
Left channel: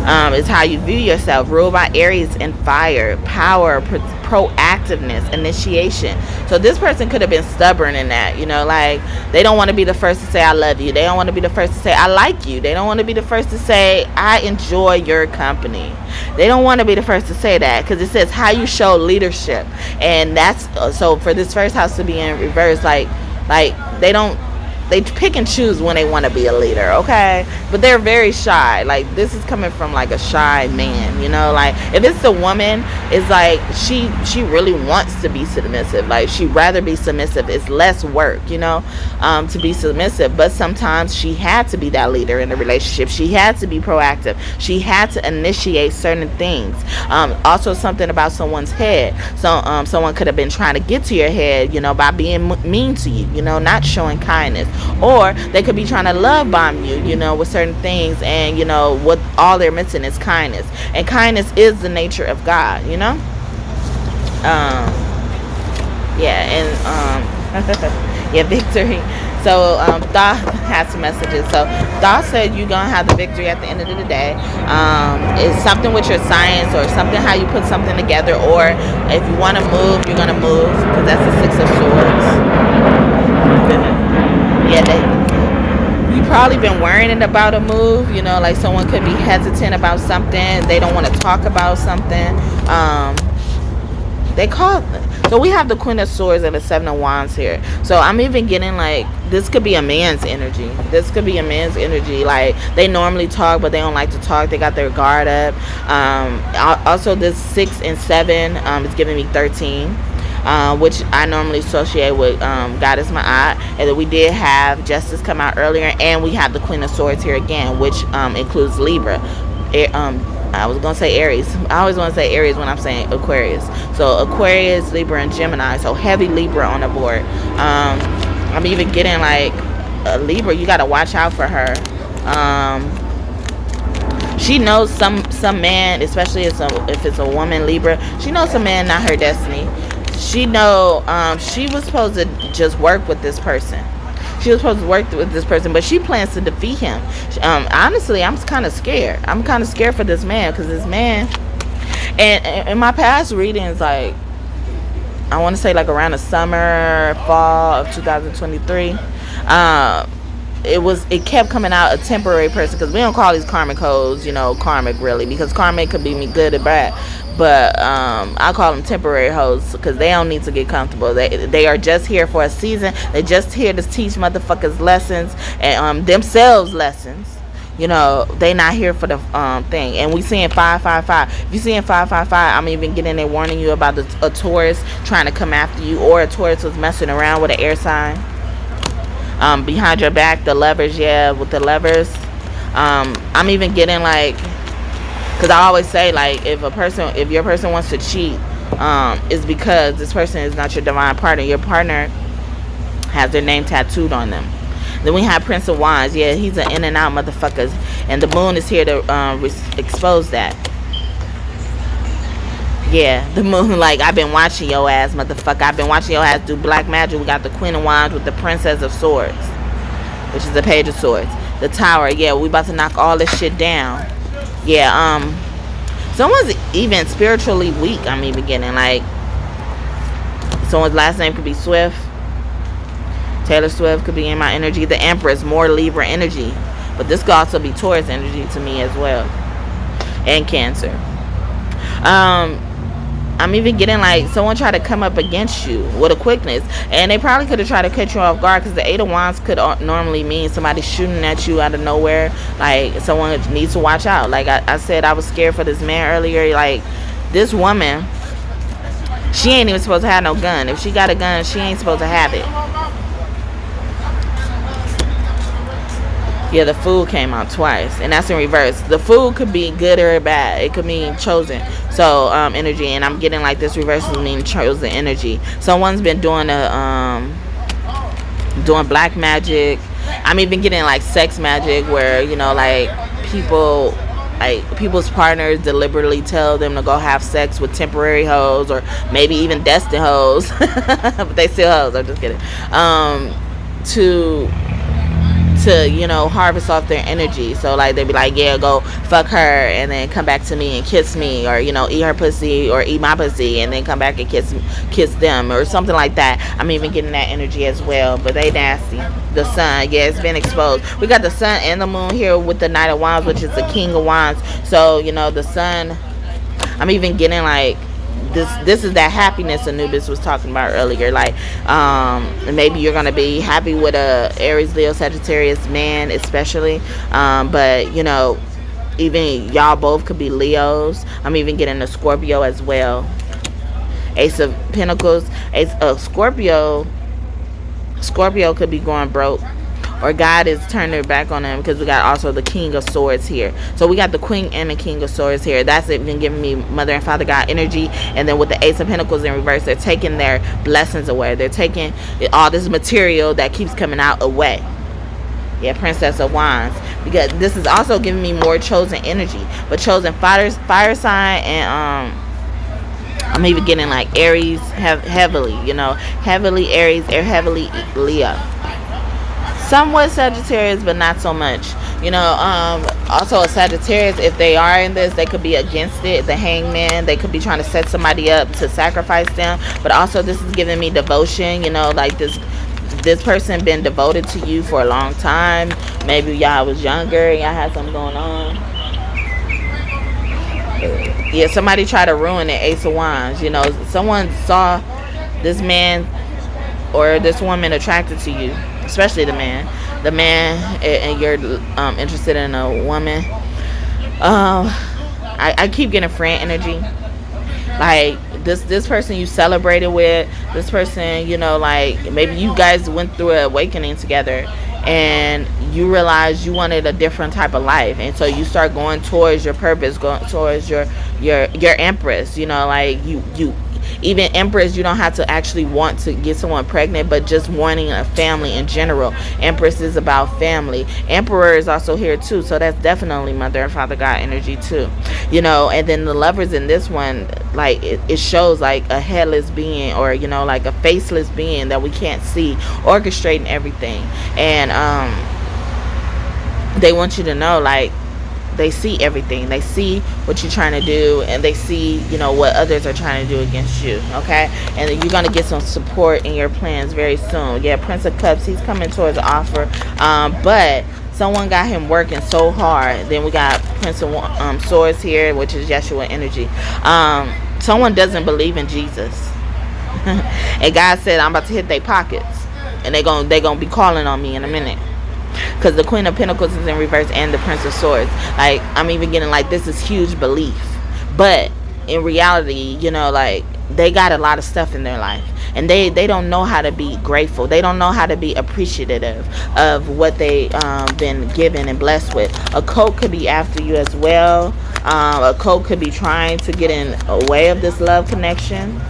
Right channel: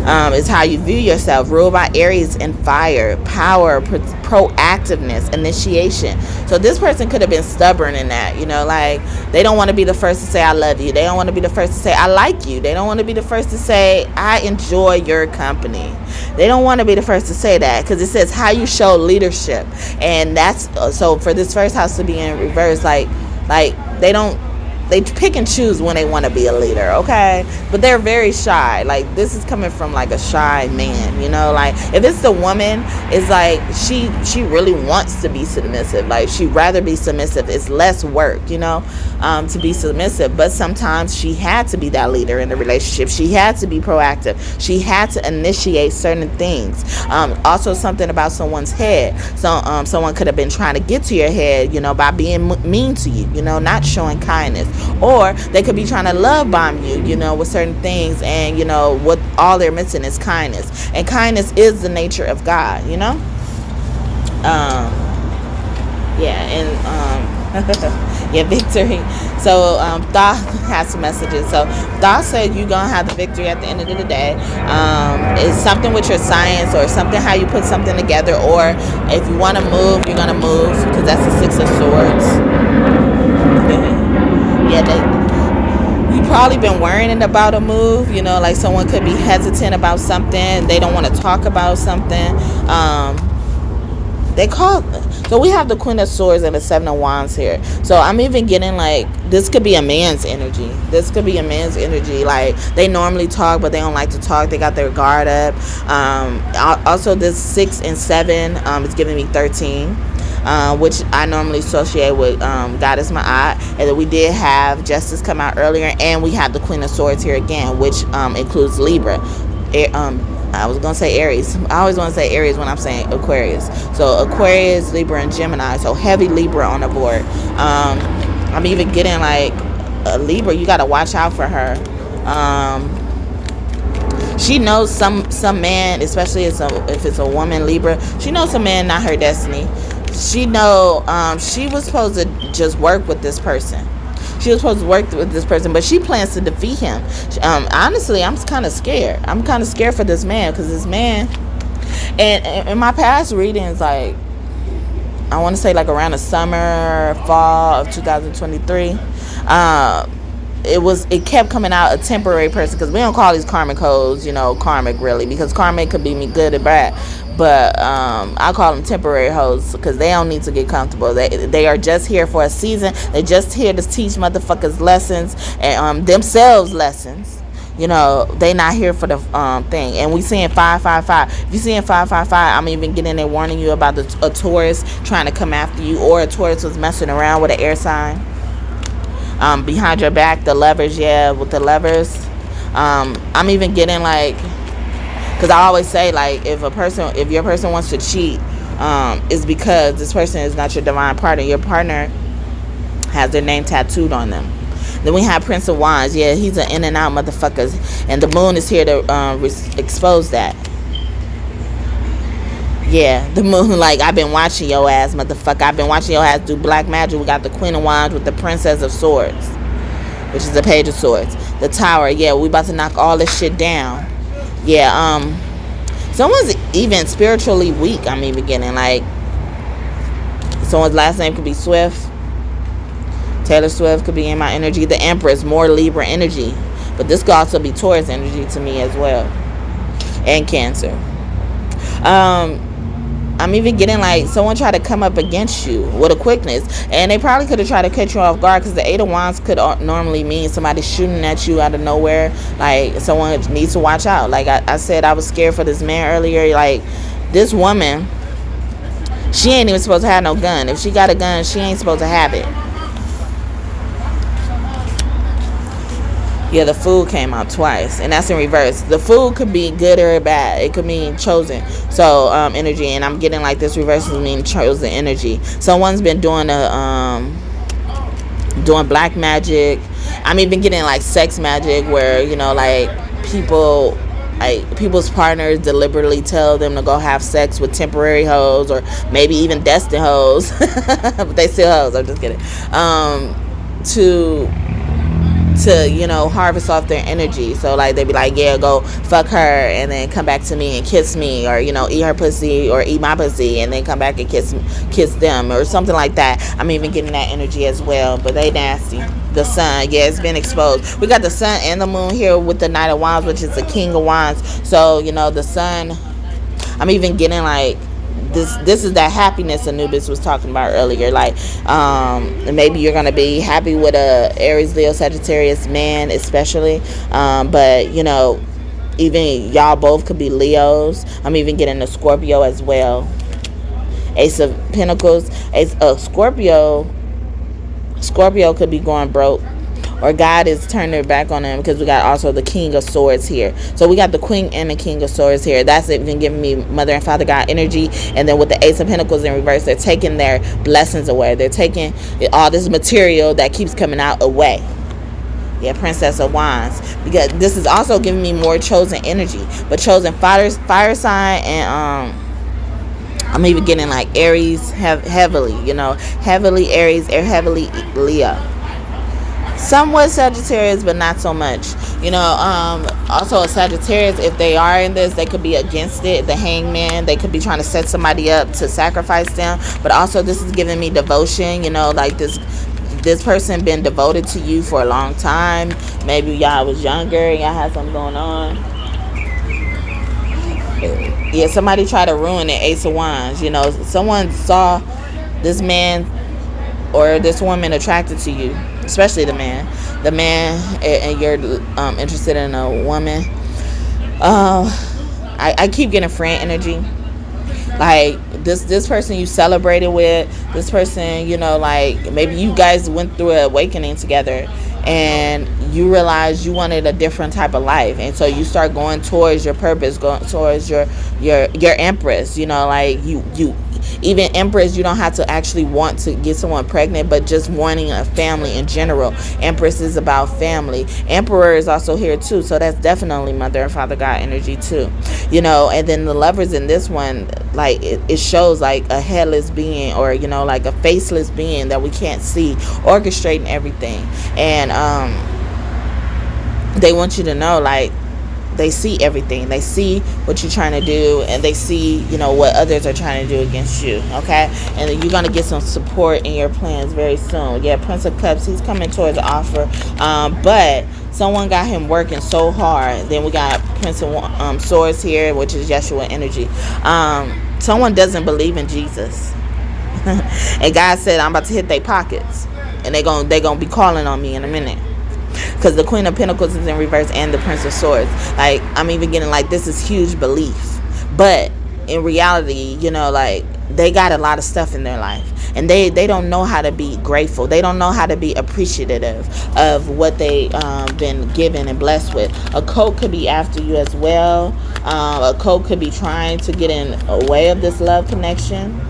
It's how you view yourself. Ruled by Aries and fire, power, proactiveness, initiation. So this person could have been stubborn in that, you know, like they don't want to be the first to say I love you. They don't want to be the first to say I like you. They don't want to be the first to say I enjoy your company. They don't want to be the first to say that, because it says how you show leadership. And that's so for this first house to be in reverse, like they don't they pick and choose when they want to be a leader, okay? But they're very shy. Like, this is coming from like a shy man, you know? Like, if it's the woman, it's like she really wants to be submissive. Like, she'd rather be submissive. It's less work, you know, to be submissive. But sometimes she had to be that leader in the relationship. She had to be proactive. She had to initiate certain things. Also, something about someone's head. So someone could have been trying to get to your head, you know, by being mean to you, you know, not showing kindness. Or they could be trying to love bomb you, you know, with certain things, and, you know, what all they're missing is kindness. And kindness is the nature of God, you know? Yeah, and, yeah, victory. So, Thoth has some messages. So, Thoth said you're going to have the victory at the end of the day. It's something with your science, or something how you put something together, or if you want to move, you're going to move, because that's the Six of Swords. Yeah, you probably been worrying about a move, you know, like someone could be hesitant about something. They don't want to talk about something. So we have the Queen of Swords and the Seven of Wands here. So I'm even getting like, this could be a man's energy. This could be a man's energy. Like, they normally talk, but they don't like to talk. They got their guard up. Also, this 6 and 7 is giving me 13. Which I normally associate with Goddess Ma'at. And then we did have Justice come out earlier, and we have the Queen of Swords here again, which includes Libra. I was going to say Aries. I always want to say Aries when I'm saying Aquarius. So Aquarius, Libra, and Gemini. So heavy Libra on the board. I'm even getting like a Libra. You got to watch out for her. She knows some man, especially if it's a woman, Libra. She knows some man not her destiny. She know she was supposed to just work with this person. She was supposed to work with this person, but she plans to defeat him. Honestly, I'm kind of scared. I'm kind of scared for this man, because this man, and in my past readings, like, I want to say like around the summer, fall of 2023, it kept coming out a temporary person, because we don't call these karmic hoes, you know, karmic really, because karmic could be good or bad. But I call them temporary hoes, because they don't need to get comfortable. They are just here for a season. They're just here to teach motherfuckers lessons, and themselves lessons. You know, they not here for the thing. And we seeing 555. If you seeing 555, I'm even getting there warning you about a Taurus trying to come after you, or a Taurus was messing around with an air sign. Behind your back, the levers, yeah, with the levers. I'm even getting like, because I always say, like, if your person wants to cheat, it's because this person is not your divine partner. Your partner has their name tattooed on them. Then we have Prince of Wands. Yeah, he's an in and out motherfucker, and the moon is here to expose that. Yeah, the moon, like, I've been watching your ass, motherfucker. I've been watching your ass do black magic. We got the Queen of Wands with the Princess of Swords, which is the Page of Swords. The Tower, yeah, we about to knock all this shit down. Yeah, someone's even spiritually weak. I'm even getting, like, someone's last name could be Swift. Taylor Swift could be in my energy. The Empress, more Libra energy. But this could also be Taurus energy to me as well. And Cancer. I'm even getting like someone tried to come up against you with a quickness, and they probably could have tried to catch you off guard, because the Eight of Wands could normally mean somebody shooting at you out of nowhere. Like, someone needs to watch out. Like I said, I was scared for this man earlier. Like, this woman, she ain't even supposed to have no gun. If she got a gun, she ain't supposed to have it. Yeah, the Fool came out twice, and that's in reverse. The Fool could be good or bad. It could mean chosen. So, energy, and I'm getting like this reverse meaning chosen energy. Someone's been doing doing black magic. I'm even getting like sex magic, where, you know, like people's partners deliberately tell them to go have sex with temporary hoes, or maybe even destined hoes, but they still hoes. I'm just kidding. To, you know, harvest off their energy. So, like, they'd be like, yeah, go fuck her, and then come back to me and kiss me, or, you know, eat her pussy, or eat my pussy, and then come back and kiss them, or something like that. I'm even getting that energy as well, but they nasty. The Sun, yeah, it's been exposed. We got the Sun and the Moon here with the Knight of Wands, which is the King of Wands. So, you know, the Sun, I'm even getting like this is that happiness Anubis was talking about earlier. Like, maybe you're gonna be happy with a Aries, Leo, Sagittarius man, especially. But you know, even y'all both could be Leos. I'm even getting a Scorpio as well. Ace of Pentacles. Scorpio could be going broke, or God is turning their back on them, because we got also the King of Swords here. So we got the Queen and the King of Swords here. That's even giving me Mother and Father God energy. And then with the Ace of Pentacles in reverse, they're taking their blessings away. They're taking all this material that keeps coming out away. Yeah, Princess of Wands. Because this is also giving me more chosen energy. But chosen fire sign, and I'm even getting like Aries heavily, you know, heavily Aries or heavily Leo. Somewhat Sagittarius, but not so much. You know, also a Sagittarius, if they are in this, they could be against it. The Hangman, they could be trying to set somebody up to sacrifice them. But also this is giving me devotion, you know, like this person been devoted to you for a long time. Maybe y'all was younger and y'all had something going on. Yeah, somebody tried to ruin the Ace of Wands. You know, someone saw this man or this woman attracted to you, especially the man, and you're interested in a woman. I keep getting friend energy. Like this person you celebrated with, this person, you know, like maybe you guys went through an awakening together, and you realize you wanted a different type of life, and so you start going towards your purpose, going towards your Empress. You know, like you even Empress, you don't have to actually want to get someone pregnant, but just wanting a family in general. Empress is about family. Emperor is also here too, so that's definitely Mother and Father God energy too. You know, and then the Lovers in this one, like it shows like a headless being, or you know, like a faceless being that we can't see, orchestrating everything. And they want you to know, like, they see everything. They see what you're trying to do, and they see, you know, what others are trying to do against you. Okay, and you're gonna get some support in your plans very soon. Yeah, Prince of Cups, he's coming towards the offer, but someone got him working so hard. Then we got Prince of Swords here, which is Yeshua energy. Someone doesn't believe in Jesus, and God said, I'm about to hit their pockets, and they gonna be calling on me in a minute. Because the Queen of Pentacles is in reverse, and the Prince of Swords. Like, I'm even getting like, this is huge belief. But in reality, you know, like, they got a lot of stuff in their life. And they don't know how to be grateful. They don't know how to be appreciative of what they been given and blessed with. A cult could be after you as well. A cult could be trying to get in a way of this love connection.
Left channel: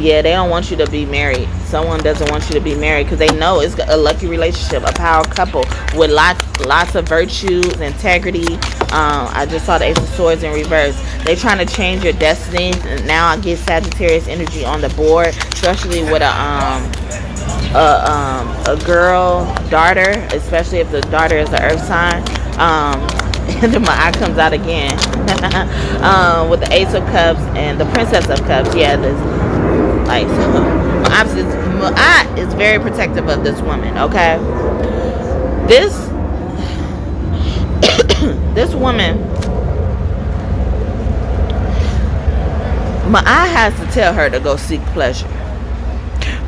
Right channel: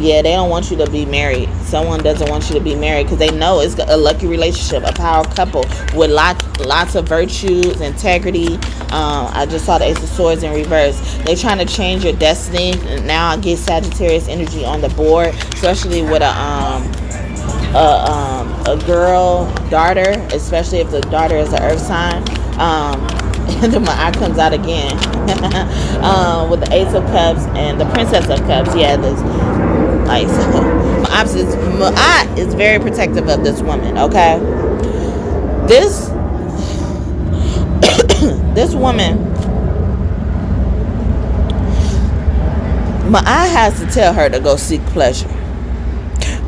Yeah, they don't want you to be married. Someone doesn't want you to be married because they know it's a lucky relationship, a power couple with lots of virtues, integrity. I just saw the Ace of Swords in reverse. They're trying to change your destiny. Now I get Sagittarius energy on the board, especially with a girl daughter, especially if the daughter is an earth sign. And then my eye comes out again with the Ace of Cups and the Princess of Cups. Yeah, this, like, so my eye is very protective of this woman. Okay, this woman, my eye has to tell her to go seek pleasure.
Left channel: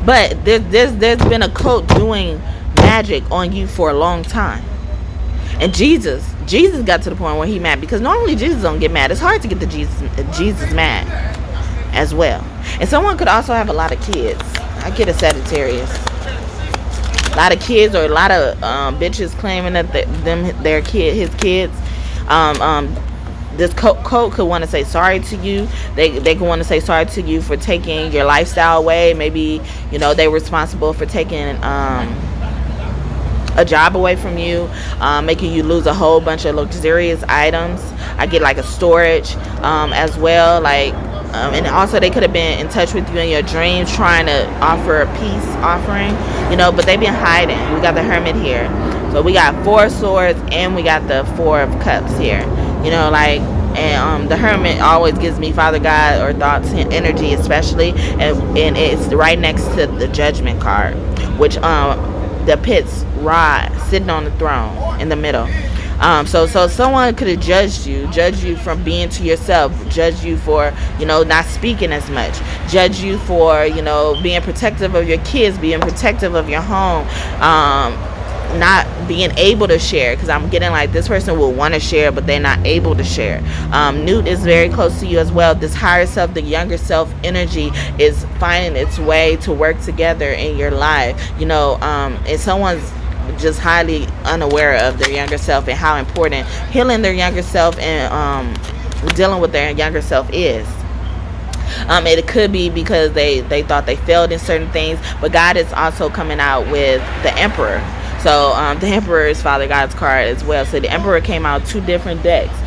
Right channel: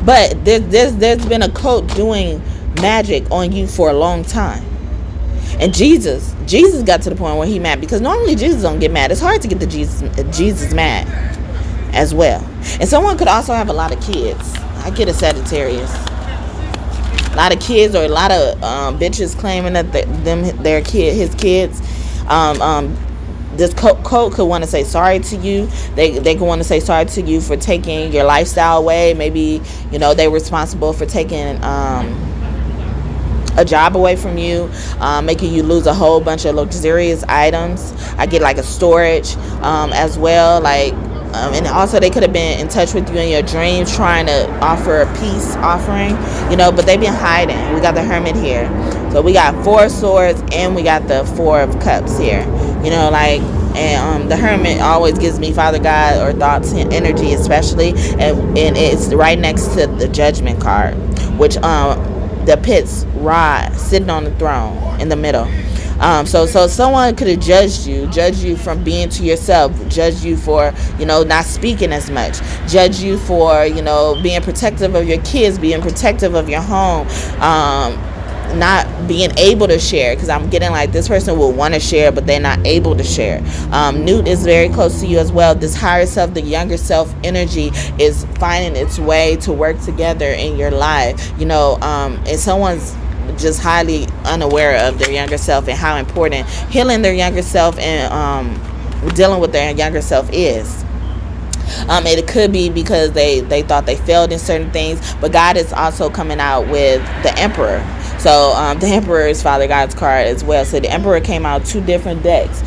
But there's been a cult doing magic on you for a long time. And Jesus got to the point where he mad, because normally Jesus don't get mad. It's hard to get Jesus mad as well. And someone could also have a lot of kids. I get a Sagittarius. A lot of kids, or a lot of bitches claiming that his kids. This cult could want to say sorry to you. They could want to say sorry to you for taking your lifestyle away. Maybe, you know, they're responsible for taking a job away from you, making you lose a whole bunch of luxurious items. I get like a storage as well, like, and also they could have been in touch with you in your dreams, trying to offer a peace offering, you know, but they've been hiding. We got the Hermit here, so we got 4 of Swords and we got the 4 of Cups here, you know, like. And the Hermit always gives me Father God or Thoth energy, especially, and it's right next to the Judgment card, which depicts Ra sitting on the throne in the middle. So someone could have judged you from being to yourself, judged you for, not speaking as much, judged you for, being protective of your kids, being protective of your home, not being able to share, because I'm getting like this person will want to share but they're not able to share. Newt is very close to you as well. This higher self, the younger self energy is finding its way to work together in your life, and someone's just highly unaware of their younger self and how important healing their younger self and dealing with their younger self is. It could be because they thought they failed in certain things, but God is also coming out with the Emperor. So the Emperor is Father God's card as well. So the Emperor came out 2 different decks.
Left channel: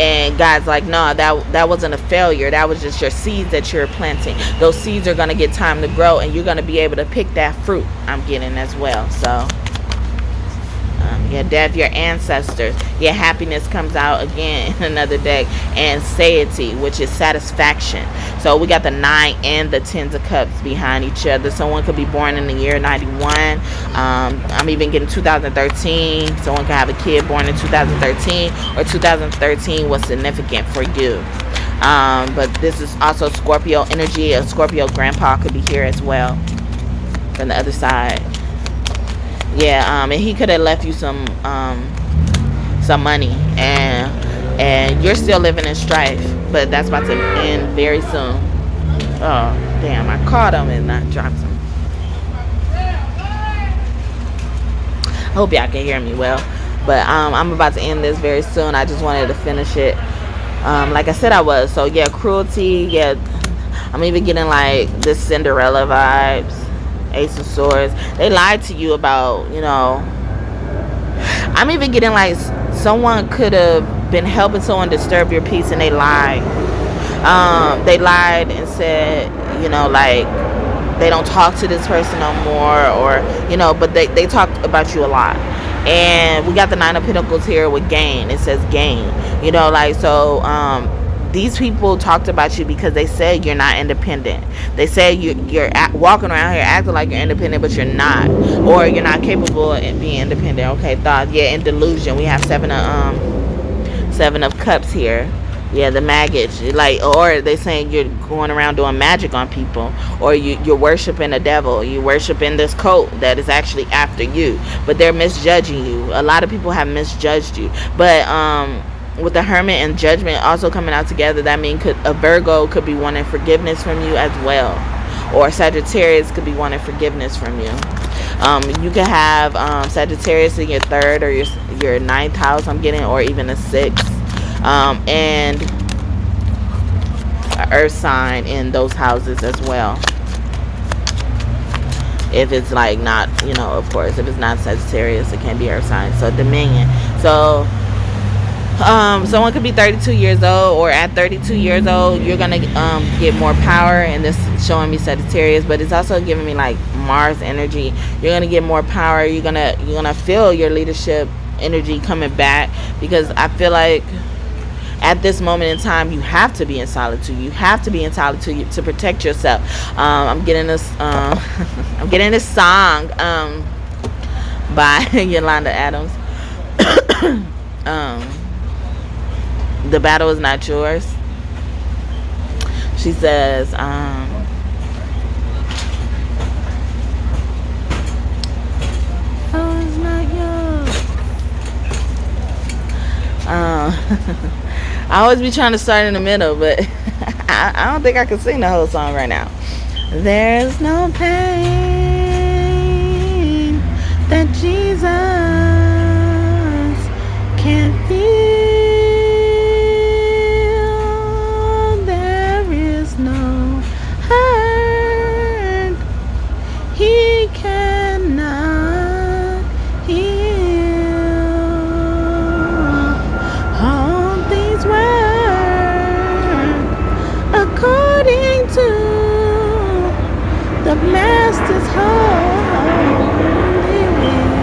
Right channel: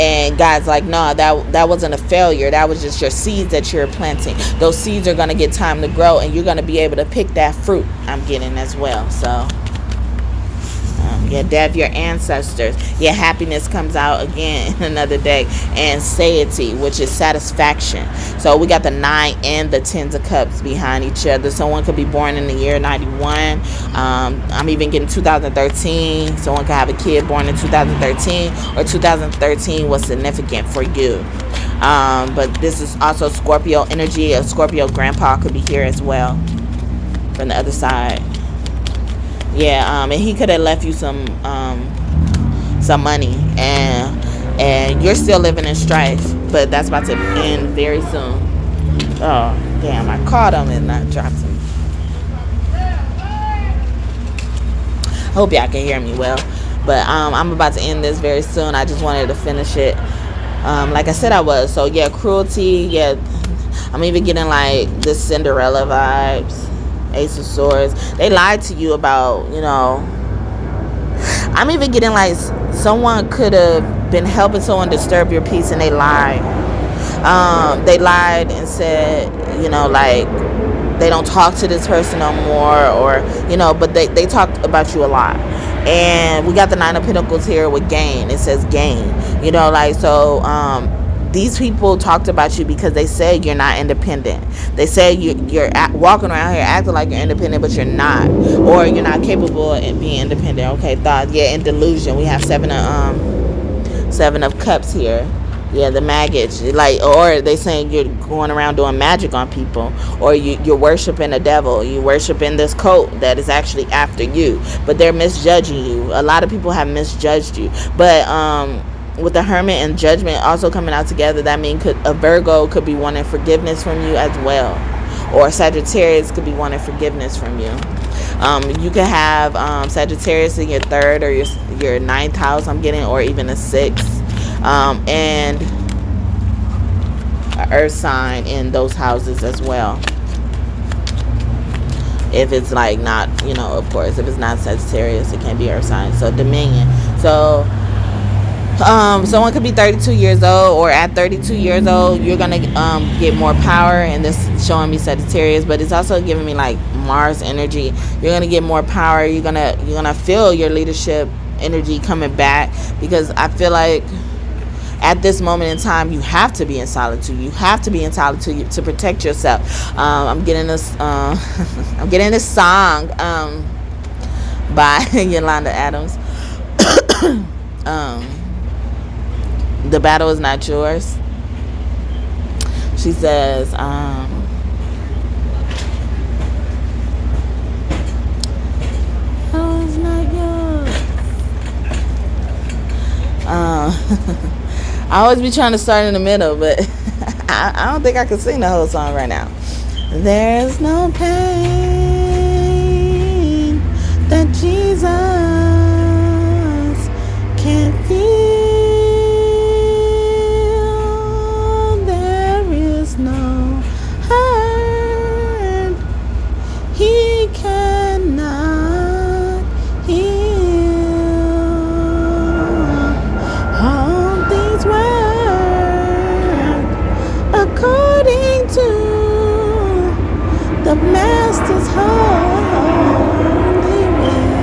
And God's like, no, that wasn't a failure. That was just your seeds that you're planting. Those seeds are going to get time to grow, and you're going to be able to pick that fruit. I'm getting as well. So death, your ancestors. Your happiness comes out again in another deck. And satiety, which is satisfaction. So we got the 9 and the 10 of cups behind each other. Someone could be born in the year 91. I'm even getting 2013. Someone could have a kid born in 2013, or 2013 was significant for you. But this is also Scorpio energy. A Scorpio grandpa could be here as well from the other side. And he could have left you some money, and you're still living in strife, but that's about to end very soon. Oh damn, I caught him and I dropped him. I hope y'all can hear me well, but I'm about to end this very soon. I just wanted to finish it like I said I was. So cruelty. I'm even getting like this Cinderella vibes. Ace of Swords. They lied to you about, I'm even getting like someone could have been helping someone disturb your peace, and they lied. They lied and said, like they don't talk to this person no more, or, but they talked about you a lot. And we got the 9 of Pentacles here with gain. It says gain, these people talked about you because they said you're not independent. They say you're walking around here acting like you're independent, but you're not, or you're not capable of being independent. Okay, Thoth. In delusion. We have 7 of Cups here. The maggots. Or they saying you're going around doing magic on people, or you're worshiping a devil. You're worshiping this cult that is actually after you, but they're misjudging you. A lot of people have misjudged you, but with the Hermit and Judgment also coming out together, that means a Virgo could be wanting forgiveness from you as well, or Sagittarius could be wanting forgiveness from you. You could have Sagittarius in your 3rd or your 9th house, I'm getting, or even a 6th, and an Earth sign in those houses as well. If it's like not, of course, if it's not Sagittarius, it can't be Earth sign. So Dominion. So someone could be 32 years old, or at 32 years old you're gonna get more power, and this is showing me Sagittarius, but it's also giving me like Mars energy. You're gonna get more power. You're gonna feel your leadership energy coming back, because I feel like at this moment in time you have to be in solitude. You have to be in solitude to protect yourself. I'm getting this I'm getting this song by Yolanda Adams. The battle is not yours. She says, oh, it's not yours. I always be trying to start in the middle, but I don't think I can sing the whole song right now. There's no pain that Jesus can't feel. There is no hurt he cannot heal. All things work according to the Master's holy will.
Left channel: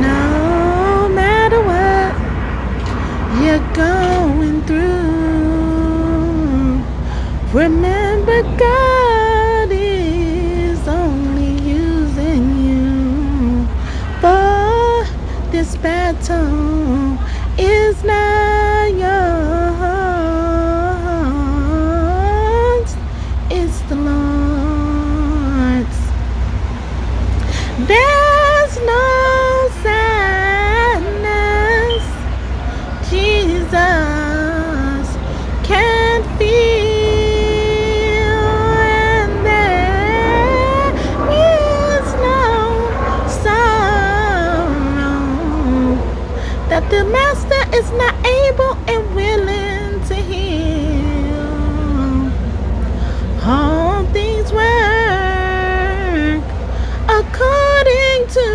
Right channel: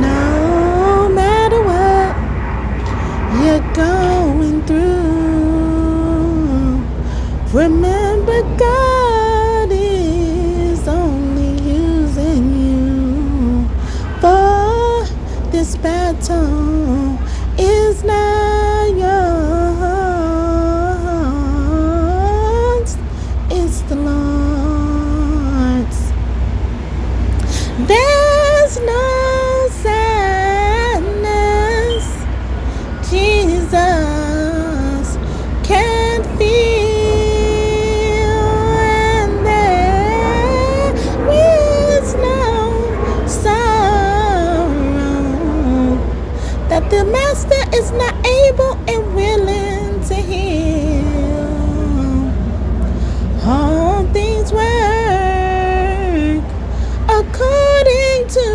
No matter what you're going through, remember God is only using you for The master is not able and willing to heal. All things work according to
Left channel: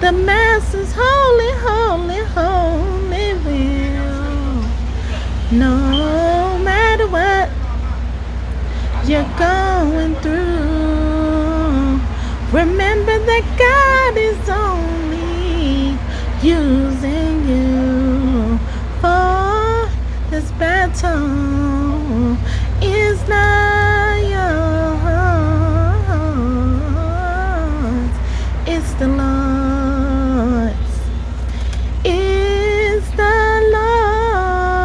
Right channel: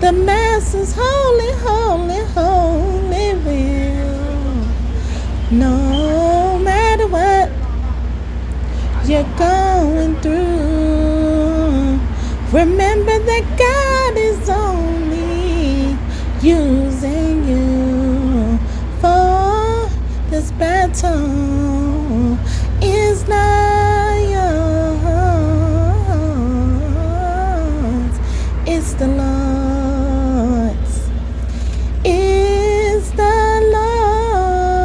the master's holy, holy, holy will. No matter what you're going through, remember that God is only using you for this battle is not yours, it's the Lord's. It's the Lord's.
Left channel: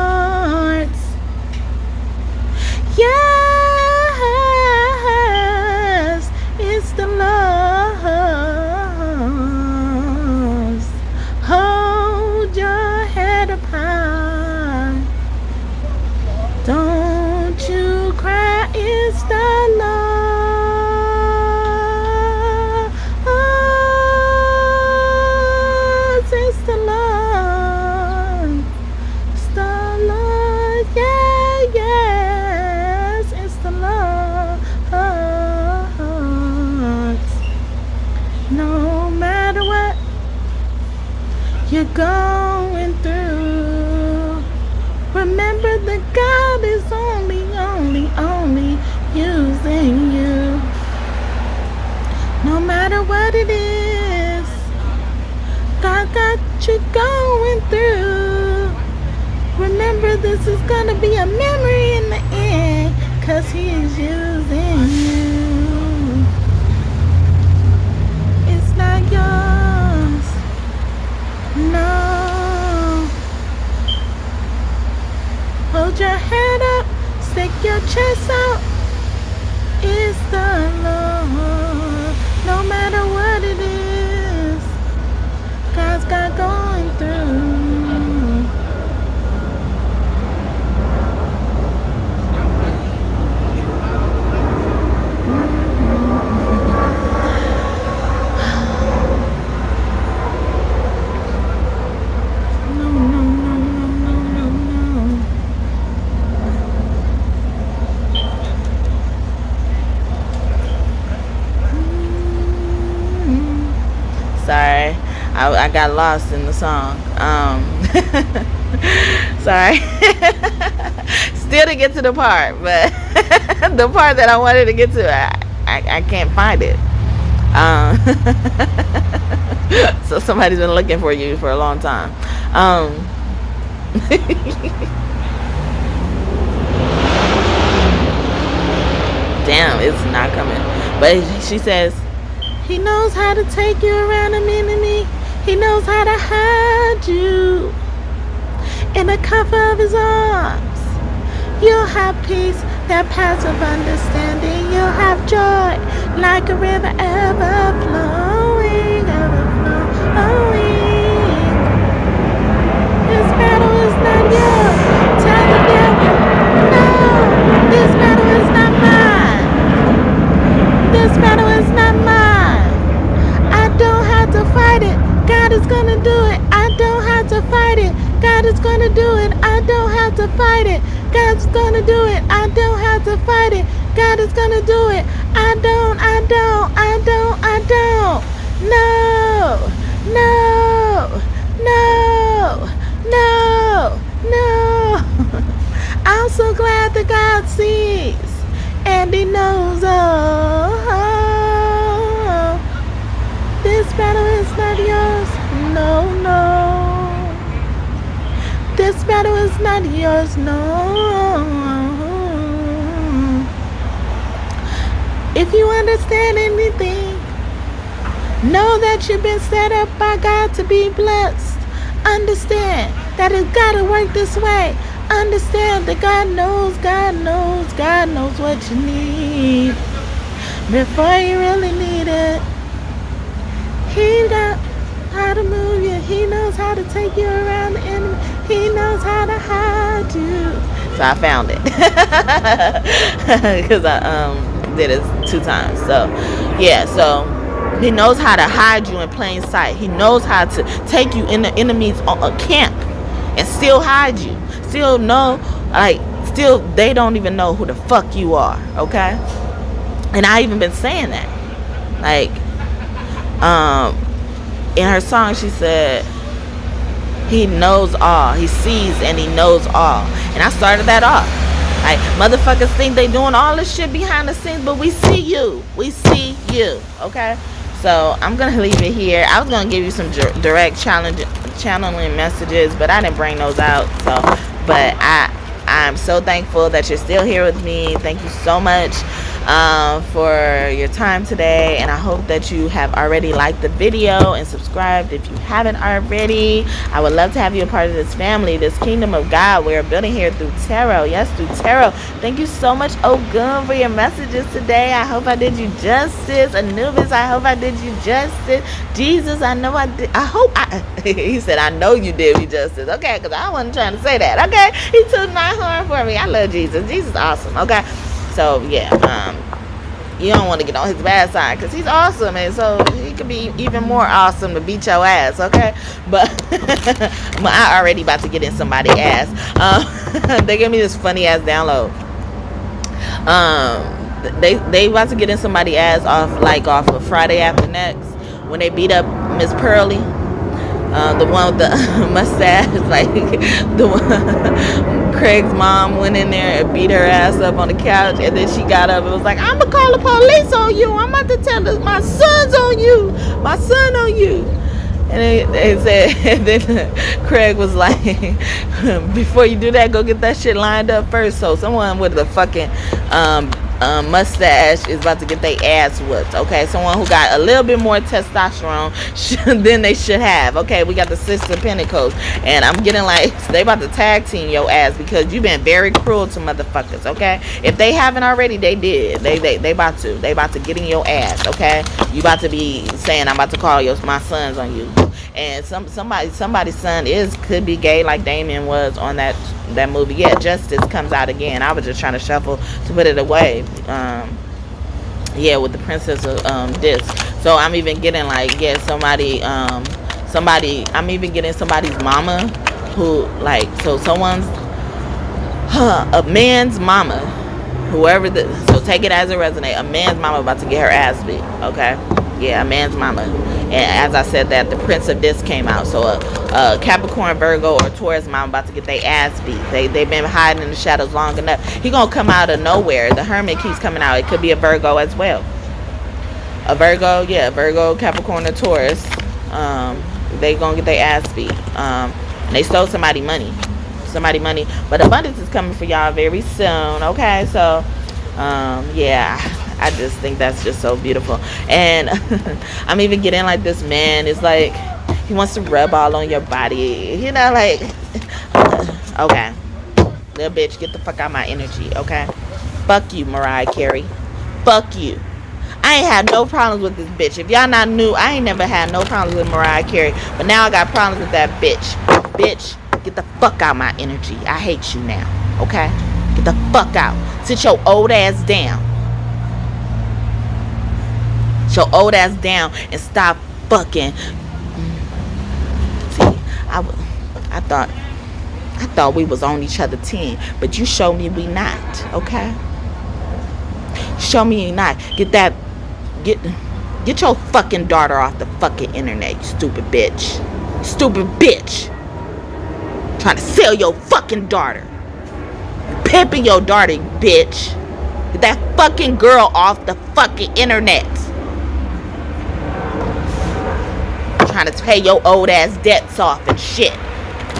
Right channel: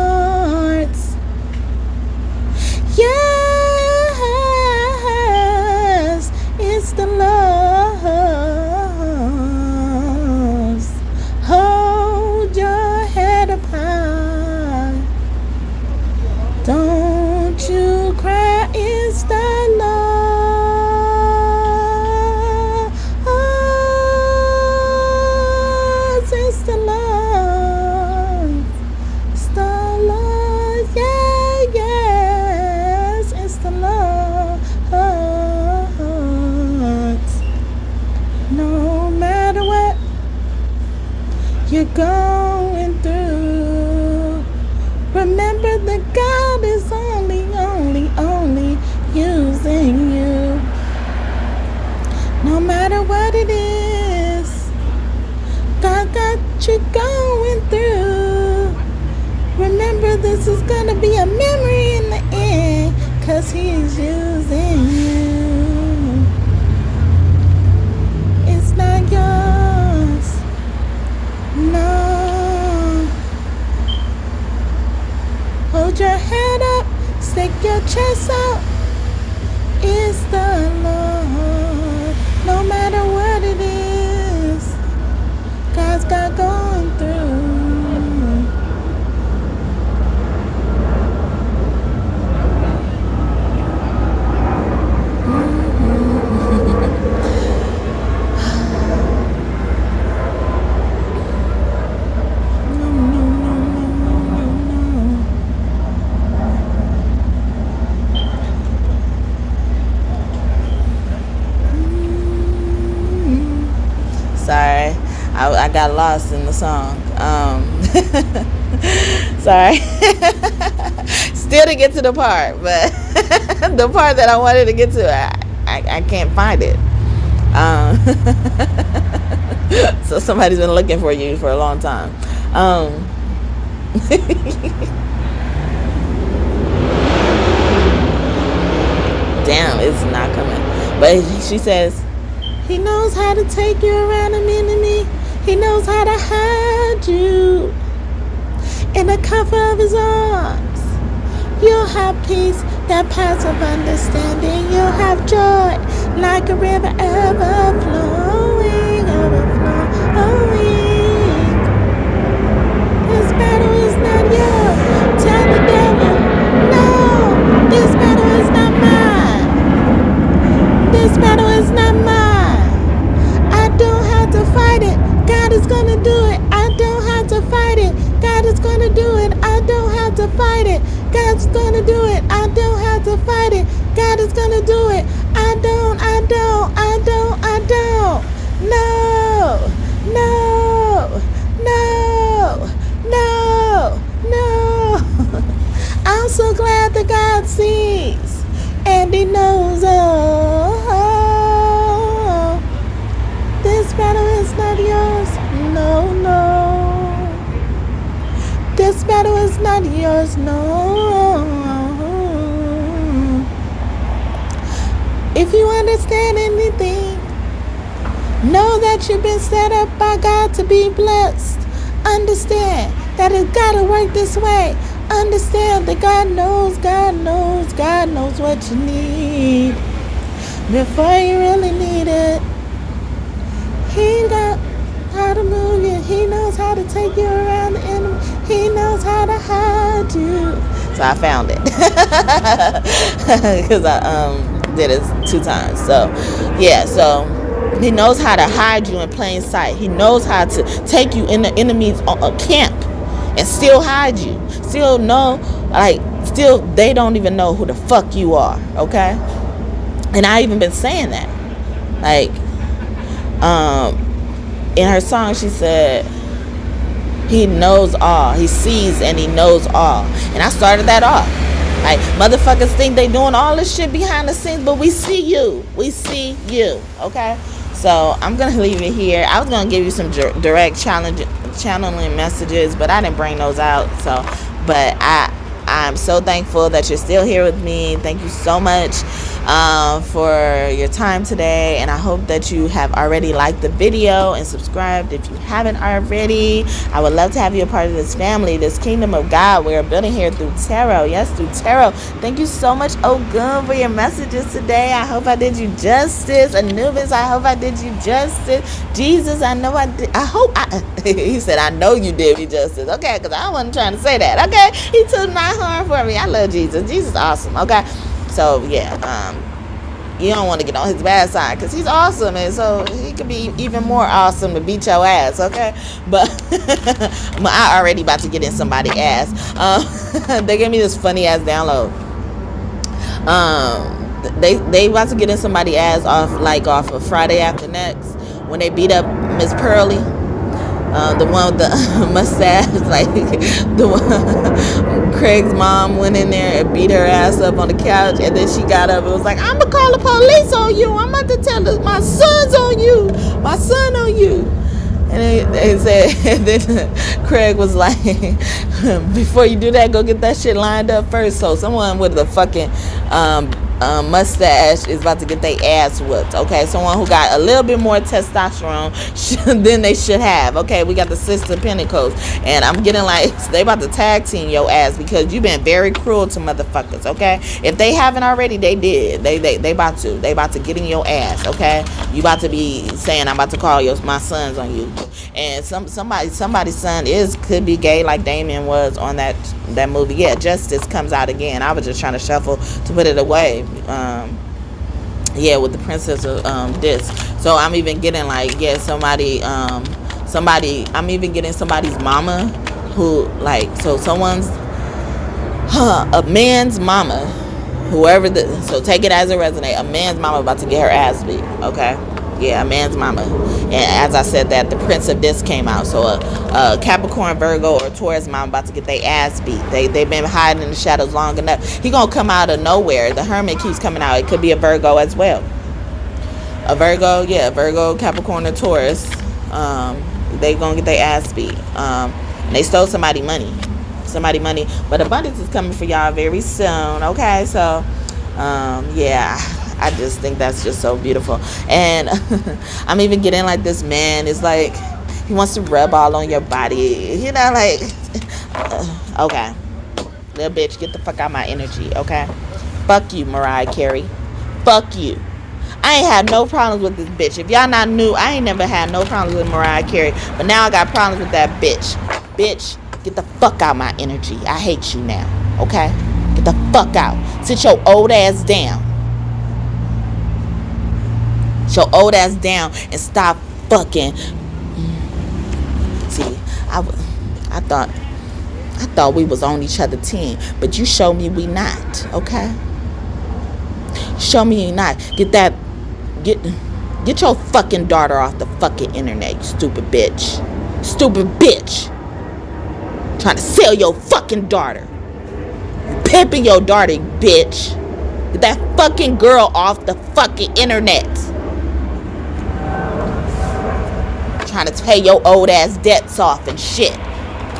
Yes, it's the Lord's. Hold your head up high. Don't you cry, it's the Lord's. It's the Lord. It's the Lord. Yeah, yes, it's the Lord. No matter what you're going through, remember that God is only using you. No matter what it is, God got you going through. Remember, this is gonna be a memory in the end, 'cause He's using you. It's not yours. No. Hold your head up, stick your chest out. It's the Lord. No matter what it is, God's got going through. Sorry, I got lost in the song. Sorry. Still to get to the part, but the part that I wanted to get to, I can't find it. So somebody's been looking for you for a long time. Damn, it's not coming. But she says, He knows how to take you around a mini-me. He knows how to hide you in the cover of His arms. You'll have peace that passes understanding. You'll have joy like a river ever flowing, ever flowing. This battle is not yours. Tell the devil, no, this battle is not mine. This battle is not mine. I don't have to fight it. God is gonna do it. I don't have to fight it. God is gonna do it. I don't have to fight it. God's gonna do it. I don't have to fight it. God is gonna do it. I don't. No, no, no, no, no. I'm so glad that God sees and He knows. Oh, this battle is not yours. No, no. This battle is not yours. No. If you understand anything, know that you've been set up by God to be blessed. Understand that it's got to work this way. Understand that God knows what you need before you really need it. He knows how to move you. He knows how to take you around the enemy. He knows how to hide you. So I found it because I did it 2 times. So yeah, so He knows how to hide you in plain sight. He knows how to take you in the enemy's camp and still hide you. Still they don't even know who the fuck you are, okay? And I even been saying that. Like, in her song, she said, he knows all. He sees and he knows all. And I started that off. Like, motherfuckers think they doing all this shit behind the scenes, but we see you. We see you, okay? So I'm going to leave it here. I was going to give you some direct channeling messages, but I didn't bring those out. So, but I'm so thankful that you're still here with me. Thank you so much for your time today, and I hope that you have already liked the video and subscribed if you haven't already. I would love to have you a part of this family, this kingdom of God we're building here through tarot. Yes, through tarot. Thank you so much, Ogun, for your messages today. I hope I did you justice. Anubis, I hope I did you justice. Jesus, I know I did. He said, I know you did me justice. Okay, because I wasn't trying to say that. Okay, he took my horn for me. I love Jesus. Jesus is awesome. Okay. So, yeah, you don't want to get on his bad side because he's awesome, and so he could be even more awesome to beat your ass, okay? But I already about to get in somebody's ass. They gave me this funny-ass download. They about to get in somebody's ass off of Friday After Next when they beat up Miss Pearly. The one with the mustache, like the one, Craig's mom went in there and beat her ass up on the couch, and then she got up and was like, I'm gonna call the police on you. I'm about to tell my son's on you. My son on you. And they said, and then Craig was like, before you do that, go get that shit lined up first. So someone with a fucking mustache is about to get their ass whooped, okay? Someone who got a little bit more testosterone than they should have, okay? We got the Sister Pentacles, and I'm getting like, they about to tag team your ass because you've been very cruel to motherfuckers, okay? If they haven't already, they did. They about to get in your ass, okay? You about to be saying, I'm about to call my sons on you. And somebody's son could be gay like Damien was on that movie. Yeah, Justice comes out again. I was just trying to shuffle to put it away. Yeah, with the Princess of Disc. So I'm even getting like, yeah, I'm even getting somebody's mama who, like, so someone's a man's mama, so take it as it resonates. A man's mama about to get her ass beat, okay? Yeah, a man's mama. And as I said that, the Prince of Disc came out. So a Capricorn, Virgo, or Taurus mama about to get their ass beat. They've been hiding in the shadows long enough. He gonna come out of nowhere. The Hermit keeps coming out. It could be a Virgo as well. A Virgo, yeah, Virgo, Capricorn, or Taurus. They gonna get their ass beat. And they stole somebody money. But abundance is coming for y'all very soon. Okay, so yeah. I just think that's just so beautiful. And I'm even getting like this man is like, he wants to rub all on your body. You know, like, okay. Little bitch, get the fuck out of my energy, okay? Fuck you, Mariah Carey. Fuck you. I ain't have no problems with this bitch. If y'all not new, I ain't never had no problems with Mariah Carey. But now I got problems with that bitch. Bitch, get the fuck out of my energy. I hate you now, okay? Get the fuck out. Sit your old ass down. Your old ass down and stop fucking. See, I thought we was on each other 10, but you show me we not, okay? Show me you not. Get your fucking daughter off the fucking internet, you stupid bitch. Stupid bitch. Trying to sell your fucking daughter. Pimping your daughter, bitch. Get that fucking girl off the fucking internet. Trying to pay your old ass debts off and shit.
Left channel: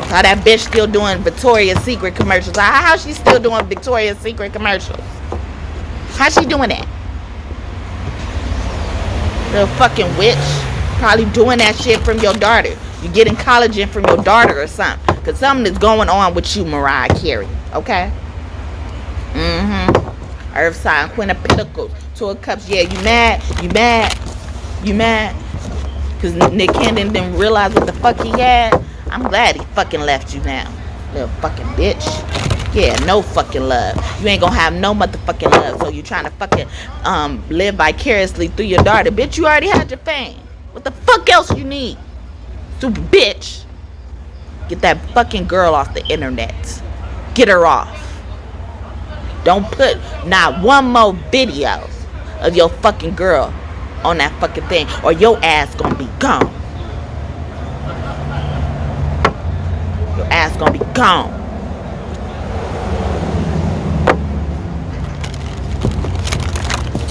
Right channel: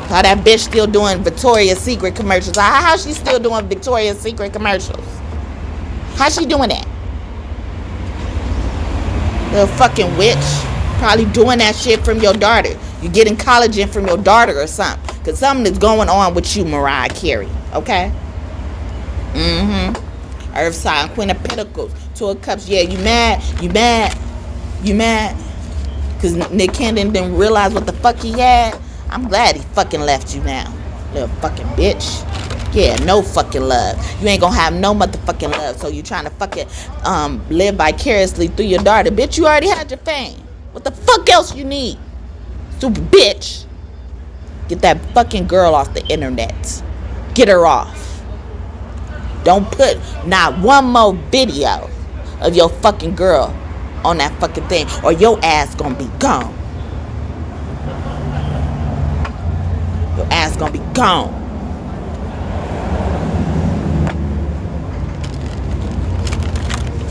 How that bitch still doing Victoria's Secret commercials? How she still doing Victoria's Secret commercials? How she doing that? Little fucking witch. Probably doing that shit from your daughter. You getting collagen from your daughter or something. Because something is going on with you, Mariah Carey. Okay? Earth sign, Queen of Pentacles, Two of Cups. Yeah, you mad? Because Nick Cannon didn't realize what the fuck he had. I'm glad he fucking left you now. Little fucking bitch. Yeah, no fucking love. You ain't gonna have no motherfucking love. So you trying to fucking live vicariously through your daughter. Bitch, you already had your fame. What the fuck else you need? Stupid bitch. Get that fucking girl off the internet. Get her off. Don't put not one more video of your fucking girl on that fucking thing, or your ass gonna be gone. Your ass gonna be gone.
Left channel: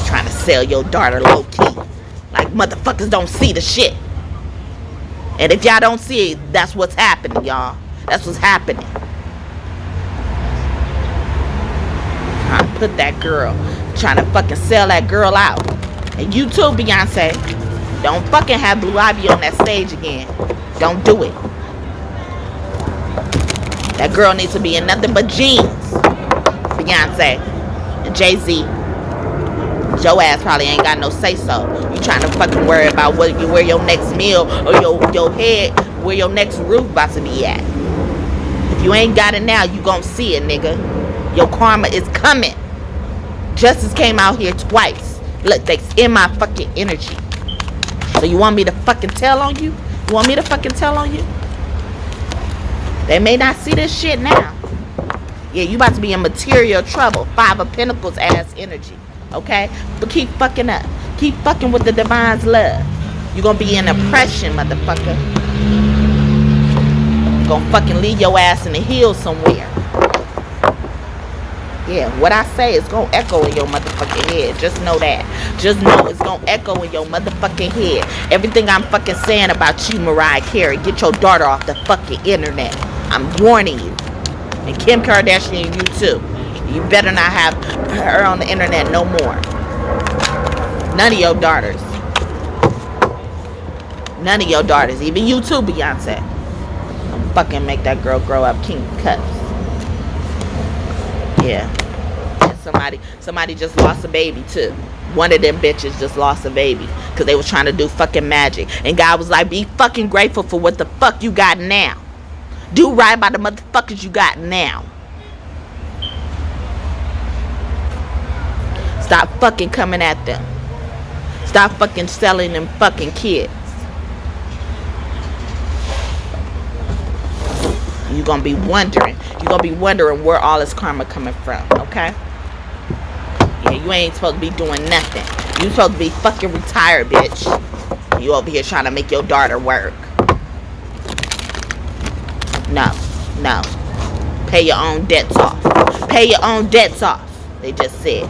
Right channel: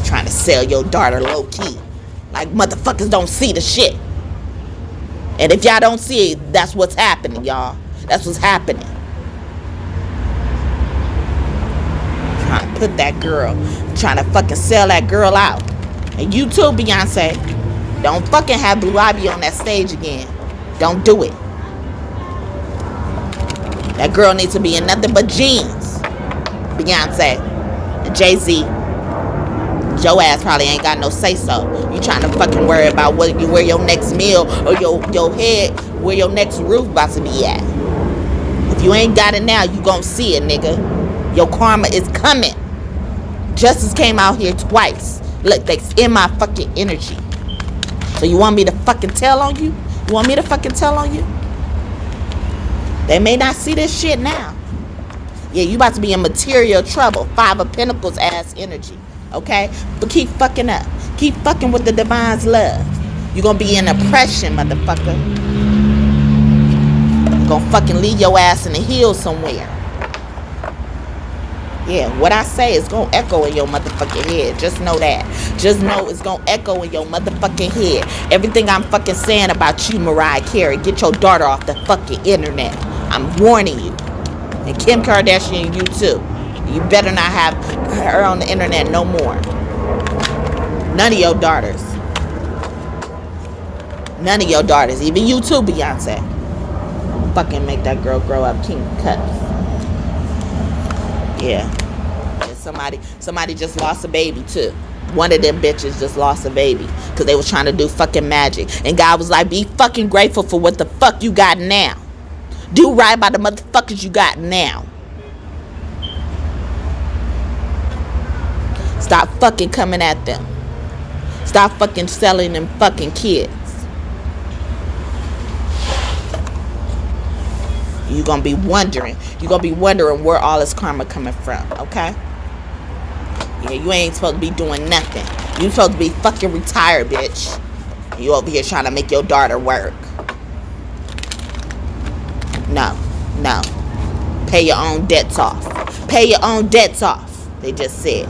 Trying to sell your daughter low key. Like motherfuckers don't see the shit. And if y'all don't see it, that's what's happening, y'all. That's what's happening. Trying to put that girl, trying to fucking sell that girl out. And you too, Beyonce. Don't fucking have Blue Ivy on that stage again. Don't do it. That girl needs to be in nothing but jeans. Beyonce and Jay Z. Your ass probably ain't got no say so. You trying to fucking worry about where your next meal or your head, where your next roof about to be at. If you ain't got it now, you gonna see it, nigga. Your karma is coming. Justice came out here twice. Look, they in my fucking energy. So you want me to fucking tell on you? You want me to fucking tell on you? They may not see this shit now. Yeah, you about to be in material trouble. 5 of Pentacles ass energy. Okay? But keep fucking up. Keep fucking with the divine's love. You're gonna be in oppression, motherfucker. You're gonna fucking leave your ass in the hills somewhere. Yeah, what I say is gonna echo in your motherfucking head. Just know that. Just know it's gonna echo in your motherfucking head. Everything I'm fucking saying about you, Mariah Carey, get your daughter off the fucking internet. I'm warning you. And Kim Kardashian, you too. You better not have her on the internet no more. None of your daughters. None of your daughters. Even you too, Beyonce. Don't fucking make that girl grow up king cuts. Yeah. And somebody just lost a baby too. One of them bitches just lost a baby because they was trying to do fucking magic. And God was like, be fucking grateful for what the fuck you got now. Do right by the motherfuckers you got now. Stop fucking coming at them. Stop fucking selling them fucking kids. You're gonna be wondering. You're gonna be wondering where all this karma coming from, okay? Yeah, you ain't supposed to be doing nothing. You supposed to be fucking retired, bitch. You over here trying to make your daughter work. No. Pay your own debts off. Pay your own debts off. They just said.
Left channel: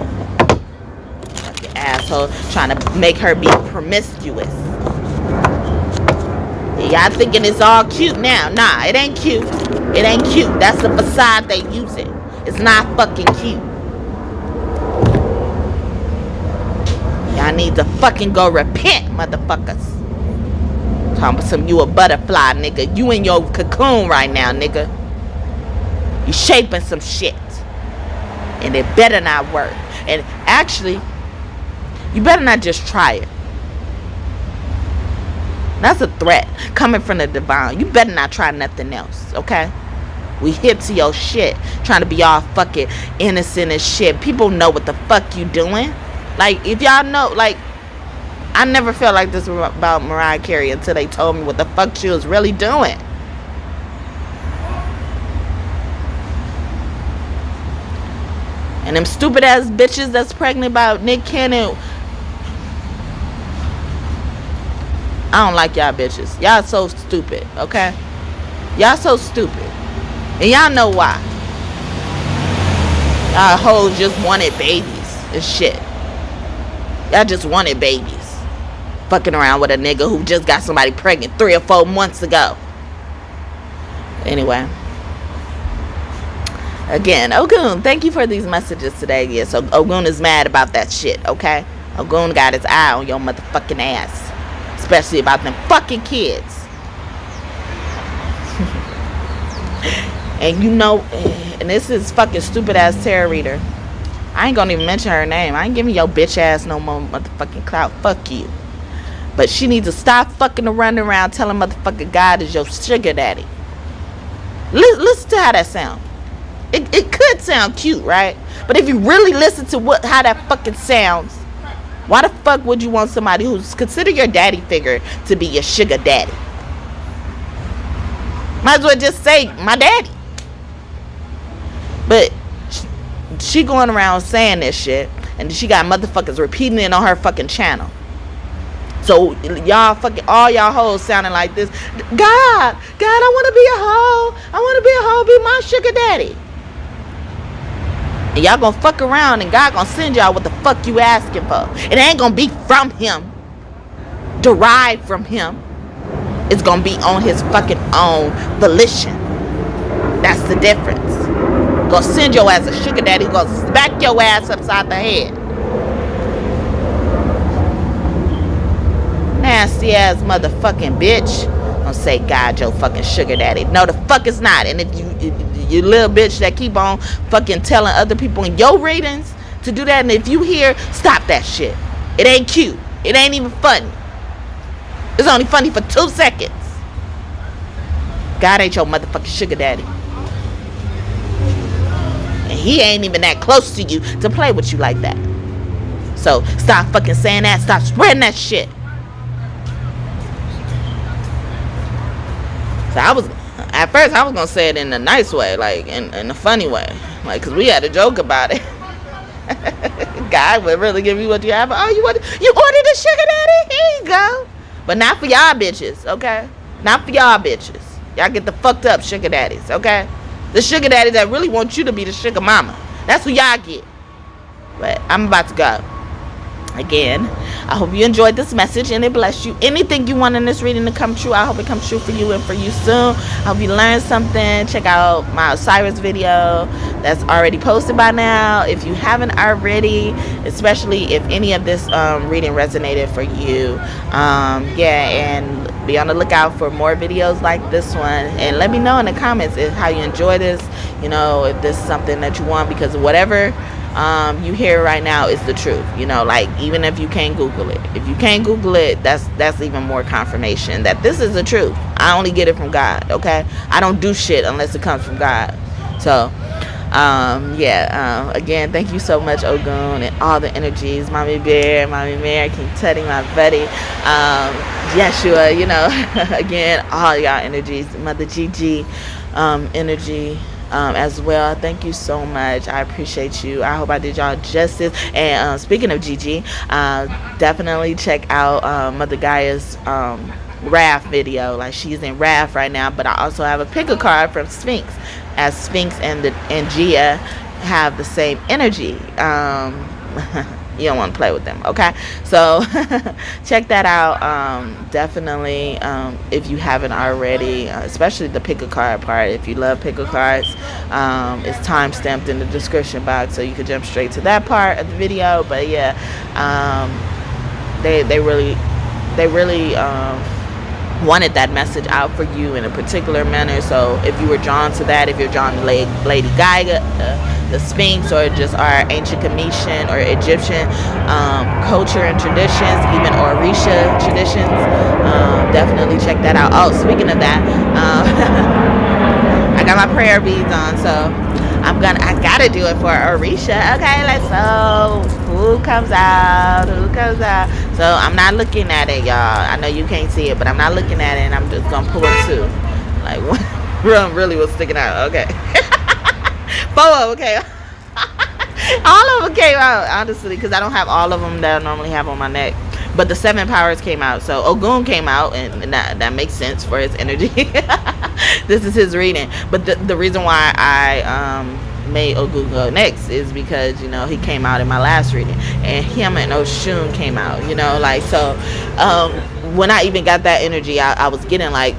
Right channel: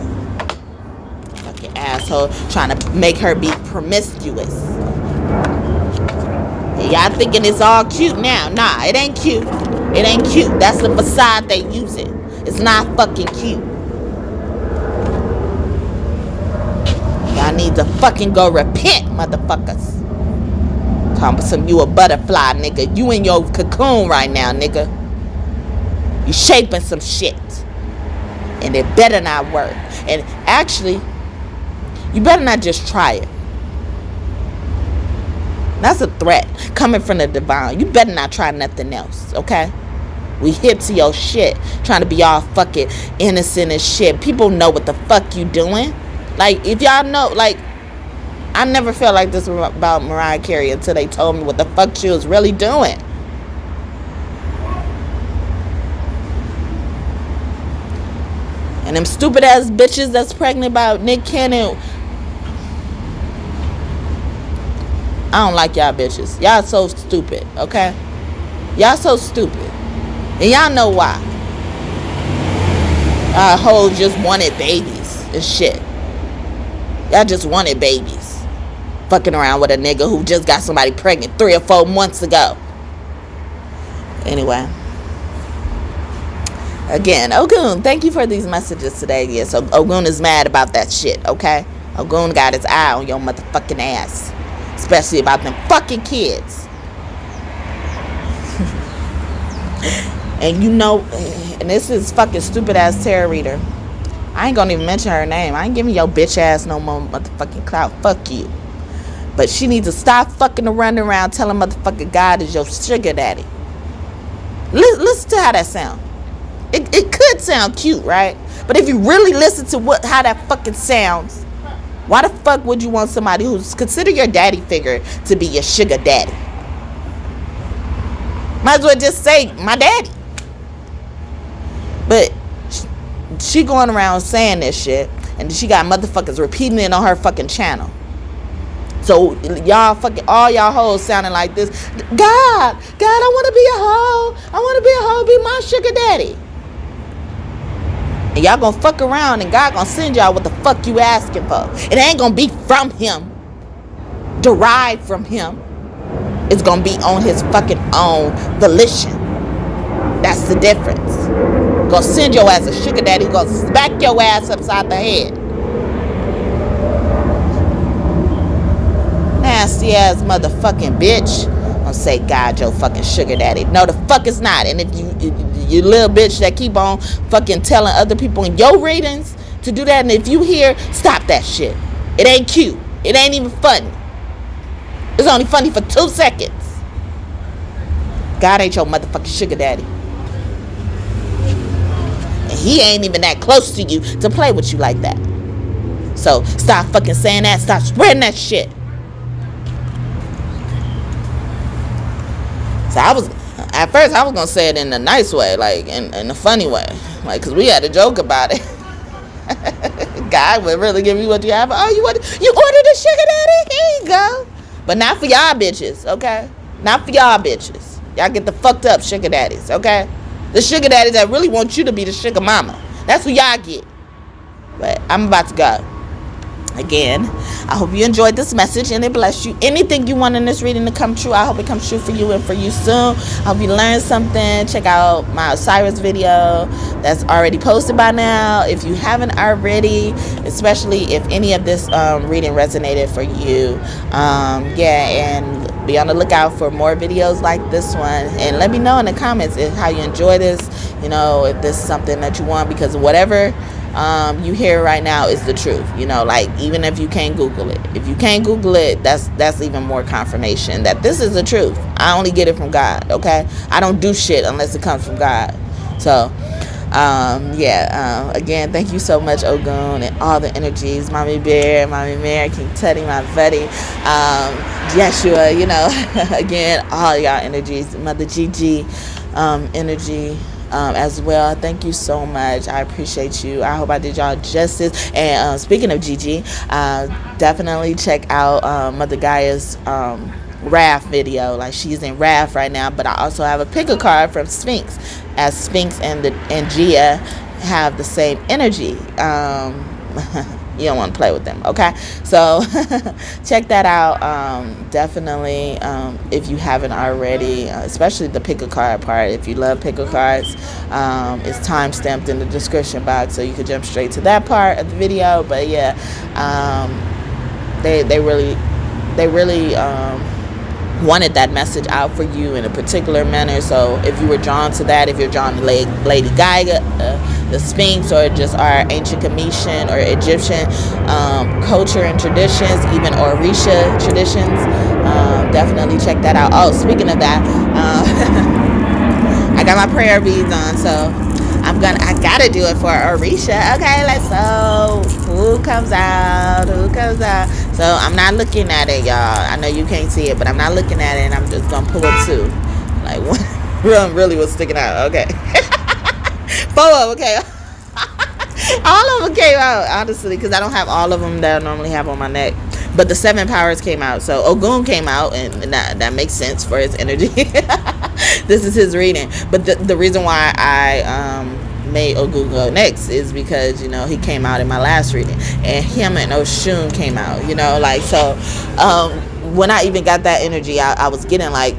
Fucking asshole trying to make her be promiscuous. Y'all thinking it's all cute now. Nah, it ain't cute. It ain't cute. That's the facade they using. It's not fucking cute. Y'all need to fucking go repent, motherfuckers. Talking about some you a butterfly, nigga. You in your cocoon right now, nigga. You shaping some shit. And it better not work. And actually, you better not just try it. That's a threat coming from the divine. You better not try nothing else, okay? We hip to your shit, trying to be all fucking innocent and shit. People know what the fuck you doing. Like, if y'all know, like, I never felt like this about Mariah Carey until they told me what the fuck she was really doing. And them stupid ass bitches that's pregnant by Nick Cannon. I don't like y'all bitches. Y'all so stupid, okay? Y'all so stupid. And y'all know why. Y'all hoes just wanted babies and shit. Y'all just wanted babies. Fucking around with a nigga who just got somebody pregnant 3 or 4 months ago. Anyway. Again, Ogun, thank you for these messages today. Yeah, so Ogun is mad about that shit, okay? Ogun got his eye on your motherfucking ass. Especially about them fucking kids. And you know, and this is fucking stupid ass tarot reader. I ain't gonna even mention her name. I ain't giving your bitch ass no more motherfucking clout. Fuck you. But she needs to stop fucking running around telling motherfucking God is your sugar daddy. Listen to how that sound. It could sound cute, right? But if you really listen to how that fucking sounds, why the fuck would you want somebody who's considered your daddy figure to be your sugar daddy? Might as well just say my daddy. But she going around saying this shit, and she got motherfuckers repeating it on her fucking channel. So y'all fucking, all y'all hoes sounding like this. God, I want to be a hoe. I want to be a hoe, be my sugar daddy. And y'all gonna fuck around, and God gonna send y'all what the fuck you asking for. It ain't gonna be from him, derived from him. It's gonna be on his fucking own volition. That's the difference. Gonna send your ass a sugar daddy, gonna smack your ass upside the head. Nasty ass motherfucking bitch. Gonna say God your fucking sugar daddy. No, the fuck it's not. And if you little bitch that keep on fucking telling other people in your readings to do that, and if you hear, stop that shit. It ain't cute. It ain't even funny. It's only funny for 2 seconds. God ain't your motherfucking sugar daddy. And he ain't even that close to you to play with you like that. So stop fucking saying that. Stop spreading that shit. So at first I was gonna say it in a nice way, like in a funny way, like, cause we had a joke about it. God would really give you what you have. Oh, you ordered a sugar daddy? Here you go. But not for y'all bitches, okay? Not for y'all bitches. Y'all get the fucked up sugar daddies, okay? The sugar daddies that really want you to be the sugar mama. That's what y'all get. But I'm about to go. Again, I hope you enjoyed this message and it blessed you. Anything you want in this reading to come true, I hope it comes true for you and for you soon. I hope you learned something. Check out my Osiris video that's already posted by now. If you haven't already, especially if any of this reading resonated for you, and be on the lookout for more videos like this one. And let me know in the comments how you enjoy this. You know, if this is something that you want, because whatever you hear right now is the truth. You know, like, even if you can't Google it, if you can't Google it, that's even more confirmation that this is the truth. I only get it from God. Okay, I don't do shit unless it comes from God. So again, thank you so much, Ogun, and all the energies, Mommy Bear, Mommy Mary, King Teddy, my buddy, Yeshua, you know, again, all y'all energies, Mother GiGi energy as well. Thank you so much. I appreciate you. I hope I did y'all justice. And speaking of GiGi, definitely check out Mother Gaia's Wrath video. Like, she's in Wrath right now, but I also have a pick a card from Sphinx, as Sphinx and Gaia have the same energy. You don't want to play with them, okay? So check that out. Definitely, if you haven't already, especially the pick a card part. If you love pick a cards, it's time stamped in the description box, so you can jump straight to that part of the video. But yeah, they really wanted that message out for you in a particular manner. So if you were drawn to that, if you're drawn to Lady Gaia, the Sphinx, or just our ancient Cometian or Egyptian culture and traditions, even Orisha traditions, definitely check that out. Oh, speaking of that, I got my prayer beads on, so I gotta do it for Orisha. Okay, let's go. Who comes out? So I'm not looking at it, y'all. I know you can't see it, but I'm not looking at it, and I'm just gonna pull it too. Like, one really was sticking out. Okay. 4 of them, okay. All of them came out, honestly, because I don't have all of them that I normally have on my neck. But the 7 powers came out. So Ogun came out, and that makes sense for his energy. This is his reading. But the reason why I made Ogun go next is because, you know, he came out in my last reading, and him and Oshun came out, you know, like, so when I even got that energy, I was getting, like,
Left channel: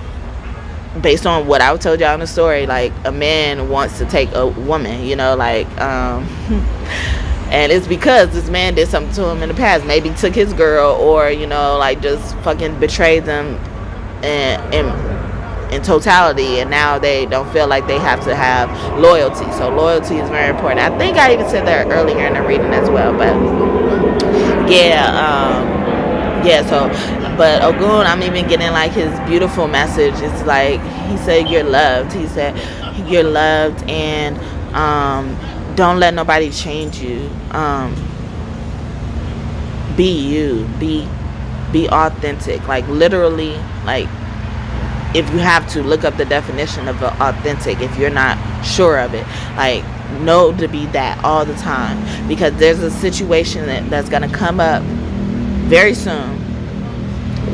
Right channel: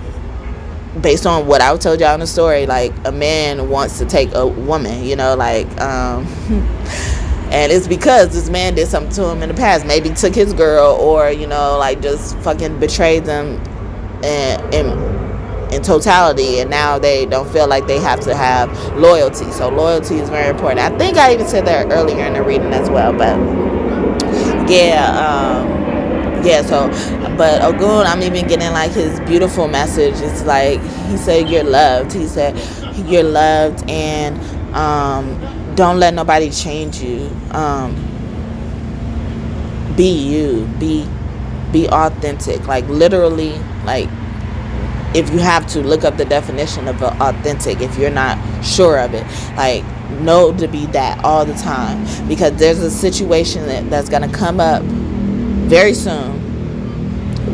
based on what I told y'all in the story, like, a man wants to take a woman, you know, like, and it's because this man did something to him in the past. Maybe took his girl, or, you know, like, just fucking betrayed them in totality, and now they don't feel like they have to have loyalty. So loyalty is very important. I think I even said that earlier in the reading as well. But but Ogun, I'm even getting, like, his beautiful message. It's like, he said, you're loved. He said, you're loved, and Don't let nobody change you. Be you. Be authentic. Like, literally, like, if you have to, look up the definition of authentic if you're not sure of it. Like, know to be that all the time, because there's a situation that's going to come up very soon,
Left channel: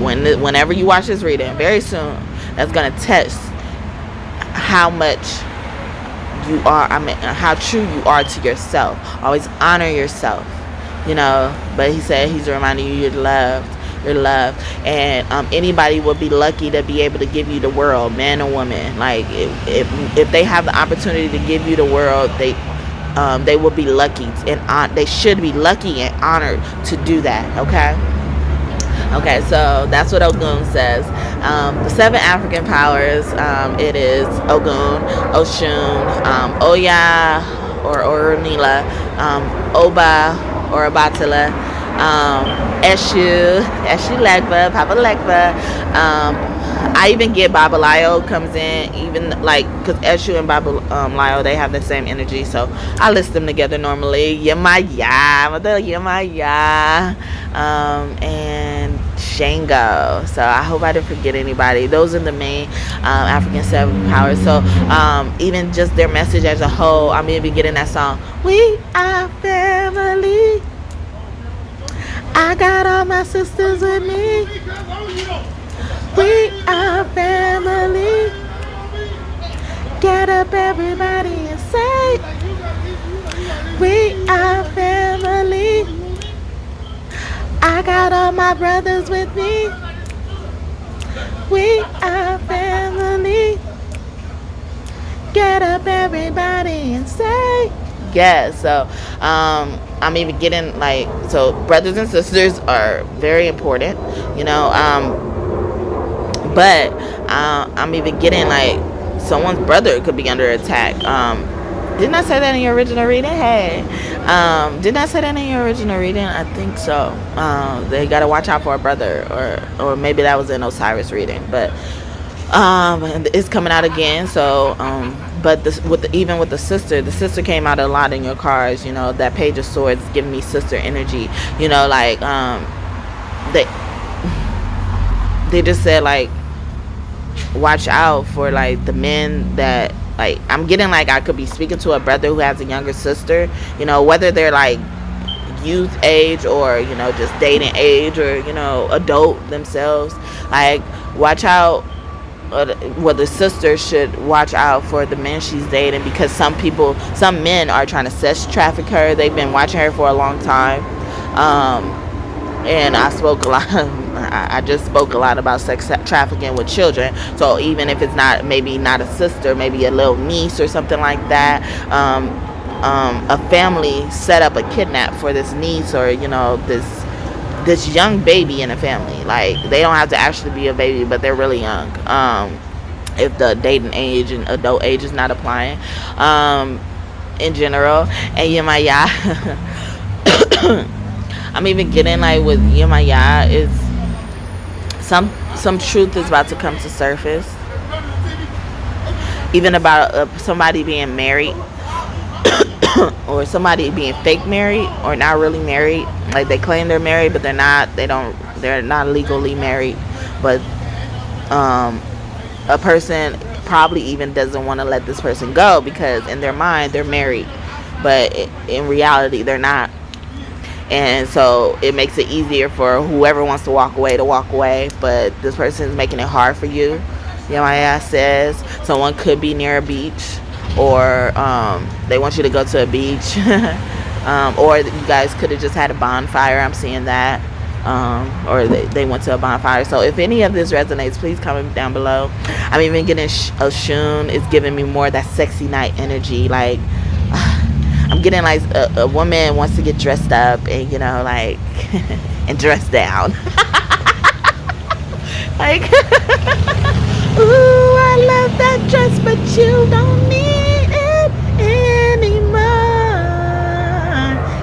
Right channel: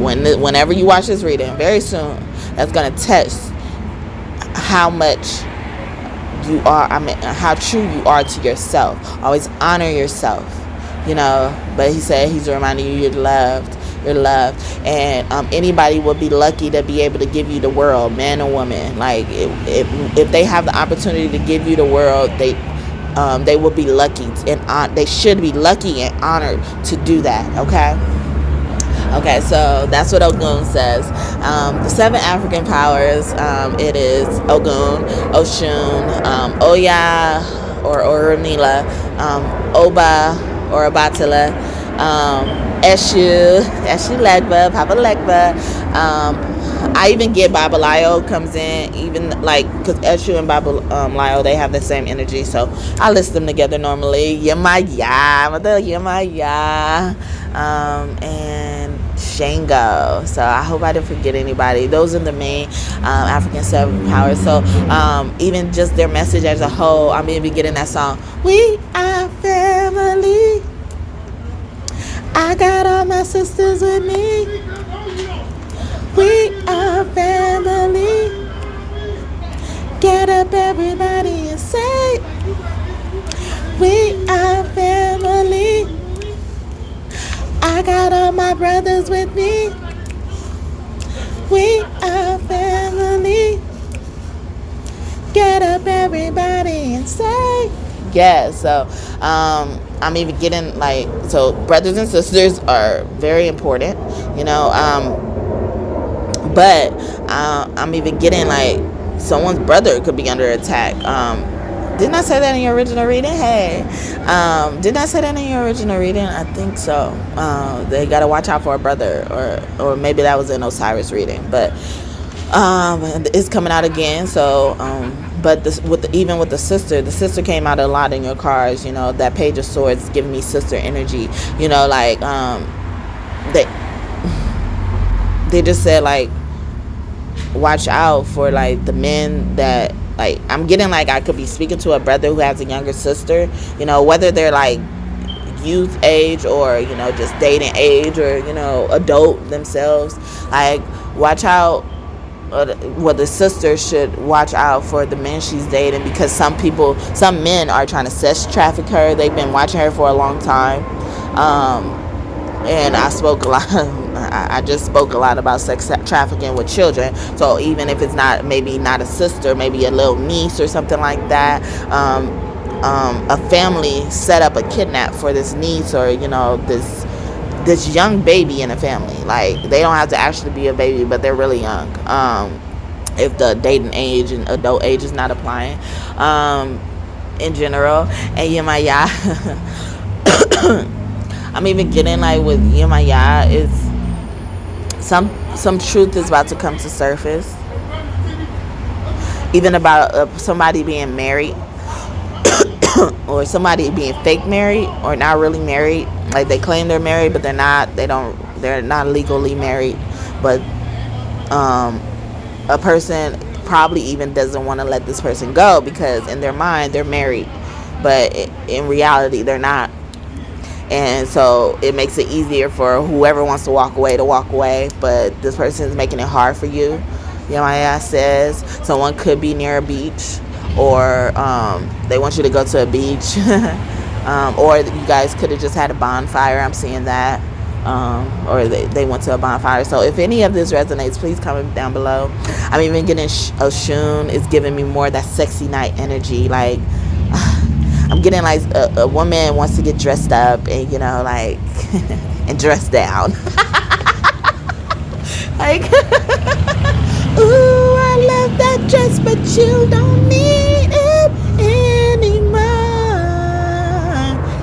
whenever you watch this reading, very soon, that's going to test how much you are, how true you are to yourself. Always honor yourself, but he said he's reminding you you're loved. And anybody would be lucky to be able to give you the world, man or woman. Like, if they have the opportunity to give you the world, they will be lucky, and they should be lucky and honored to do that. Okay, so that's what Ogun says. The 7 African powers, it is Ogun, Oshun, Oya or Orumila, Oba or Abatila, Eshu Legba, Papa Legba. I even get Babalayo comes in, even like, because Eshu and Babalayo, they have the same energy, so I list them together normally. Yemaya, and Shango. So I hope I didn't forget anybody. Those are the main African 7 powers. So even just their message as a whole, I'm even getting that song, we are family. I got all my sisters with me. We are family. Get up, everybody, and say, we are family. I got all my brothers with me. We are family. Get up, everybody, and say, yeah. So I'm even getting, like, so brothers and sisters are very important, but I'm even getting, like, someone's brother could be under attack. Didn't I say that in your original reading? Hey, didn't I say that in your original reading? I think so. They gotta watch out for a brother, or maybe that was in Osiris reading, but it's coming out again. So but even with the sister came out a lot in your cards. That Page of Swords is giving me sister energy. Like, they just said, like, watch out for, like, the men that, like, I'm getting, like, I could be speaking to a brother who has a younger sister, whether they're, like, youth age or, just dating age, or, adult themselves. Like, watch out. The sister should watch out for the men she's dating, because some men are trying to sex traffic her. They've been watching her for a long time. And I just spoke a lot about sex trafficking with children. So even if it's maybe not a sister, maybe a little niece or something like that, a family set up a kidnap for this niece, or this young baby in a family. Like, they don't have to actually be a baby, but they're really young. If the dating age and adult age is not applying, in general. And Yemaya, I'm even getting, like, with Yemaya, is some truth is about to come to surface, even about somebody being married, or somebody being fake married, or not really married. Like, they claim they're married, but they're not. They're not legally married. But a person probably even doesn't want to let this person go, because in their mind they're married, but in reality they're not. And so it makes it easier for whoever wants to walk away, but this person is making it hard for you. Yemaya says someone could be near a beach, or they want you to go to a beach, or you guys could have just had a bonfire. I'm seeing that, or they went to a bonfire. So if any of this resonates, please comment down below. I'm even getting Oshun is giving me more of that sexy night energy. Like, I'm getting, like, a woman wants to get dressed up and, like, and dress down. Like, ooh, I love that dress, but you don't need it anymore.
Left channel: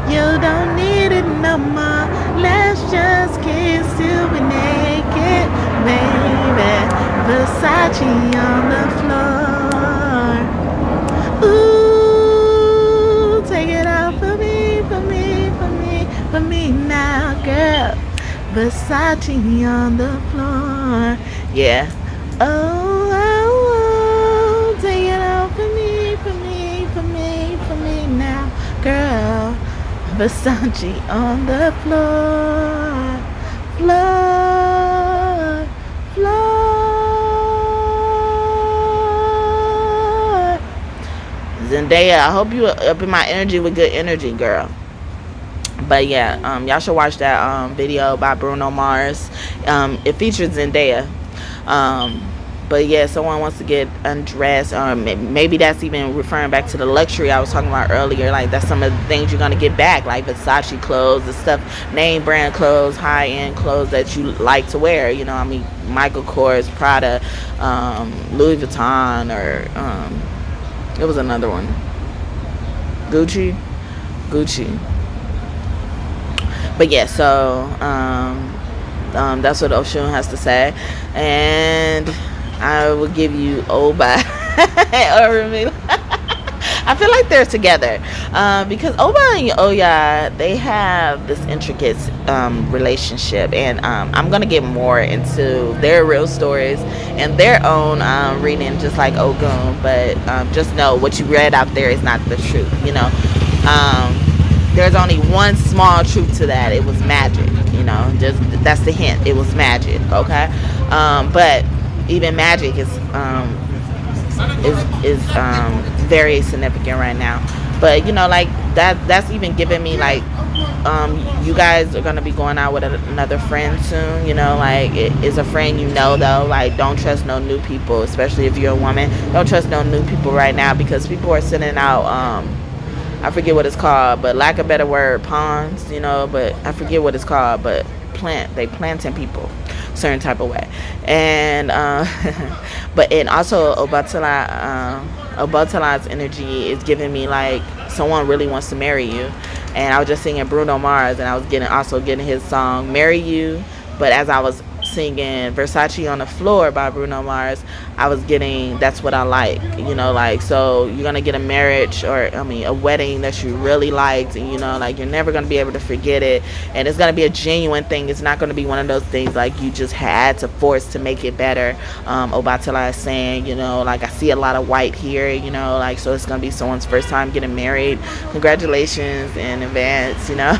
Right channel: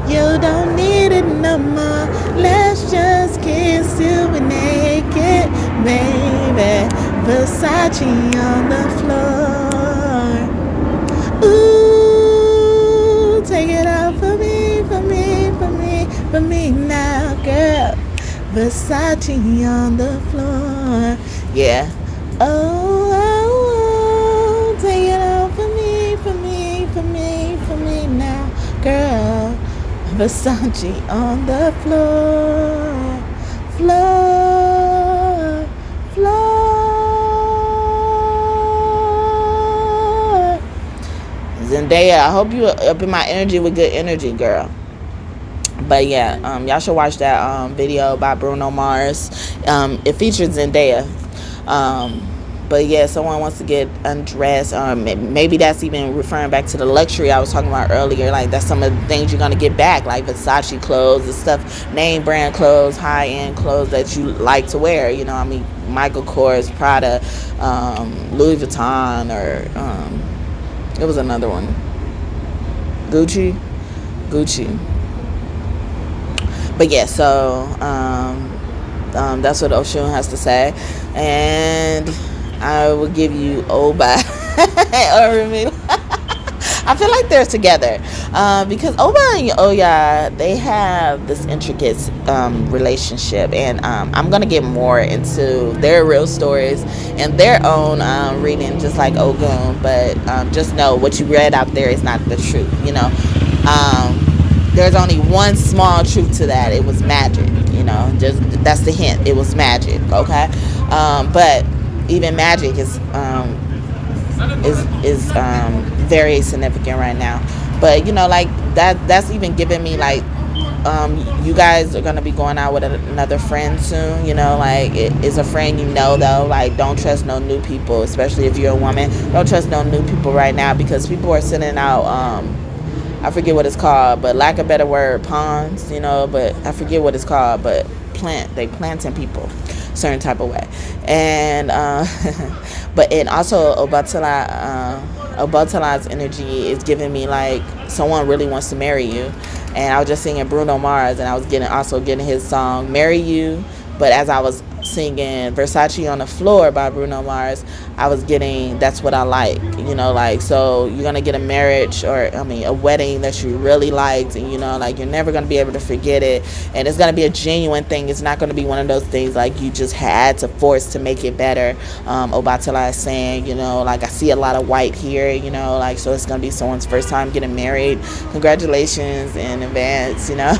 You don't need it no more. Let's just kiss you naked, baby. Versace on the floor. Ooh. Versace on the floor. Yeah. Oh, oh, oh, take it out for me, for me, for me, for me now, girl. Versace on the floor, floor, floor. Zendaya, I hope you up in my energy with good energy, girl. But yeah, y'all should watch that video by Bruno Mars. It features Zendaya. But yeah, someone wants to get undressed. Maybe that's even referring back to the luxury I was talking about earlier. Like, that's some of the things you're gonna get back, like Versace clothes and stuff, name brand clothes, high end clothes that you like to wear. You know, I mean, Michael Kors, Prada, Louis Vuitton, or it was another one, Gucci. But yeah, so that's what Oshun has to say, and I will give you Oba Orumila. I feel like they're together because Oba and Oya, they have this intricate relationship, and I'm gonna get more into their real stories and their own reading, just like Ogun. But just know what you read out there is not the truth. You know. There's only one small truth to that. It was magic, you know. Just that's the hint. It was magic, okay. But even magic is very significant right now. But you know, like that's even giving me like, you guys are gonna be going out with another friend soon. You know, like it is a friend, you know, though. Like, don't trust no new people, especially if you're a woman. Don't trust no new people right now, because people are sending out I forget what it's called, but lack of better word, pawns, you know, but I forget what it's called, but they planting people certain type of way. And but and also Obatala's energy is giving me like someone really wants to marry you. And I was just singing Bruno Mars, and I was getting his song Marry You. But as I was singing Versace on the Floor by Bruno Mars, I was getting That's What I Like, you know, like, so you're going to get a marriage, or a wedding that you really liked, and you know, like, you're never going to be able to forget it, and it's going to be a genuine thing. It's not going to be one of those things like you just had to force to make it better. Obatala is saying, you know, like, I see a lot of white here, you know, like, so it's going to be someone's first time getting married. Congratulations in advance, you know.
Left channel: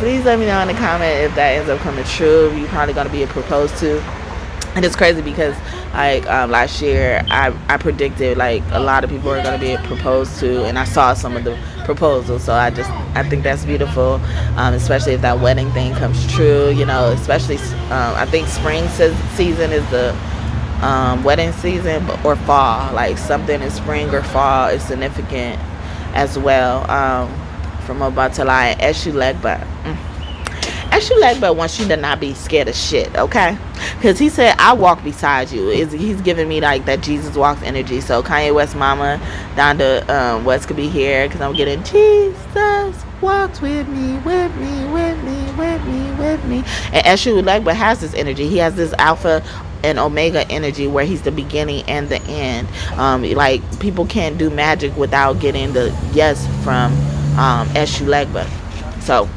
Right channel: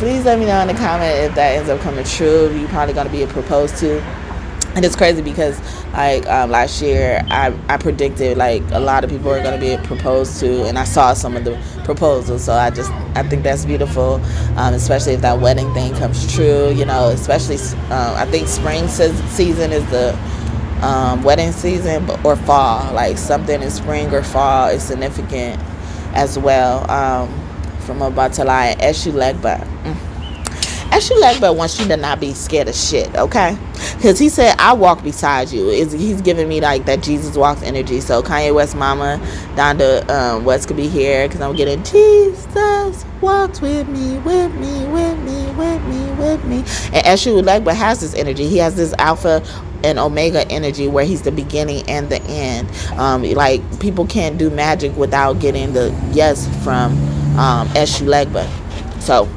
Please let me know in the comment if that ends up coming true. You're probably going to be proposed to. And it's crazy because like last year I predicted like a lot of people are going to be proposed to, and I saw some of the proposals. So I think that's beautiful, especially if that wedding thing comes true, you know, especially I think spring season is the wedding season, or fall, like something in spring or fall is significant as well. From Obatala and Ashè Legba wants you to not be scared of shit, okay? Because he said, I walk beside you. He's giving me like that Jesus walks energy. So Kanye West mama, Donda West could be here, because I'm getting Jesus walks with me, with me, with me, with me, with me. And Ashè Legba has this energy. He has this alpha and omega energy where he's the beginning and the end. Like, people can't do magic without getting the yes from Ashè Legba. So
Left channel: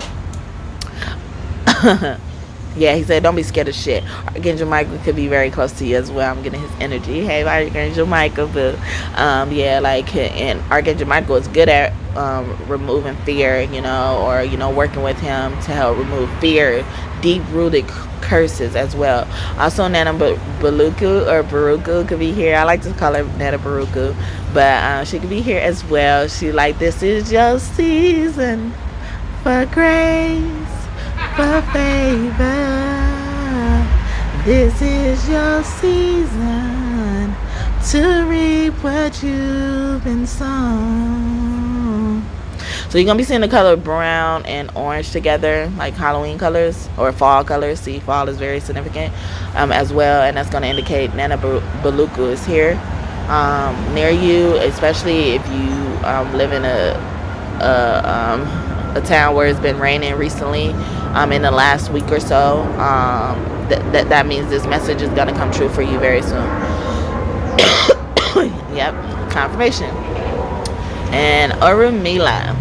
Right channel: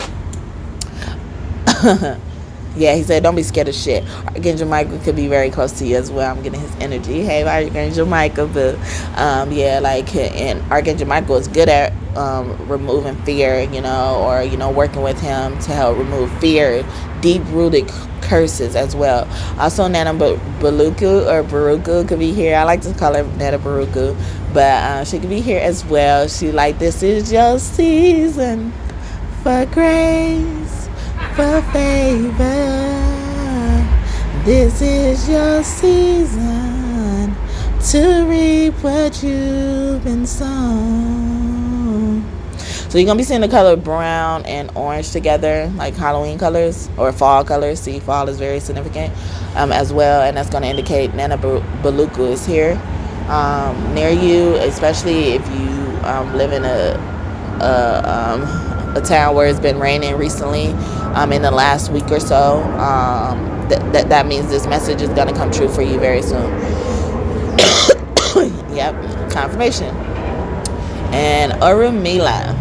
yeah, he said, don't be scared of shit. Archangel Michael could be very close to you as well. I'm getting his energy. Hey, Archangel Michael, boo. Yeah, like, and Archangel Michael is good at removing fear, you know, or, you know, working with him to help remove fear, deep-rooted curses as well. Also, Nana Baruku could be here. I like to call her Nana Baruku, but she could be here as well. She like, this is your season for grace, for favor. This is your season to reap what you've been sown. So you're going to be seeing the color brown and orange together, like Halloween colors or fall colors. See, fall is very significant as well, and that's going to indicate Nana Baluku is here near you, especially if you live in a town where it's been raining recently in the last week or so. That means this message is going to come true for you very soon. Yep, confirmation. And Orumila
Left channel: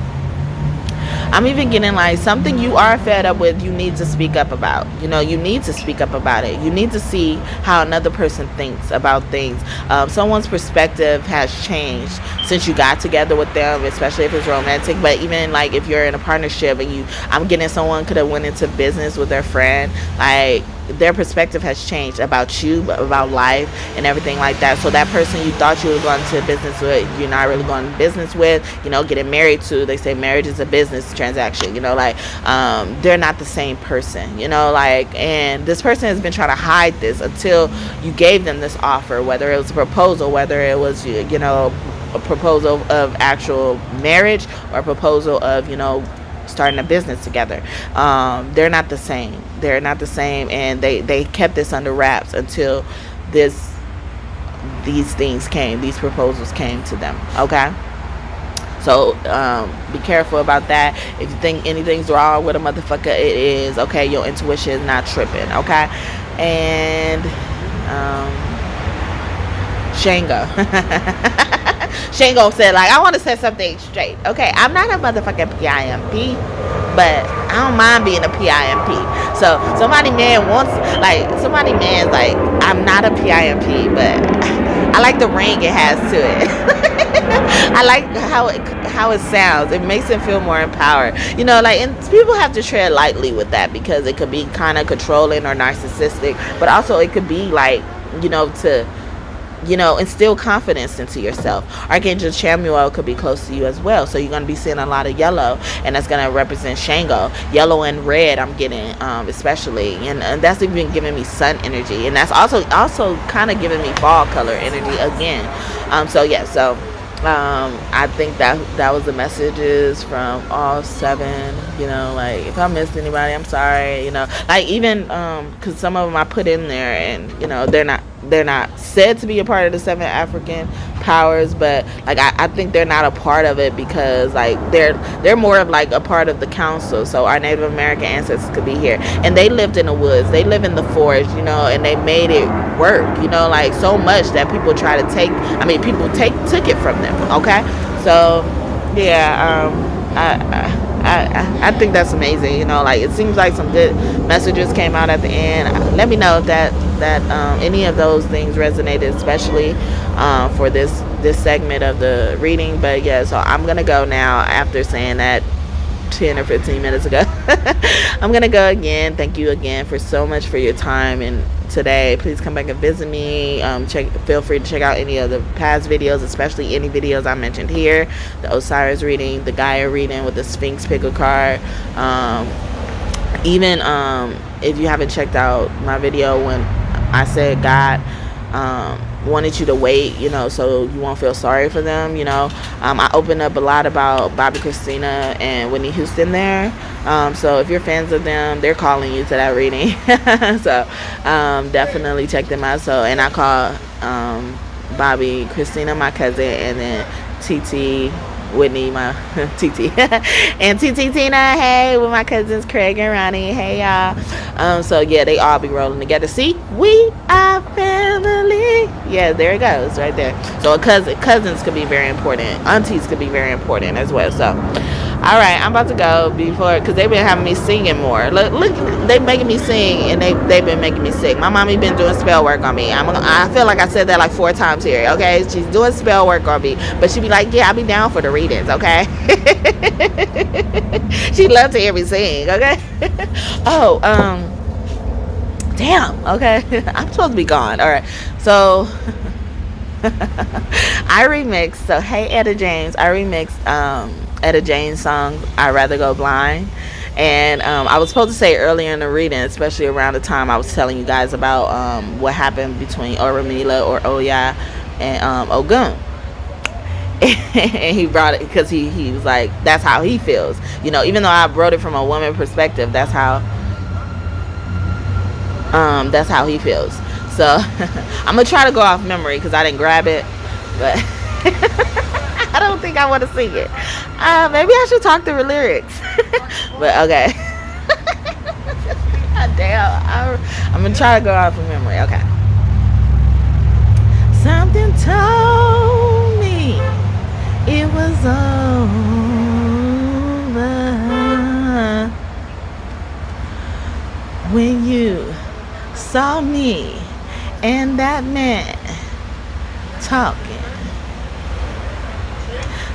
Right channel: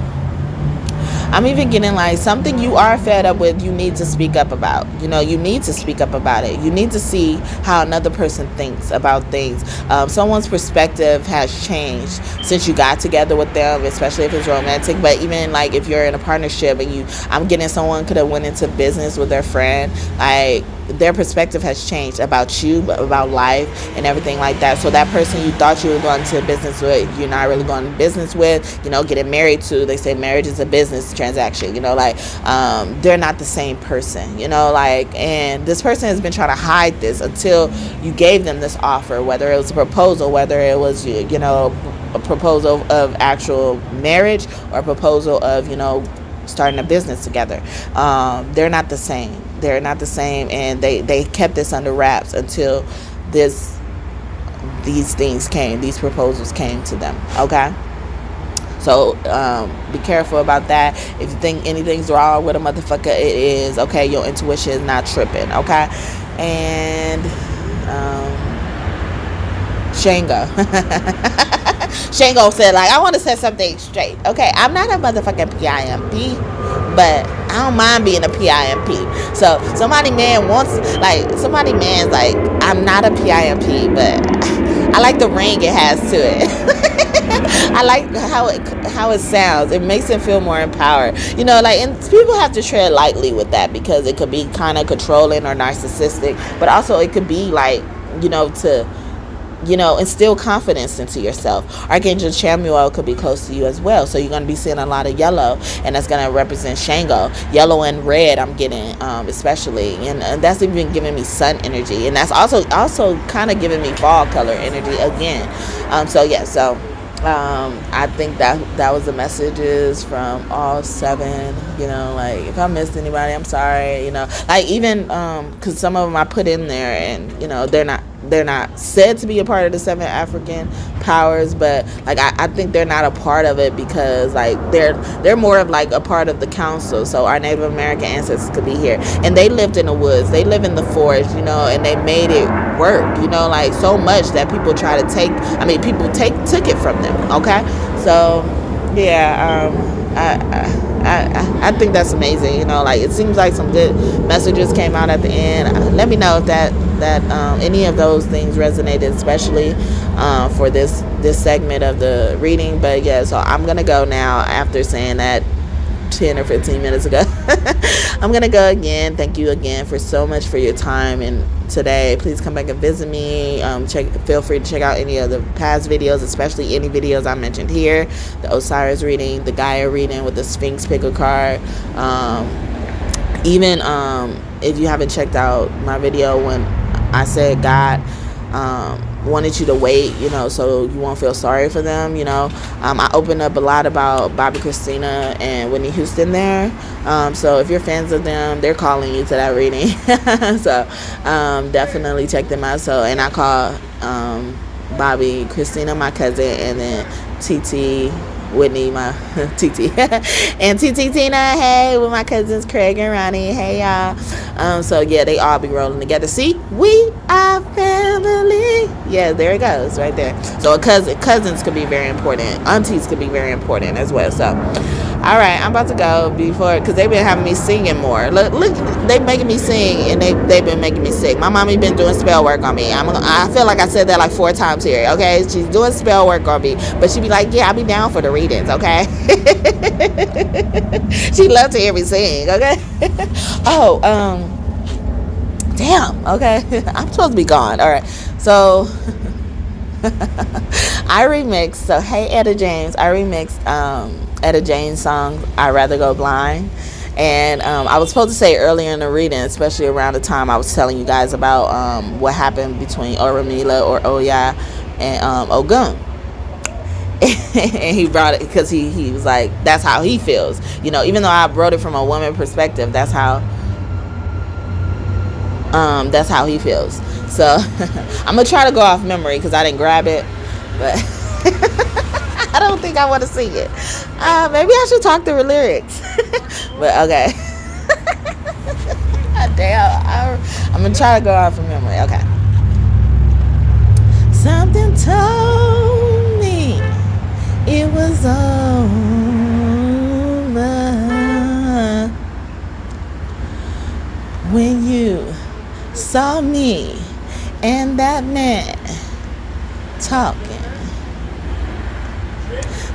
I'm even getting like something you are fed up with, you need to speak up about. You know, you need to speak up about it. You need to see how another person thinks about things. Someone's perspective has changed since you got together with them, especially if it's romantic. But even like if you're in a partnership and I'm getting someone could have went into business with their friend, like their perspective has changed about you, about life and everything like that. So that person you thought you were going to business with, you're not really going to business with, you know, getting married to. They say marriage is a business transaction, you know, like they're not the same person, you know, like, and this person has been trying to hide this until you gave them this offer, whether it was a proposal, whether it was, you know, a proposal of actual marriage or a proposal of, you know, starting a business together. They're not the same. They're not the same, and they kept this under wraps until these things came, these proposals came to them. Okay, so be careful about that. If you think anything's wrong with a motherfucker, it is. Okay, your intuition is not tripping. Okay, and Shango. Shango said, like, I want to set something straight. Okay, I'm not a motherfucking PIMP, but I don't mind being a PIMP. So somebody man's like, I'm not a PIMP, but I like the ring it has to it. I like how it sounds. It makes it feel more empowered. You know, like, and people have to tread lightly with that because it could be kind of controlling or narcissistic, but also it could be like, you know, to, you know, instill confidence into yourself. Archangel Chamuel could be close to you as well. So you're going to be seeing a lot of yellow, and that's going to represent Shango. Yellow and red I'm getting, especially. And that's even giving me sun energy. And that's also kind of giving me fall color energy again. I think that was the messages from all 7. You know, like, if I missed anybody, I'm sorry. You know, like, even because some of them I put in there, and you know, they're not said to be a part of the 7 African powers, but like I think they're not a part of it because like they're more of like a part of the council. So our Native American ancestors could be here, and they lived in the woods, they live in the forest, you know, and they made it work, you know, like so much that people try to took it from them. Okay, so yeah, I think that's amazing. You know, like, it seems like some good messages came out at the end. Let me know if that any of those things resonated, especially for this segment of the reading. But yeah, so I'm gonna go now after saying that 10 or 15 minutes ago. I'm gonna go again. Thank you again for so much for your time and today. Please come back and visit me. Feel free to check out any of the past videos, especially any videos I mentioned here, the Osiris reading, the Gaia reading with the Sphinx pickle card. Even if you haven't checked out my video when I said God wanted you to wait, you know, so you won't feel sorry for them, you know. I opened up a lot about Bobby Christina and Whitney Houston there. So if you're fans of them, they're calling you to that reading. So definitely check them out. So, and I call Bobby Christina my cousin, and then TT Whitney my TT and TT Tina, hey, with my cousins Craig and Ronnie, hey y'all. So yeah, they all be rolling together. See, we are family. Yeah, there it goes right there. So cousins could be very important, aunties could be very important as well. So all right, I'm about to go because they've been having me singing more. Look, they making me sing, and they've been making me sick. My mommy been doing spell work on me. I feel like I said that like 4 times here. Okay, she's doing spell work on me, but she be like, yeah, I'll be down for the readings. Okay, she loves to hear me sing. Okay. Oh, damn. Okay, I'm supposed to be gone. All right, so. I remixed, so hey Etta James, I remixed Etta James' song I'd Rather Go Blind. And I was supposed to say earlier in the reading, especially around the time I was telling you guys about what happened between Orumila or Oya and Ogun. And he brought it because he was like, that's how he feels, you know, even though I wrote it from a woman perspective, that's how he feels. So I'm gonna try to go off memory because I didn't grab it, but I don't think I want to sing it. Maybe I should talk through the lyrics. But okay. Damn, I'm gonna try to go off of memory. Okay. Something told me it was over. saw me and that man talking.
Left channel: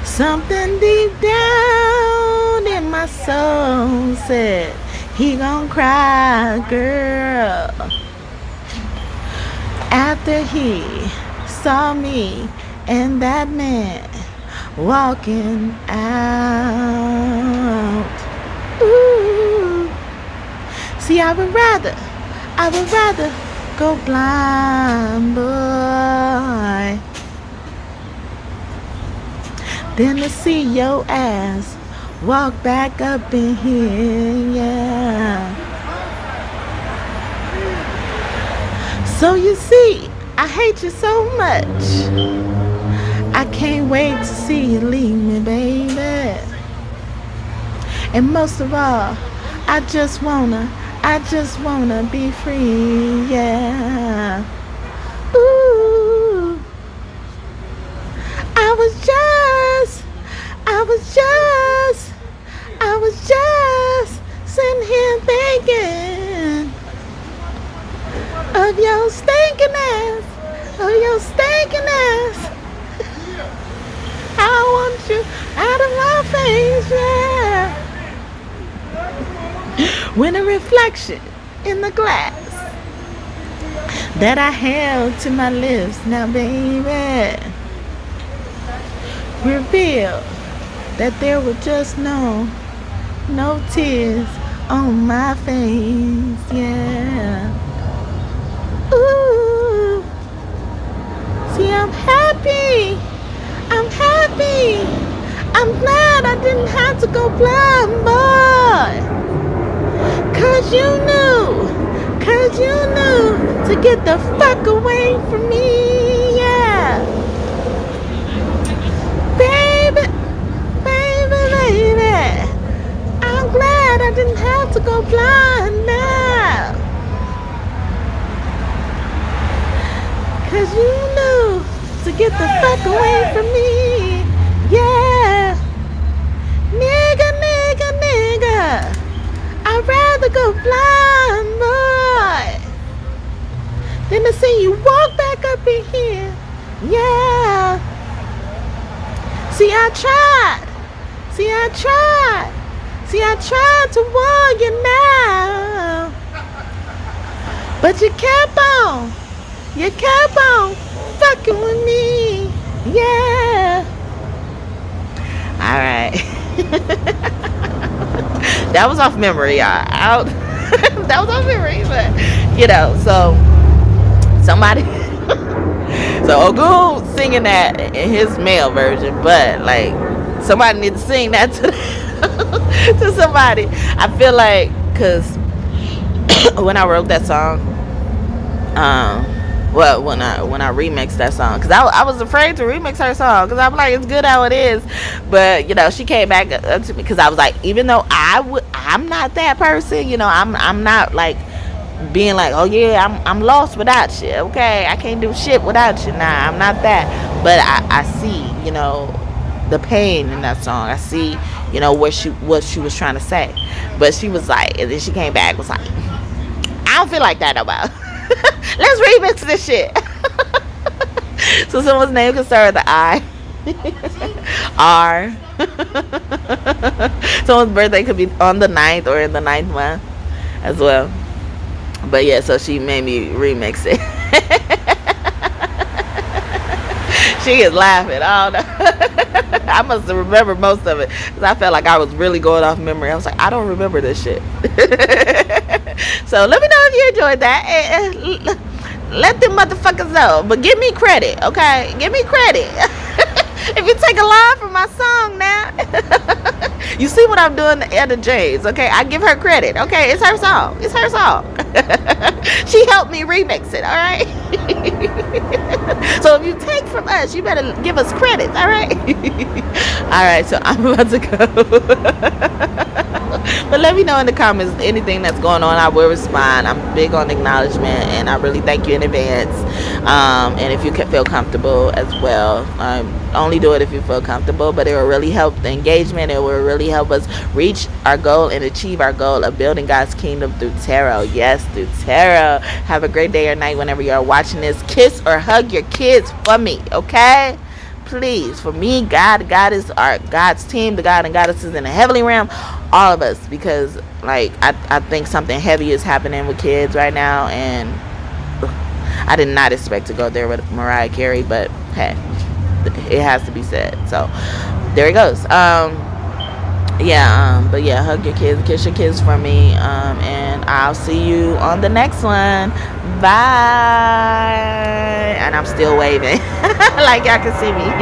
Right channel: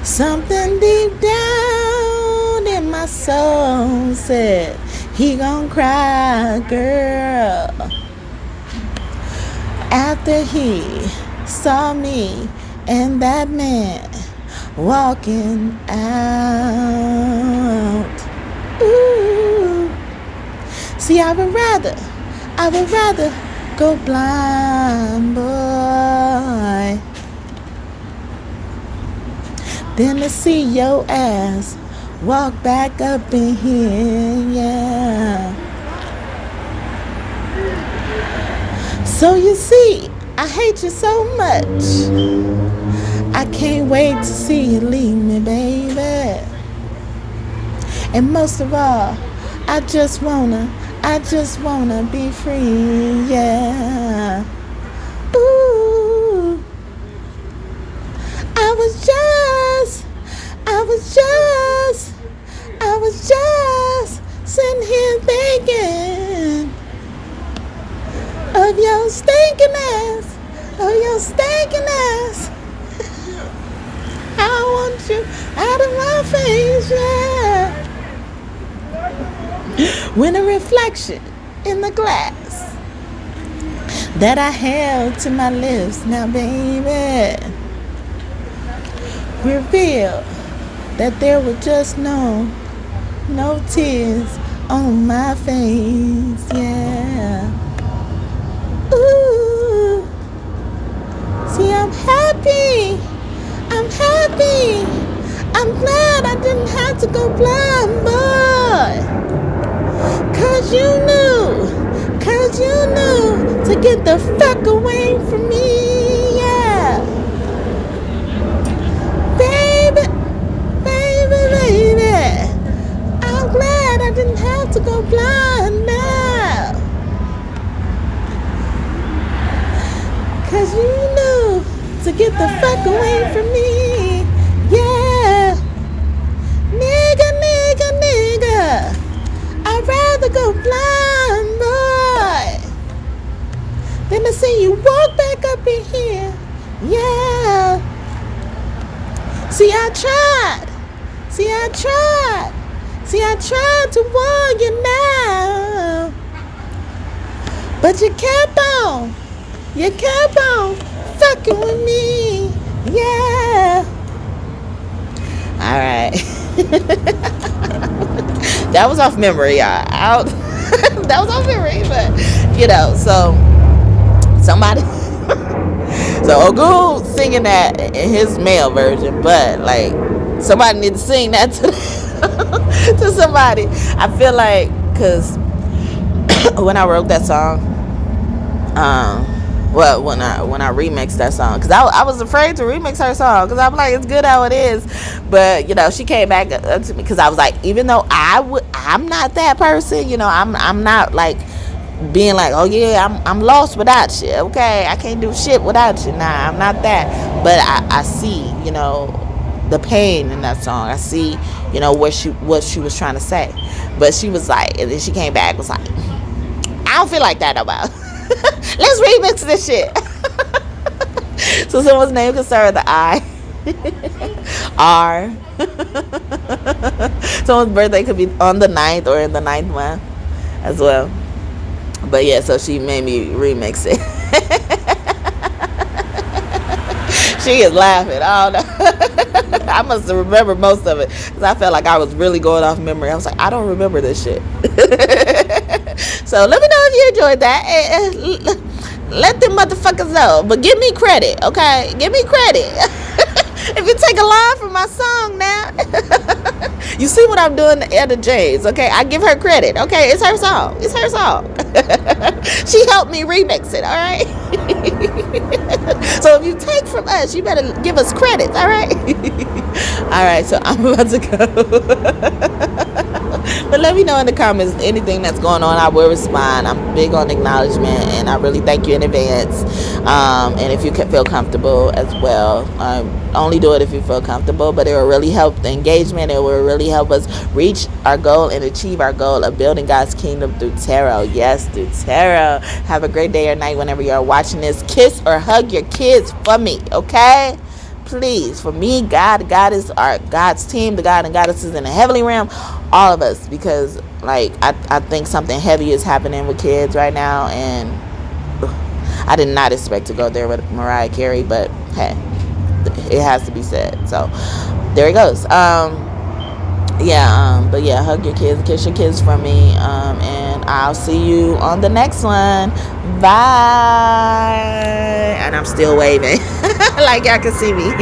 Something deep down in my soul said, he gon' cry, girl. After he saw me and that man walking out. Ooh. See, I would rather go blind, boy, than to see your ass walk back up in here, yeah. So you see, I hate you so much. I can't wait to see you leave me, baby. And most of all, I just wanna be free, yeah. Ooh. I was just sitting here thinking of your stinking ass, I want you out of my face, yeah. When a reflection in the glass that I held to my lips, now baby, revealed that there were just no tears on my face, yeah. Ooh, see, I'm happy. I'm glad I didn't have to go blind, boy. Cause you knew to get the fuck away from me, yeah. Baby. I'm glad I didn't have to go blind now. Cause you knew to get the fuck away from me, yeah. Nigga. I'd rather go blind, boy, than to see you walk back up in here, yeah. See, I tried to warn you now, but you kept on fucking with me, yeah. All right. That was off memory, y'all. That was off memory, but so somebody. So Ogun singing that in his male version, but like somebody need to sing that to to somebody. I feel like, cause when I wrote that song, when I remixed that song, cause I was afraid to remix her song, cause I'm like, it's good how it is, but she came back up to me, cause I was like, even though I'm not that person, I'm not like being like, oh yeah, I'm lost without you, okay, I can't do shit without you. Nah, I'm not that. But I see, the pain in that song. I see, what she was trying to say. But she was like, and then she came back, was like, I don't feel like that no more. Let's remix this shit. So someone's name could start with the I. R. Someone's birthday could be on the 9th or in the 9th month as well. But yeah, so she made me remix it. She is laughing. I don't know. I must have remembered most of it, because I felt like I was really going off memory. I was like, I don't remember this shit. So let me know if you enjoyed that. Let them motherfuckers know. But give me credit, okay? Give me credit. If you take a line from my song now. You see what I'm doing to Etta James, okay? I give her credit, okay? It's her song. She helped me remix it, all right? So if you take from us, you better give us credit, all right? All right, so I'm about to go. But let me know in the comments anything that's going on. I will respond. I'm big on acknowledgement, and I really thank you in advance. And if you can feel comfortable as well, only do it if you feel comfortable, but it will really help the engagement. It will really help us reach our goal and achieve our goal of building God's kingdom through tarot. Yes, through tarot. Have a great day or night whenever you are watching this. Kiss or hug your kids for me, okay? Please, for me, God is God's team, the God and goddesses in the heavenly realm, all of us, because like I think something heavy is happening with kids right now, and I did not expect to go there with Mariah Carey, but hey, it has to be said. So there it goes. But yeah, hug your kids, kiss your kids for me, and I'll see you on the next one. Bye. And I'm still waving like y'all can see me.